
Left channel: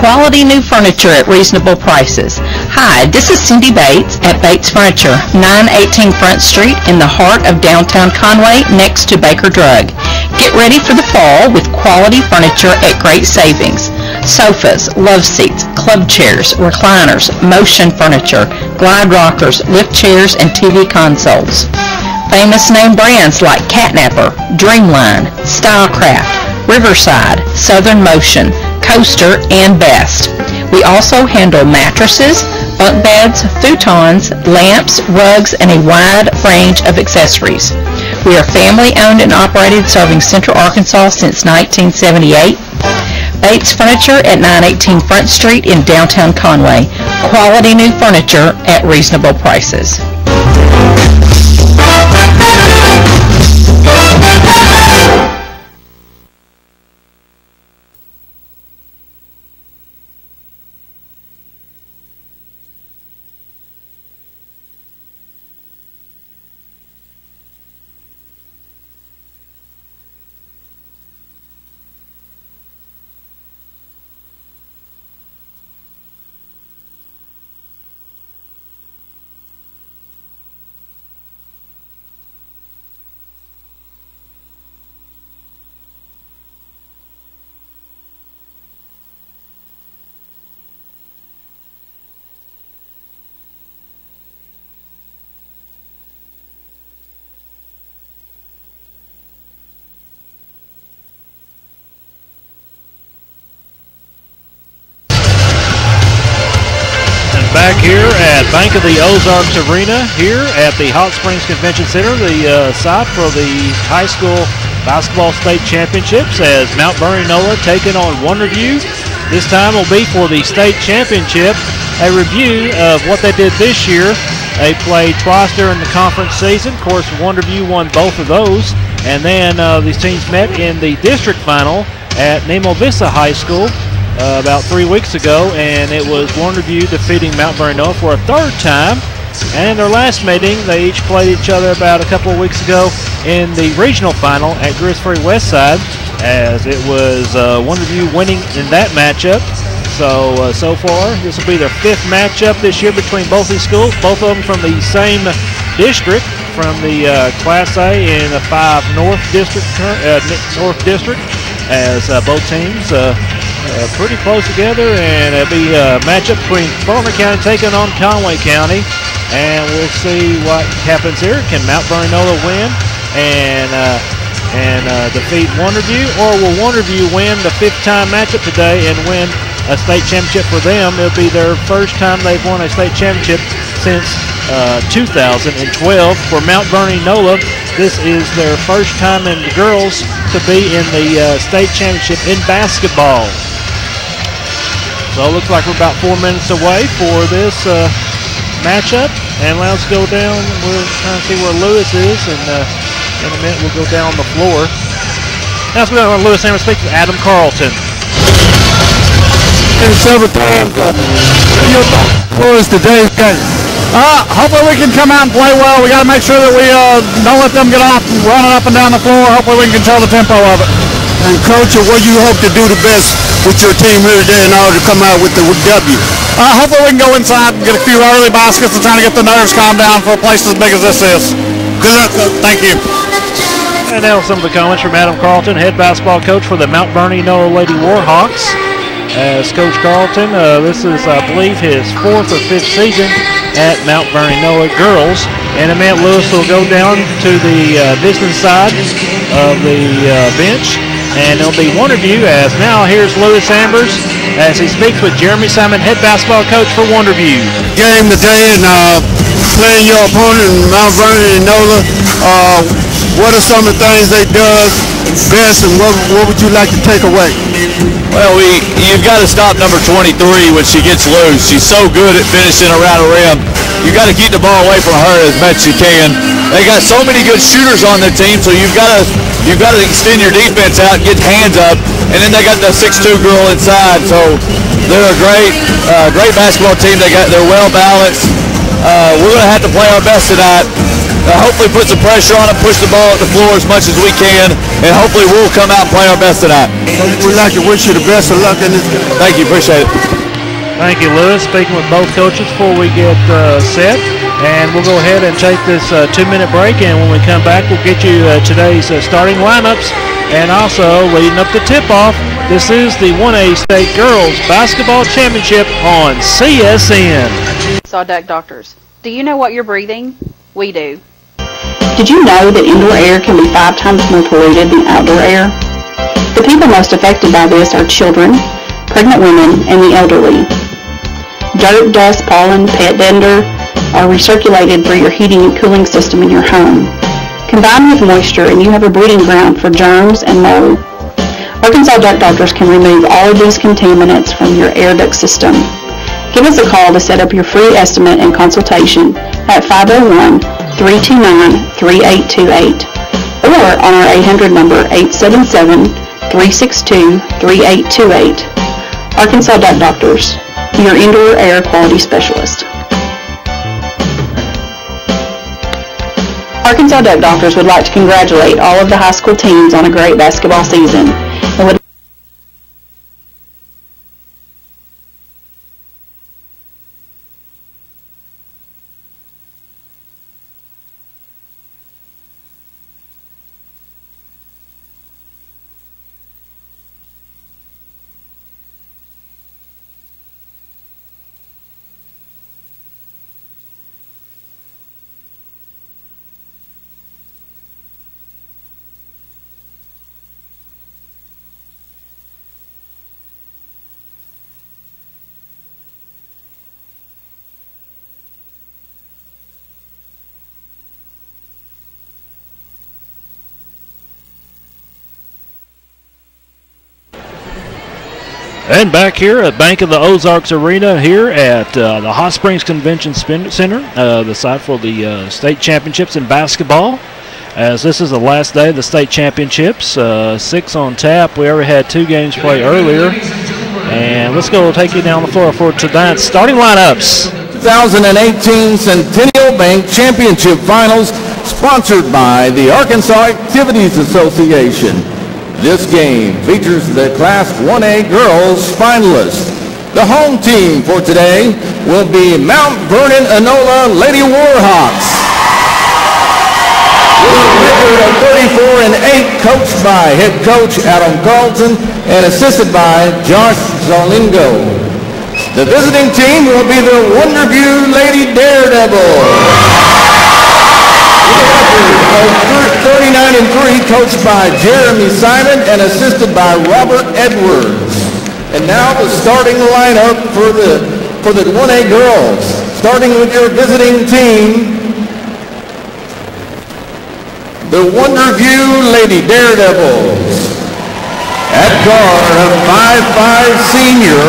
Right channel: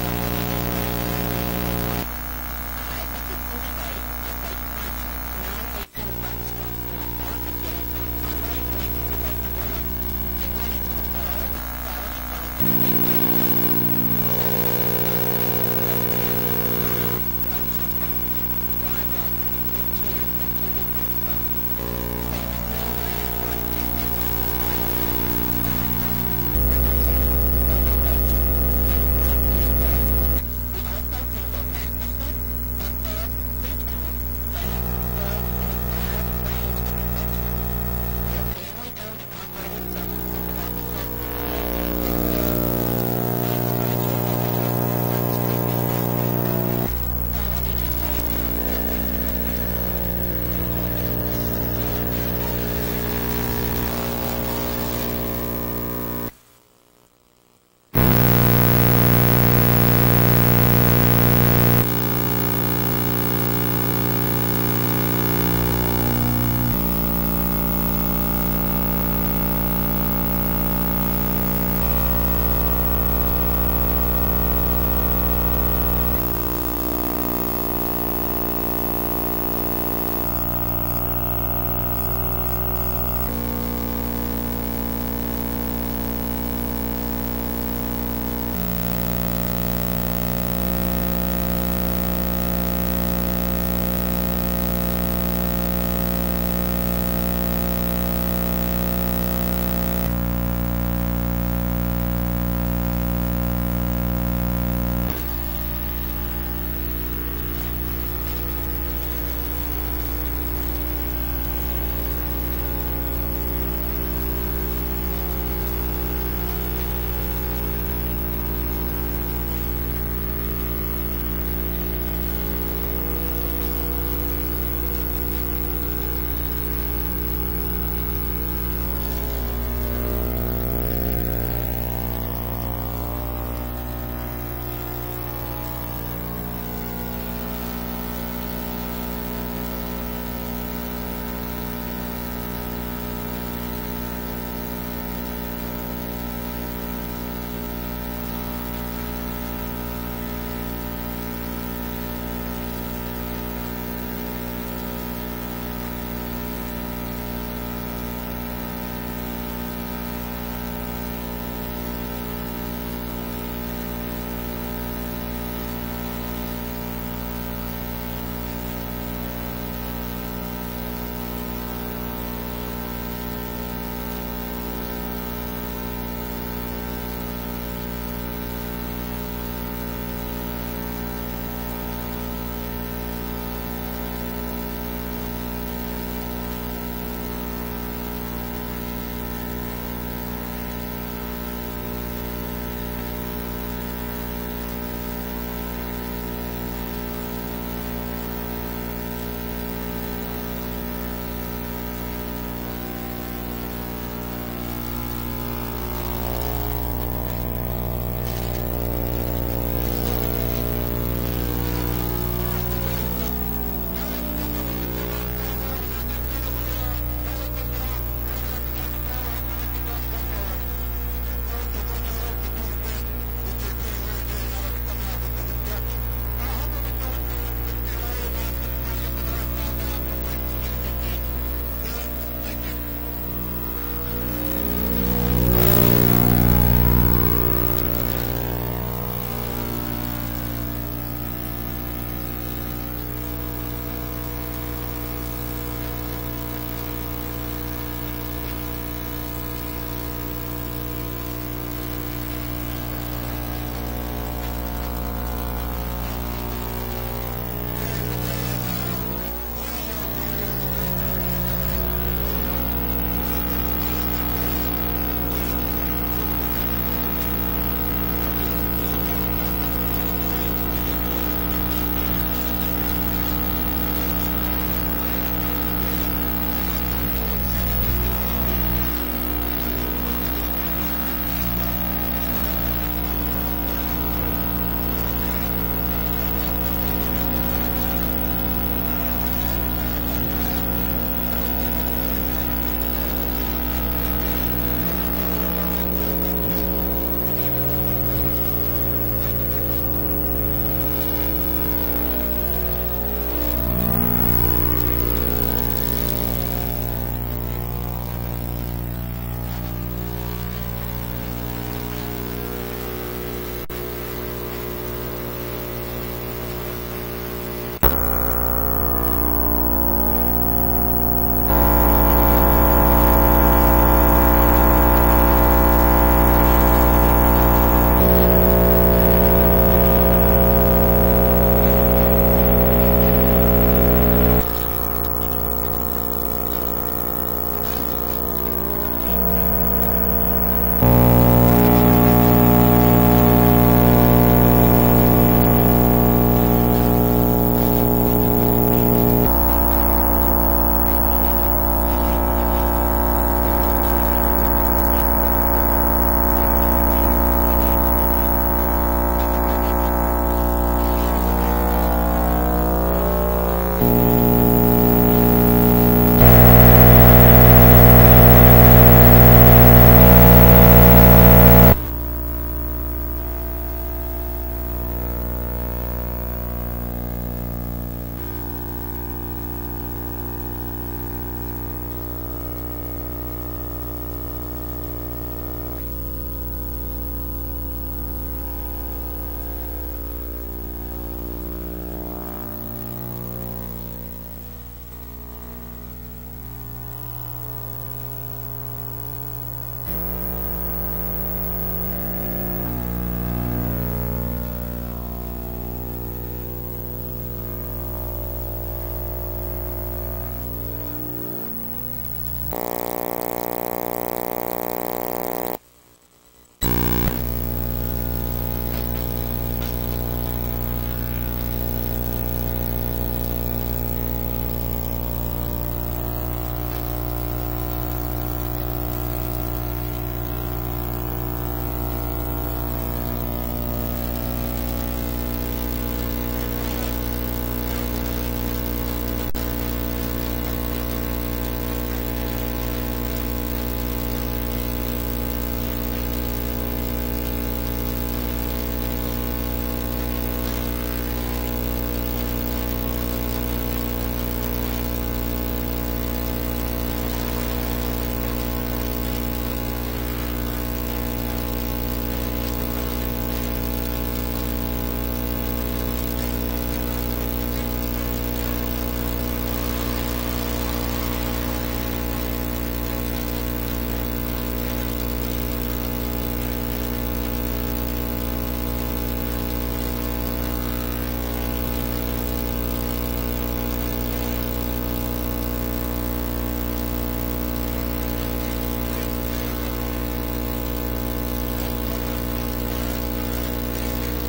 Quality new furniture at reasonable prices. Hi, this is Cindy Bates at Bates Furniture, 918 Front Street in the heart of downtown Conway next to Baker Drug. Get ready for the fall with quality furniture at great savings. Sofas, love seats, club chairs, recliners, motion furniture, glide rockers, lift chairs, and TV consoles. Famous name brands like Catnapper, Dreamline, Stylecraft, Riverside, Southern Motion, Coaster, and Best. We also handle mattresses, bunk beds, futons, lamps, rugs, and a wide range of accessories. We are family owned and operated, serving Central Arkansas since 1978. Bates Furniture at 918 Front Street in downtown Conway. Quality new furniture at reasonable prices. Back here at Bank of the Ozarks Arena, here at the Hot Springs Convention Center, the site for the high school basketball state championships, as Mount Vernon-Enola taking on Wonderview. This time will be for the state championship. A review of what they did this year. They played twice during the conference season. Of course, Wonderview won both of those. And then these teams met in the district final at Nemo Vista High School about 3 weeks ago, and it was Wonderview defeating Mount Vernon-Enola for a third time. And in their last meeting, they each played each other about a couple of weeks ago in the regional final at Greers Ferry Westside, as it was Wonderview winning in that matchup. So far, this will be their fifth matchup this year between both these schools, both of them from the same district, from the Class A in the 5 North District, as both teams pretty close together, and it'll be a matchup between Faulkner County taking on Conway County, and we'll see what happens here. Can Mount Vernon-Enola win and defeat Wonderview, or will Wonderview win the fifth-time matchup today and win a state championship for them? It'll be their first time they've won a state championship since 2012. For Mount Vernon-Enola, this is their first time in the girls to be in the state championship in basketball. So it looks like we're about 4 minutes away for this matchup. And let's go down. We're trying to see where Lewis is, and in a minute we'll go down the floor. Now let's go down to Lewis and speak to Adam Carlton. Several times. Your thoughts today's game. Hopefully we can come out and play well. We got to make sure that we don't let them get off running up and down the floor. Hopefully we can control the tempo of it. And Coach, what do you hope to do the best with your team here today in order to come out with the W? Hopefully we can go inside and get a few early baskets and trying to get the nerves calmed down for a place as big as this is. Good luck, Coach. Thank you. And now some of the comments from Adam Carlton, head basketball coach for the Mount Vernon-Enola Lady Warhawks. As Coach Carlton, this is, I believe, his 4th or 5th season at Mount Vernon-Enola girls. And in a minute, Lewis will go down to the business side of the bench, and it'll be Wonderview. As now here's Lewis Ambers as he speaks with Jeremy Simon, head basketball coach for Wonderview. Game today, and playing your opponent, Mount Vernon-Enola. What are some of the things they does best, and what would you like to take away? Well, you've got to stop number 23 when she gets loose. She's so good at finishing around the rim. You got to keep the ball away from her as much as you can. They got so many good shooters on the team, so you've got to extend your defense out, get hands up, and then they got the 6'2" girl inside. So they're a great basketball team. They're well balanced. We're going to have to play our best tonight. Hopefully put some pressure on it, push the ball at the floor as much as we can, and hopefully we'll come out and play our best tonight. We'd like to wish you the best of luck in this game. Thank you, appreciate it. Thank you, Lewis. Speaking with both coaches before we get set, and we'll go ahead and take this 2-minute break, and when we come back, we'll get you today's starting lineups, and also leading up to tip-off, this is the 1A State Girls Basketball Championship on CSN. Sawduck Doctors. Do you know what you're breathing? We do. Did you know that indoor air can be 5 times more polluted than outdoor air? The people most affected by this are children, pregnant women, and the elderly. Dirt, dust, pollen, pet dander are recirculated through your heating and cooling system in your home. Combine with moisture and you have a breeding ground for germs and mold. Arkansas Duck Doctors can remove all of these contaminants from your air duct system. Give us a call to set up your free estimate and consultation at 501-329-3828 or on our 800 number 877-362-3828. Arkansas Duck Doctors, your indoor air quality specialist. Arkansas Duck Doctors would like to congratulate all of the high school teams on a great basketball season. And would And back here at Bank of the Ozarks Arena here at the Hot Springs Convention Center, the site for the state championships in basketball. As this is the last day of the state championships, 6 on tap. We already had 2 games played earlier. And let's go take you down the floor for tonight's starting lineups. 2018 Centennial Bank Championship Finals, sponsored by the Arkansas Activities Association. This game features the Class 1A girls finalists. The home team for today will be Mount Vernon-Enola Lady Warhawks. With a record of 34-8, coached by head coach Adam Carlton and assisted by Josh Zolingo. The visiting team will be the Wonderview Lady Daredevils. With a record of 39-3, coached by Jeremy Simon and assisted by Robert Edwards. And now the starting lineup for the 1A girls. Starting with your visiting team, the Wonderview Lady Daredevils. At guard, a 5'5" senior,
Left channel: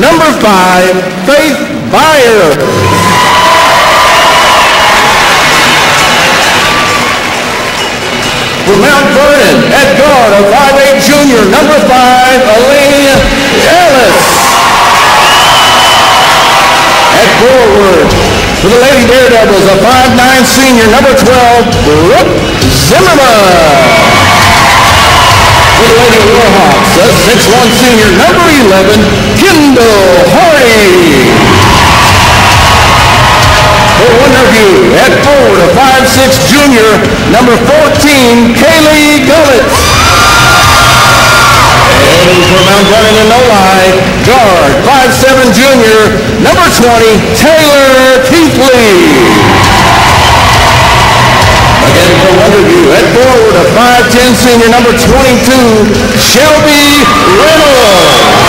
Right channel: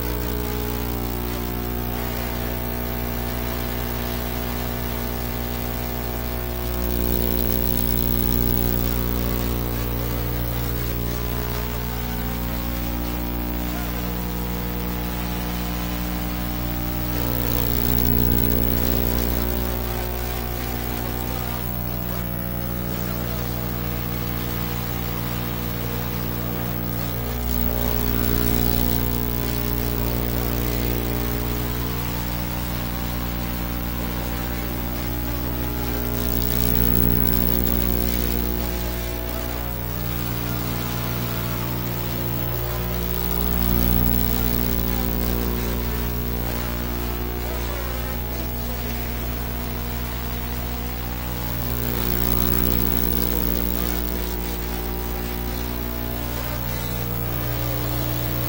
number 5, Faith Byers. For Mount Vernon, at guard, a 5'8" junior, number 5, Elaine Ellis. At forward, for the Lady Daredevils, a 5'9" senior, number 12, Brooke Zimmerman. For the Lady Warhawks, a 6'1" senior, number 11, Kendall Hardy. For Wonderview, at forward, a 5'6" junior, number 14, Kaylee Gullett. And for Mount Vernon-Enola, guard, 5'7" junior, number 20, Taylor Keithley. Again for Wonderview, at forward, a 5'10" senior, number 22, Shelby Reynolds.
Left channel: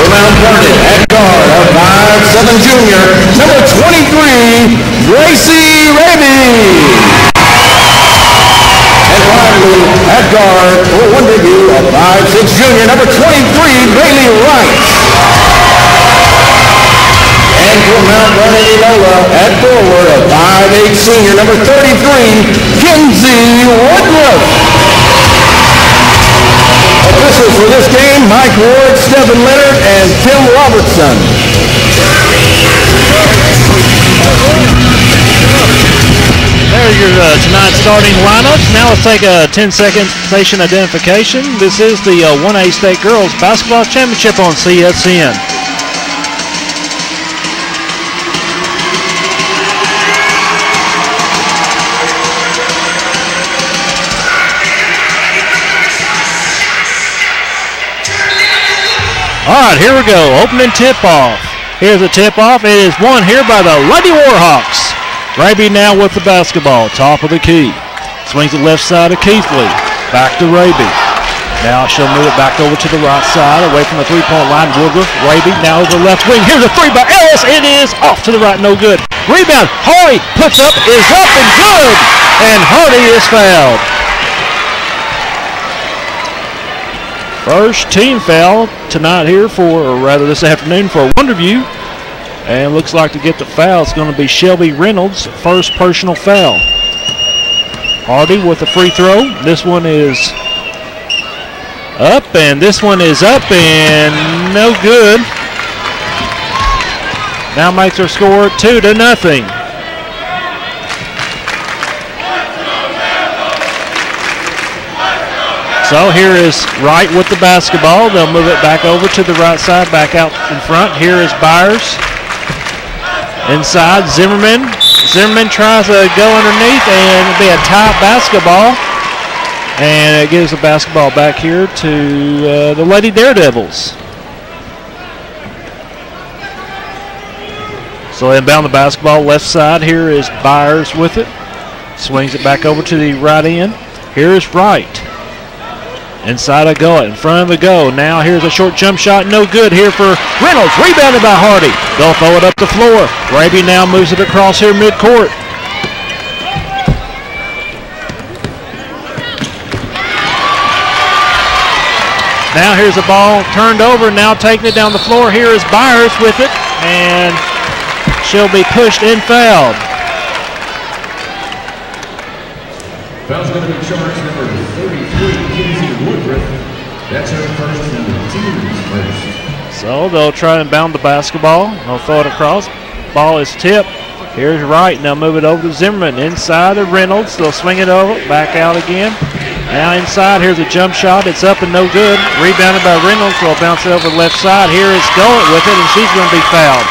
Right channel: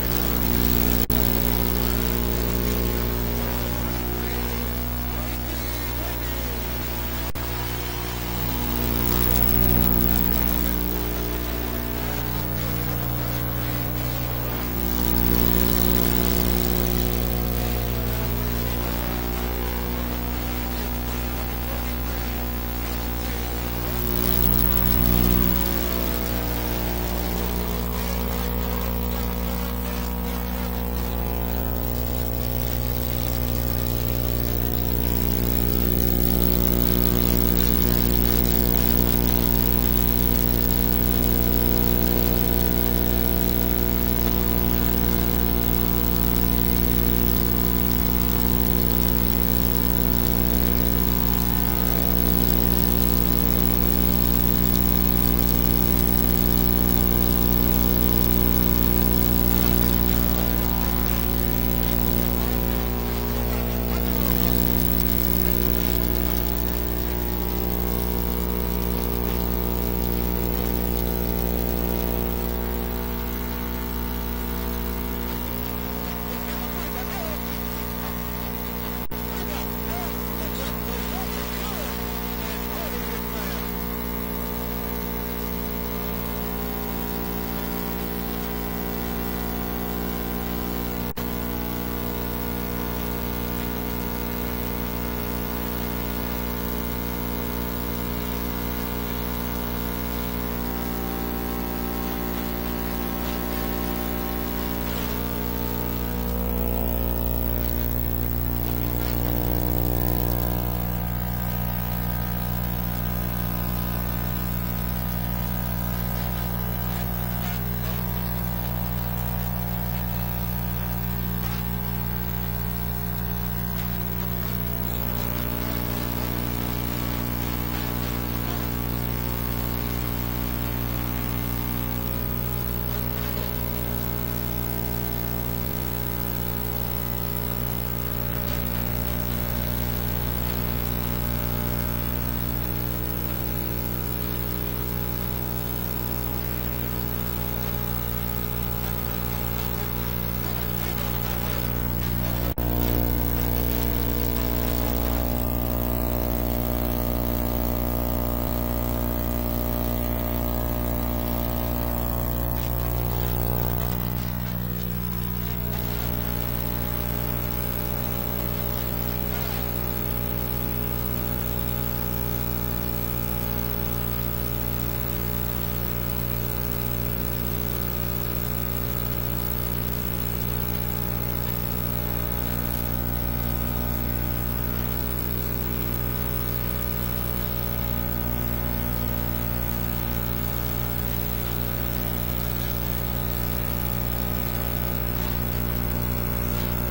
For Mount Vernon, at guard, a 5'7" junior, number 23, Gracie Raby. And finally, at guard, for Wonderview, a 5'6" junior, number 23, Bailey Wright. And for Mount Vernon-Enola, at forward, a 5'8" senior, number 33, Kinsey Woodruff. Officials for this game, Mike Ward, Stephen Leonard, and Tim Robertson. There's your tonight's starting lineups. Now let's take a 10-second station identification. This is the 1A State Girls Basketball Championship on CSN. All right, here we go. Opening tip-off. Here's the tip-off. It is won here by the Lady Warhawks. Raby now with the basketball, top of the key. Swings the left side of Keithley. Back to Raby. Now she'll move it back over to the right side, away from the three-point line. Woodruff, Raby now over the left wing. Here's a three by Ellis. It is off to the right, no good. Rebound. Hardy puts up, is up and good. And Hardy is fouled. First team foul tonight here or rather this afternoon for Wonderview. And looks like to get the foul, it's going to be Shelby Reynolds, first personal foul. Hardy with the free throw. This one is up, and this one is up, and no good. Now makes her score 2-0. So here is Wright with the basketball. They'll move it back over to the right side, back out in front. Here is Byers. Inside, Zimmerman. Zimmerman tries to go underneath, and it'll be a tight basketball. And it gives the basketball back here to the Lady Daredevils. So inbound the basketball, left side. Here is Byers with it. Swings it back over to the right end. Here is Wright. Inside a go, in front of the go. Now here's a short jump shot, no good here for Reynolds. Rebounded by Hardy. They'll throw it up the floor. Raby now moves it across here midcourt. Now here's the ball turned over, now taking it down the floor. Here is Byers with it, and she'll be pushed and fouled. Foul's going to be charged number 33, Kinsey Woodruff. That's her first and the team's first. So they'll try and bound the basketball. They'll throw it across. Ball is tipped. Here's Wright. Now move it over to Zimmerman. Inside to Reynolds. They'll swing it over. Back out again. Now inside. Here's a jump shot. It's up and no good. Rebounded by Reynolds. They'll bounce it over the left side. Here is Gullett with it, and she's going to be fouled.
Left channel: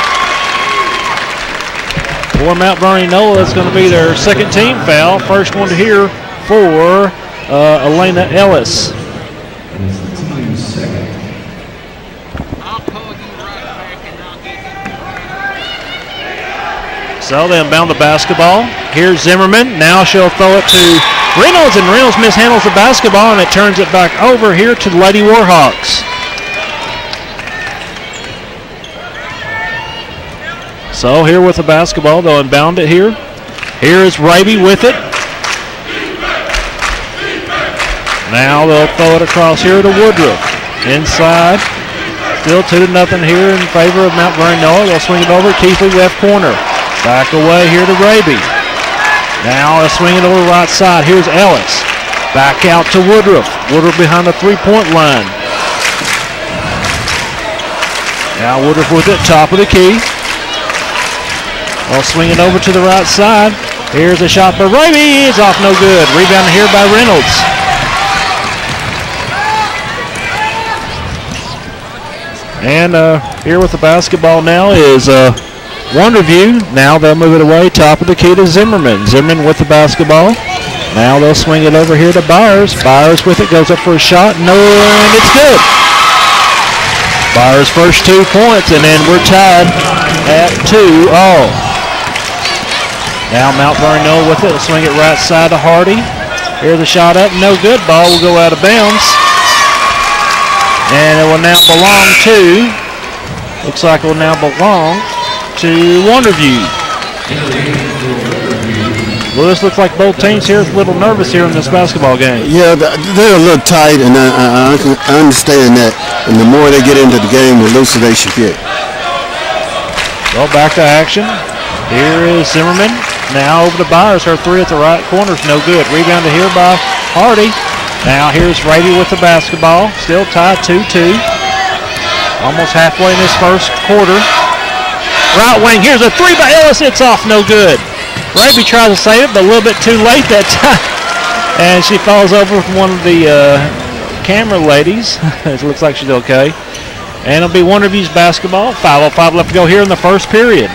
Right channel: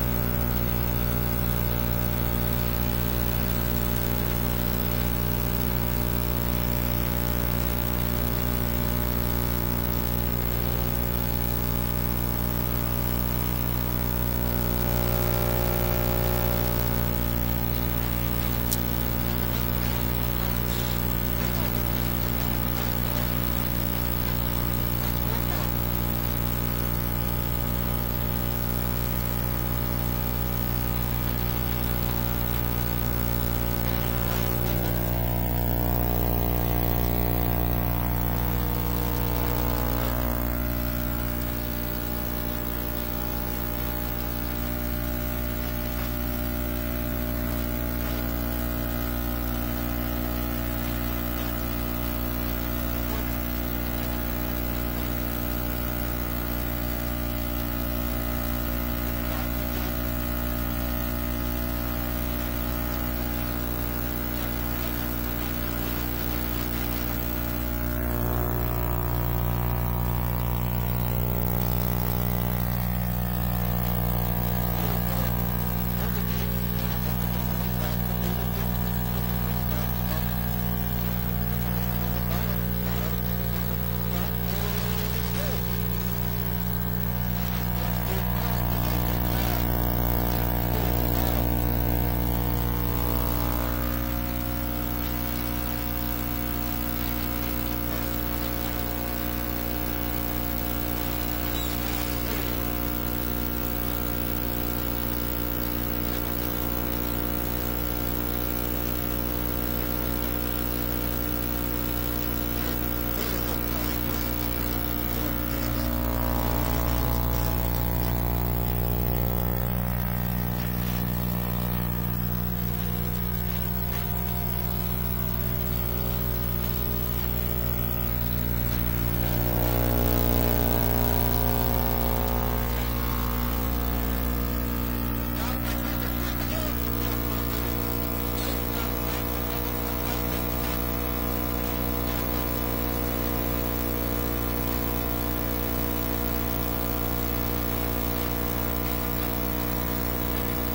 For Mount Vernon-Enola, it's going to be their second team foul. First one here for Elena Ellis. So they'll bound the basketball. Here's Zimmerman. Now she'll throw it to Reynolds, and Reynolds mishandles the basketball, and it turns it back over here to the Lady Warhawks. So here with the basketball, they'll inbound it here. Here is Raby with it. Now they'll throw it across here to Woodruff. Inside. Still 2-0 here in favor of Mount Vernon-Enola. They'll swing it over. Keithley left corner. Back away here to Raby. Now they'll swing it over the right side. Here's Ellis. Back out to Woodruff. Woodruff behind the three-point line. Now Woodruff with it, top of the key. They'll swing it over to the right side. Here's a shot by Raby. It's off, no good. Rebound here by Reynolds. And here with the basketball now is Wonderview. Now they'll move it away, top of the key to Zimmerman. Zimmerman with the basketball. Now they'll swing it over here to Byers. Byers with it, goes up for a shot. No, and it's good. Byers' first 2 points, and then we're tied at 2-all. Now Mount Vernon-Enola with it. They'll swing it right side to Hardy. Here's the shot up, no good. Ball will go out of bounds. And it will now belong to, looks like it will now belong to Wonderview. Well, this looks like both teams here are a little nervous here in this basketball game. Yeah, they're a little tight, and I understand that. And the more they get into the game, the looser they should get. Well, back to action. Here is Zimmerman. Now over to Byers. Her three at the right corner is no good. Rebounded here by Hardy. Now here's Raby with the basketball. Still tied 2-2. Almost halfway in this first quarter. Right wing, here's a three by Ellis. It's off, no good. Raby tries to save it, but a little bit too late that time. And she falls over from one of the camera ladies. It looks like she's okay. And it'll be Wonderview's basketball. 5:05 left to go here in the first period.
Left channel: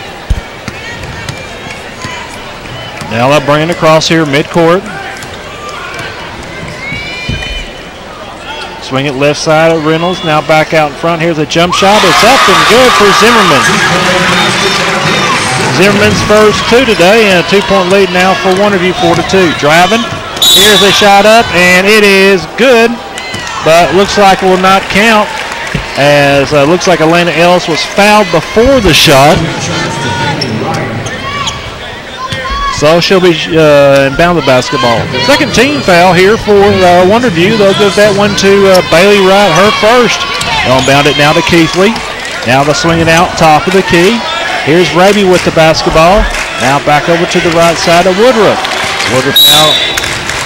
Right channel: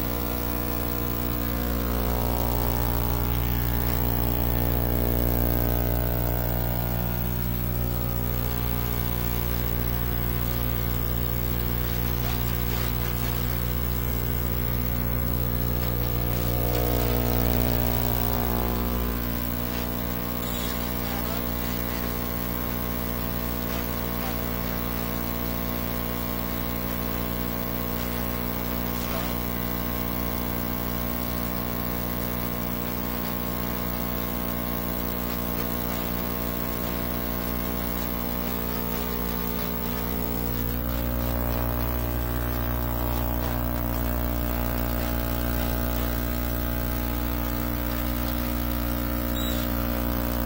Now they'll bring it across here midcourt. Swing it left side of Reynolds. Now back out in front. Here's a jump shot. It's up and good for Zimmerman. Zimmerman's first 2 today, and a 2-point lead now for Wonderview, 4-2. Driving. Here's a shot up, and it is good, but looks like it will not count, as looks like Elena Ellis was fouled before the shot. So she'll be inbound the basketball. Second team foul here for Wonderview. They'll give that one to Bailey Wright, her first. They'll inbound it now to Keithley. Now they'll swing it out top of the key. Here's Raby with the basketball. Now back over to the right side of Woodruff. Woodruff now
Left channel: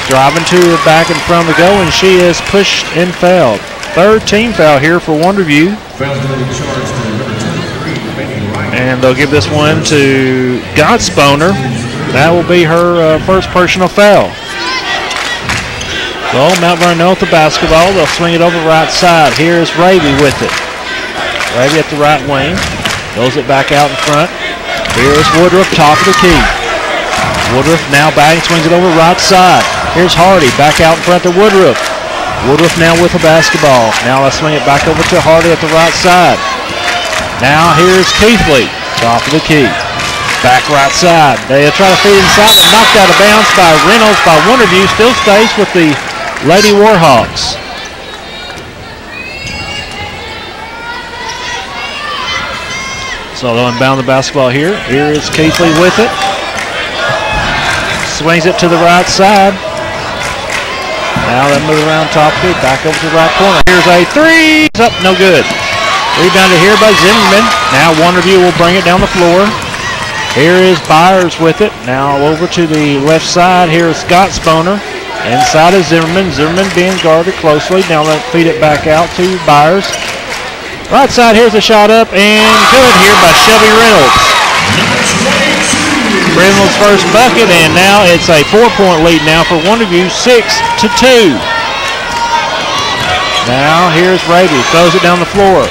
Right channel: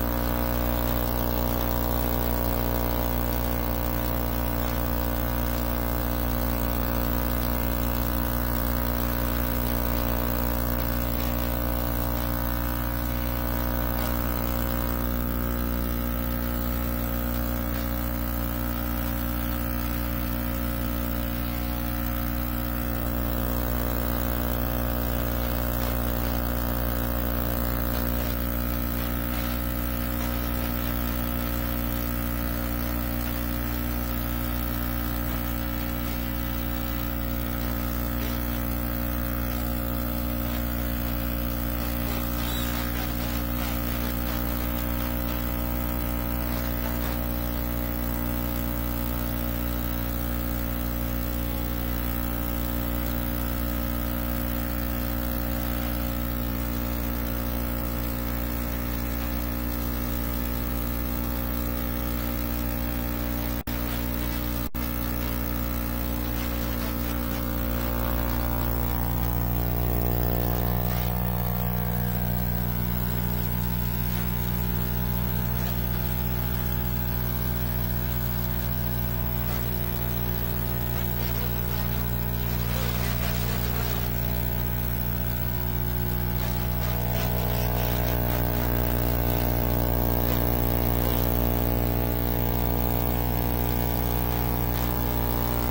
driving to the back in front of the goal, and she is pushed and fouled. Third team foul here for Wonderview. And they'll give this one to Godsponer. That will be her first personal foul. So Mount Vernon with the basketball. They'll swing it over right side. Here's Raby with it. Raby at the right wing. Throws it back out in front. Here's Woodruff, top of the key. Woodruff now back and swings it over right side. Here's Hardy back out in front to Woodruff. Woodruff now with the basketball. Now let's swing it back over to Hardy at the right side. Now here's Keithley, top of the key. Back right side. They'll try to feed inside, but knocked out of bounds by Reynolds by Wonderview. Still stays with the Lady Warhawks. So they'll inbound the basketball here. Here is Keithley with it. Swings it to the right side. Now they move around top key, back over to the right corner. Here's a three. It's up, no good. Rebounded here by Zimmerman. Now Wonderview will bring it down the floor. Here is Byers with it. Now over to the left side. Here is Scott Sponer. Inside is Zimmerman. Zimmerman being guarded closely. Now they'll feed it back out to Byers. Right side, here's a shot up and good here by Shelby Reynolds. Reynolds' first bucket, and now it's a 4-point lead now for Wonderview, 6-2. Now here's Raby, throws it down the floor.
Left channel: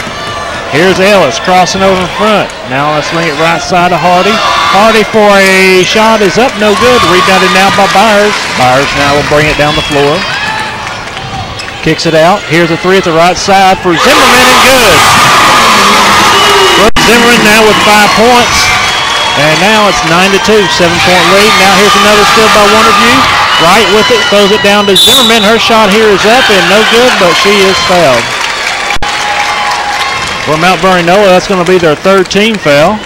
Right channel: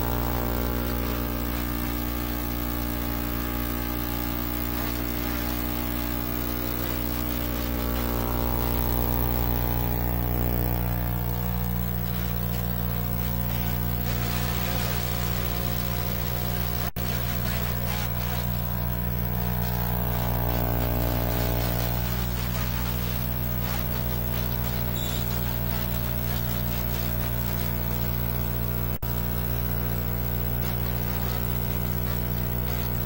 Here's Ellis crossing over in front. Now let's swing it right side to Hardy. Hardy for a shot is up, no good. Rebounded now by Byers. Byers now will bring it down the floor. Kicks it out. Here's a three at the right side for Zimmerman and good. Zimmerman now with 5 points. And now it's 9-2, 7-point lead. Now here's another steal by Wonderview. Right with it, throws it down to Zimmerman. Her shot here is up and no good, but she is fouled. For Mount Vernon-Enola, that's going to be their third team foul.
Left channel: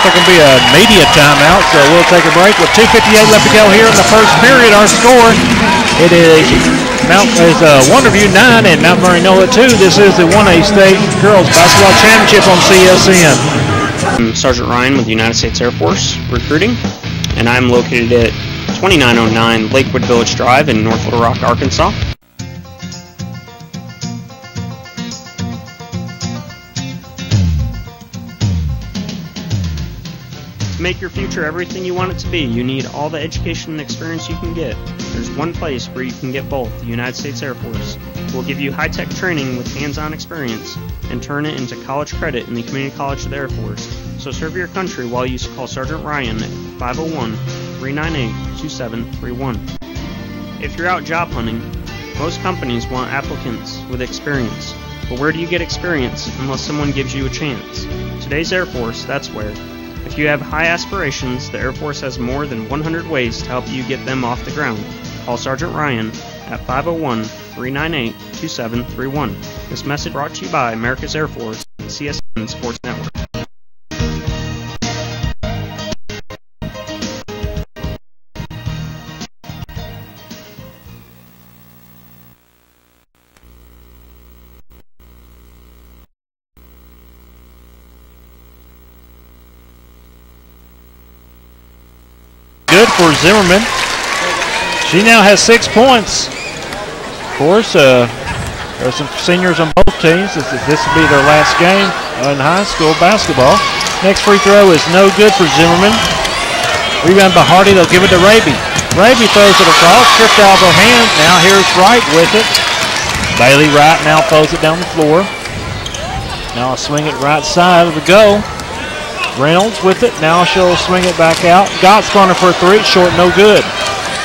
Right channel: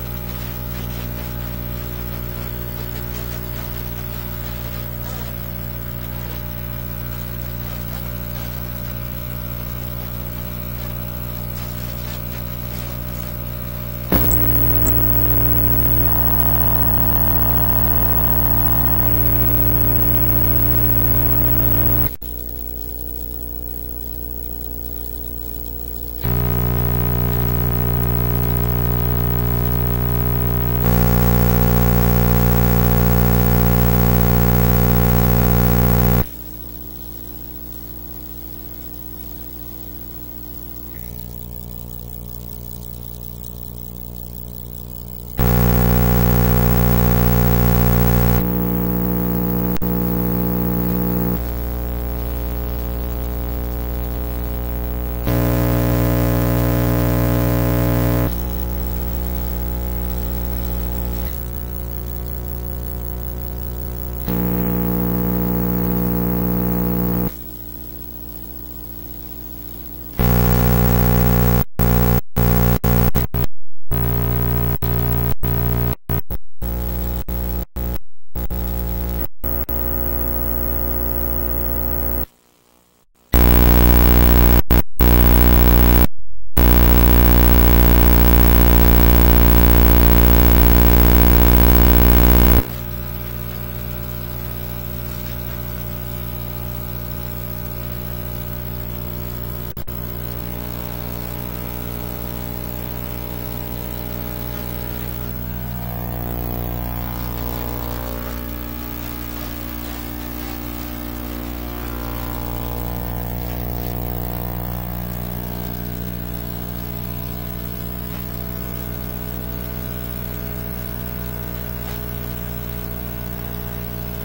There's going to be a media timeout, so we'll take a break with 2:58 left to go here in the first period. Our score, it is Wonderview 9 and Mount Vernon-Enola 2. This is the 1A State Girls Basketball Championship on CSN. I'm Sergeant Ryan with the United States Air Force Recruiting, and I'm located at 2909 Lakewood Village Drive in North Little Rock, Arkansas. To make your future everything you want it to be, you need all the education and experience you can get. There's one place where you can get both, the United States Air Force. We'll give you high-tech training with hands-on experience and turn it into college credit in the Community College of the Air Force. So serve your country while you call Sergeant Ryan at 501-398-2731. If you're out job hunting, most companies want applicants with experience. But where do you get experience unless someone gives you a chance? Today's Air Force, that's where. If you have high aspirations, the Air Force has more than 100 ways to help you get them off the ground. Call Sergeant Ryan at 501-398-2731. This message brought to you by America's Air Force and CSN Sports Network. Good for Zimmerman. She now has 6 points. Of course, there's some seniors on both teams. This will be their last game in high school basketball. Next free throw is no good for Zimmerman. Rebound by Hardy. They'll give it to Raby. Raby throws it across, stripped out of her hand. Now here's Wright with it. Bailey Wright now throws it down the floor. Now I'll swing it right side of the goal. Reynolds with it. Now she'll swing it back out. Gott's running for a three. Short, no good.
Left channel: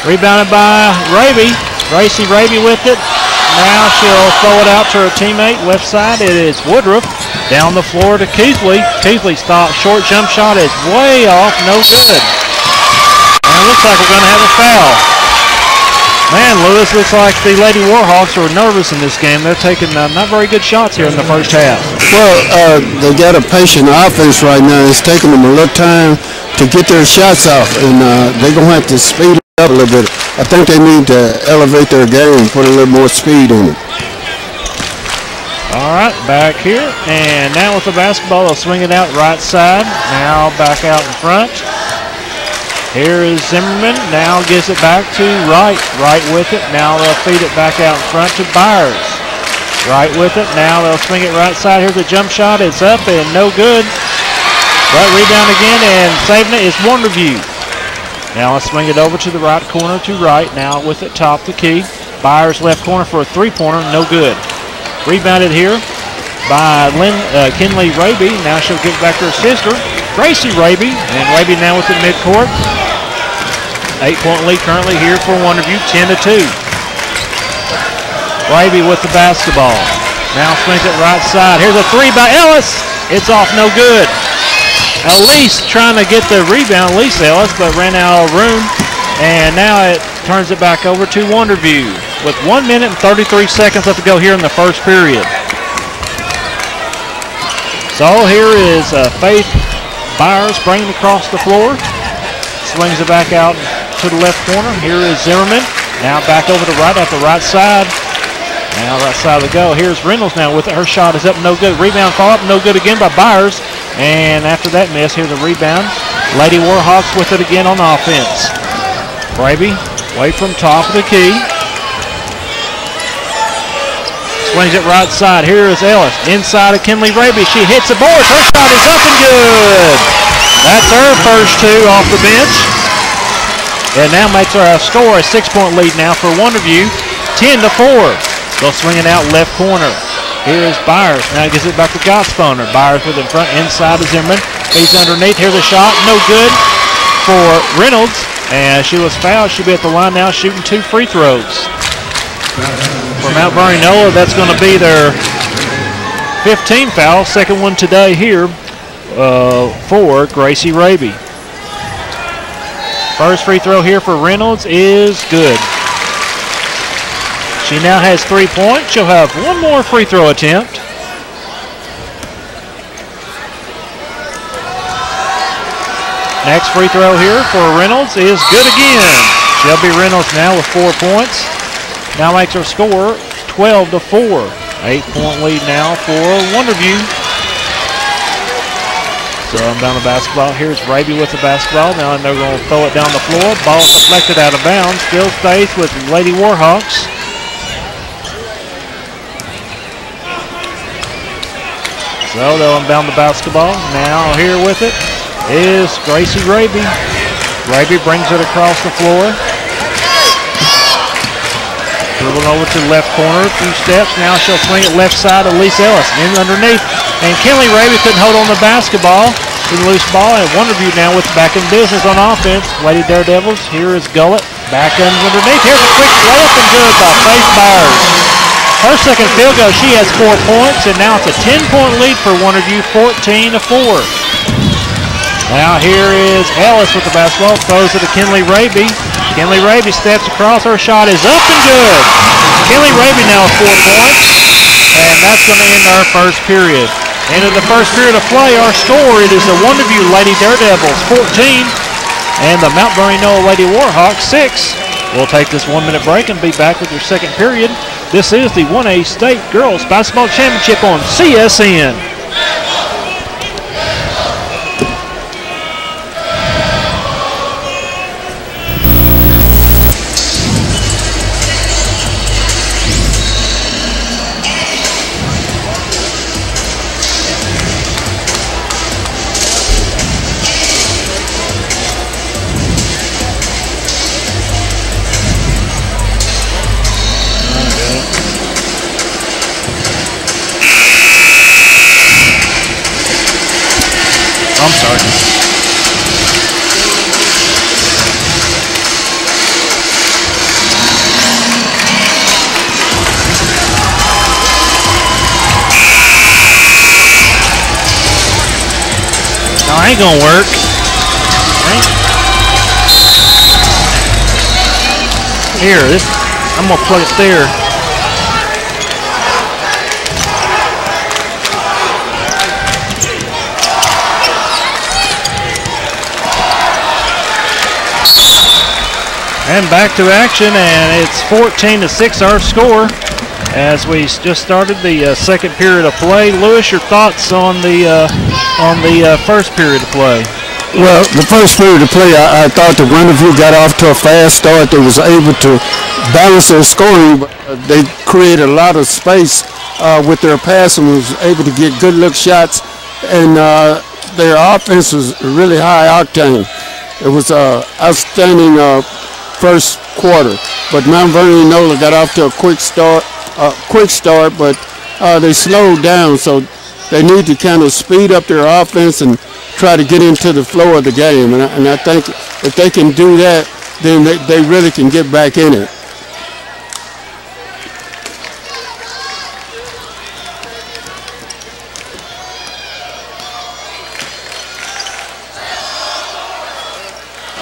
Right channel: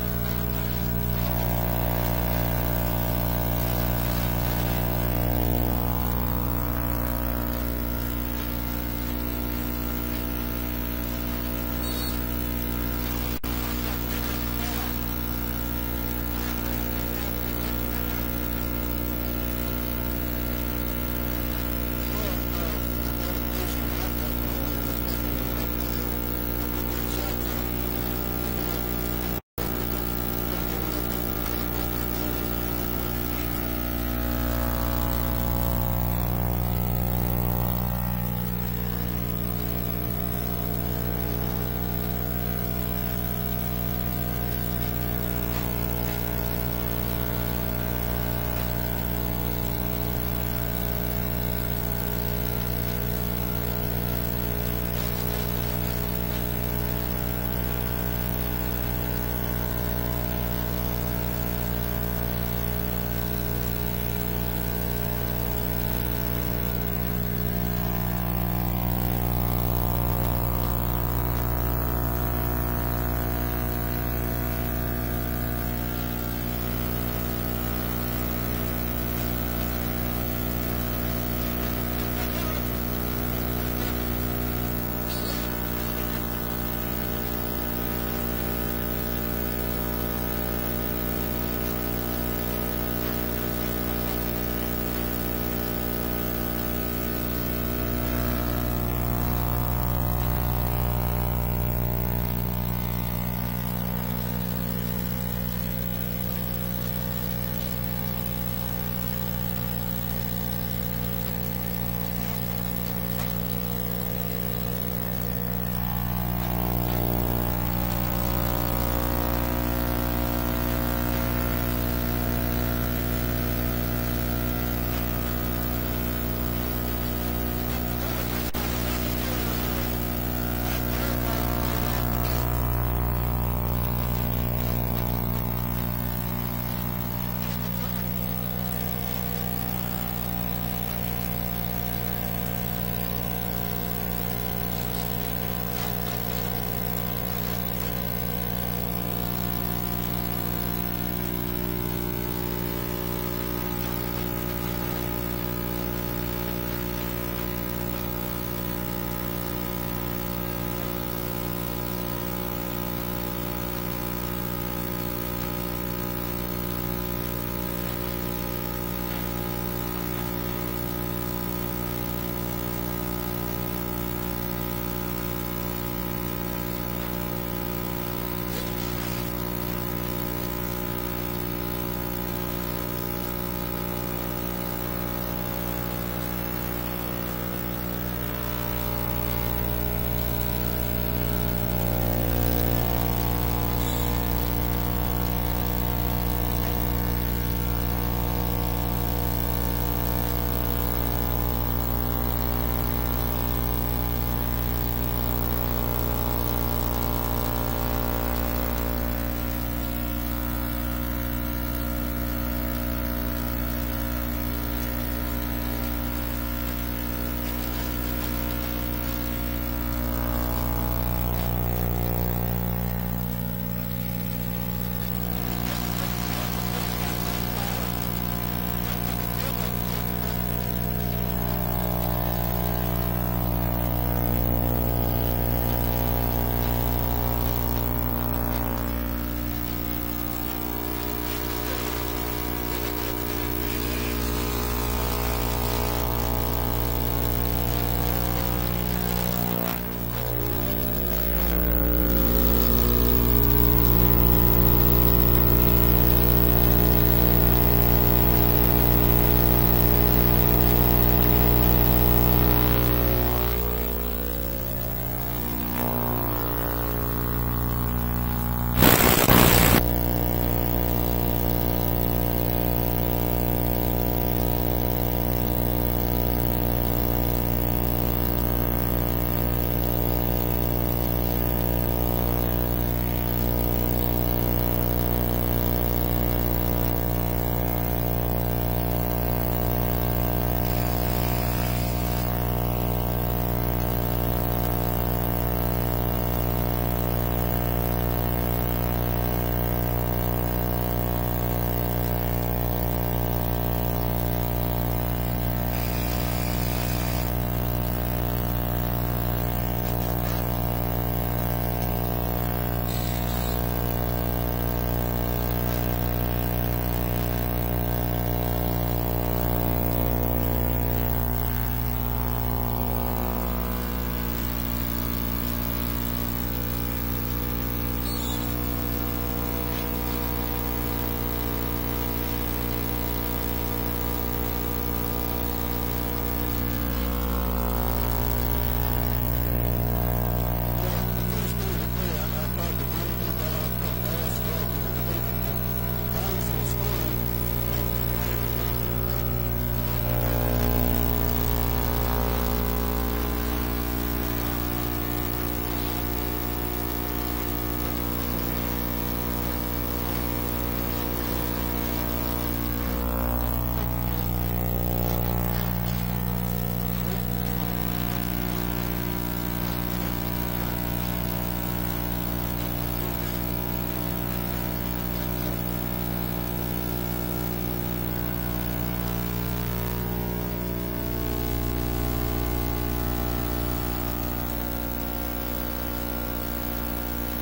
Rebounded by Raby. Gracie Raby with it. Now she'll throw it out to her teammate. Left side, it is Woodruff. Down the floor to Keithley. Keithley stops. Short jump shot is way off. No good. And it looks like we're going to have a foul. Man, Lewis, looks like the Lady Warhawks are nervous in this game. They're taking not very good shots here in the first half. Well, they got a patient offense right now. It's taking them a little time to get their shots off, and they're going to have to speed it up a little bit. I think they need to elevate their game, put a little more speed in it. All right, back here. And now with the basketball, they'll swing it out right side. Now back out in front. Here is Zimmerman. Now gives it back to Wright. Wright with it. Now they'll feed it back out in front to Byers. Wright with it. Now they'll swing it right side. Here's a jump shot. It's up and no good. Right rebound again, and saving it is Wonderview. Now let's swing it over to the right corner to Wright. Now with it top the key. Byers left corner for a three-pointer. No good. Rebounded here by Kinley Raby. Now she'll give it back to her sister, Gracie Raby. And Raby now with the midcourt. 8-point lead currently here for Wonderview, 10-2. Raby with the basketball. Now swings it right side. Here's a three by Ellis. It's off, no good. Elise trying to get the rebound, Elise Ellis, but ran out of room. And now it turns it back over to Wonderview with 1 minute and 33 seconds left to go here in the first period. So here is Faith Byers bringing it across the floor. Swings it back out to the left corner. Here is Zimmerman. Now back over to right at the right side. Now right side of the go. Here's Reynolds now with it. Her shot is up, no good. Rebound fall up, no good again by Byers. And after that miss, here's a rebound. Lady Warhawks with it again on offense. Raby away from top of the key. Swings it right side. Here is Ellis. Inside of Kinley Raby. She hits the boards. Her shot is up and good. That's her first two off the bench. And now makes her a score, a 6-point lead now for Wonderview. 10-4. They'll swing it out left corner. Here is Byers. Now gives it back to Gottspooner. Byers with it in front, inside of Zimmerman. He's underneath. Here's a shot. No good for Reynolds. And she was fouled. She'll be at the line now shooting 2 free throws. For Mount Vernon-Enola, that's going to be their 15th foul. Second one today here for Gracie Raby. First free throw here for Reynolds is good. She now has 3 points. She'll have one more free throw attempt. Next free throw here for Reynolds is good again. Shelby Reynolds now with 4 points. Now makes her score 12-4. 8-point lead now for Wonderview. So inbound the basketball. Here's Raby with the basketball. Now they're going to throw it down the floor. Ball deflected out of bounds. Still stays with Lady Warhawks. So they'll inbound the basketball. Now here with it is Gracie Raby. Raby brings it across the floor. Dribbling over to the left corner, a few steps. Now she'll swing it left side. Elise Ellis in underneath. And Kinley Raby couldn't hold on the basketball. With a loose ball. And Wonderview now with back in business on offense. Lady Daredevils. Here is Gullett. Back underneath. Here's a quick layup and good by Faith Byers. Her second field goal, she has 4 points. And now it's a 10-point lead for Wonderview, 14-4. Now here is Ellis with the basketball. Throws it to Kinley Raby. Kinley Raby steps across. Her shot is up and good. Kinley Raby now with 4 points. And that's going to end our first period. End of the first period of play, our score, it is the Wonderview Lady Daredevils 14 and the Mount Vernon-Enola Lady Warhawks 6. We'll take this 1-minute break and be back with your second period. This is the 1A State Girls Basketball Championship on CSN. I'm sorry. No, I ain't gonna work. Here, I'm gonna plug it there. And back to action, and it's 14-6 our score as we just started the second period of play. Lewis, your thoughts on the first period of play? Well, the first period of play, I thought the Wonderview got off to a fast start. They was able to balance their scoring, but they created a lot of space with their passing, was able to get good look shots, and their offense was really high octane. It was outstanding first quarter, but Mount Vernon-Enola got off to a quick start, but they slowed down, so they need to kind of speed up their offense and try to get into the flow of the game. And I think if they can do that, then they really can get back in it.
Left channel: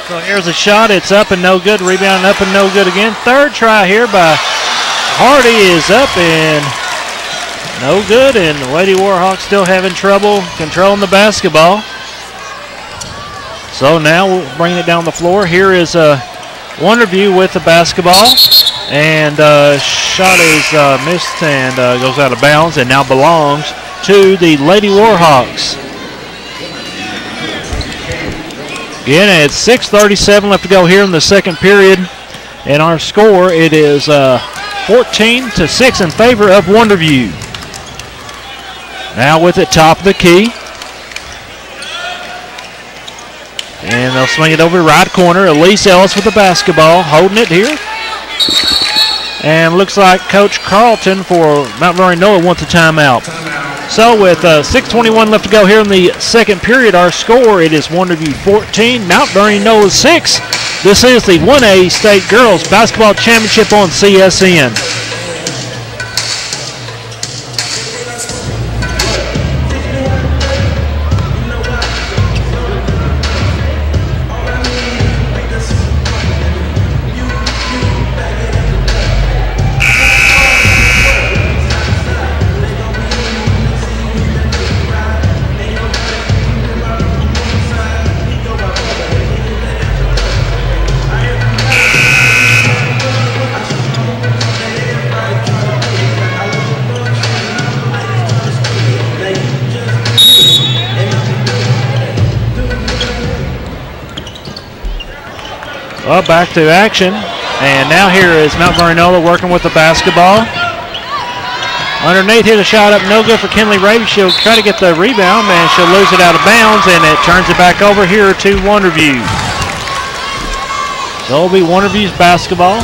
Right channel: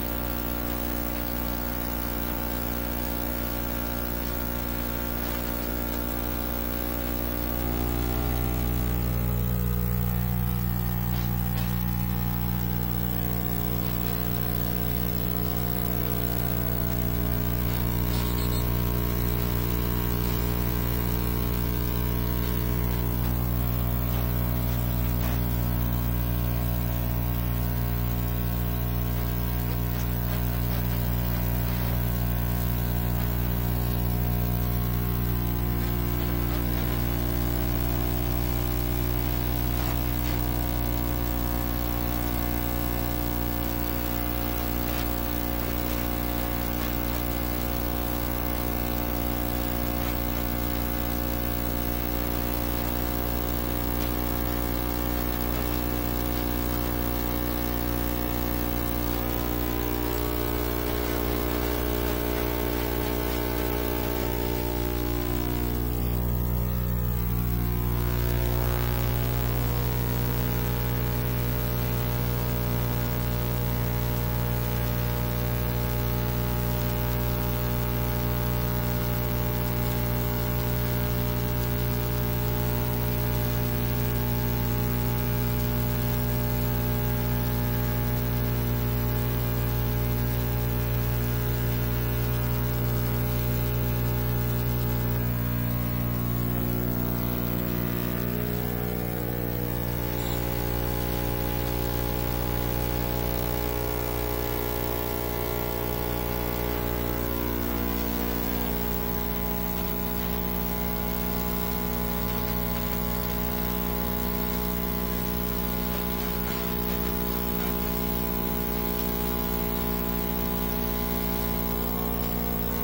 So here's a shot. It's up and no good. Rebound up and no good again. Third try here by Hardy is up and no good. And Lady Warhawks still having trouble controlling the basketball. So now we'll bring it down the floor. Here is Wonderview with the basketball. And shot is missed and goes out of bounds and now belongs to the Lady Warhawks. Again, it's 6:37 left to go here in the second period. And our score, it is 14-6 in favor of Wonderview. Now with it top of the key. And they'll swing it over to right corner. Elise Ellis with the basketball, holding it here. And looks like Coach Carlton for Mount Vernon-Enola wants a timeout. So with 6:21 left to go here in the second period, our score, it is Wonderview 14, Mount Vernon-Enola 6. This is the 1A State Girls Basketball Championship on CSN. Well, back to action. And now here is Mount Vernon-Enola working with the basketball. Underneath, hit a shot up, no good for Kinley Raby. She'll try to get the rebound, and she'll lose it out of bounds, and it turns it back over here to Wonderview. So it'll be Wonderview's basketball,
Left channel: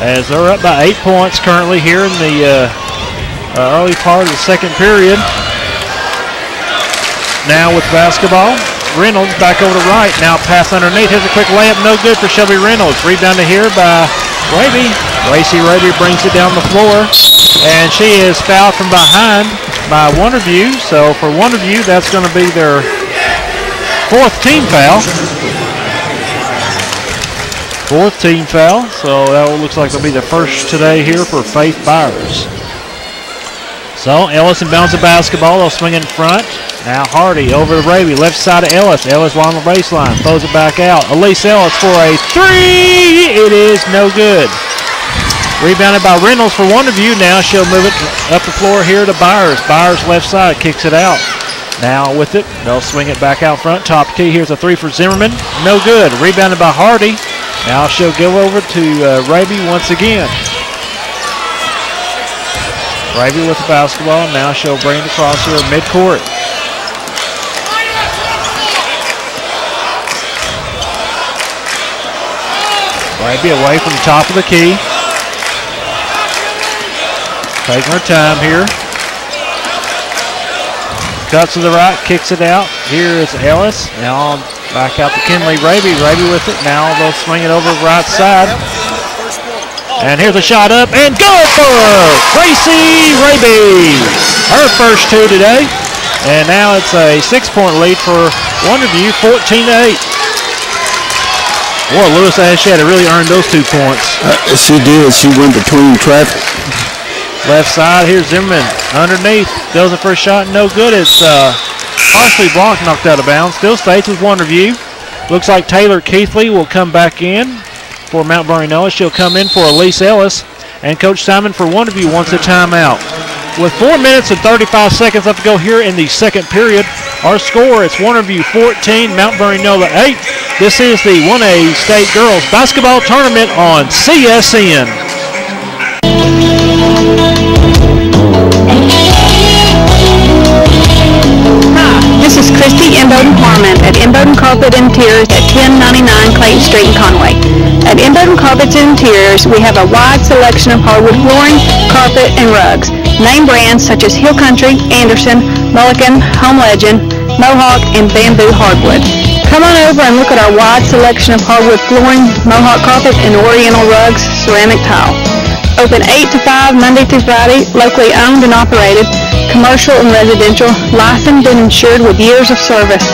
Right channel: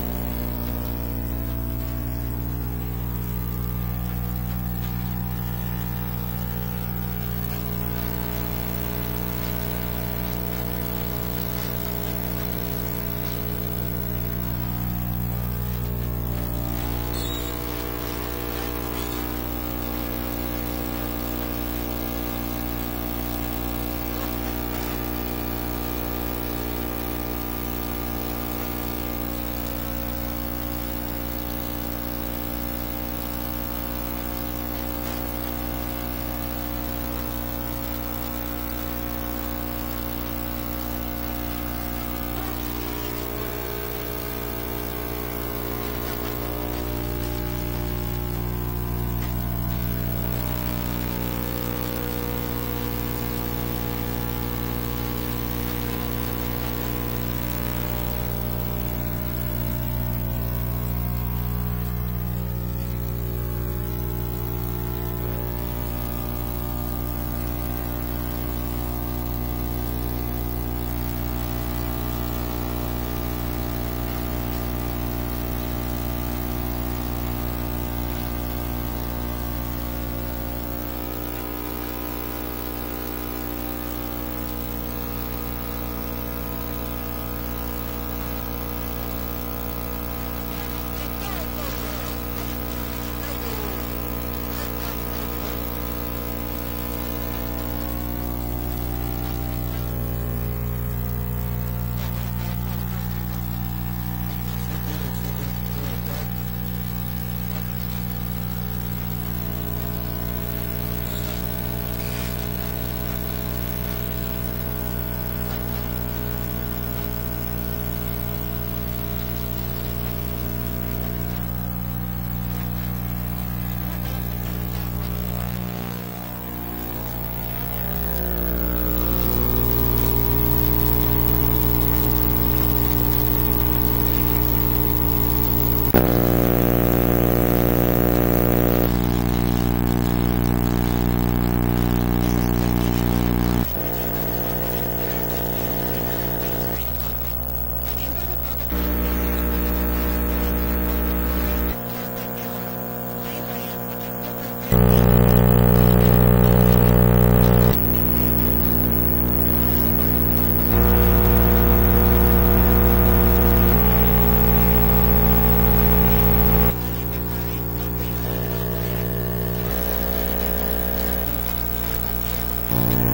as they're up by 8 points currently here in the early part of the second period. Now with basketball, Reynolds back over to right. Now pass underneath. Here's a quick layup. No good for Shelby Reynolds. Rebounded here by Raby. Lacey Raby brings it down the floor. And she is fouled from behind by Wonderview. So for Wonderview, that's going to be their fourth team foul. Fourth team foul. So that looks like it'll be the first today here for Faith Byers. So Ellis inbounds the basketball. They'll swing in front. Now Hardy over to Raby, left side of Ellis. Ellis along the baseline, throws it back out. Elise Ellis for a three. It is no good. Rebounded by Reynolds for Wonderview. Now she'll move it up the floor here to Byers. Byers left side, kicks it out. Now with it, they'll swing it back out front. Top key, here's a three for Zimmerman. No good. Rebounded by Hardy. Now she'll go over to Raby once again. Raby with the basketball. Now she'll bring it across here at midcourt. Raby away from the top of the key. Taking her time here. Cuts to the right, kicks it out. Here is Ellis. Now back out to Kinley Raby. Raby with it. Now they'll swing it over the right side. And here's a shot up and good for Gracie Raby. Her first two today. And now it's a 6-point lead for Wonderview, 14-8. Boy, Lewis Ash had to really earn those 2 points. She did. She went between traffic. Left side, here's Zimmerman. Underneath, goes the first shot, no good. It's partially blocked, knocked out of bounds. Still stays with Wonderview. Looks like Taylor Keithley will come back in for Mount Vernon-Enola. She'll come in for Elise Ellis. And Coach Simon for Wonderview wants a timeout. With 4 minutes and 35 seconds left to go here in the second period, our score is Wonderview 14, Mount Vernon-Enola 8. This is the 1A State Girls Basketball Tournament on CSN. This is Christy Imboden Harmon at Imboden Carpet Interiors at 1099 Clayton Street in Conway. At Imboden Carpets and Interiors, we have a wide selection of hardwood flooring, carpet, and rugs. Name brands such as Hill Country, Anderson, Mulligan, Home Legend, Mohawk, and Bamboo Hardwood. Come on over and look at our wide selection of hardwood flooring, Mohawk carpet, and Oriental rugs, ceramic tile. Open 8 to 5 Monday through Friday, locally owned and operated, commercial and residential, licensed and insured with years of service.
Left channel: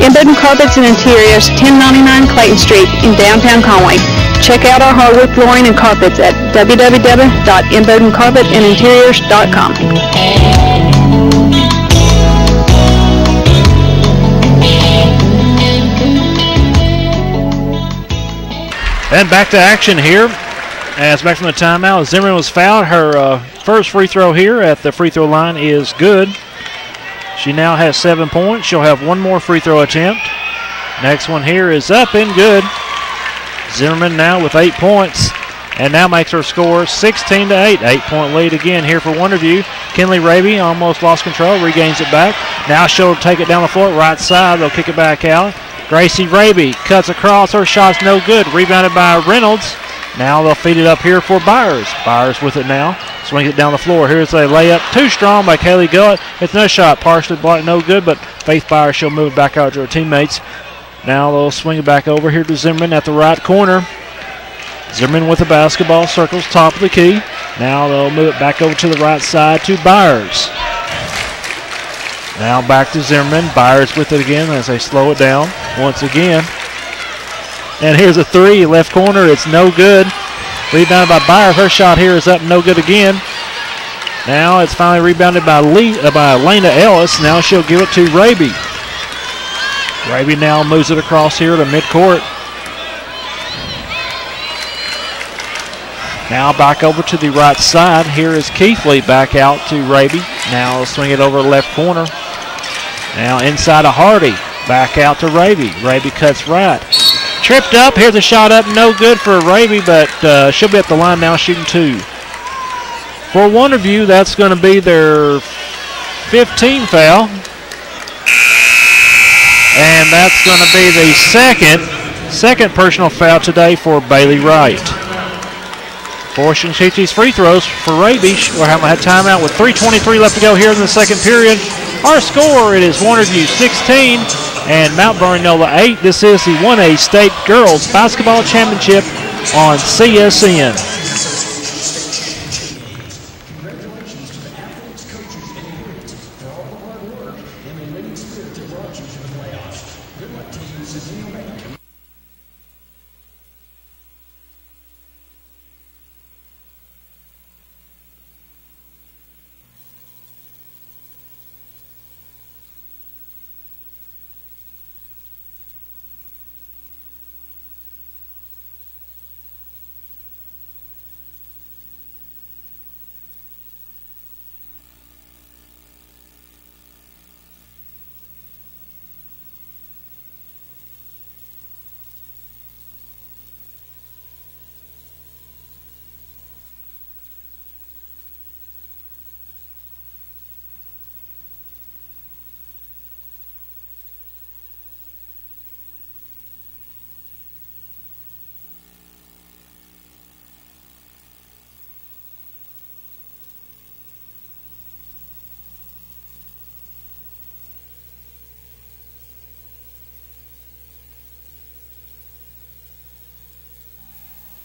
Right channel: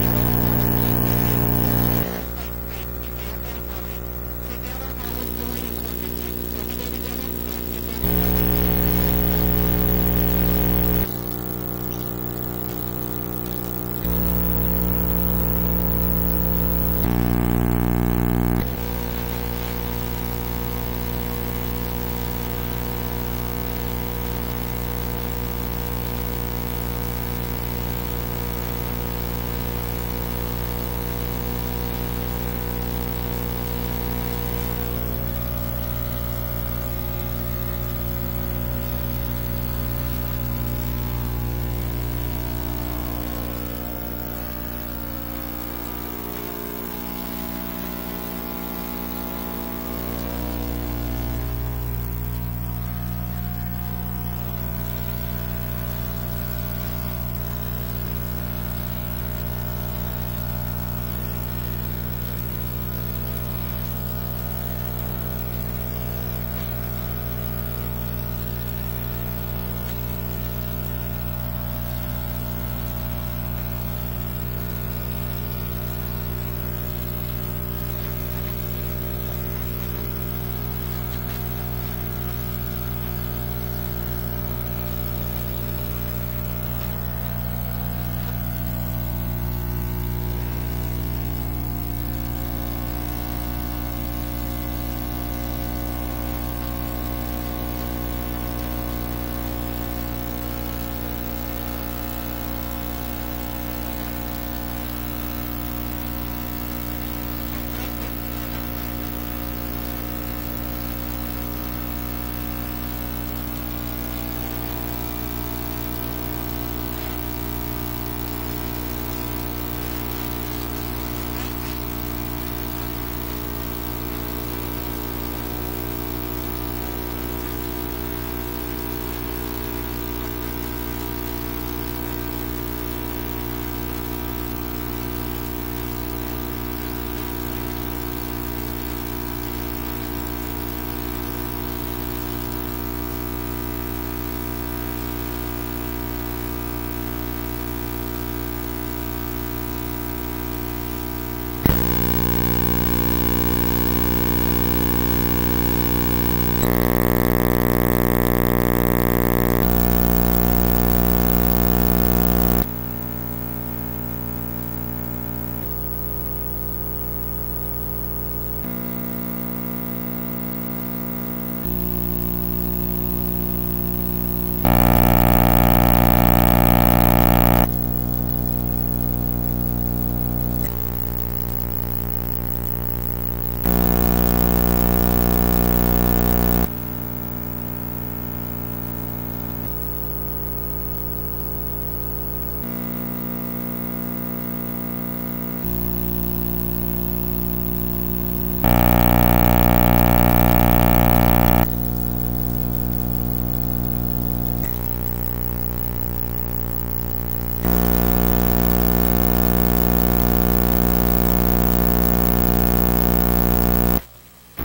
Imboden Carpets and Interiors, 1099 Clayton Street in downtown Conway. Check out our hardwood flooring and carpets at www.imbodencarpetandinteriors.com. And back to action here. As back from the timeout, Zimmerman was fouled. Her first free throw here at the free throw line is good. She now has 7 points. She'll have one more free throw attempt. Next one here is up and good. Zimmerman now with 8 points and now makes her score 16-8. 8-point lead again here for Wonderview. Kinley Raby almost lost control, regains it back. Now she'll take it down the floor, right side. They'll kick it back out. Gracie Raby cuts across. Her shot's no good. Rebounded by Reynolds. Now they'll feed it up here for Byers. Byers with it now. Swings it down the floor. Here's a layup. Too strong by Kaylee Gullett. It's another shot. Partially blocked, no good, but Faith Byers, she'll move it back out to her teammates. Now they'll swing it back over here to Zimmerman at the right corner. Zimmerman with the basketball, circles top of the key. Now they'll move it back over to the right side to Byers. Now back to Zimmerman. Byers with it again as they slow it down once again. And here's a three, left corner. It's no good. Rebounded by Byers. Her shot here is up, no good again. Now it's finally rebounded by Elena Ellis. Now she'll give it to Raby. Raby now moves it across here to midcourt. Now back over to the right side. Here is Keithley back out to Raby. Now they'll swing it over the left corner. Now inside to Hardy. Back out to Raby. Raby cuts right. Tripped up. Here's a shot up. No good for Raby, but she'll be at the line now shooting two. For Wonderview, that's going to be their 15 foul. And that's going to be the second personal foul today for Bailey Wright. Forcing to shoot these free throws for Raby. We're having a timeout with 3:23 left to go here in the second period. Our score, it is Wonderview 16 and Mount Vernon-Enola 8. This is the 1A State Girls Basketball Championship on CSN.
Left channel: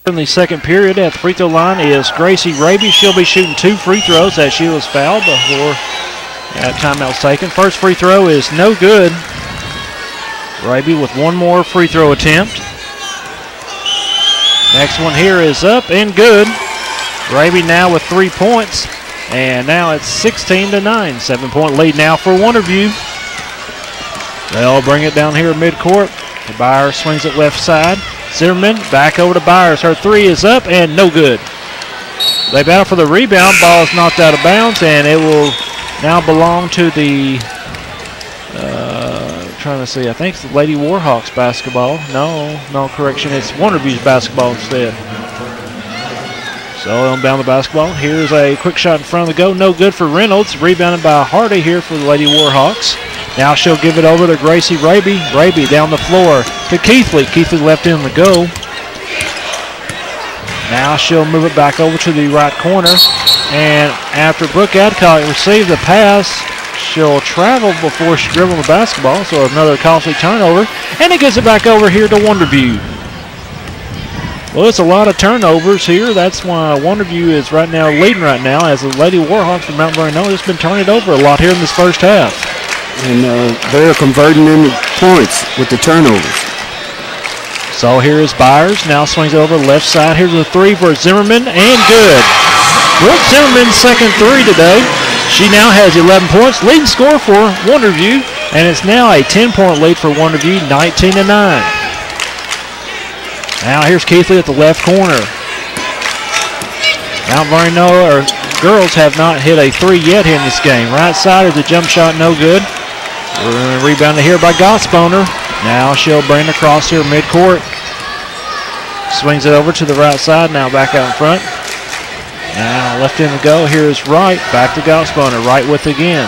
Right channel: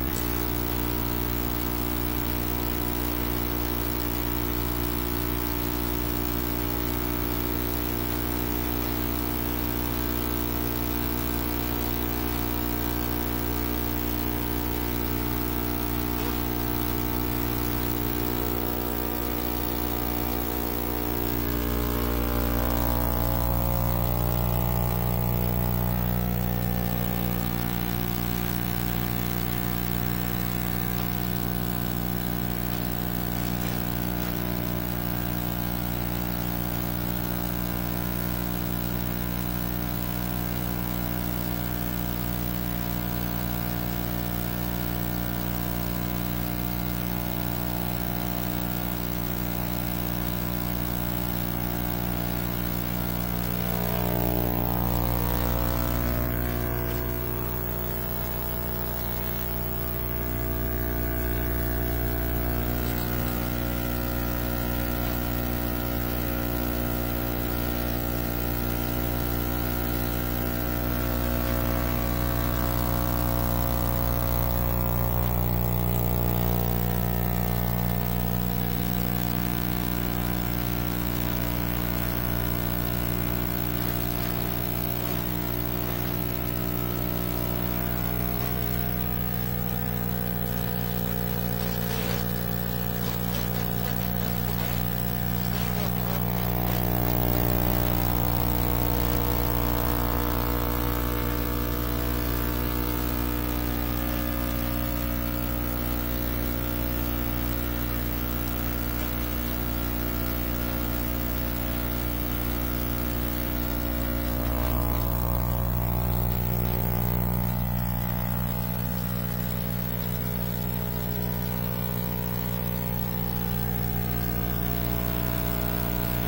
In the second period at the free throw line is Gracie Raby. She'll be shooting 2 free throws as she was fouled before timeout was taken. First free throw is no good. Raby with one more free throw attempt. Next one here is up and good. Raby now with 3 points, and now it's 16-9. 7-point lead now for Wonderview. They'll bring it down here midcourt. Byers swings it left side. Zimmerman back over to Byers. Her three is up and no good. They battle for the rebound. Ball is knocked out of bounds, and it will now belong to the, trying to see, I think it's the Lady Warhawks basketball. No, correction. It's Wonderview's basketball instead. So they'll inbound the basketball. Here's a quick shot in front of the goal. No good for Reynolds. Rebounded by Hardy here for the Lady Warhawks. Now she'll give it over to Gracie Raby. Raby down the floor to Keithley. Keithley left in the goal. Now she'll move it back over to the right corner. And after Brooke Adcock received the pass, she'll travel before she dribbles the basketball. So another costly turnover. And it gets it back over here to Wonderview. Well, it's a lot of turnovers here. That's why Wonderview is right now leading right now, as the Lady Warhawks from Mount Vernon-Enola has been turning it over a lot here in this first half. And they're converting into points with the turnovers. So here is Byers. Now swings it over the left side. Here's a three for Zimmerman, and good. Brooke Zimmerman's second three today. She now has 11 points. Leading score for Wonderview, and it's now a 10-point lead for Wonderview, 19-9. Now here's Keithley at the left corner. Mount Vernon-Enola girls have not hit a 3 yet here in this game. Right side is a jump shot, no good. Rebounded here by Gotsboner. Now she'll bring it across here midcourt. Swings it over to the right side, now back out in front. Now left in to go, here's Wright, back to Gotsboner, Wright with it again.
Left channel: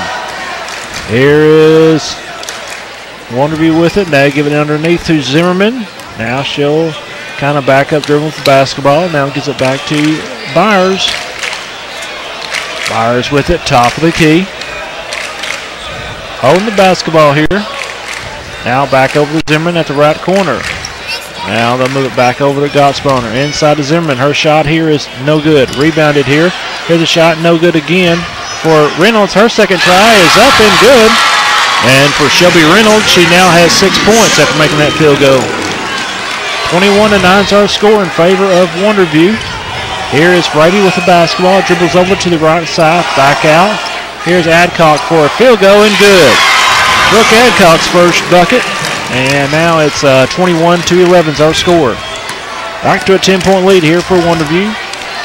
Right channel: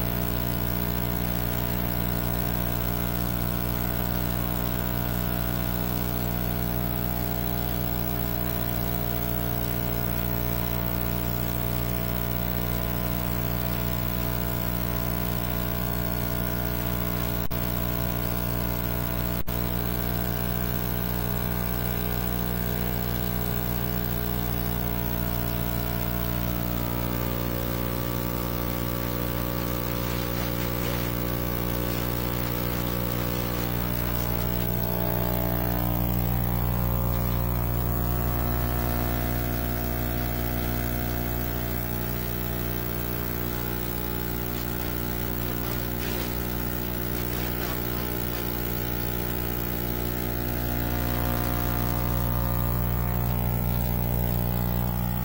Here is Wonderview with it, now give it underneath to Zimmerman. Now she'll kind of back up, dribble with the basketball, now gives it back to Byers. Byers with it, top of the key. Holding the basketball here. Now back over to Zimmerman at the right corner. Now they'll move it back over to Gotsboner. Inside to Zimmerman. Her shot here is no good. Rebounded here. Here's a shot, no good again for Reynolds. Her second try is up and good. And for Shelby Reynolds, she now has 6 points after making that field goal. 21-9 is our score in favor of Wonderview. Here is Brady with the basketball. Dribbles over to the right side. Back out. Here's Adcock for a field goal and good. Brooke Adcock's first bucket. And now it's 21-11 is our score. Back to a 10-point lead here for Wonderview.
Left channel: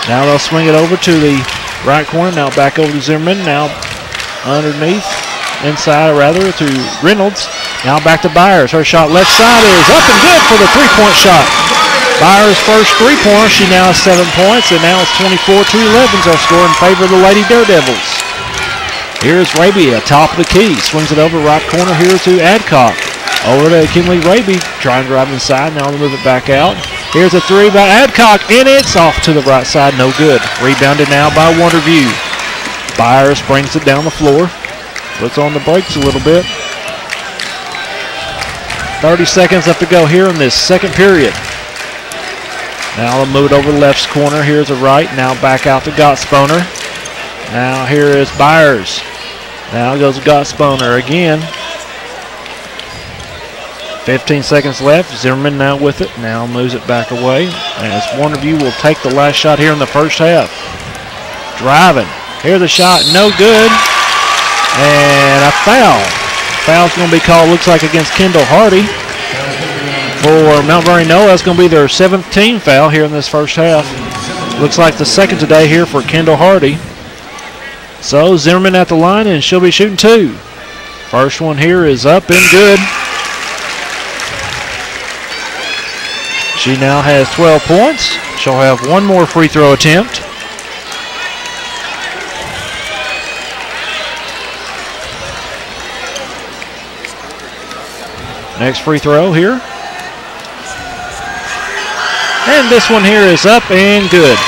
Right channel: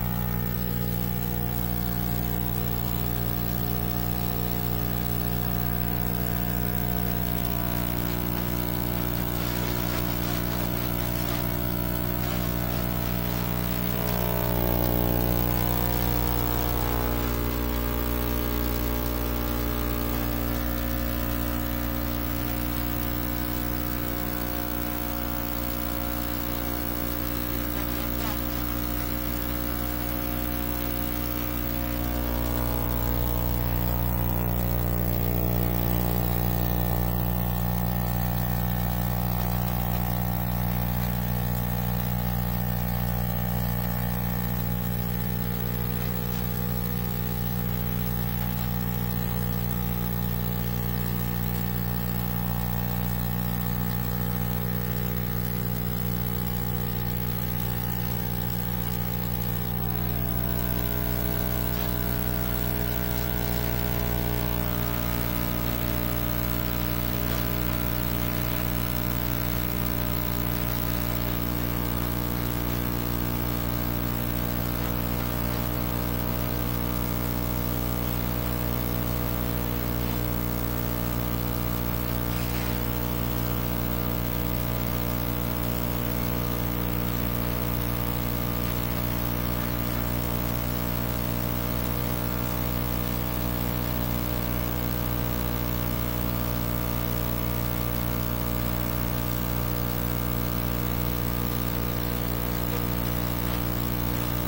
Now they'll swing it over to the right corner. Now back over to Zimmerman. Now underneath, inside rather, to Reynolds. Now back to Byers. Her shot left side is up and good for the three-point shot. Byers' first three-pointer. She now has 7 points, and now it's 24-11 is our score in favor of the Lady Daredevils. Here's Raby at top of the key. Swings it over right corner here to Adcock. Over to Kinley Raby, trying to drive inside. Now they'll move it back out. Here's a three by Adcock, and it's off to the right side, no good. Rebounded now by Wonderview. Byers brings it down the floor. Puts on the brakes a little bit. 30 seconds left to go here in this second period. Now they'll move it over the left corner. Here's a right. Now back out to Gotsboner. Now here is Byers. Now goes Gotsboner again. 15 seconds left. Zimmerman now with it. Now moves it back away. As Wonderview will take the last shot here in the first half. Driving. Here's a shot. No good. And a foul. Foul's going to be called, looks like, against Kendall Hardy. For Mount Vernon-Enola, that's going to be their 7th team foul here in this first half. Looks like the second today here for Kendall Hardy. So Zimmerman at the line, and she'll be shooting 2. First one here is up and good. She now has 12 points. She'll have one more free throw attempt. Next free throw here. And this one here is up and good.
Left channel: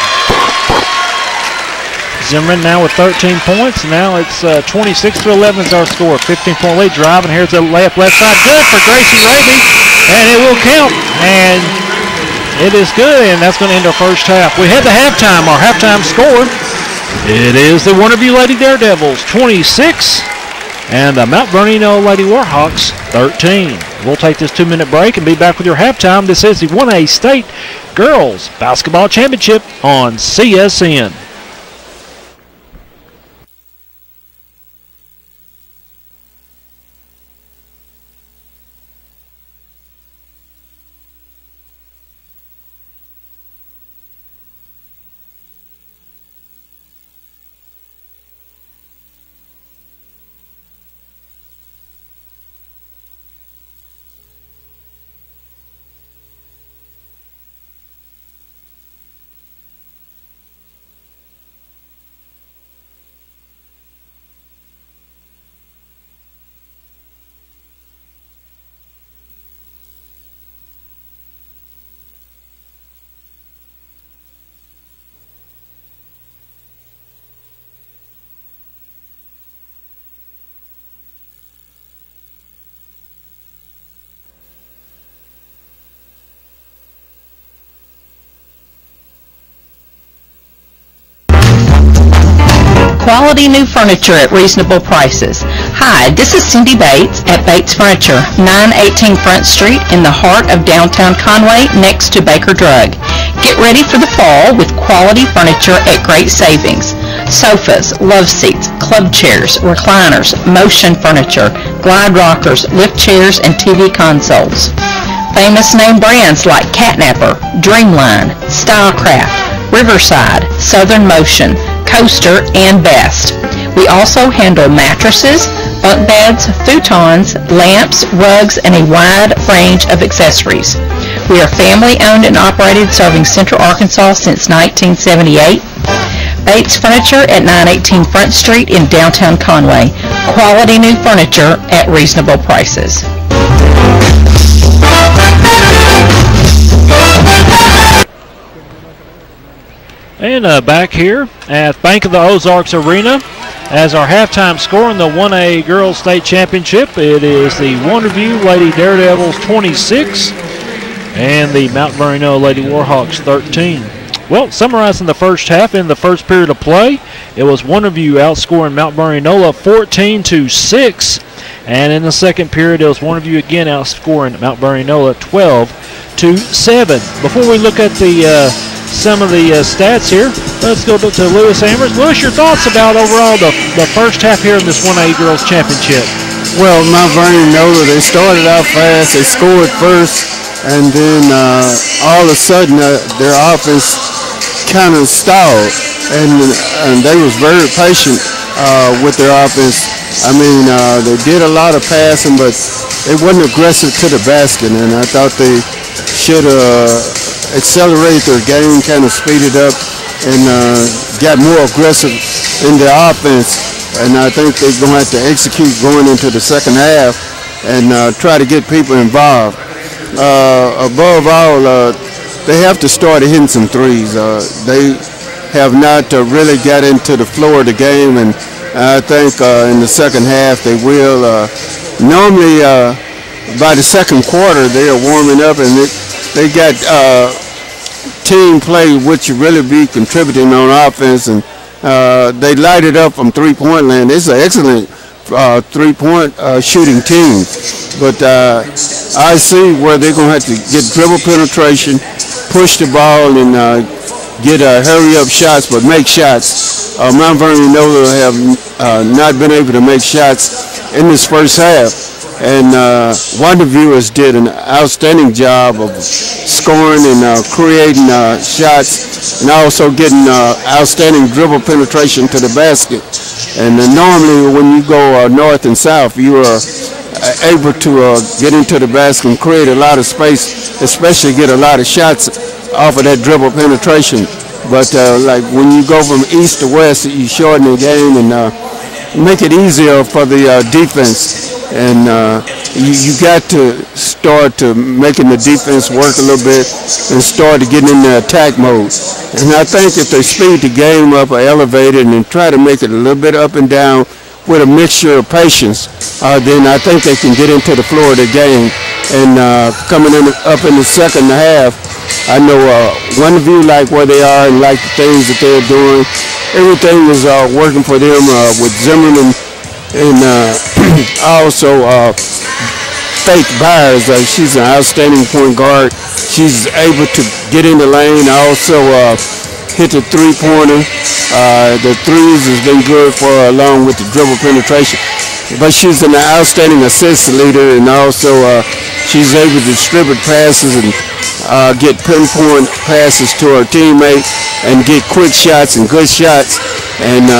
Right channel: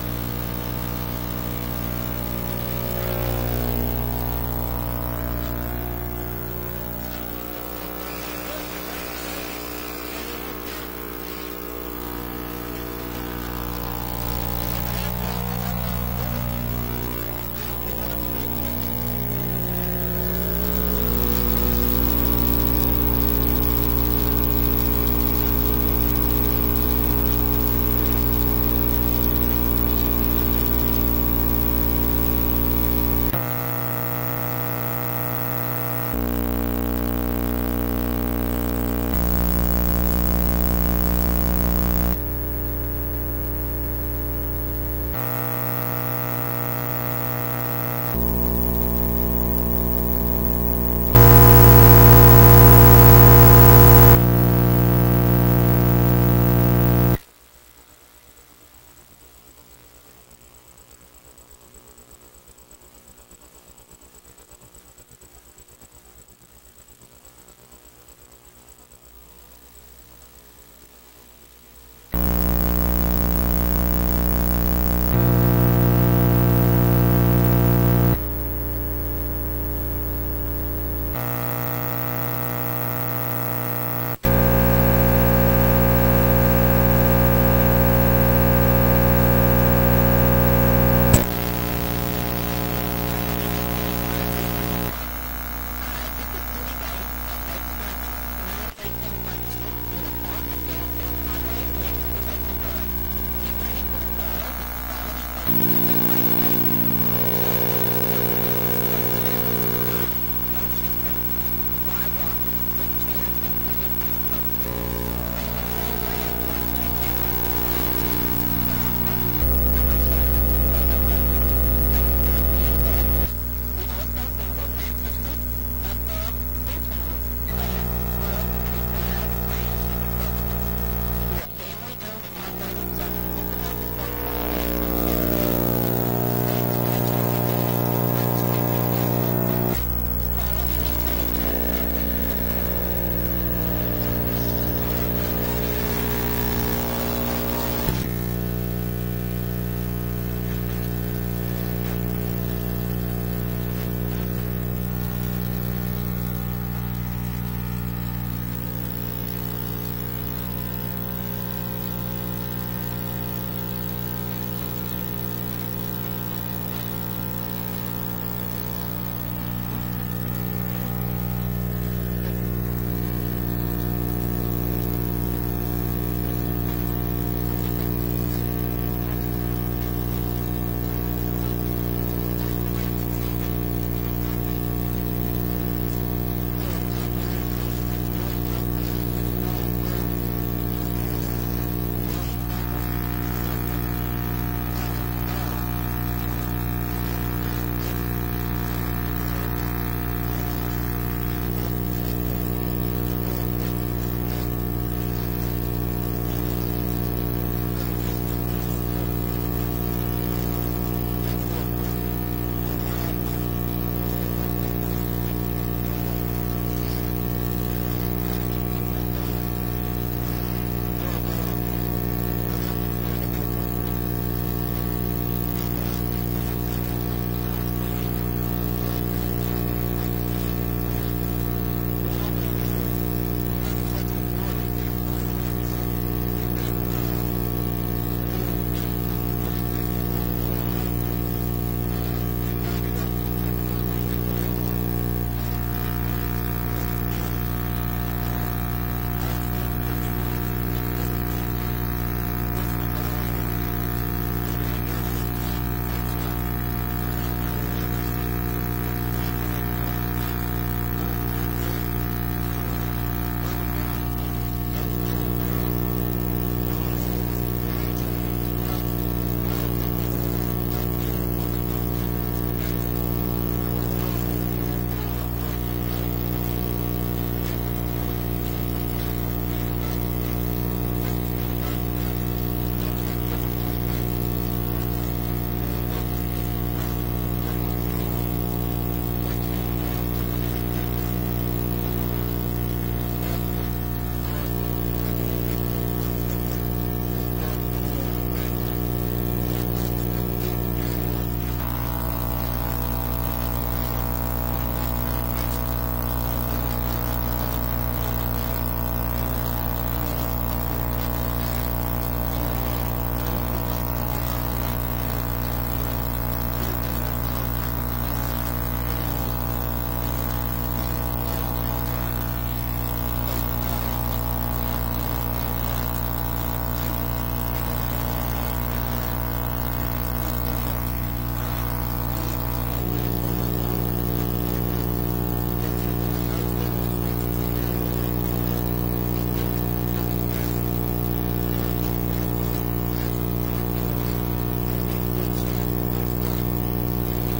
Zimmerman now with 13 points. Now it's 26-11 is our score. 15-point lead. Driving. Here's the layup left side. Good for Gracie Raby. And it will count. And it is good. And that's going to end our first half. We had the halftime. Our halftime score. It is the Wonderview Lady Daredevils 26 and the Mount Vernon-Enola Lady Warhawks 13. We'll take this 2-minute break and be back with your halftime. This is the 1A State Girls Basketball Championship on CSN. Quality new furniture at reasonable prices. Hi, this is Cindy Bates at Bates Furniture, 918 Front Street in the heart of downtown Conway next to Baker Drug. Get ready for the fall with quality furniture at great savings. Sofas, love seats, club chairs, recliners, motion furniture, glide rockers, lift chairs, and TV consoles. famous name brands like Catnapper, Dreamline, Stylecraft, Riverside, Southern Motion, Coaster, and Best. We also handle mattresses, bunk beds, futons, lamps, rugs, and a wide range of accessories. We are family owned and operated, serving Central Arkansas since 1978. Bates Furniture at 918 Front Street in downtown Conway. Quality new furniture at reasonable prices. And back here at Bank of the Ozarks Arena, as our halftime score in the 1A Girls State Championship, it is the Wonderview Lady Daredevils 26 and the Mount Vernon-Enola Lady Warhawks 13. Well, summarizing the first half, in the first period of play, it was Wonderview outscoring Mount Vernon-Enola 14-6, and in the second period, it was Wonderview again outscoring Mount Vernon-Enola 12-7. Before we look at the some of the stats here, let's go to Lewis Amherst. Lewis, your thoughts about overall the first half here in this 1A Girls Championship? Well, Mount Vernon-Enola, they started out fast. They scored first, and then all of a sudden their offense kind of stalled, and they was very patient with their offense. I mean, they did a lot of passing, but they wasn't aggressive to the basket, and I thought they should accelerate their game, kind of speed it up, and got more aggressive in their offense. And I think they're going to have to execute going into the second half and try to get people involved. Above all, they have to start hitting some threes. They have not really got into the flow of the game, and I think in the second half they will. Normally, by the second quarter, they are warming up, and they got team play, which really be contributing on offense, and they light it up from three-point land. It's an excellent three-point shooting team, but I see where they're going to have to get dribble penetration, push the ball, and get hurry-up shots, but make shots. Mount Vernon-Enola have not been able to make shots in this first half, and Wonderview has did an outstanding job of scoring and creating shots, and also getting outstanding dribble penetration to the basket. And normally when you go north and south, you are able to get into the basket and create a lot of space, especially get a lot of shots off of that dribble penetration. But like when you go from east to west, you shorten the game and make it easier for the defense. And you got to start to making the defense work a little bit and start to get in the attack mode. And I think if they speed the game up or elevate it and try to make it a little bit up and down with a mixture of patience, then I think they can get into the floor of the game. And coming up in the second half, I know Wonderview like where they are and like the things that they're doing. Everything is working for them with Zimmerman and also Faith Byers. She's an outstanding point guard. She's able to get in the lane, also hit the three-pointer. The threes has been good for her along with the dribble penetration. But she's an outstanding assist leader, and also she's able to distribute passes and get pinpoint passes to her teammate and get quick shots and good shots. And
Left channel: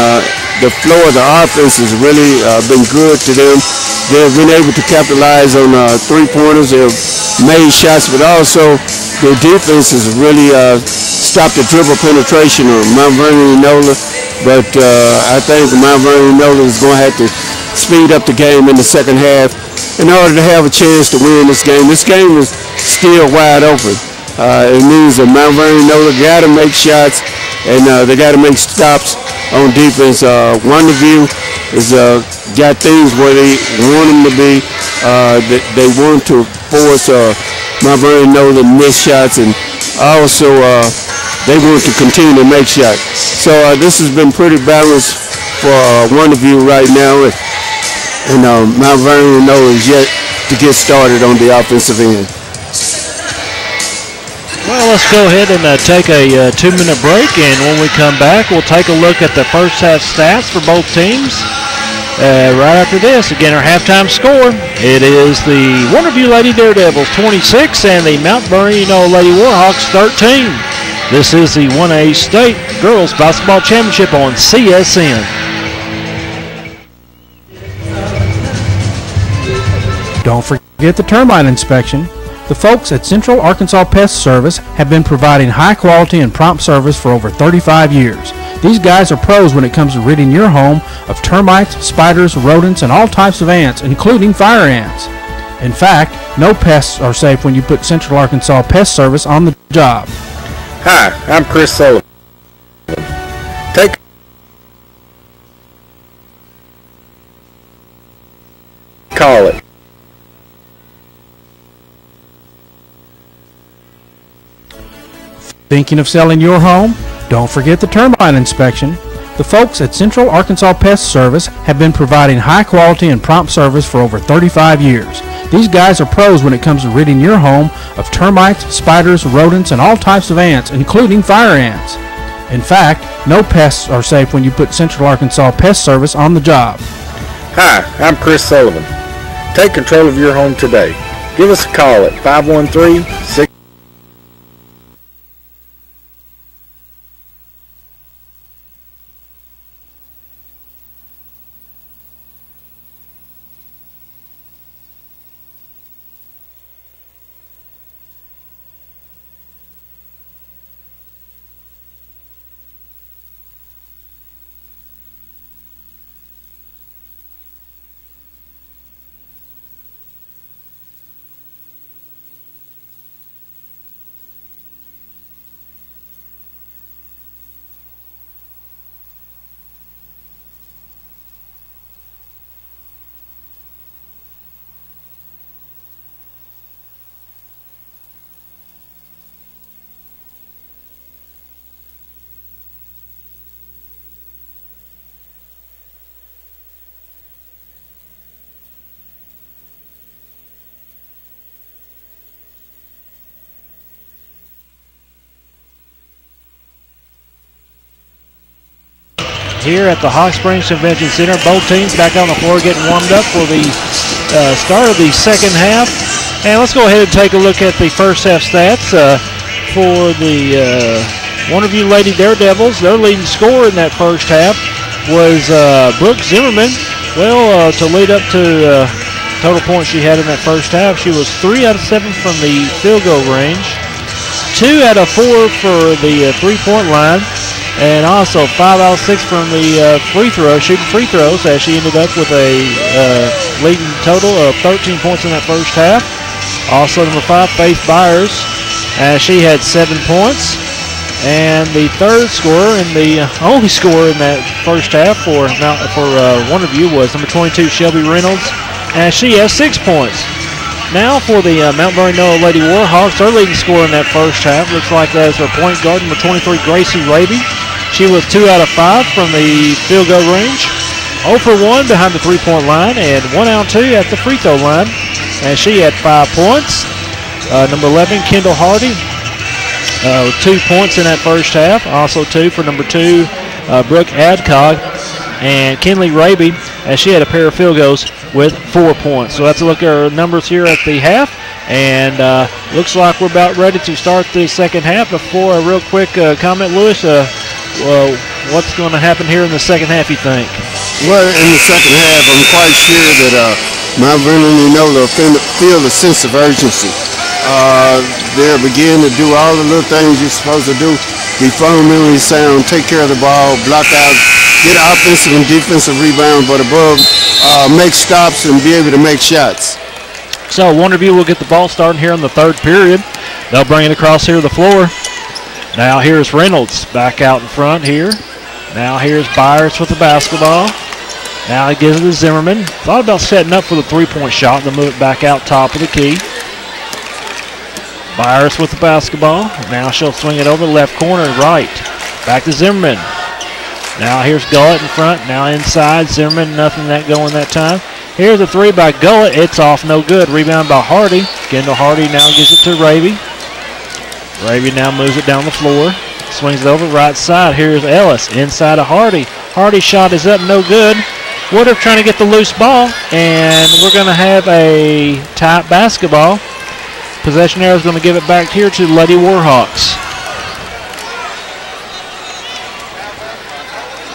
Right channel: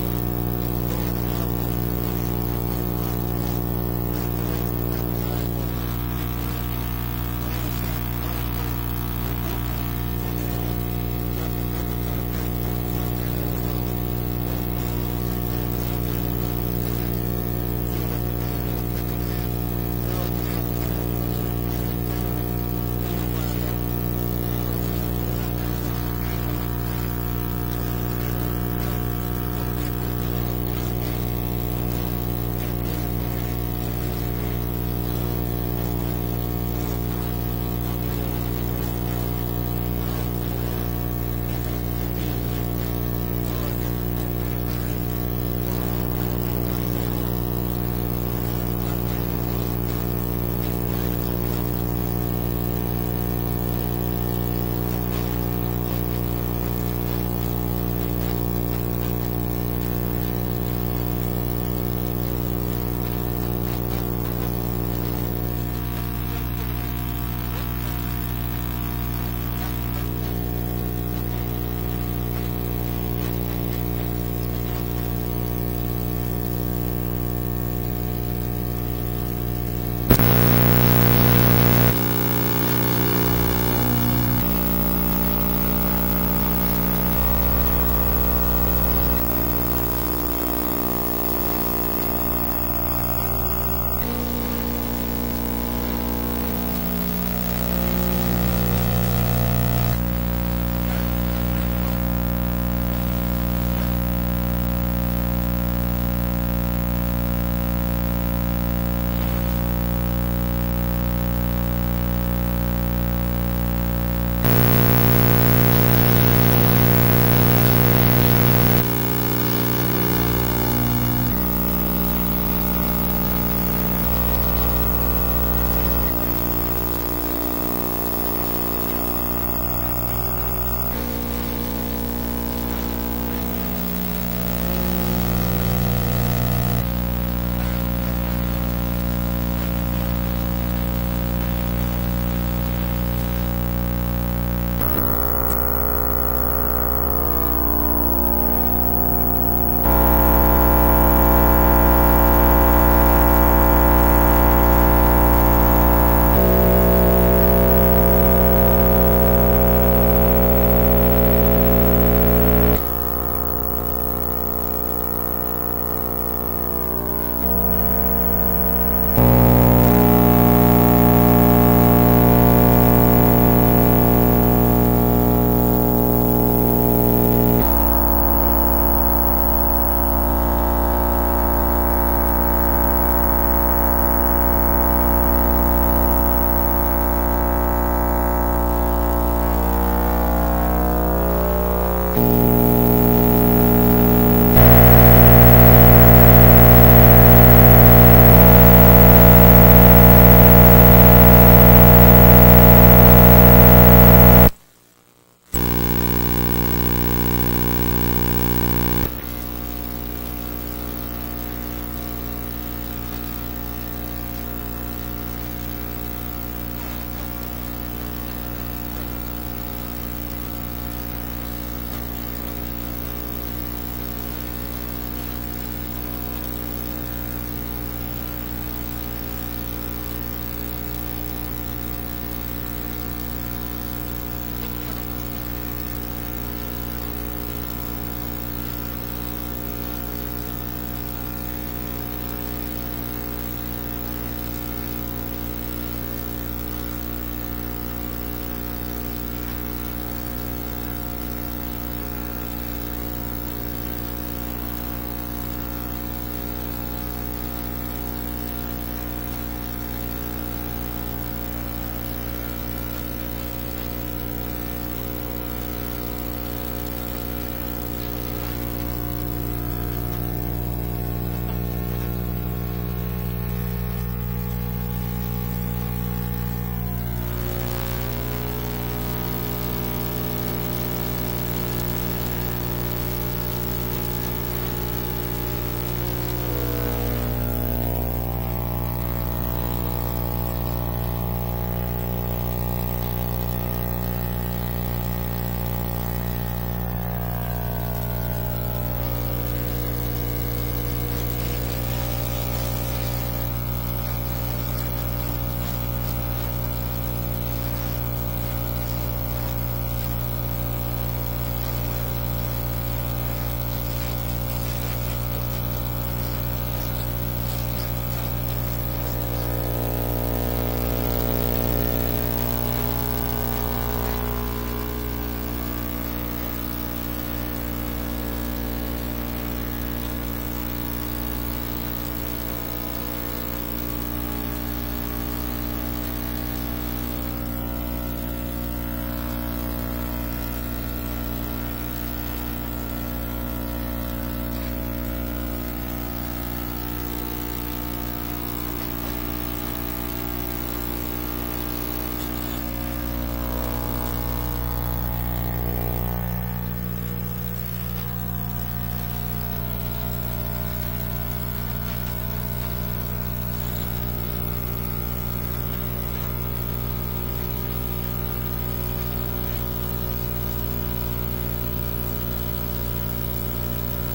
the flow of the offense has really been good to them. They've been able to capitalize on three-pointers. They've made shots, but also their defense has really stopped the dribble penetration of Mount Vernon-Enola. But I think Mount Vernon-Enola is going to have to speed up the game in the second half in order to have a chance to win this game. This game is still wide open. It means that Mount Vernon-Enola got to make shots, and they got to make stops on defense. Wonderview has got things where they want them to be. They want to force Mount Vernon-Enola to miss shots, and also they want to continue to make shots. So this has been pretty balanced for Wonderview right now, and Mount Vernon-Enola is yet to get started on the offensive end. Well, let's go ahead and take a 2-minute break, and when we come back, we'll take a look at the first half stats for both teams. Right after this, again, our halftime score, it is the Wonderview Lady Daredevils 26 and the Mount Vernon-Enola Lady Warhawks 13. This is the 1A State Girls Basketball Championship on CSN. Don't forget the termite inspection. The folks at Central Arkansas Pest Service have been providing high quality and prompt service for over 35 years. These guys are pros when it comes to ridding your home of termites, spiders, rodents, and all types of ants, including fire ants. In fact, no pests are safe when you put Central Arkansas Pest Service on the job. Hi, I'm Chris Sullivan. Call it. Thinking of selling your home? Don't forget the termite inspection. The folks at Central Arkansas Pest Service have been providing high quality and prompt service for over 35 years. These guys are pros when it comes to ridding your home of termites, spiders, rodents, and all types of ants, including fire ants. In fact, no pests are safe when you put Central Arkansas Pest Service on the job. Hi, I'm Chris Sullivan. Take control of your home today. Give us a call at 513-6... Here at the Hot Springs Convention Center, both teams back on the floor getting warmed up for the start of the second half. And let's go ahead and take a look at the first half stats for the Wonderview Lady Daredevils. Their leading scorer in that first half was Brooke Zimmerman. Well, to lead up to total points she had in that first half, she was 3 out of 7 from the field goal range, 2 out of 4 for the three-point line, and also 5 out of 6 from the shooting free throws, as she ended up with a leading total of 13 points in that first half. Also number 5, Faith Byers, as she had 7 points. And the third scorer and the only scorer in that first half for Wonderview was number 22, Shelby Reynolds, as she has 6 points. Now for the Mount Vernon-Enola Lady Warhawks, their leading scorer in that first half looks like that is their point guard, number 23, Gracie Raby. She was 2 out of 5 from the field goal range, 0 for 1 behind the three-point line, and 1 out of 2 at the free throw line, and she had 5 points. Number 11, Kendall Hardy, 2 points in that first half. Also 2 for number 2, Brooke Adcock, and Kinley Raby, as she had a pair of field goals with 4 points. So let's look at our numbers here at the half. And looks like we're about ready to start the second half. Before a real quick comment, Lewis, what's going to happen here in the second half, you think? Well, in the second half, I'm quite sure that Mount Vernon-Enola will feel a sense of urgency. They'll begin to do all the little things you're supposed to do. Be fundamentally sound, take care of the ball, block out, get offensive and defensive rebounds, but above, make stops and be able to make shots. So Wonderview will get the ball starting here in the third period. They'll bring it across here to the floor. Now here's Reynolds back out in front here. Now here's Byers with the basketball. Now he gives it to Zimmerman. Thought about setting up for the three-point shot, then move it back out top of the key. Byers with the basketball. Now she'll swing it over left corner right. Back to Zimmerman. Now here's Gullett in front. Now inside. Zimmerman, nothing that going that time. Here's a three by Gullett. It's off, no good. Rebound by Hardy. Kendall Hardy now gives it to Raby. Raby now moves it down the floor. Swings it over right side. Here's Ellis inside of Hardy. Hardy's shot is up, no good. Woodruff trying to get the loose ball, and we're going to have a tight basketball. Possession arrow is going to give it back here to Lady Warhawks.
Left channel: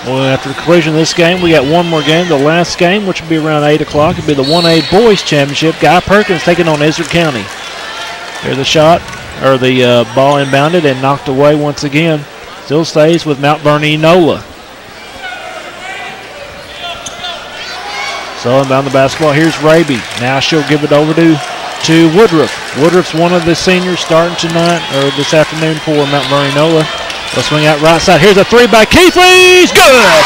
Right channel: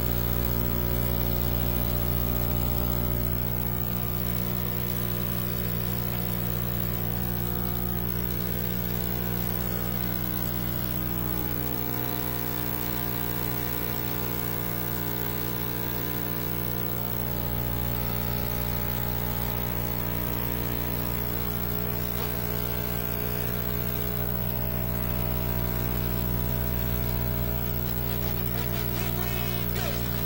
Well, after the conclusion of this game, we got one more game. The last game, which will be around 8 o'clock, will be the 1A Boys Championship. Guy Perkins taking on Izard County. Here's the shot, or the ball inbounded and knocked away once again. Still stays with Mount Vernon-Enola. So inbound the basketball. Here's Raby. Now she'll give it over to Woodruff. Woodruff's one of the seniors starting tonight, or this afternoon for Mount Vernon-Enola. They'll swing out right side. Here's a three by Keithley. Good!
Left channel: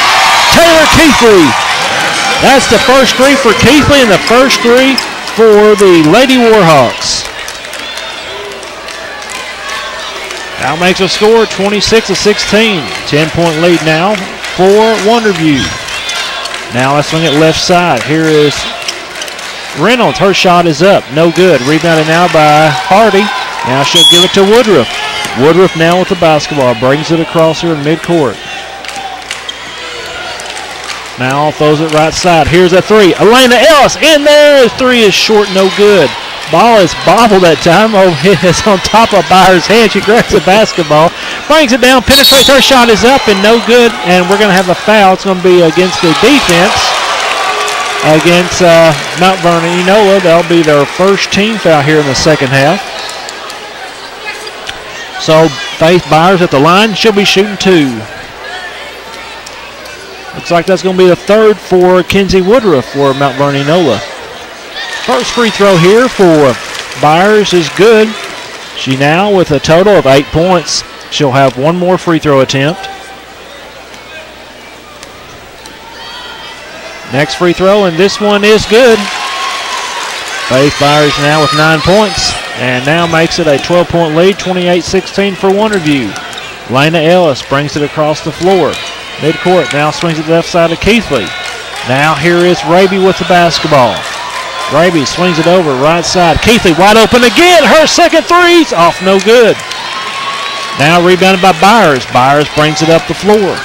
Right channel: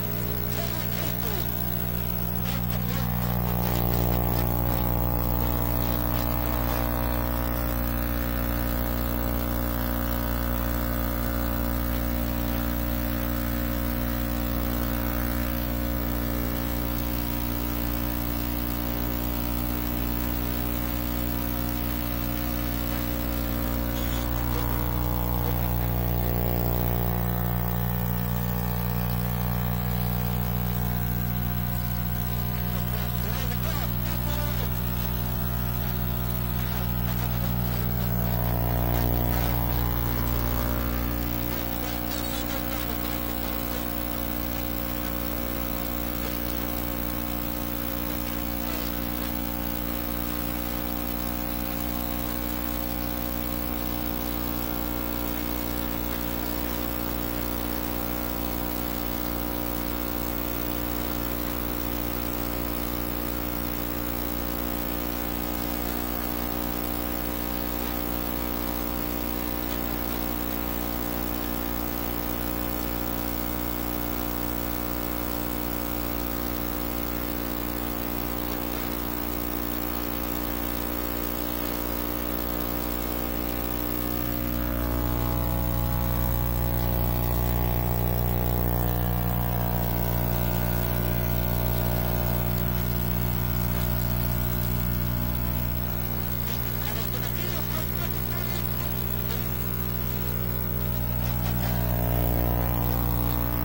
Taylor Keithley. That's the first three for Keithley and the first three for the Lady Warhawks. Now makes a score 26-16. 10-point lead now for Wonderview. Now let's swing it left side. Here is Reynolds. Her shot is up. No good. Rebounded now by Hardy. Now she'll give it to Woodruff. Woodruff now with the basketball. Brings it across here in midcourt. Now throws it right side. Here's a three. Elena Ellis in there. Three is short. No good. Ball is bobbled that time. Oh, it's on top of Byers' head. She grabs the basketball. Brings it down. Penetrates. Her shot is up and no good. And we're going to have a foul. It's going to be against the defense. Against Mount Vernon-Enola. That'll be their first team foul here in the second half. So Faith Byers at the line. She'll be shooting two. Looks like that's going to be the third for Kenzie Woodruff for Mount Vernon-Enola. First free throw here for Byers is good. She now with a total of 8 points. She'll have one more free throw attempt. Next free throw, and this one is good. Faith Byers now with 9 points, and now makes it a 12-point lead, 28-16 for Wonderview. Lena Ellis brings it across the floor. Midcourt now swings it left side of Keithley. Now here is Raby with the basketball. Raby swings it over right side. Keithley wide open again. Her second three's off, no good. Now rebounded by Byers. Byers brings it up the floor.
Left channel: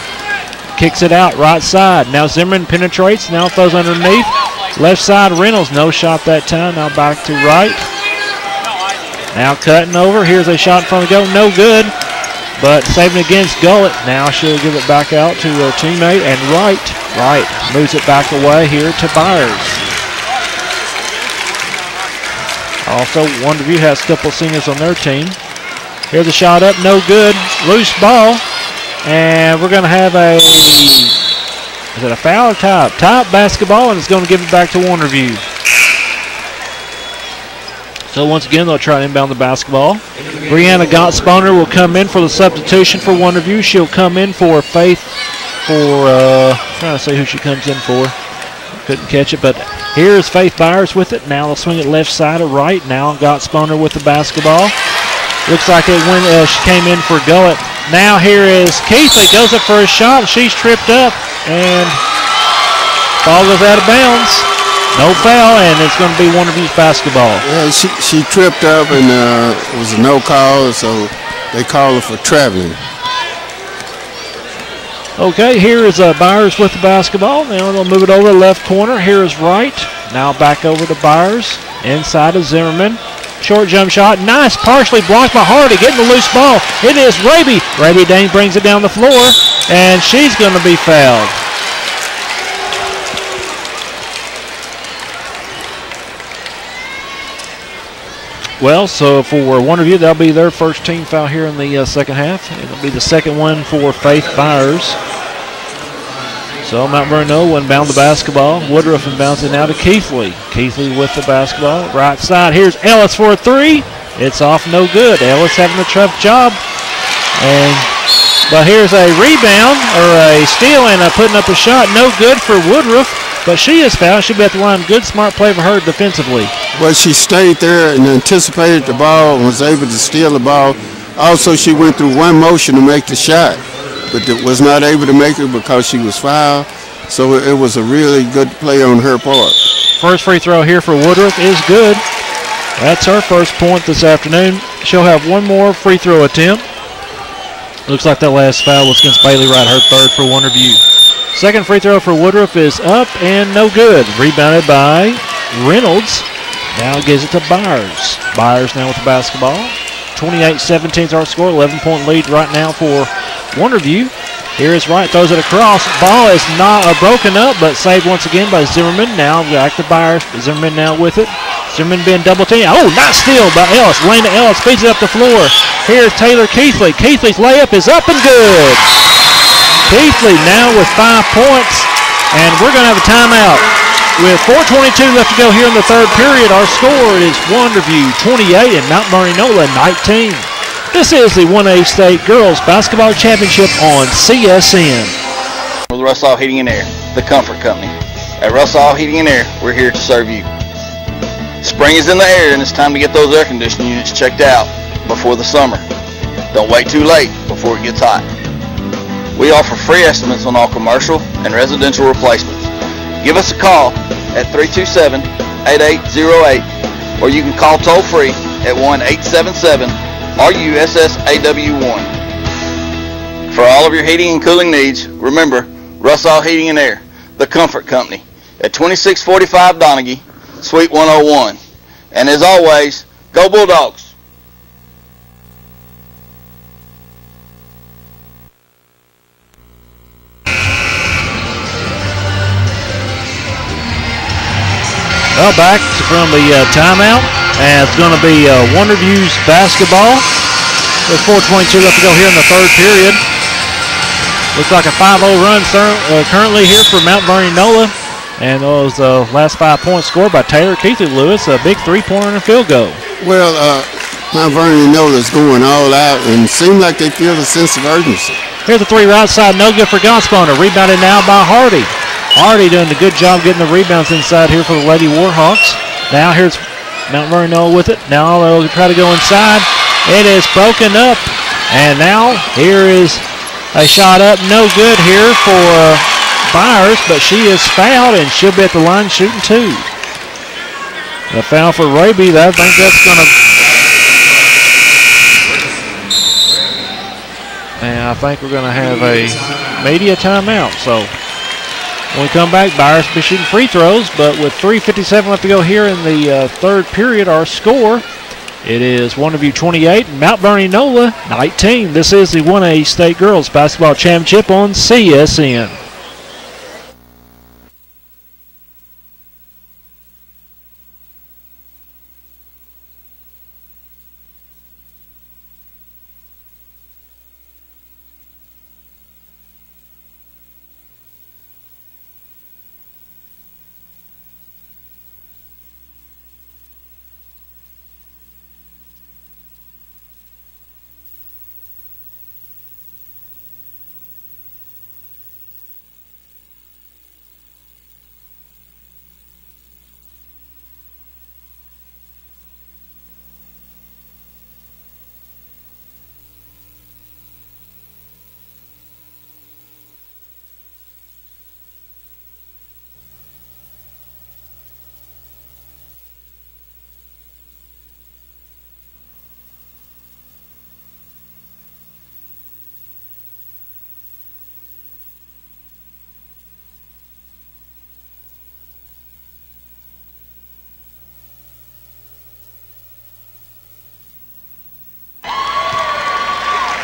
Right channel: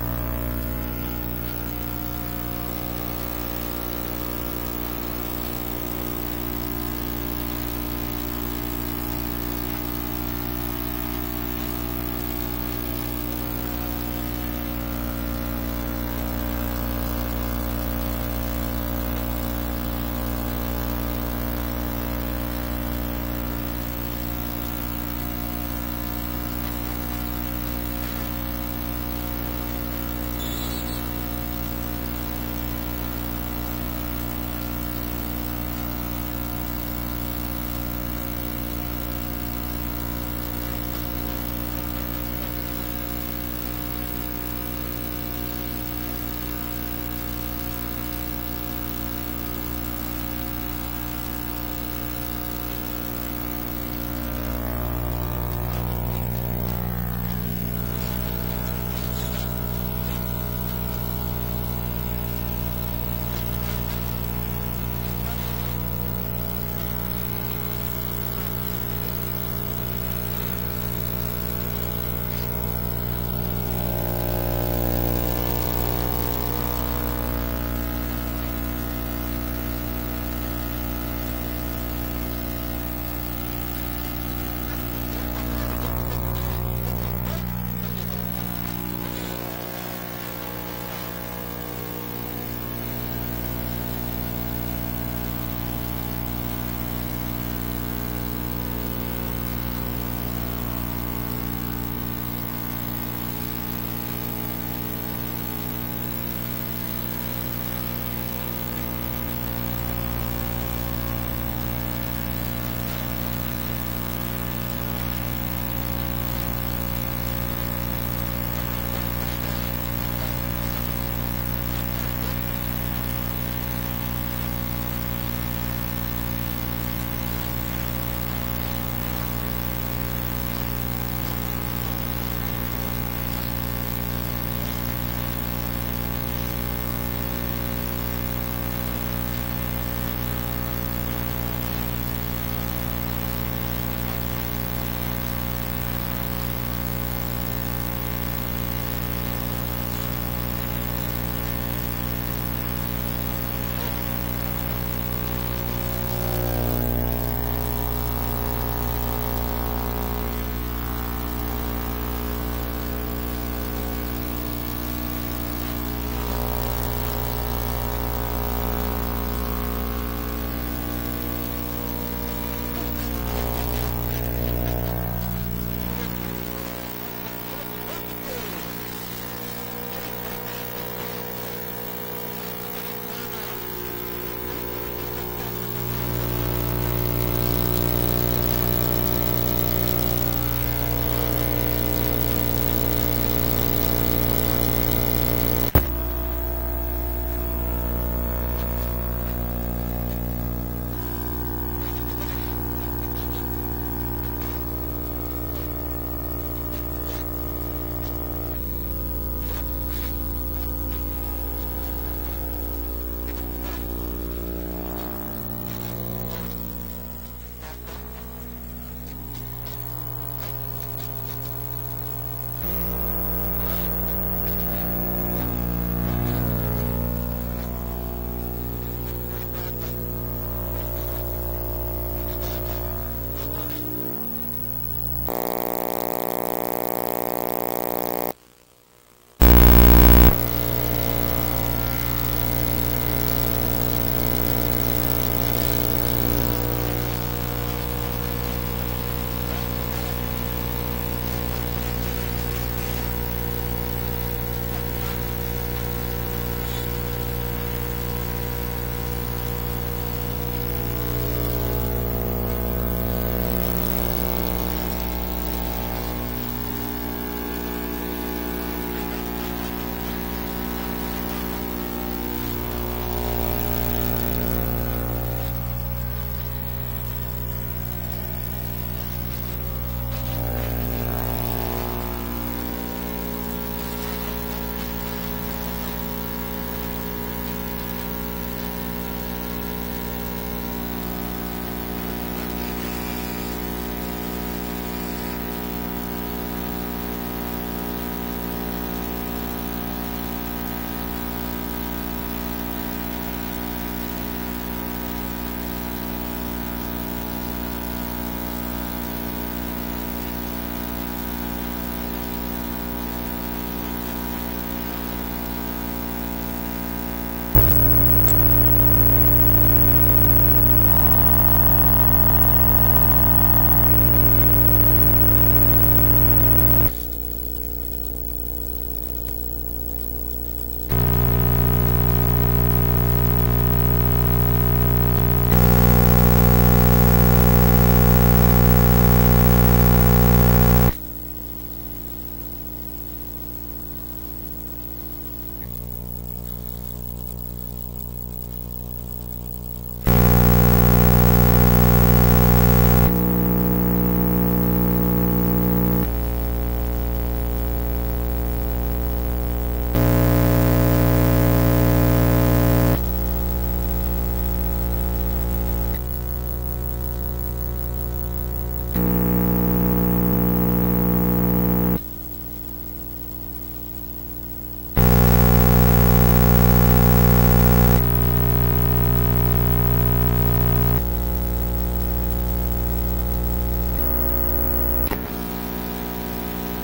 Kicks it out right side. Now Zimmerman penetrates. Now throws underneath. Left side Reynolds. No shot that time. Now back to right. Now cutting over. Here's a shot from the goal. No good. But saving against Gullett. Now she'll give it back out to her teammate. And Wright moves it back away here to Byers. Also, Wonderview has a couple seniors on their team. Here's a shot up, no good. Loose ball. And we're going to have is it a foul or tie? Tie basketball, and it's going to give it back to Wonderview. So once again, they'll try to inbound the basketball. Brianna Gottsponer will come in for the substitution for Wonderview. She'll come in for Faith trying to see who she comes in for. Couldn't catch it, but here's Faith Byers with it. Now they'll swing it left side or right. Now Gottsponer with the basketball. Looks like it when she came in for Gullett. Now here is Keithley. Goes up for a shot. She's tripped up, and ball goes out of bounds. No foul, and it's going to be Wonderview's basketball. Yeah, she tripped up, and it was a no call, so they called her for traveling. Okay, here is Byers with the basketball. Now they'll move it over to the left corner. Here is Wright. Now back over to Byers. Inside of Zimmerman. Short jump shot. Nice, partially blocked by Hardy. Getting the loose ball. It is Raby. Raby Dane brings it down the floor, and she's going to be fouled. Well, so for Wonderview, that'll be their first team foul here in the second half. It'll be the second one for Faith Byers. So Mount Vernon inbound the basketball. Woodruff inbounds it now to Keithley. Keithley with the basketball. Right side, here's Ellis for a three. It's off, no good. Ellis having a tough job. But here's a rebound, or a steal, and putting up a shot. No good for Woodruff. But she is fouled. She'll be at the line. Good, smart play for her defensively. Well, she stayed there and anticipated the ball and was able to steal the ball. Also, she went through one motion to make the shot, but was not able to make it because she was fouled. So it was a really good play on her part. First free throw here for Woodruff is good. That's her first point this afternoon. She'll have one more free throw attempt. Looks like that last foul was against Bailey Wright, her third for Wonderview. Second free throw for Woodruff is up and no good. Rebounded by Reynolds. Now gives it to Byers. Byers now with the basketball. 28-17 is our score. 11-point lead right now for Wonderview. Here is Wright, throws it across. Ball is not broken up, but saved once again by Zimmerman. Now back to Byers. Zimmerman now with it. Zimmerman being double teamed. Oh, nice steal by Ellis. Lane to Ellis, feeds it up the floor. Here's Taylor Keithley. Keithley's layup is up and good. Keithley now with 5 points, and we're going to have a timeout. With 4:22 left to go here in the third period, our score is Wonderview 28 and Mount Vernon-Enola 19. This is the 1A State Girls Basketball Championship on CSN. With Russell Heating and Air, the comfort company. At Russell Heating and Air, we're here to serve you. Spring is in the air and it's time to get those air conditioning units checked out before the summer. Don't wait too late before it gets hot. We offer free estimates on all commercial and residential replacements. Give us a call at 327-8808 or you can call toll free at 1-877-RUSSAW1. For all of your heating and cooling needs, remember Russell Heating and Air, the comfort company, at 2645 Donaghy, Suite 101. And as always, go Bulldogs! Well, back from the timeout, and it's going to be Wonderview's basketball. With 4:22 left to go here in the third period. Looks like a 5-0 run currently here for Mount Vernon-Enola. And those last 5 points scored by Taylor Keithley Lewis, a big three-pointer and a field goal. Well, Mount Vernon-Enola is going all out, and it seems like they feel a sense of urgency. Here's the three right side, no good for Gonspawner. Rebounded now by Hardy. Hardy doing a good job getting the rebounds inside here for the Lady Warhawks. Now here's Mount Vernon-Enola with it. Now they'll try to go inside. It is broken up. And now here is a shot up. No good here for Byers, but she is fouled and she'll be at the line shooting two. A foul for Raby. I think that's going to... And I think we're going to have a media timeout. So when we come back, Byers will be shooting free throws, but with 3:57 left to go here in the third period, our score, it is Wonderview 28, Mount Vernon-Enola 19. This is the 1A State Girls Basketball Championship on CSN.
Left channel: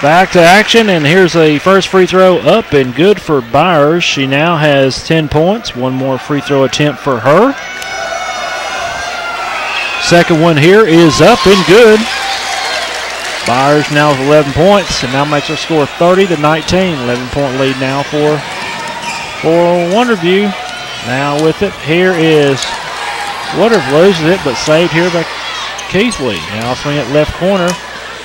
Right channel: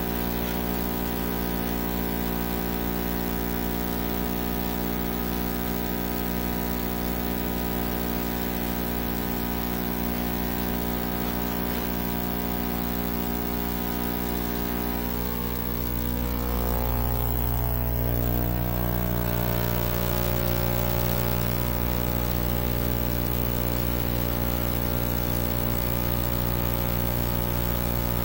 Back to action, and here's a first free throw up and good for Byers. She now has 10 points. One more free throw attempt for her. Second one here is up and good. Byers now with 11 points, and now makes her score 30-19. 11-point lead now for Wonderview. Now with it, here is Woodruff loses it, but saved here by Keithley. Now swing it left corner.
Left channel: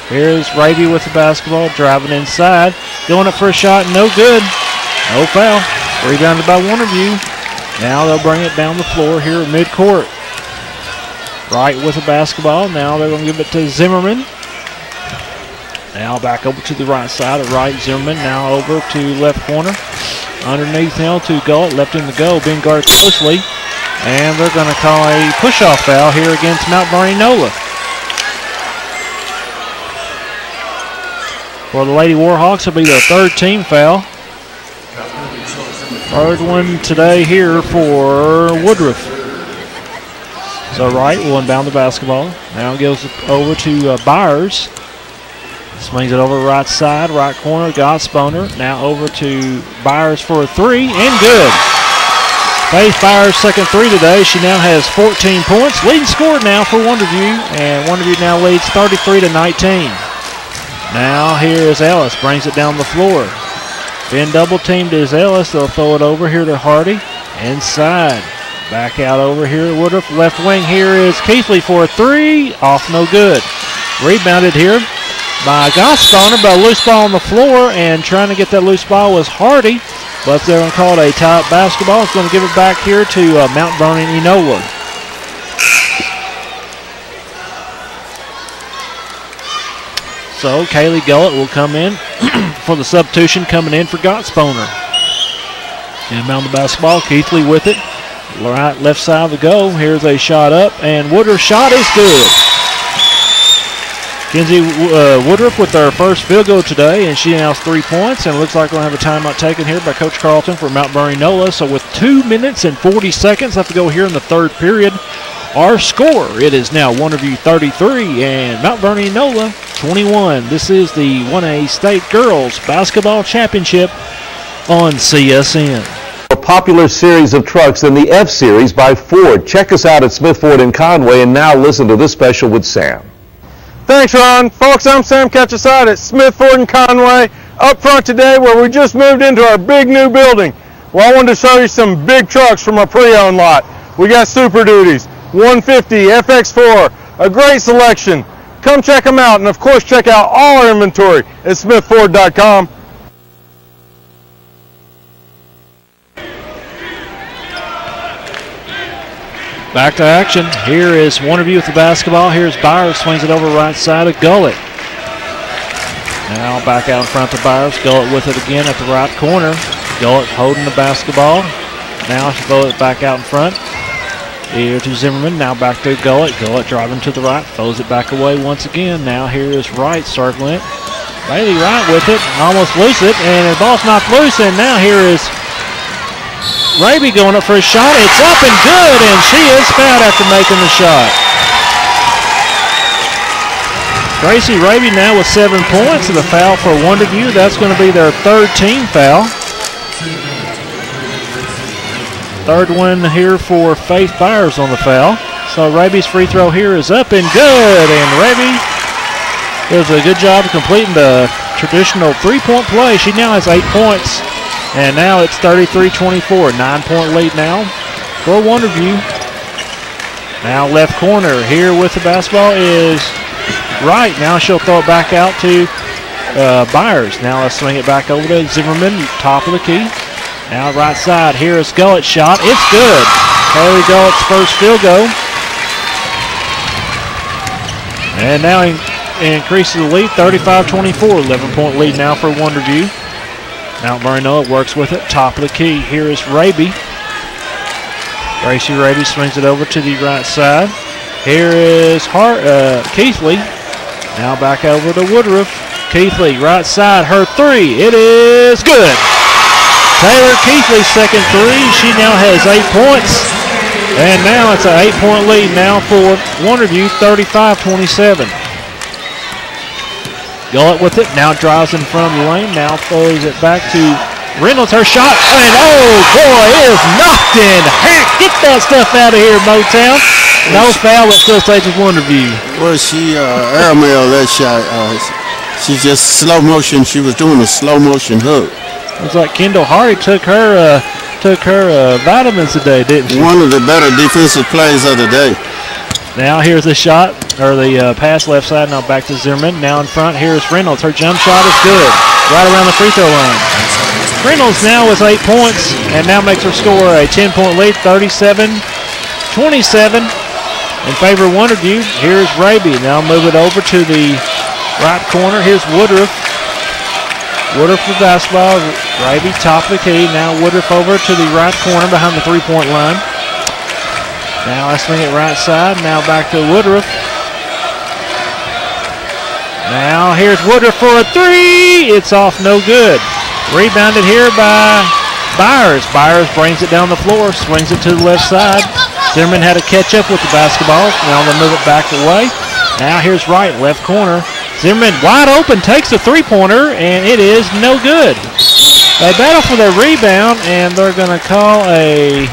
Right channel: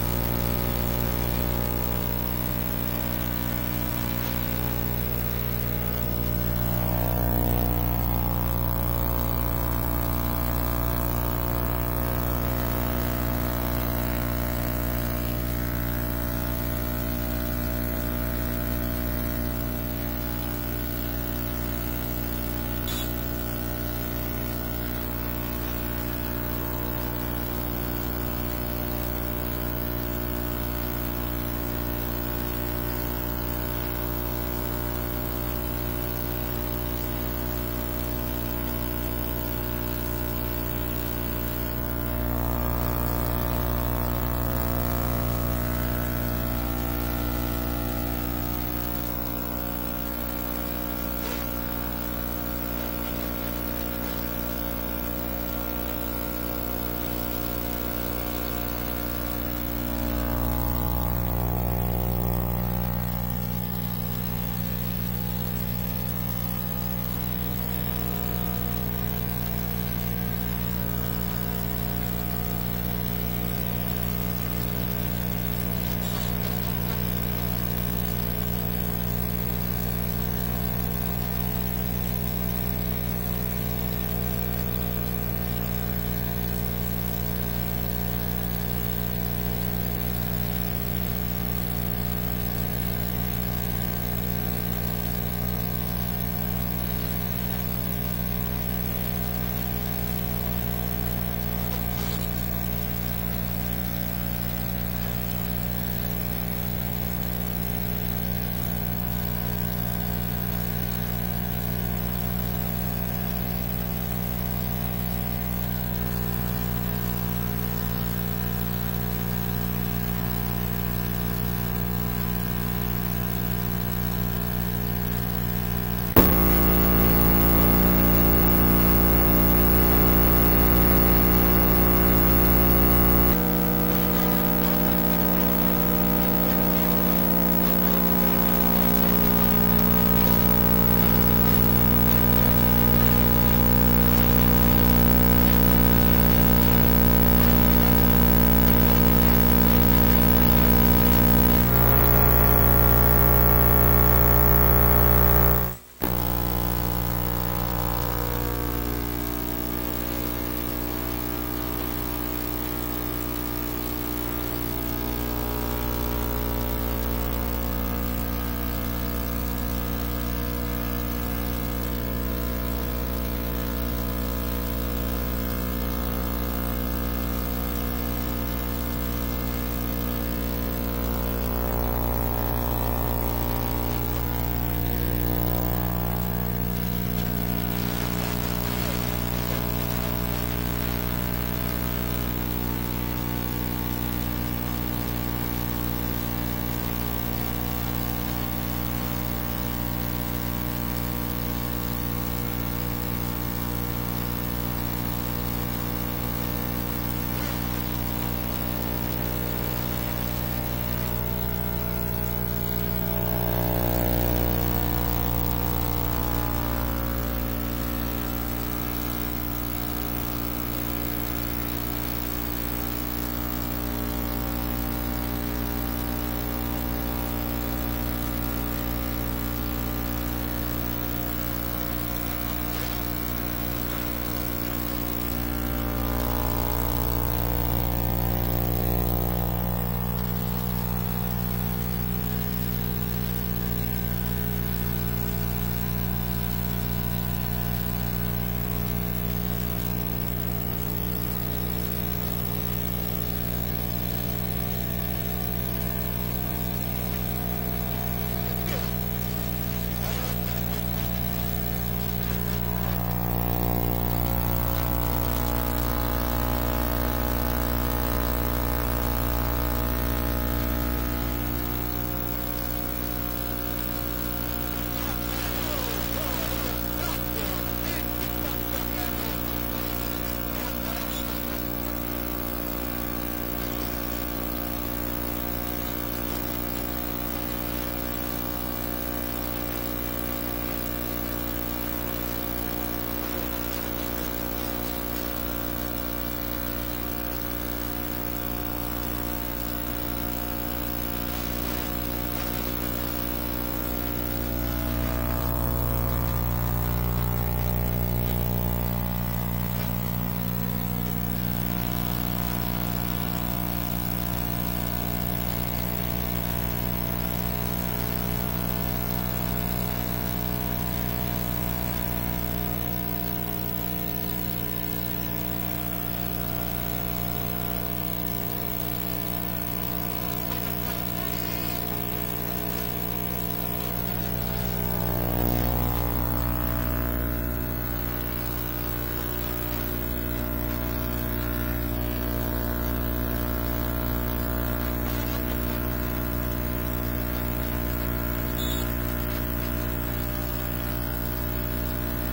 Here's Raby with the basketball, driving inside, going up for a shot, no good. No foul. Rebounded by Wonderview. Now they'll bring it down the floor here at midcourt. Wright with the basketball. Now they're going to give it to Zimmerman. Now back over to the right side of Wright. Zimmerman now over to left corner. Underneath now to Galt, left in the go, being guarded closely. And they're going to call a push-off foul here against Mount Vernon-Enola. For the Lady Warhawks, it'll be their third team foul. Third one today here for Woodruff. So Wright will inbound the basketball. Now goes over to Byers. Swings it over right side, right corner, Gottspooner. Now over to Byers for a three, and good. Faith Byers' second three today. She now has 14 points. Leading scorer now for Wonderview, and Wonderview now leads 33-19. Now here is Ellis, brings it down the floor. Been double teamed is Ellis. They'll throw it over here to Hardy. Inside. Back out over here at Woodruff. Left wing here is Keithley for a three. Off, no good. Rebounded here by Gottspooner, but a loose ball on the floor, and trying to get that loose ball was Hardy, but they're going to call it a tie-up basketball. It's going to give it back here to Mount Vernon-Enola. So Kaylee Gullett will come in for the substitution, coming in for Gottspooner. Inbound the basketball, Keithley with it. Right, left side of the goal. Here's a shot up, and Woodruff's shot is good. Kenzie Woodruff with our first field goal today, and she now has 3 points, and it looks like we're going to have a timeout taken here by Coach Carlton for Mount Vernon-Enola. So with 2 minutes and 40 seconds left to go here in the third period, our score, it is now Wonderview 33 and Mount Vernon-Enola 21. This is the 1A State Girls Basketball Championship on CSN. A popular series of trucks in the F-Series by Ford. Check us out at Smith Ford in Conway, and now listen to this special with Sam. Thanks, Ron. Folks, I'm Sam Ketcheside at Smith Ford in Conway, up front today where we just moved into our big new building. Well, I wanted to show you some big trucks from our pre-owned lot. We got Super Duties, 150, FX4, a great selection. Come check them out, and of course check out all our inventory at smithford.com. Back to action. Here is Wonderview with the basketball. Here's Byers, swings it over right side of Gullett. Now back out in front to Byers. Gullett with it again at the right corner. Gullett holding the basketball. Now she throws it back out in front. Here to Zimmerman. Now back to Gullett. Gullett driving to the right. Throws it back away once again. Now here is Wright circling it. Bailey Wright with it. Almost loose it. And the ball's knocked loose. And now here is Raby going up for a shot. It's up and good, and she is fouled after making the shot. Gracie Raby now with 7 points, and the foul for Wonderview. That's going to be their third team foul. Third one here for Faith Byers on the foul. So Raby's free throw here is up and good, and Raby does a good job of completing the traditional three-point play. She now has 8 points. And now it's 33-24, 9-point lead now for Wonderview. Now left corner here with the basketball is Wright. Now she'll throw it back out to Byers. Now let's swing it back over to Zimmerman, top of the key. Now right side, here is Gullett's shot. It's good. Haley Gullett's first field goal. And now he increases the lead, 35-24, 11-point lead now for Wonderview. Mount Vernon-Enola works with it, top of the key. Here is Raby. Gracie Raby swings it over to the right side. Here is Keithley. Now back over to Woodruff. Keithley, right side, her three. It is good. Taylor Keithley's second three. She now has 8 points. And now it's an 8-point lead now for Wonderview, 35-27. Gullett with it, now drives in front of the lane, now throws it back to Reynolds, her shot, and oh boy, it is knocked in. Get that stuff out of here, Motown. No foul, it still stays with Wonderview. Well, she airmailed that shot. She just slow motion, she was doing a slow motion hook. Looks like Kendall Hardy took her vitamins today, didn't she? One of the better defensive plays of the day. Now here's the shot, or the pass left side, now back to Zimmerman. Now in front, here's Reynolds. Her jump shot is good, right around the free throw line. Reynolds now with 8 points, and now makes her score a 10-point lead, 37-27 in favor of Wonderview. Here's Raby. Now move it over to the right corner. Here's Woodruff. Woodruff with basketball. Raby top of the key. Now Woodruff over to the right corner behind the three-point line. Now I swing it right side. Now back to Woodruff. Now here's Woodruff for a three. It's off, no good. Rebounded here by Byers. Byers brings it down the floor, swings it to the left side. Zimmerman had to catch up with the basketball. Now they move it back away. Now here's Wright, left corner. Zimmerman wide open, takes the three-pointer, and it is no good. They battle for their rebound, and they're going to call a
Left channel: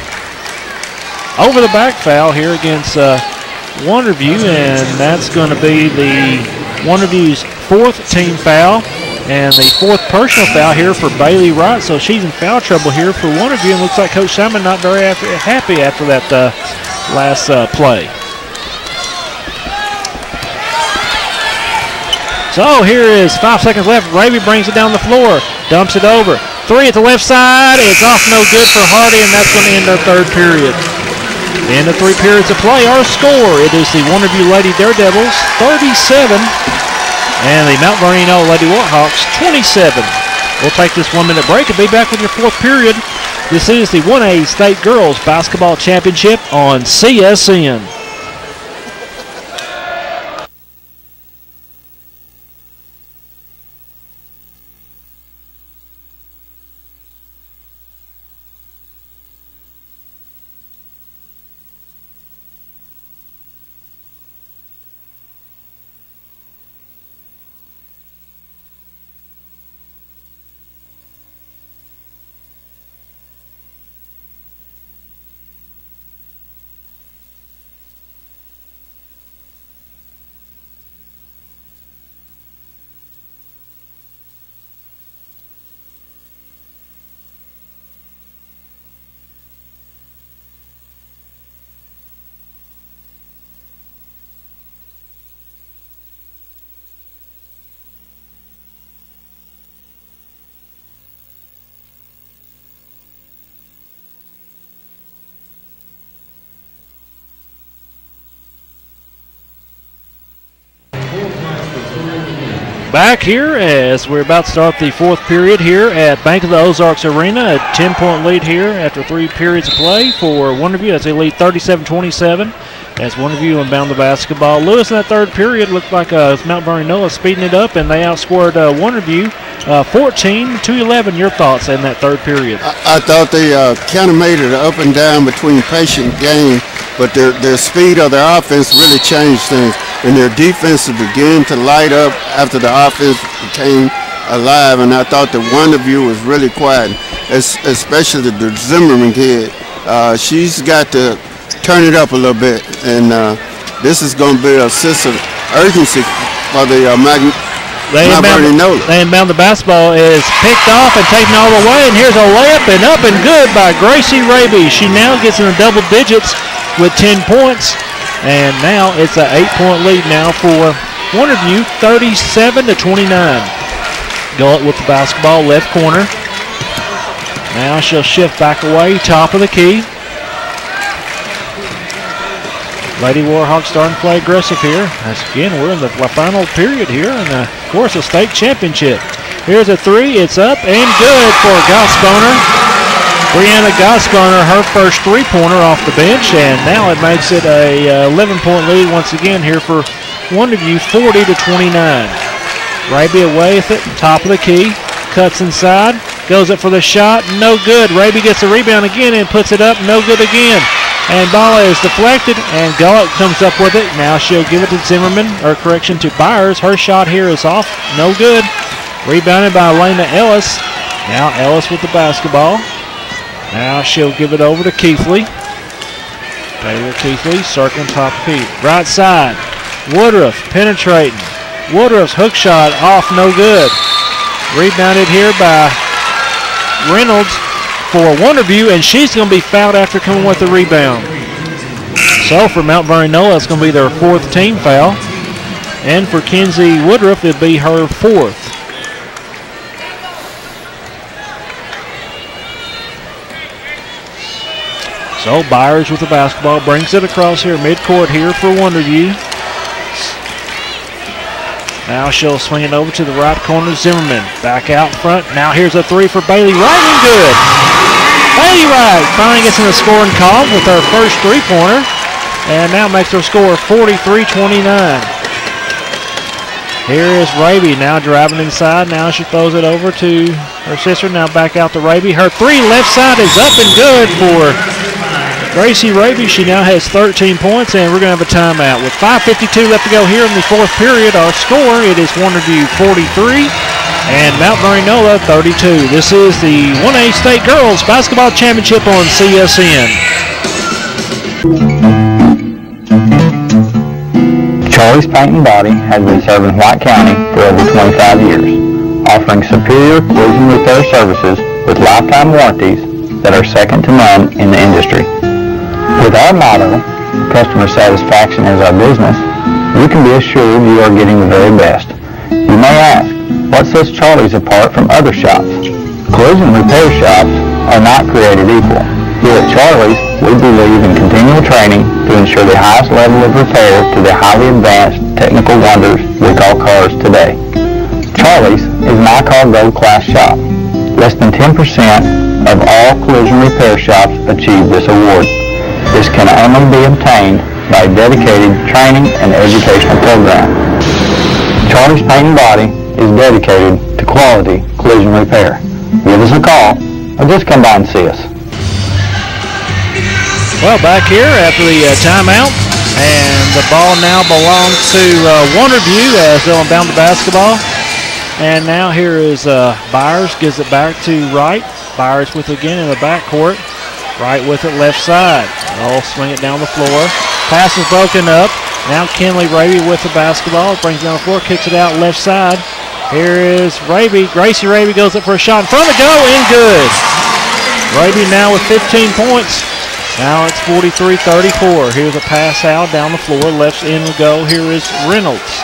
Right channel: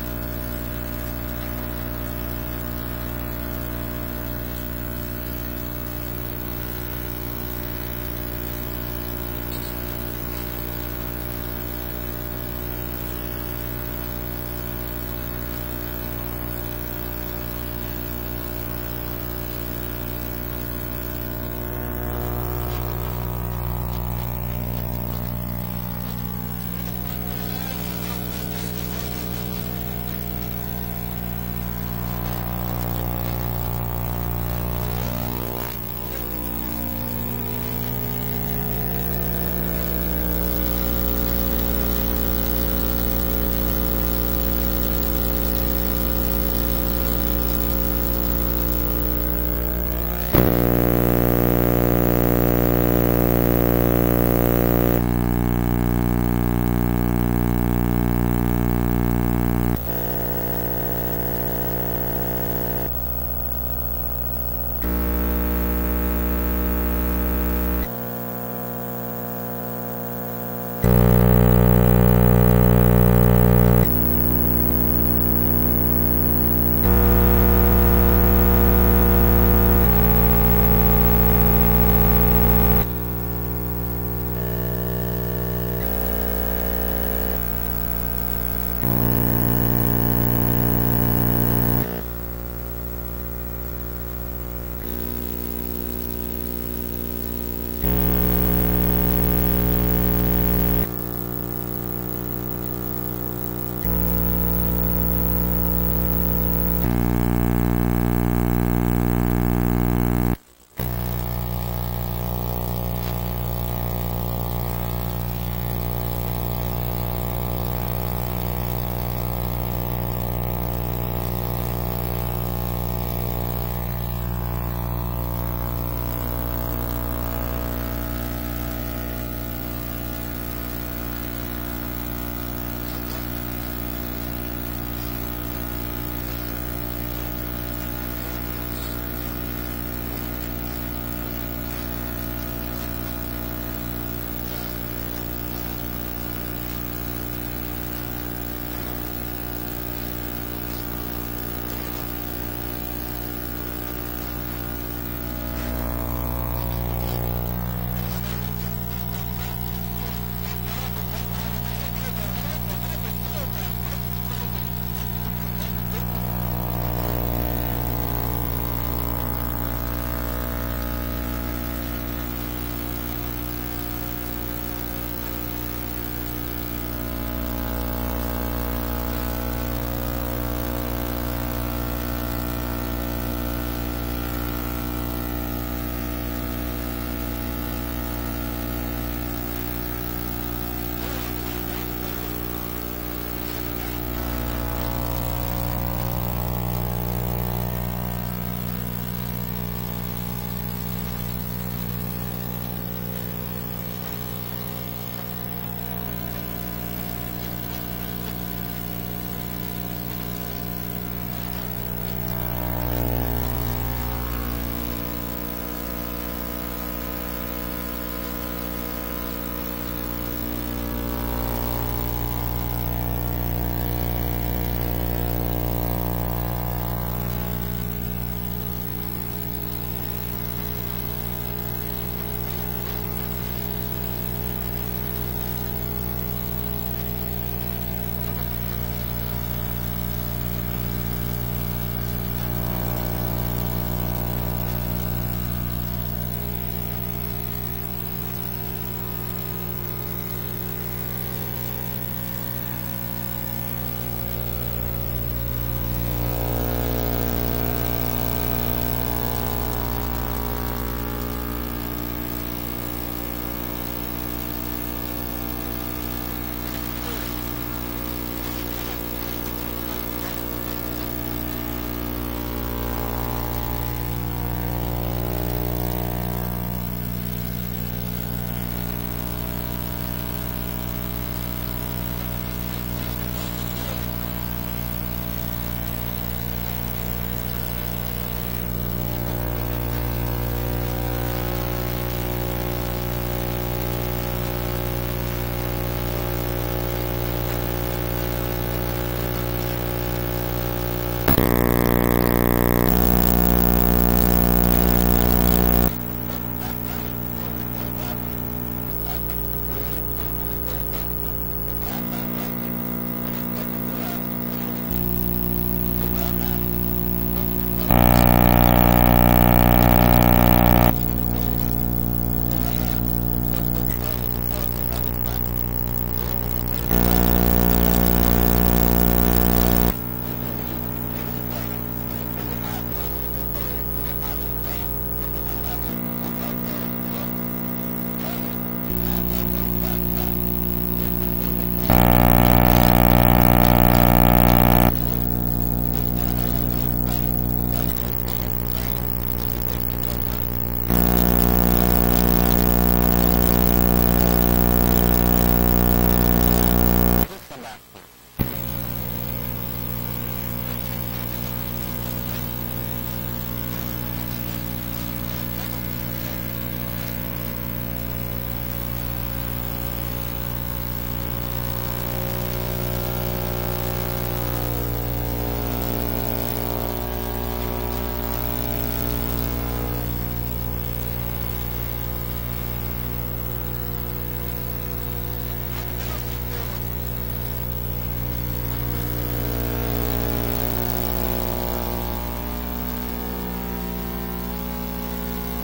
over-the-back foul here against Wonderview, and that's going to be the Wonderview's fourth team foul and the fourth personal foul here for Bailey Wright. So she's in foul trouble here for Wonderview, and looks like Coach Simon not very happy after that last play. So here is 5 seconds left. Raby brings it down the floor, dumps it over. Three at the left side. It's off no good for Hardy, and that's going to end our third period. End of 3 periods of play. Our score, it is the Wonderview Lady Daredevils 37 and the Mount Vernon-Enola Lady Warhawks 27. We'll take this 1 minute break and be back with your fourth period. This is the 1A State Girls Basketball Championship on CSN. Back here as we're about to start the fourth period here at Bank of the Ozarks Arena. A 10-point lead here after 3 periods of play for Wonderview as they lead 37-27 as Wonderview inbound the basketball. Lewis in that third period looked like Mount Vernon-Enola speeding it up, and they outscored Wonderview 14-11. Your thoughts in that third period? I thought they kind of made it up and down between patient game, but their speed of their offense really changed things. And their defense began to light up after the offense became alive. And I thought the Wonderview was really quiet, especially the Zimmerman kid. She's got to turn it up a little bit. And this is going to be a sense of urgency for the They inbound the basketball is picked off and taken all the way. And here's a layup and up and good by Gracie Raby. She now gets in the double digits with 10 points. And now it's an 8-point lead now for Wonderview, 37-29. Gullett with the basketball, left corner. Now she'll shift back away, top of the key. Lady Warhawks starting to play aggressive here. As again, we're in the final period here, and of course a state championship. Here's a three, it's up and good for Gossboner. Brianna Gossboner, her first three-pointer off the bench, and now it makes it a 11-point lead once again here for Wonderview, 40-29. Raby away with it, top of the key, cuts inside, goes up for the shot, no good. Raby gets the rebound again and puts it up, no good again. And ball is deflected, and Gullett comes up with it. Now she'll give it to Zimmerman, or correction, to Byers. Her shot here is off, no good. Rebounded by Elena Ellis. Now Ellis with the basketball. Now she'll give it over to Keithley. Taylor Keithley circling top key. Right side. Woodruff penetrating. Woodruff's hook shot off, no good. Rebounded here by Reynolds for Wonderview, and she's going to be fouled after coming with the rebound. So for Mount Vernon-Enola, it's going to be their fourth team foul. And for Kenzie Woodruff, it'll be her fourth. So Byers with the basketball brings it across here, midcourt here for Wonderview. Now she'll swing it over to the right corner, Zimmerman. Back out front. Now here's a three for Bailey Wright, and good. Bailey Wright finally gets in the scoring column with her first three-pointer, and now makes her score 43-29. Here is Raby now driving inside. Now she throws it over to her sister. Now back out to Raby. Her three left side is up and good for Gracie Raby. She now has 13 points, and we're going to have a timeout. With 5:52 left to go here in the fourth period, our score, it is Wonderview 43 and Mount Vernon-Enola 32. This is the 1A State Girls Basketball Championship on CSN. Charlie's Paint and Body has been serving White County for over 25 years, offering superior collision repair services with lifetime warranties that are second to none in the industry. With our motto, customer satisfaction is our business, you can be assured you are getting the very best. You may ask, what sets Charlie's apart from other shops? Collision repair shops are not created equal. Here at Charlie's, we believe in continual training to ensure the highest level of repair to the highly advanced technical wonders we call cars today. Charlie's is an I-Car Gold Class shop. Less than 10% of all collision repair shops achieve this award. This can only be obtained by a dedicated training and educational program. Charlie's Paint and Body is dedicated to quality collision repair. Give us a call or just come by and see us. Well, back here after the timeout, and the ball now belongs to Wonderview as they'll inbound the basketball. And now here is Byers, gives it back to Wright. Byers with it again in the backcourt. Wright with it left side. They'll swing it down the floor. Pass is broken up. Now Kinley Raby with the basketball. Brings it down the floor, kicks it out left side. Here is Raby. Gracie Raby goes up for a shot in front of the goal and good. Raby now with 15 points. Now it's 43-34. Here's a pass out down the floor. Left in the go. Here is Reynolds.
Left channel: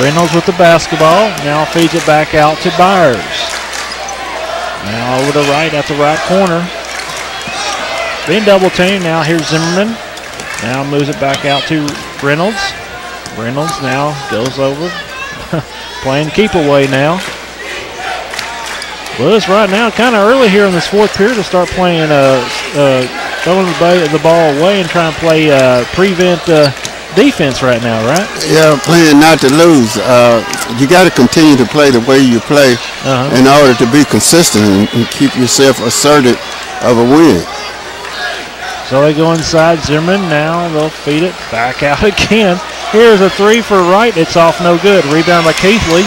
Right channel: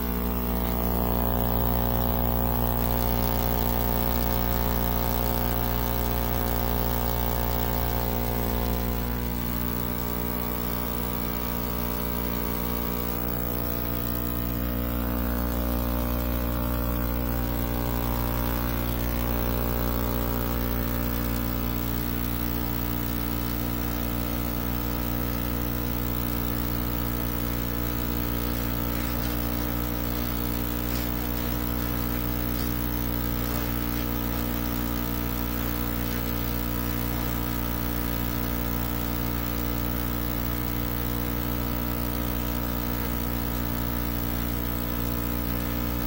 Reynolds with the basketball. Now feeds it back out to Byers. Now over to Wright at the right corner. Being double teamed. Now here's Zimmerman. Now moves it back out to Reynolds. Reynolds now goes over. Playing keep away now. Well, it's right now kind of early here in this fourth period to start playing, throwing the ball away and trying to play prevent defense right now, right? Yeah, playing not to lose. You got to continue to play the way you play in order to be consistent and keep yourself asserted of a win. So they go inside. Zimmerman now they'll feed it back out again. Here's a three for Wright. It's off no good. Rebound by Keithley.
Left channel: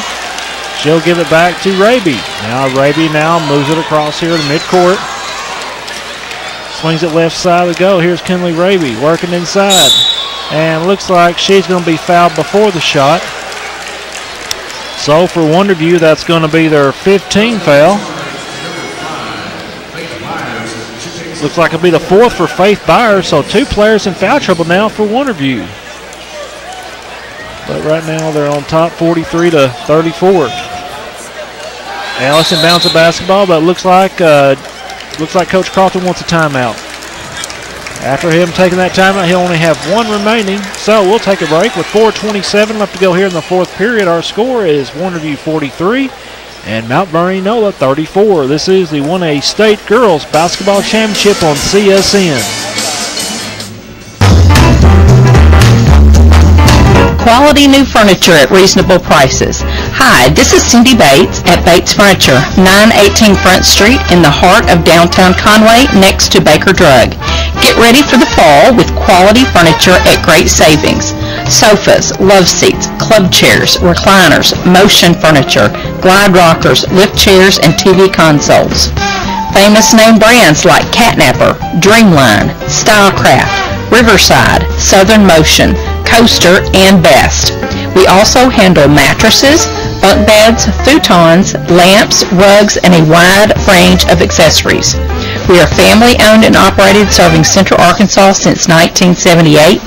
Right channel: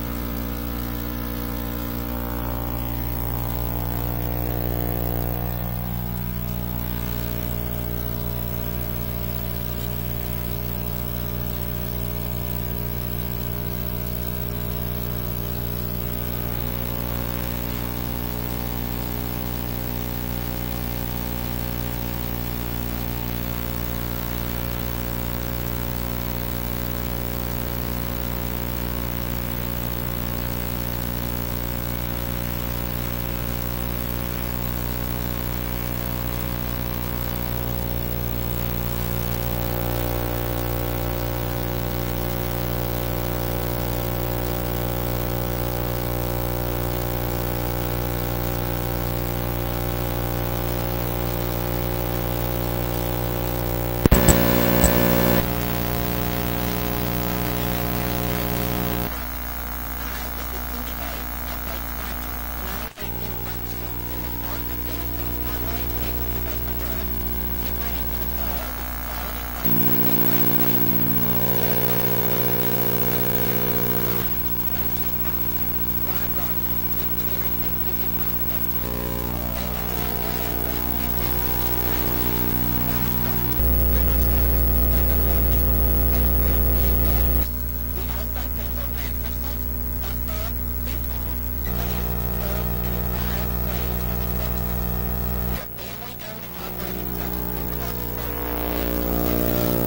She'll give it back to Raby. Now Raby now moves it across here to midcourt. Swings it left side to go. Here's Kinley Raby working inside. And looks like she's going to be fouled before the shot. So for Wonderview, that's going to be their 15th foul. Looks like it'll be the fourth for Faith Byers. So two players in foul trouble now for Wonderview. But right now they're on top 43-34. Allison bounces the basketball, but looks like Coach Carlton wants a timeout. After him taking that timeout, he'll only have one remaining. So we'll take a break with 4:27 left to go here in the fourth period. Our score is Wonderview 43 and Mount Vernon-Enola 34. This is the 1A State Girls Basketball Championship on CSN. Quality new furniture at reasonable prices. Hi, this is Cindy Bates at Bates Furniture, 918 Front Street in the heart of downtown Conway next to Baker Drug. Get ready for the fall with quality furniture at great savings. Sofas, love seats, club chairs, recliners, motion furniture, glide rockers, lift chairs, and TV consoles. Famous name brands like Catnapper, Dreamline, Stylecraft, Riverside, Southern Motion, Coaster, and Best. We also handle mattresses, bunk beds, futons, lamps, rugs, and a wide range of accessories. We are family owned and operated, serving Central Arkansas since 1978.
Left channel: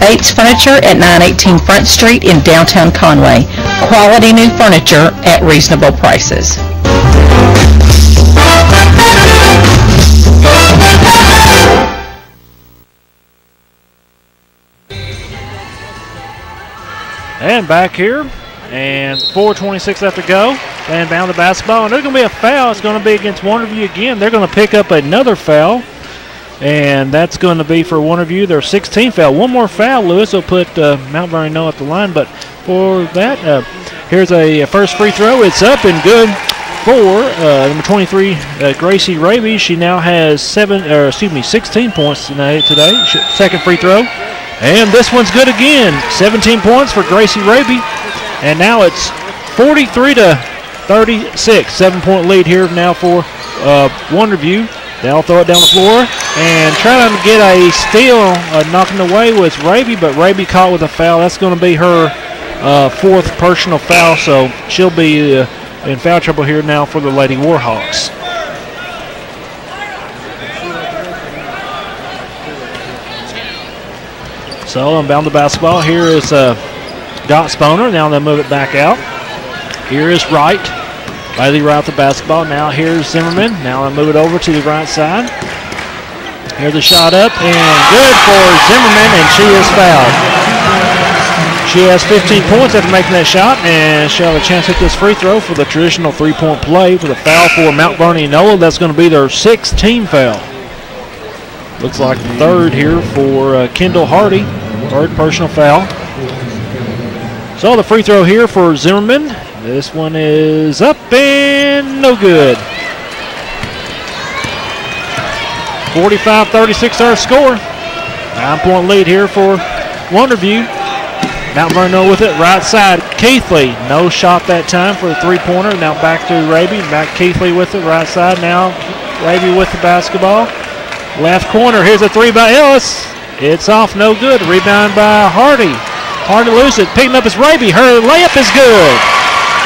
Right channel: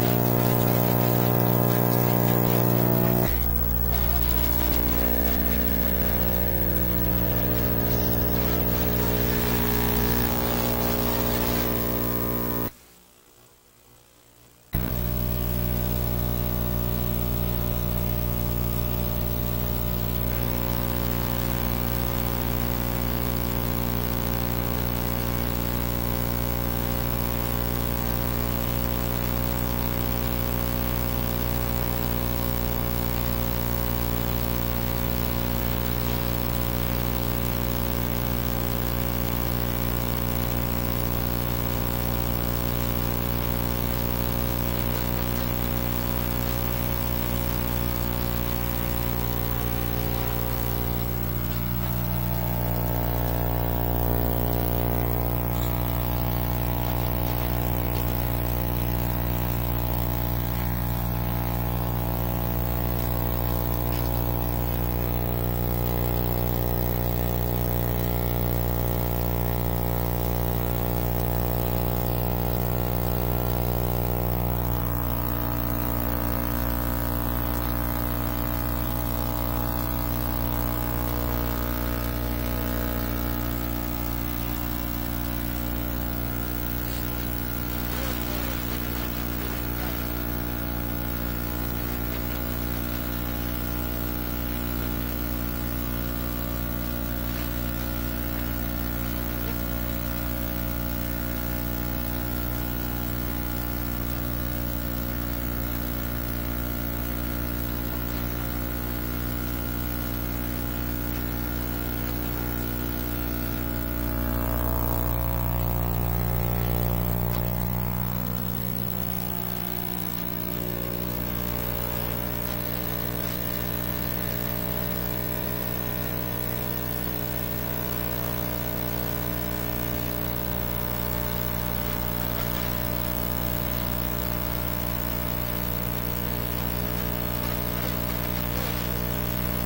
Bates Furniture at 918 Front Street in downtown Conway. Quality new furniture at reasonable prices. And back here, and 4:26 left to go. And down the basketball, and there's going to be a foul. It's going to be against Wonderview again. They're going to pick up another foul, and that's going to be for Wonderview, their 16th foul. One more foul, Lewis, will put Mount Vernon-Enola at the line, but for that. Here's a first free throw. It's up and good for number 23, Gracie Raby. She now has 16 points today. Second free throw. And this one's good again. 17 points for Gracie Raby. And now it's 43-36. 7-point lead here now for Wonderview. They'll throw it down the floor and trying to get a steal. Knocking away was Raby, but Raby caught with a foul. That's going to be her fourth personal foul, so she'll be in foul trouble here now for the Lady Warhawks. So inbound the basketball. Here is Dot Sponer. Now they'll move it back out. Here is Wright. Bailey Wright the basketball. Now here's Zimmerman. Now they'll move it over to the right side. Here's a shot up and good for Zimmerman, and she is fouled. She has 15 points after making that shot, and she'll have a chance to hit this free throw for the traditional three-point play with a foul for Mount Vernon-Enola. That's going to be their 6th team foul. Looks like the third here for Kendall Hardy, third personal foul. So the free throw here for Zimmerman. This one is up and no good. 45-36 our score. 9-point lead here for Wonderview. Mount Vernon with it, right side. Keithley, no shot that time for the three-pointer. Now back to Raby, back Keithley with it, right side. Now Raby with the basketball. Left corner, here's a three by Ellis. It's off, no good. Rebound by Hardy. Hardy loses it, picking up is Raby. Her layup is good.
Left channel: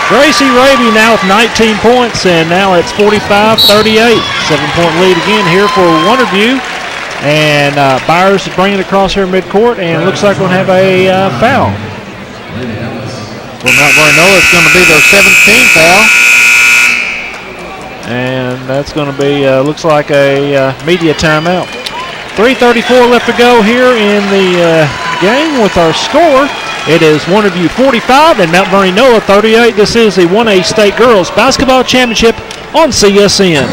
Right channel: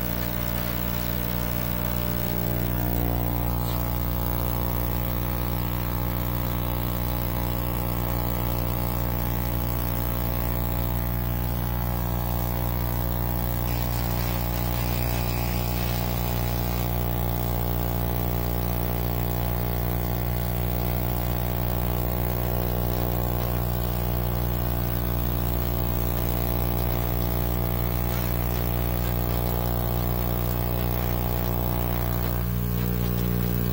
Gracie Raby now with 19 points, and now it's 45-38. 7-point lead again here for Wonderview. And Byers is bringing it across here midcourt, and looks like we're going to have a foul. For Mount Vernon-Enola, it's going to be their 7th team foul. And that's going to be, looks like a media timeout. 3:34 left to go here in the game with our score. It is Wonderview 45 and Mount Vernon-Enola 38. This is the 1A State Girls Basketball Championship on CSN.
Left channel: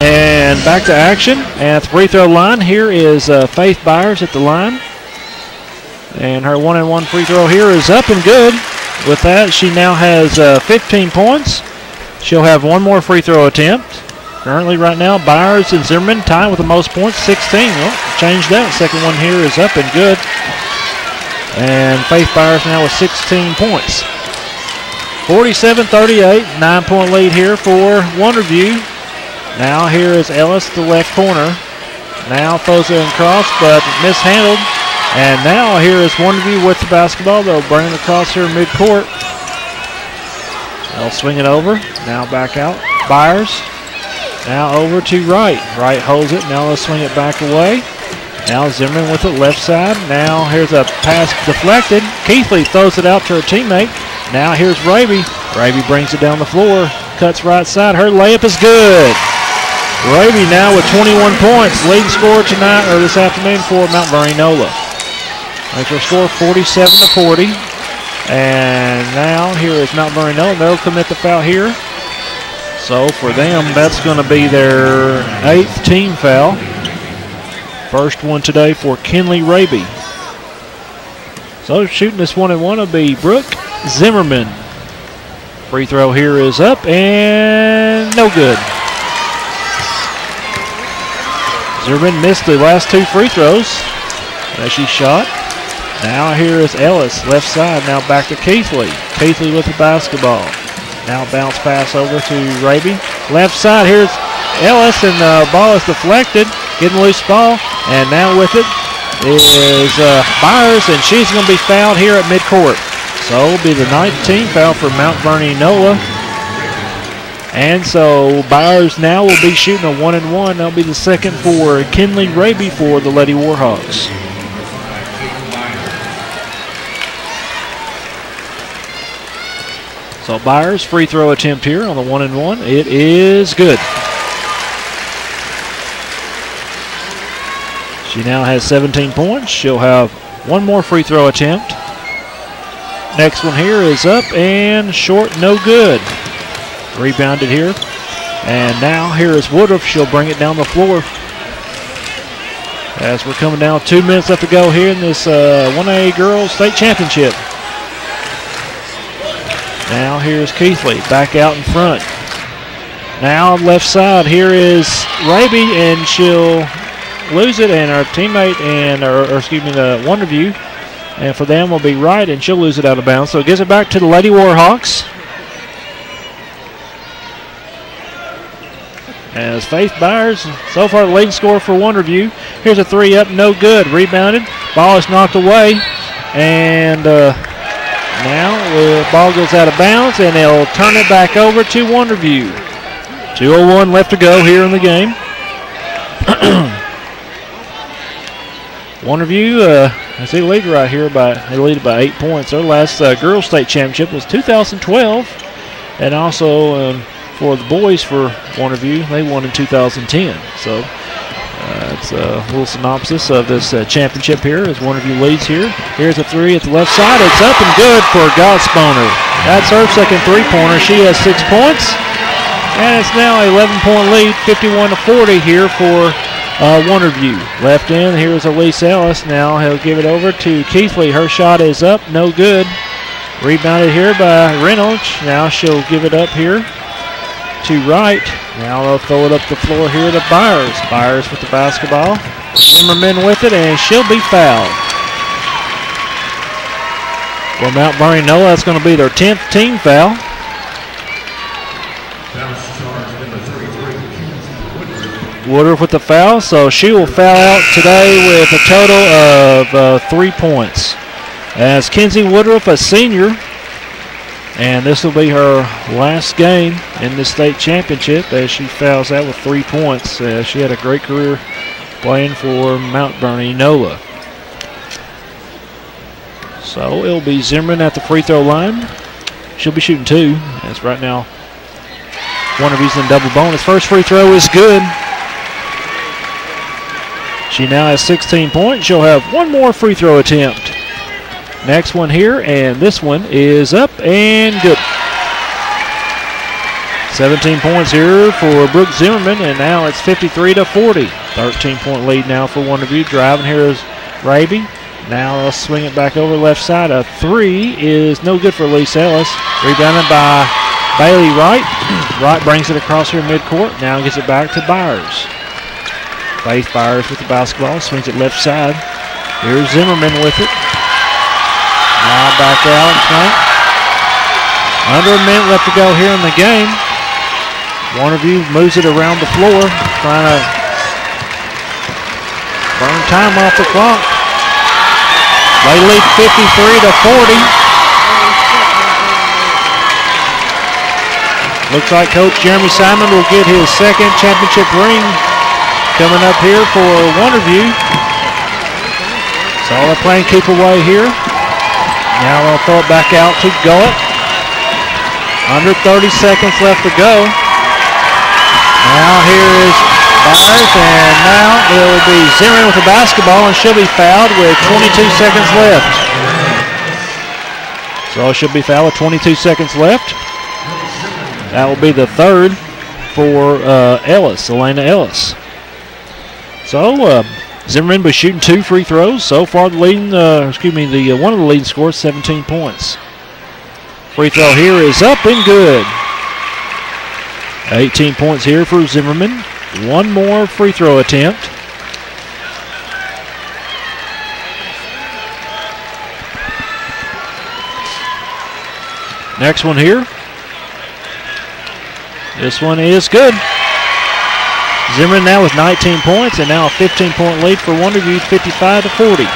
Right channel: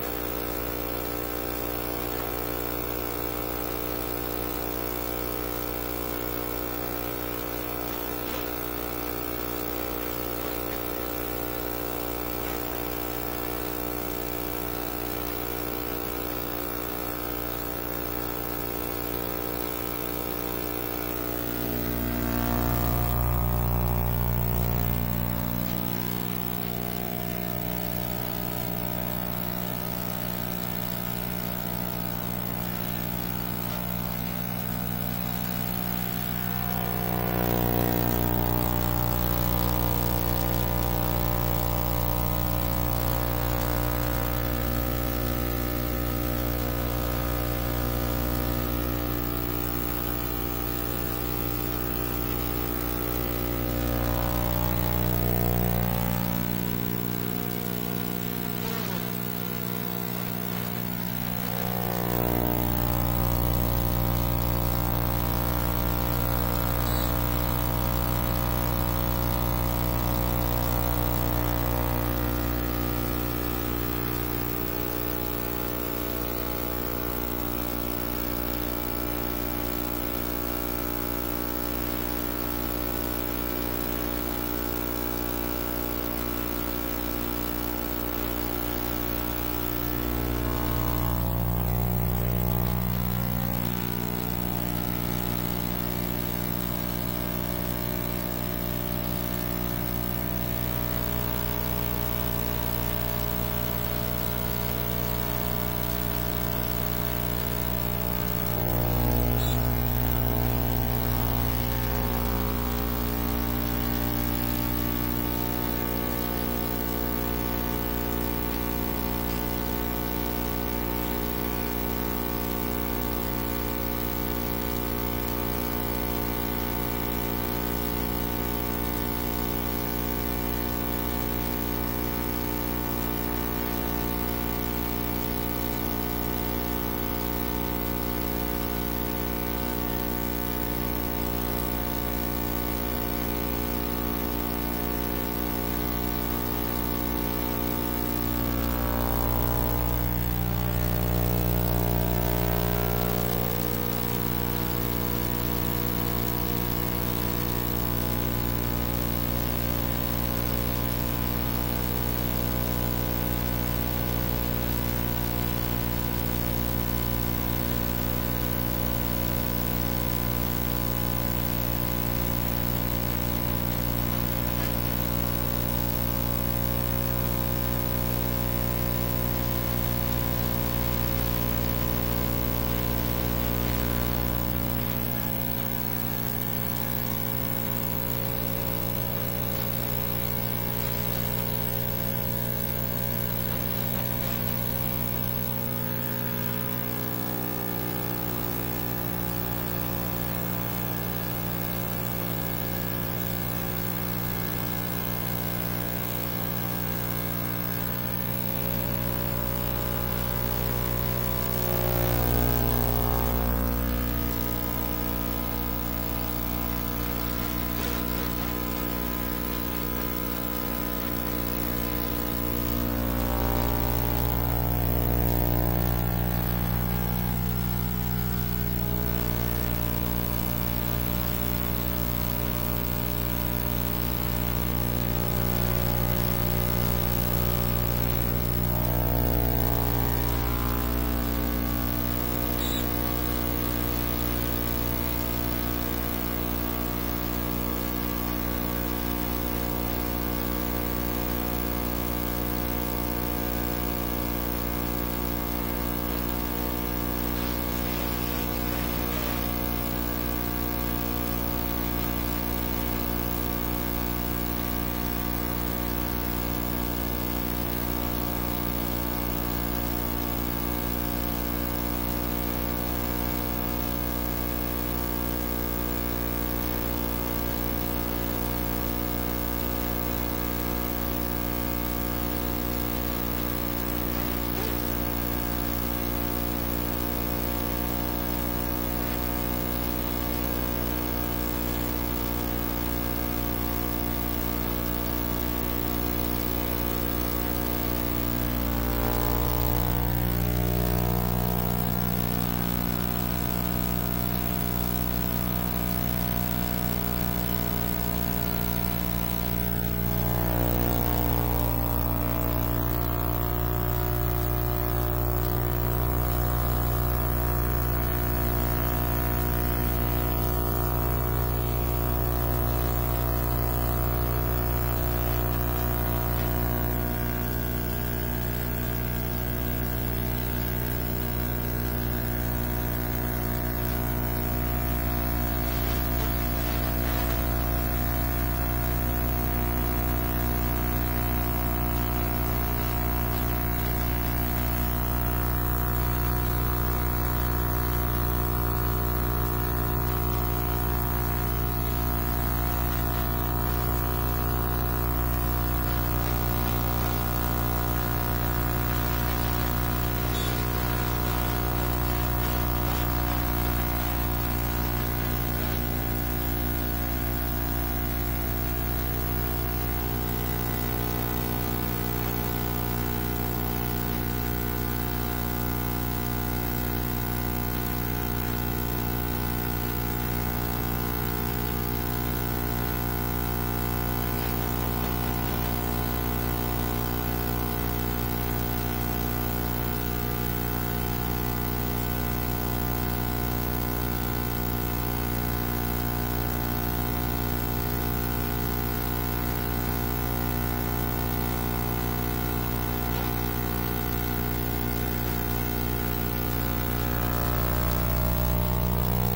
And back to action at the free throw line. Here is Faith Byers at the line. And her 1-and-1 free throw here is up and good. With that, she now has 15 points. She'll have one more free throw attempt. Currently right now, Byers and Zimmerman tied with the most points, 16. Well, change that. Second one here is up and good. And Faith Byers now with 16 points. 47-38, 9-point lead here for Wonderview. Now here is Ellis, the left corner. Now throws it across, but mishandled. And now here is Wonderview with the basketball. They'll bring it across here midcourt. They'll swing it over. Now back out. Byers. Now over to Wright. Wright holds it. Now they'll swing it back away. Now Zimmerman with it left side. Now here's a pass deflected. Keithley throws it out to her teammate. Now here's Raby. Raby brings it down the floor. Cuts right side. Her layup is good. Raby now with 21 points. Leading scorer tonight, or this afternoon, for Mount Vernon-Enola. Makes her score 47-40. And now here is Mount Vernon-Enola. They'll commit the foul here. So for them, that's going to be their 8th team foul. First one today for Kinley Raby. So shooting this 1-and-1 will be Brooke Zimmerman. Free throw here is up and no good. Zimmerman missed the last 2 free throws as she shot. Now here is Ellis, left side, now back to Keithley. Keithley with the basketball. Now bounce pass over to Raby. Left side, here's Ellis, and the ball is deflected. Getting loose ball, and now with it is Byers, and she's going to be fouled here at midcourt. So it'll be the 9th team foul for Mount Vernon-Enola. And so Byers now will be shooting a 1-and-1. That'll be the second for Kinley Raby for the Lady Warhawks. So Byers, free throw attempt here on the 1-and-1. It is good. She now has 17 points. She'll have 1 more free throw attempt. Next one here is up and short, no good. Rebounded here. And now here is Woodruff. She'll bring it down the floor. As we're coming down, 2 minutes left to go here in this 1A Girls State Championship. Now here's Keithley back out in front. Now left side, here is Raby, and she'll lose it, and our teammate and the Wonderview, and for them will be right, and she'll lose it out of bounds. So it gives it back to the Lady Warhawks. As Faith Byers, so far the leading scorer for Wonderview. Here's a 3 up, no good. Rebounded, ball is knocked away, and now the ball goes out of bounds, and they'll turn it back over to Wonderview. 2:01 left to go here in the game. Wonderview, I see lead right here they lead by 8 points. Their last girls state championship was 2012, and also for the boys for Wonderview, they won in 2010. So it's a little synopsis of this championship here as Wonderview leads here. Here's a 3 at the left side. It's up and good for Godsponer. That's her second 3-pointer. She has 6 points, and it's now an 11-point lead, 51-40 here for Wonderview. Left end, here's Elise Ellis. Now he'll give it over to Keithley. Her shot is up, no good. Rebounded here by Reynolds. Now she'll give it up here to Wright. Now they'll throw it up the floor here to Byers. Byers with the basketball. Zimmerman with it, and she'll be fouled. For Mount Vernon-Enola, that's going to be their 10th team foul. Woodruff with the foul, so she will foul out today with a total of 3 points. As Kenzie Woodruff, a senior, and this will be her last game in the state championship as she fouls out with 3 points. She had a great career playing for Mount Vernon-Enola. So it'll be Zimmerman at the free throw line. She'll be shooting 2, as right now Wonderview's in double bonus. First free throw is good. She now has 16 points. She'll have 1 more free throw attempt. Next one here, and this one is up and good. 17 points here for Brooke Zimmerman, and now it's 53-40. 13-point lead now for Wonderview. Driving here is Raby. Now they'll swing it back over left side. A 3 is no good for Elise Ellis. Rebounded by Bailey Wright. Wright brings it across here midcourt. Now gets it back to Byers. Faith Byers with the basketball. Swings it left side. Here's Zimmerman with it. Now back out in front. Under a minute left to go here in the game. Wonderview moves it around the floor, trying to burn time off the clock. They lead 53-40. Looks like Coach Jeremy Simon will get his second championship ring coming up here for Wonderview. So they're playing keep away here. Now they'll throw it back out to Gullett. Under 30 seconds left to go. Now here is Byers, and now it will be Zimmerman with the basketball, and she'll be fouled with 22 seconds left. So she'll be fouled with 22 seconds left. That will be the third for Ellis, Elena Ellis. So Zimmerman was shooting 2 free throws. So far, the leading, one of the leading scores, 17 points. Free throw here is up and good. 18 points here for Zimmerman. One more free throw attempt. Next one here. This one is good. Zimmerman now with 19 points and now a 15-point lead for Wonderview, 55-40.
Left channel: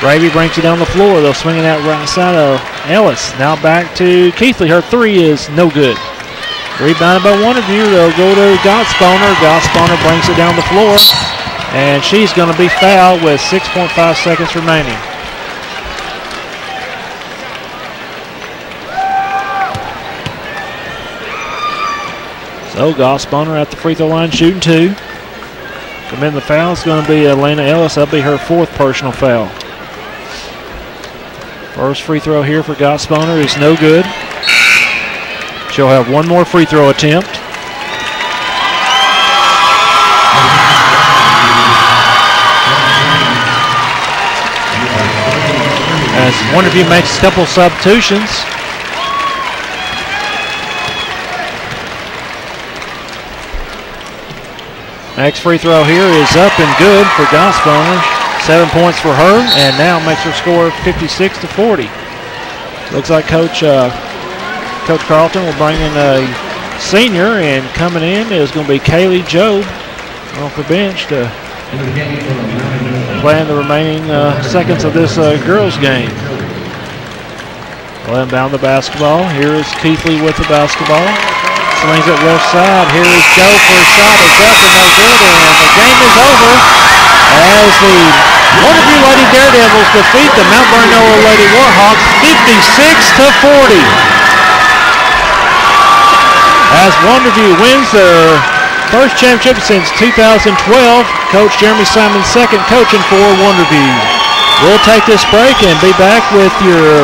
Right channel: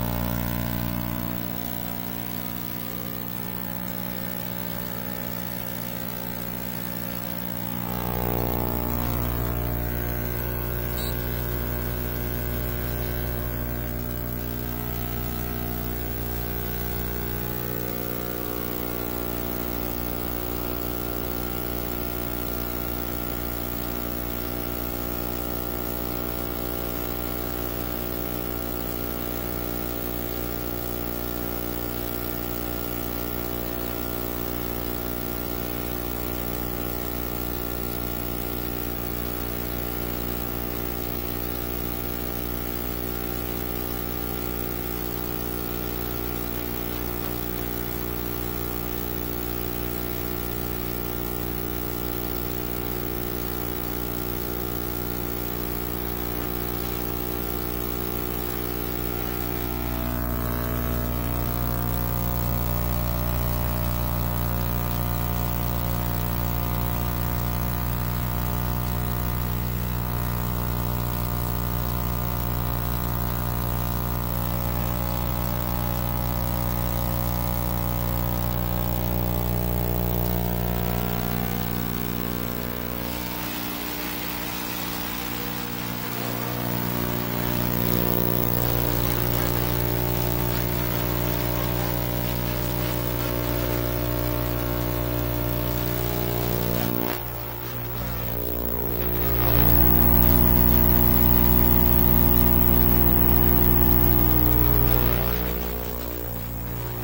Gravy brings it down the floor. They'll swing it out right side of Ellis. Now back to Keithley. Her three is no good. Rebounded by Wonderview. They'll go to Gottsponer. Gottsponer brings it down the floor, and she's going to be fouled with 6.5 seconds remaining. So Gottsponer at the free throw line shooting two. Committing the foul is going to be Elena Ellis. That'll be her fourth personal foul. First free throw here for Gottsponer is no good. She'll have one more free throw attempt. As Wonderview makes a couple substitutions. Next free throw here is up and good for Gottsponer. 7 points for her, and now makes her score 56-40. Looks like Coach Carlton will bring in a senior, and coming in is going to be Kaylee Jobe off the bench to play in the remaining seconds of this girls' game. Well, inbound the basketball. Here is Keithley with the basketball. Swings it left side. Here is Joe for a shot. It's up and no good, and the game is over as the Wonderview Lady Daredevils defeat the Mount Vernon-Enola Lady Warhawks 56-40. As Wonderview wins their first championship since 2012, Coach Jeremy Simon second coaching for Wonderview. We'll take this break and be back with your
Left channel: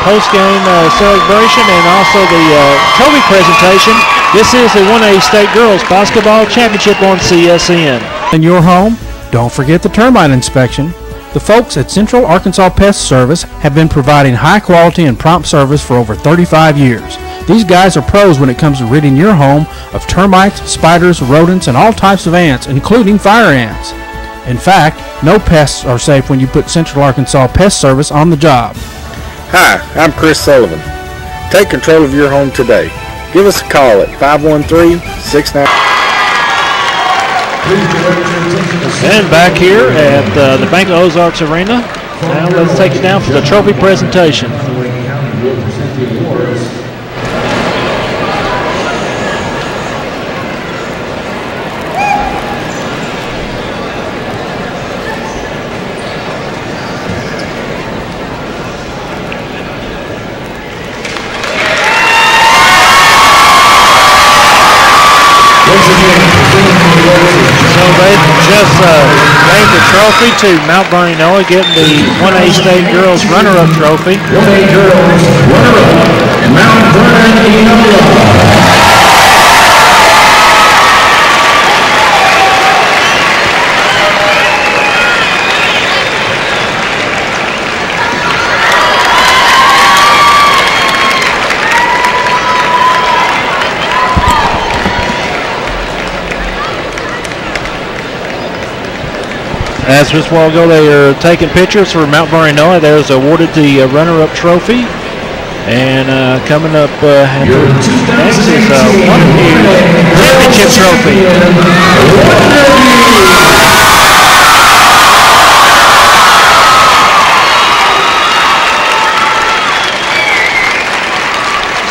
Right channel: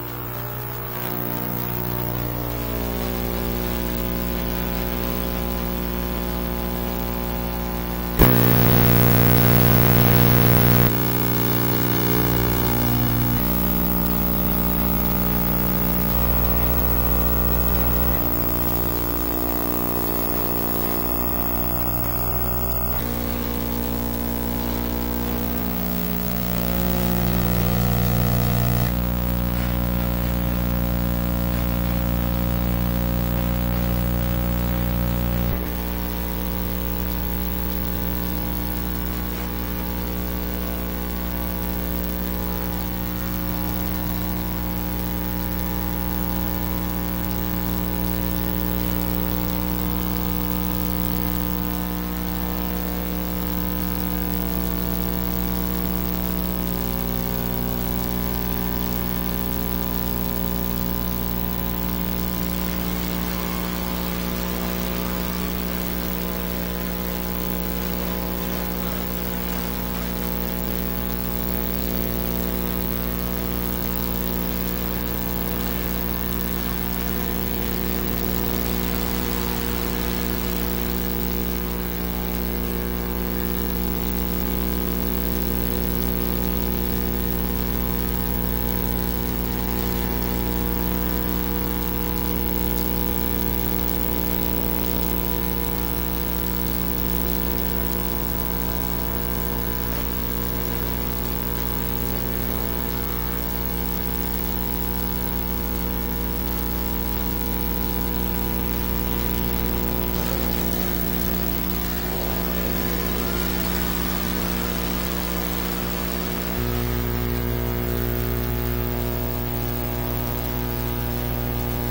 post-game celebration and also the trophy presentation. This is the 1A State Girls Basketball Championship on CSN. In your home, don't forget the termite inspection. The folks at Central Arkansas Pest Service have been providing high quality and prompt service for over 35 years. These guys are pros when it comes to ridding your home of termites, spiders, rodents, and all types of ants, including fire ants. In fact, no pests are safe when you put Central Arkansas Pest Service on the job. Hi, I'm Chris Sullivan. Take control of your home today. Give us a call at 513-69. And back here at the Bank of Ozarks Arena. Now let's take it down for the trophy presentation. Gave the trophy to Mount Vernon-Enola, getting the 1A State Girls Runner-Up Trophy. 1A Girls Runner-Up, Mount Vernon-Enola. As just a while ago, they are taking pictures for Mount Vernon-Enola. There's awarded the runner-up trophy. And coming up next is Wonderview Championship Trophy.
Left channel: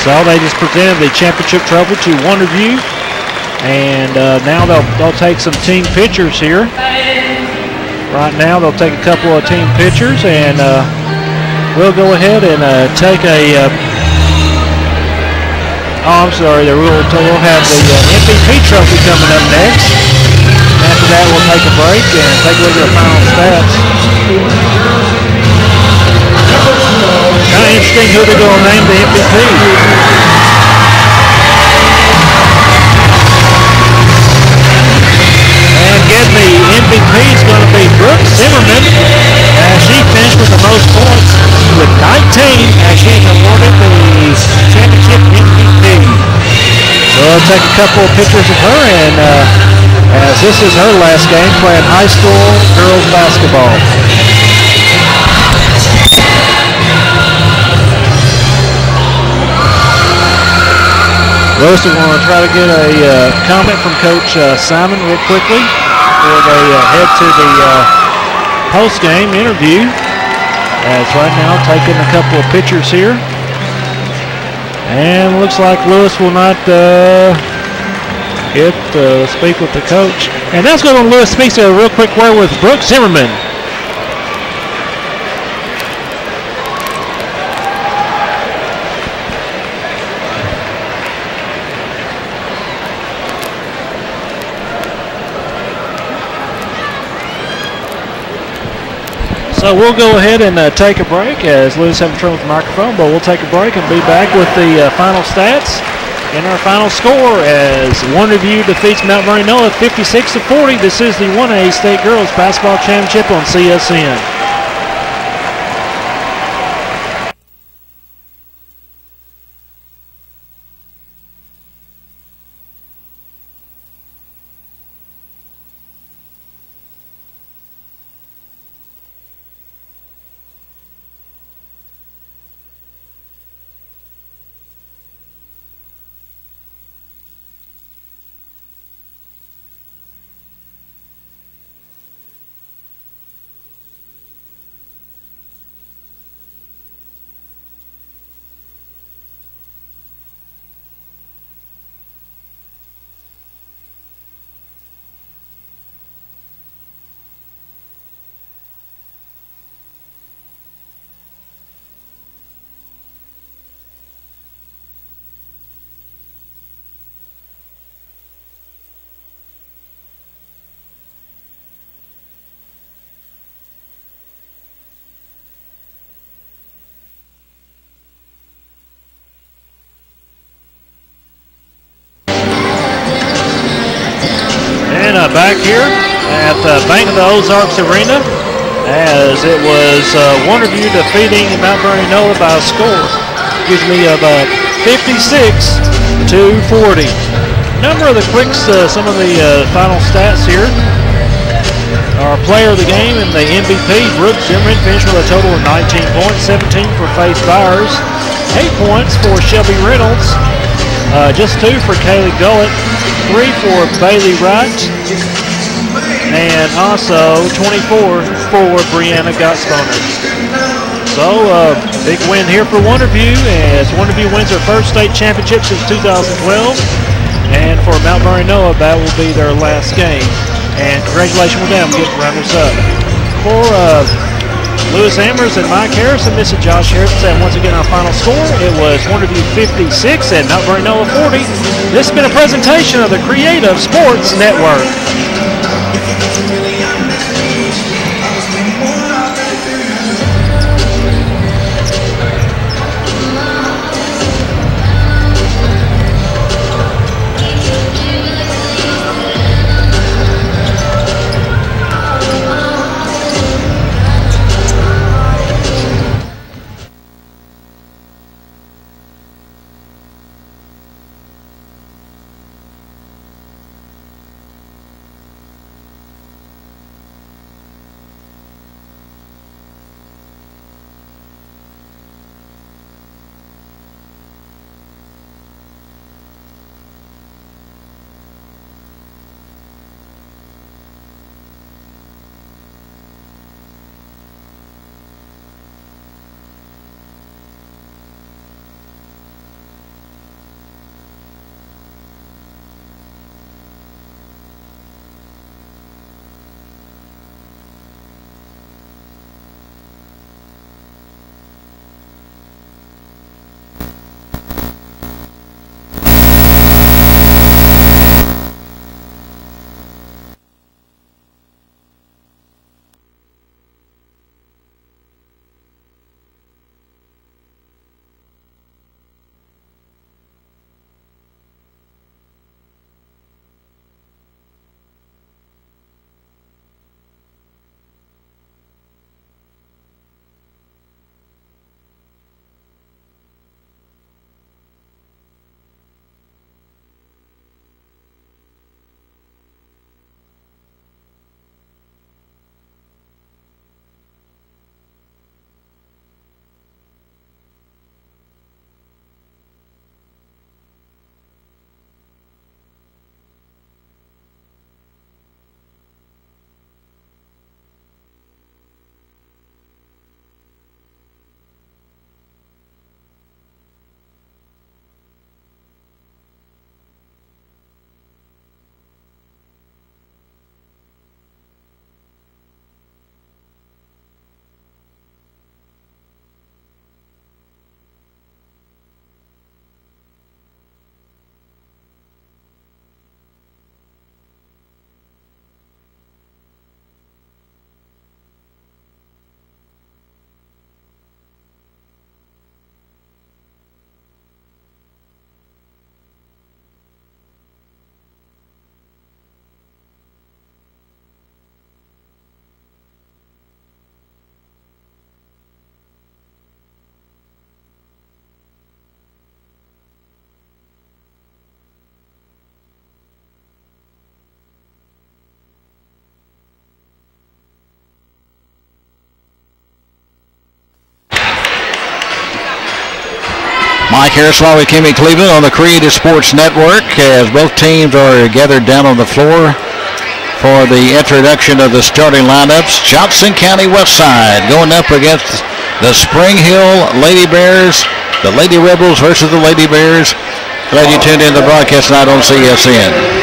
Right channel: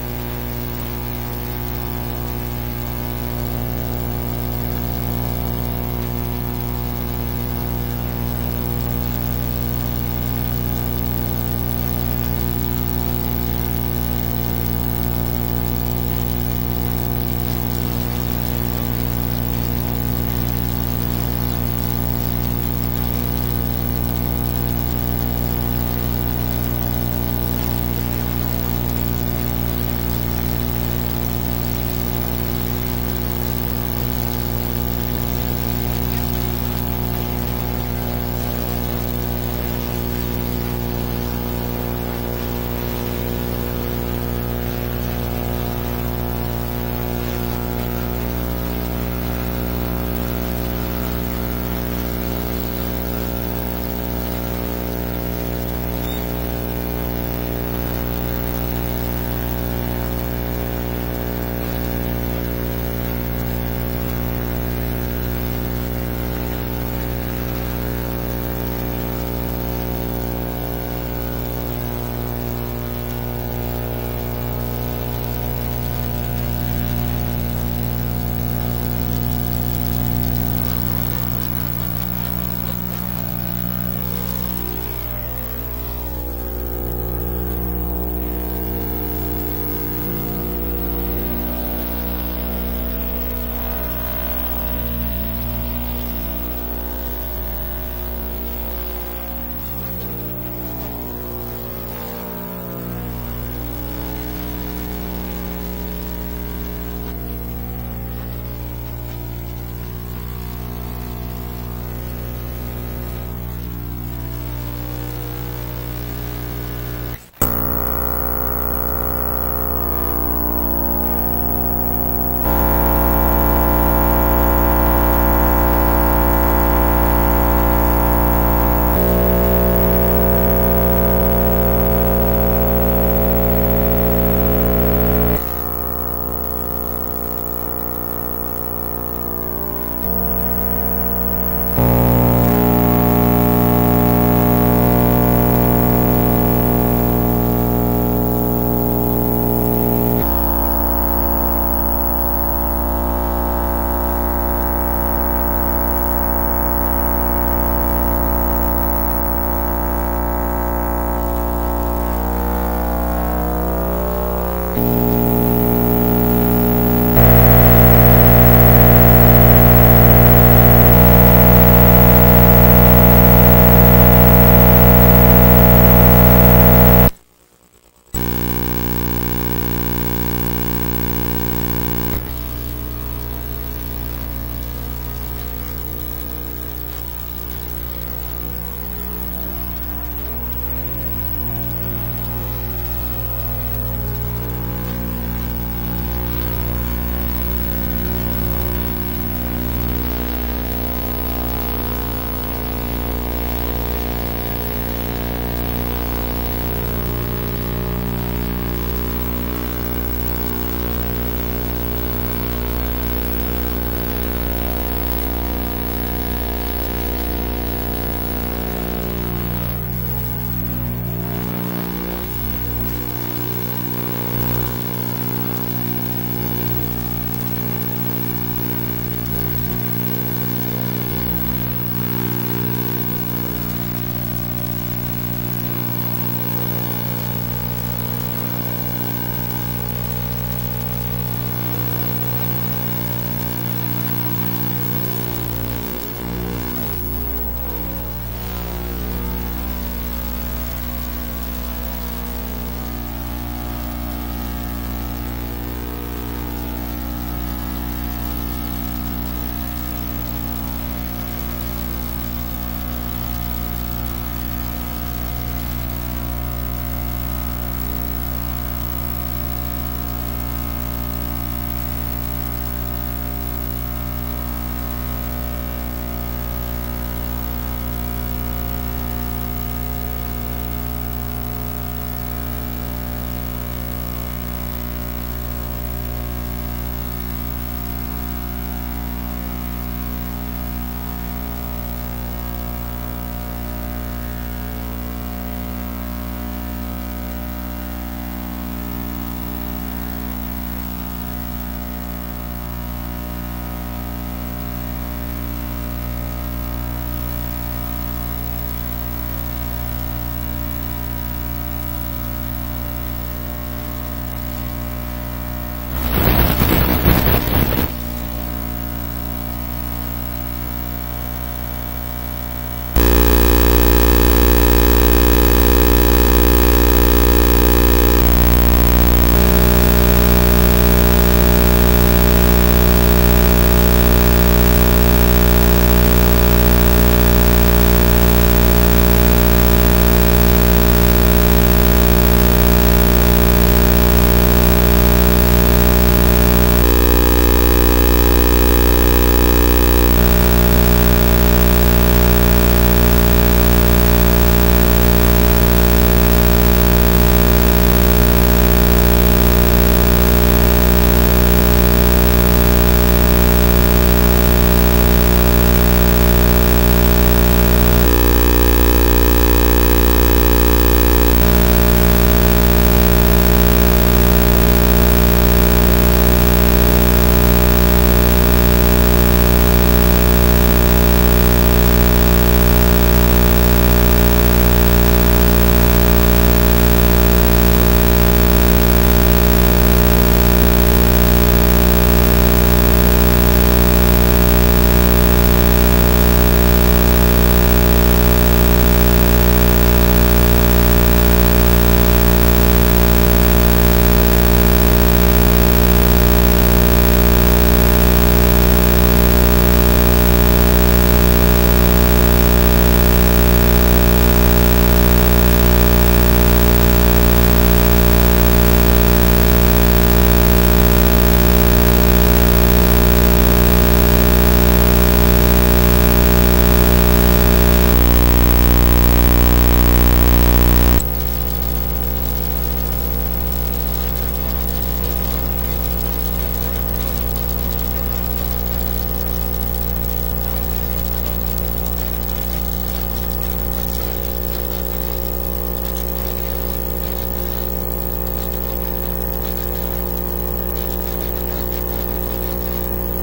So they just presented the championship trophy to Wonderview. And now they'll take some team pictures here. Right now, they'll take a couple of team pictures, and we'll go ahead and take a. I'm sorry. We'll have the MVP trophy coming up next. After that, we'll take a break and take a look at the final stats. Kind of interesting who they're going to name the MVP. Getting the MVP is going to be Brooke Zimmerman as she finished with the most points with 19 as being awarded the championship MVP. So I'll take a couple of pictures of her, and as this is her last game playing high school girls basketball. Lewis, we're going to try to get a comment from Coach Simon real quickly before they head to the post-game interview. As right now taking a couple of pictures here. And looks like Lewis will not get to speak with the coach. And that's going to Lewis speaks a real quick word with Brooke Zimmerman. So we'll go ahead and take a break as Lewis having trouble with the microphone, but we'll take a break and be back with the final stats and our final score as Wonderview defeats Mount Vernon-Enola 56-40. This is the 1A State Girls Basketball Championship on CSN. Back here at the Bank of the Ozarks Arena as it was Wonderview defeating Mount Vernon-Enola by a score, of 56-40. Number of the quicks, some of the final stats here. Our player of the game and the MVP, Brooke Zimmerman, finished with a total of 19 points, 17 for Faith Byers, 8 points for Shelby Reynolds, just 2 for Kaylee Gullett, 3 for Bailey Wright, and also 24 for Brianna Gottsboner. So, big win here for Wonderview as Wonderview wins their first state championship since 2012. And for Mount Vernon-Enola, that will be their last game. And congratulations with them getting runners up. For Lewis Amers and Mike Harrison, this is Josh Harrison. And once again, our final score, it was Wonderview 56 and Mount Vernon-Enola 40. This has been a presentation of the Creative Sports Network. Mike Harris along with Kimmy Cleveland on the Creative Sports Network as both teams are gathered down on the floor for the introduction of the starting lineups. Johnson County Westside going up against the Spring Hill Lady Bears, the Lady Rebels versus the Lady Bears. Glad you tuned in to the broadcast tonight on CSN.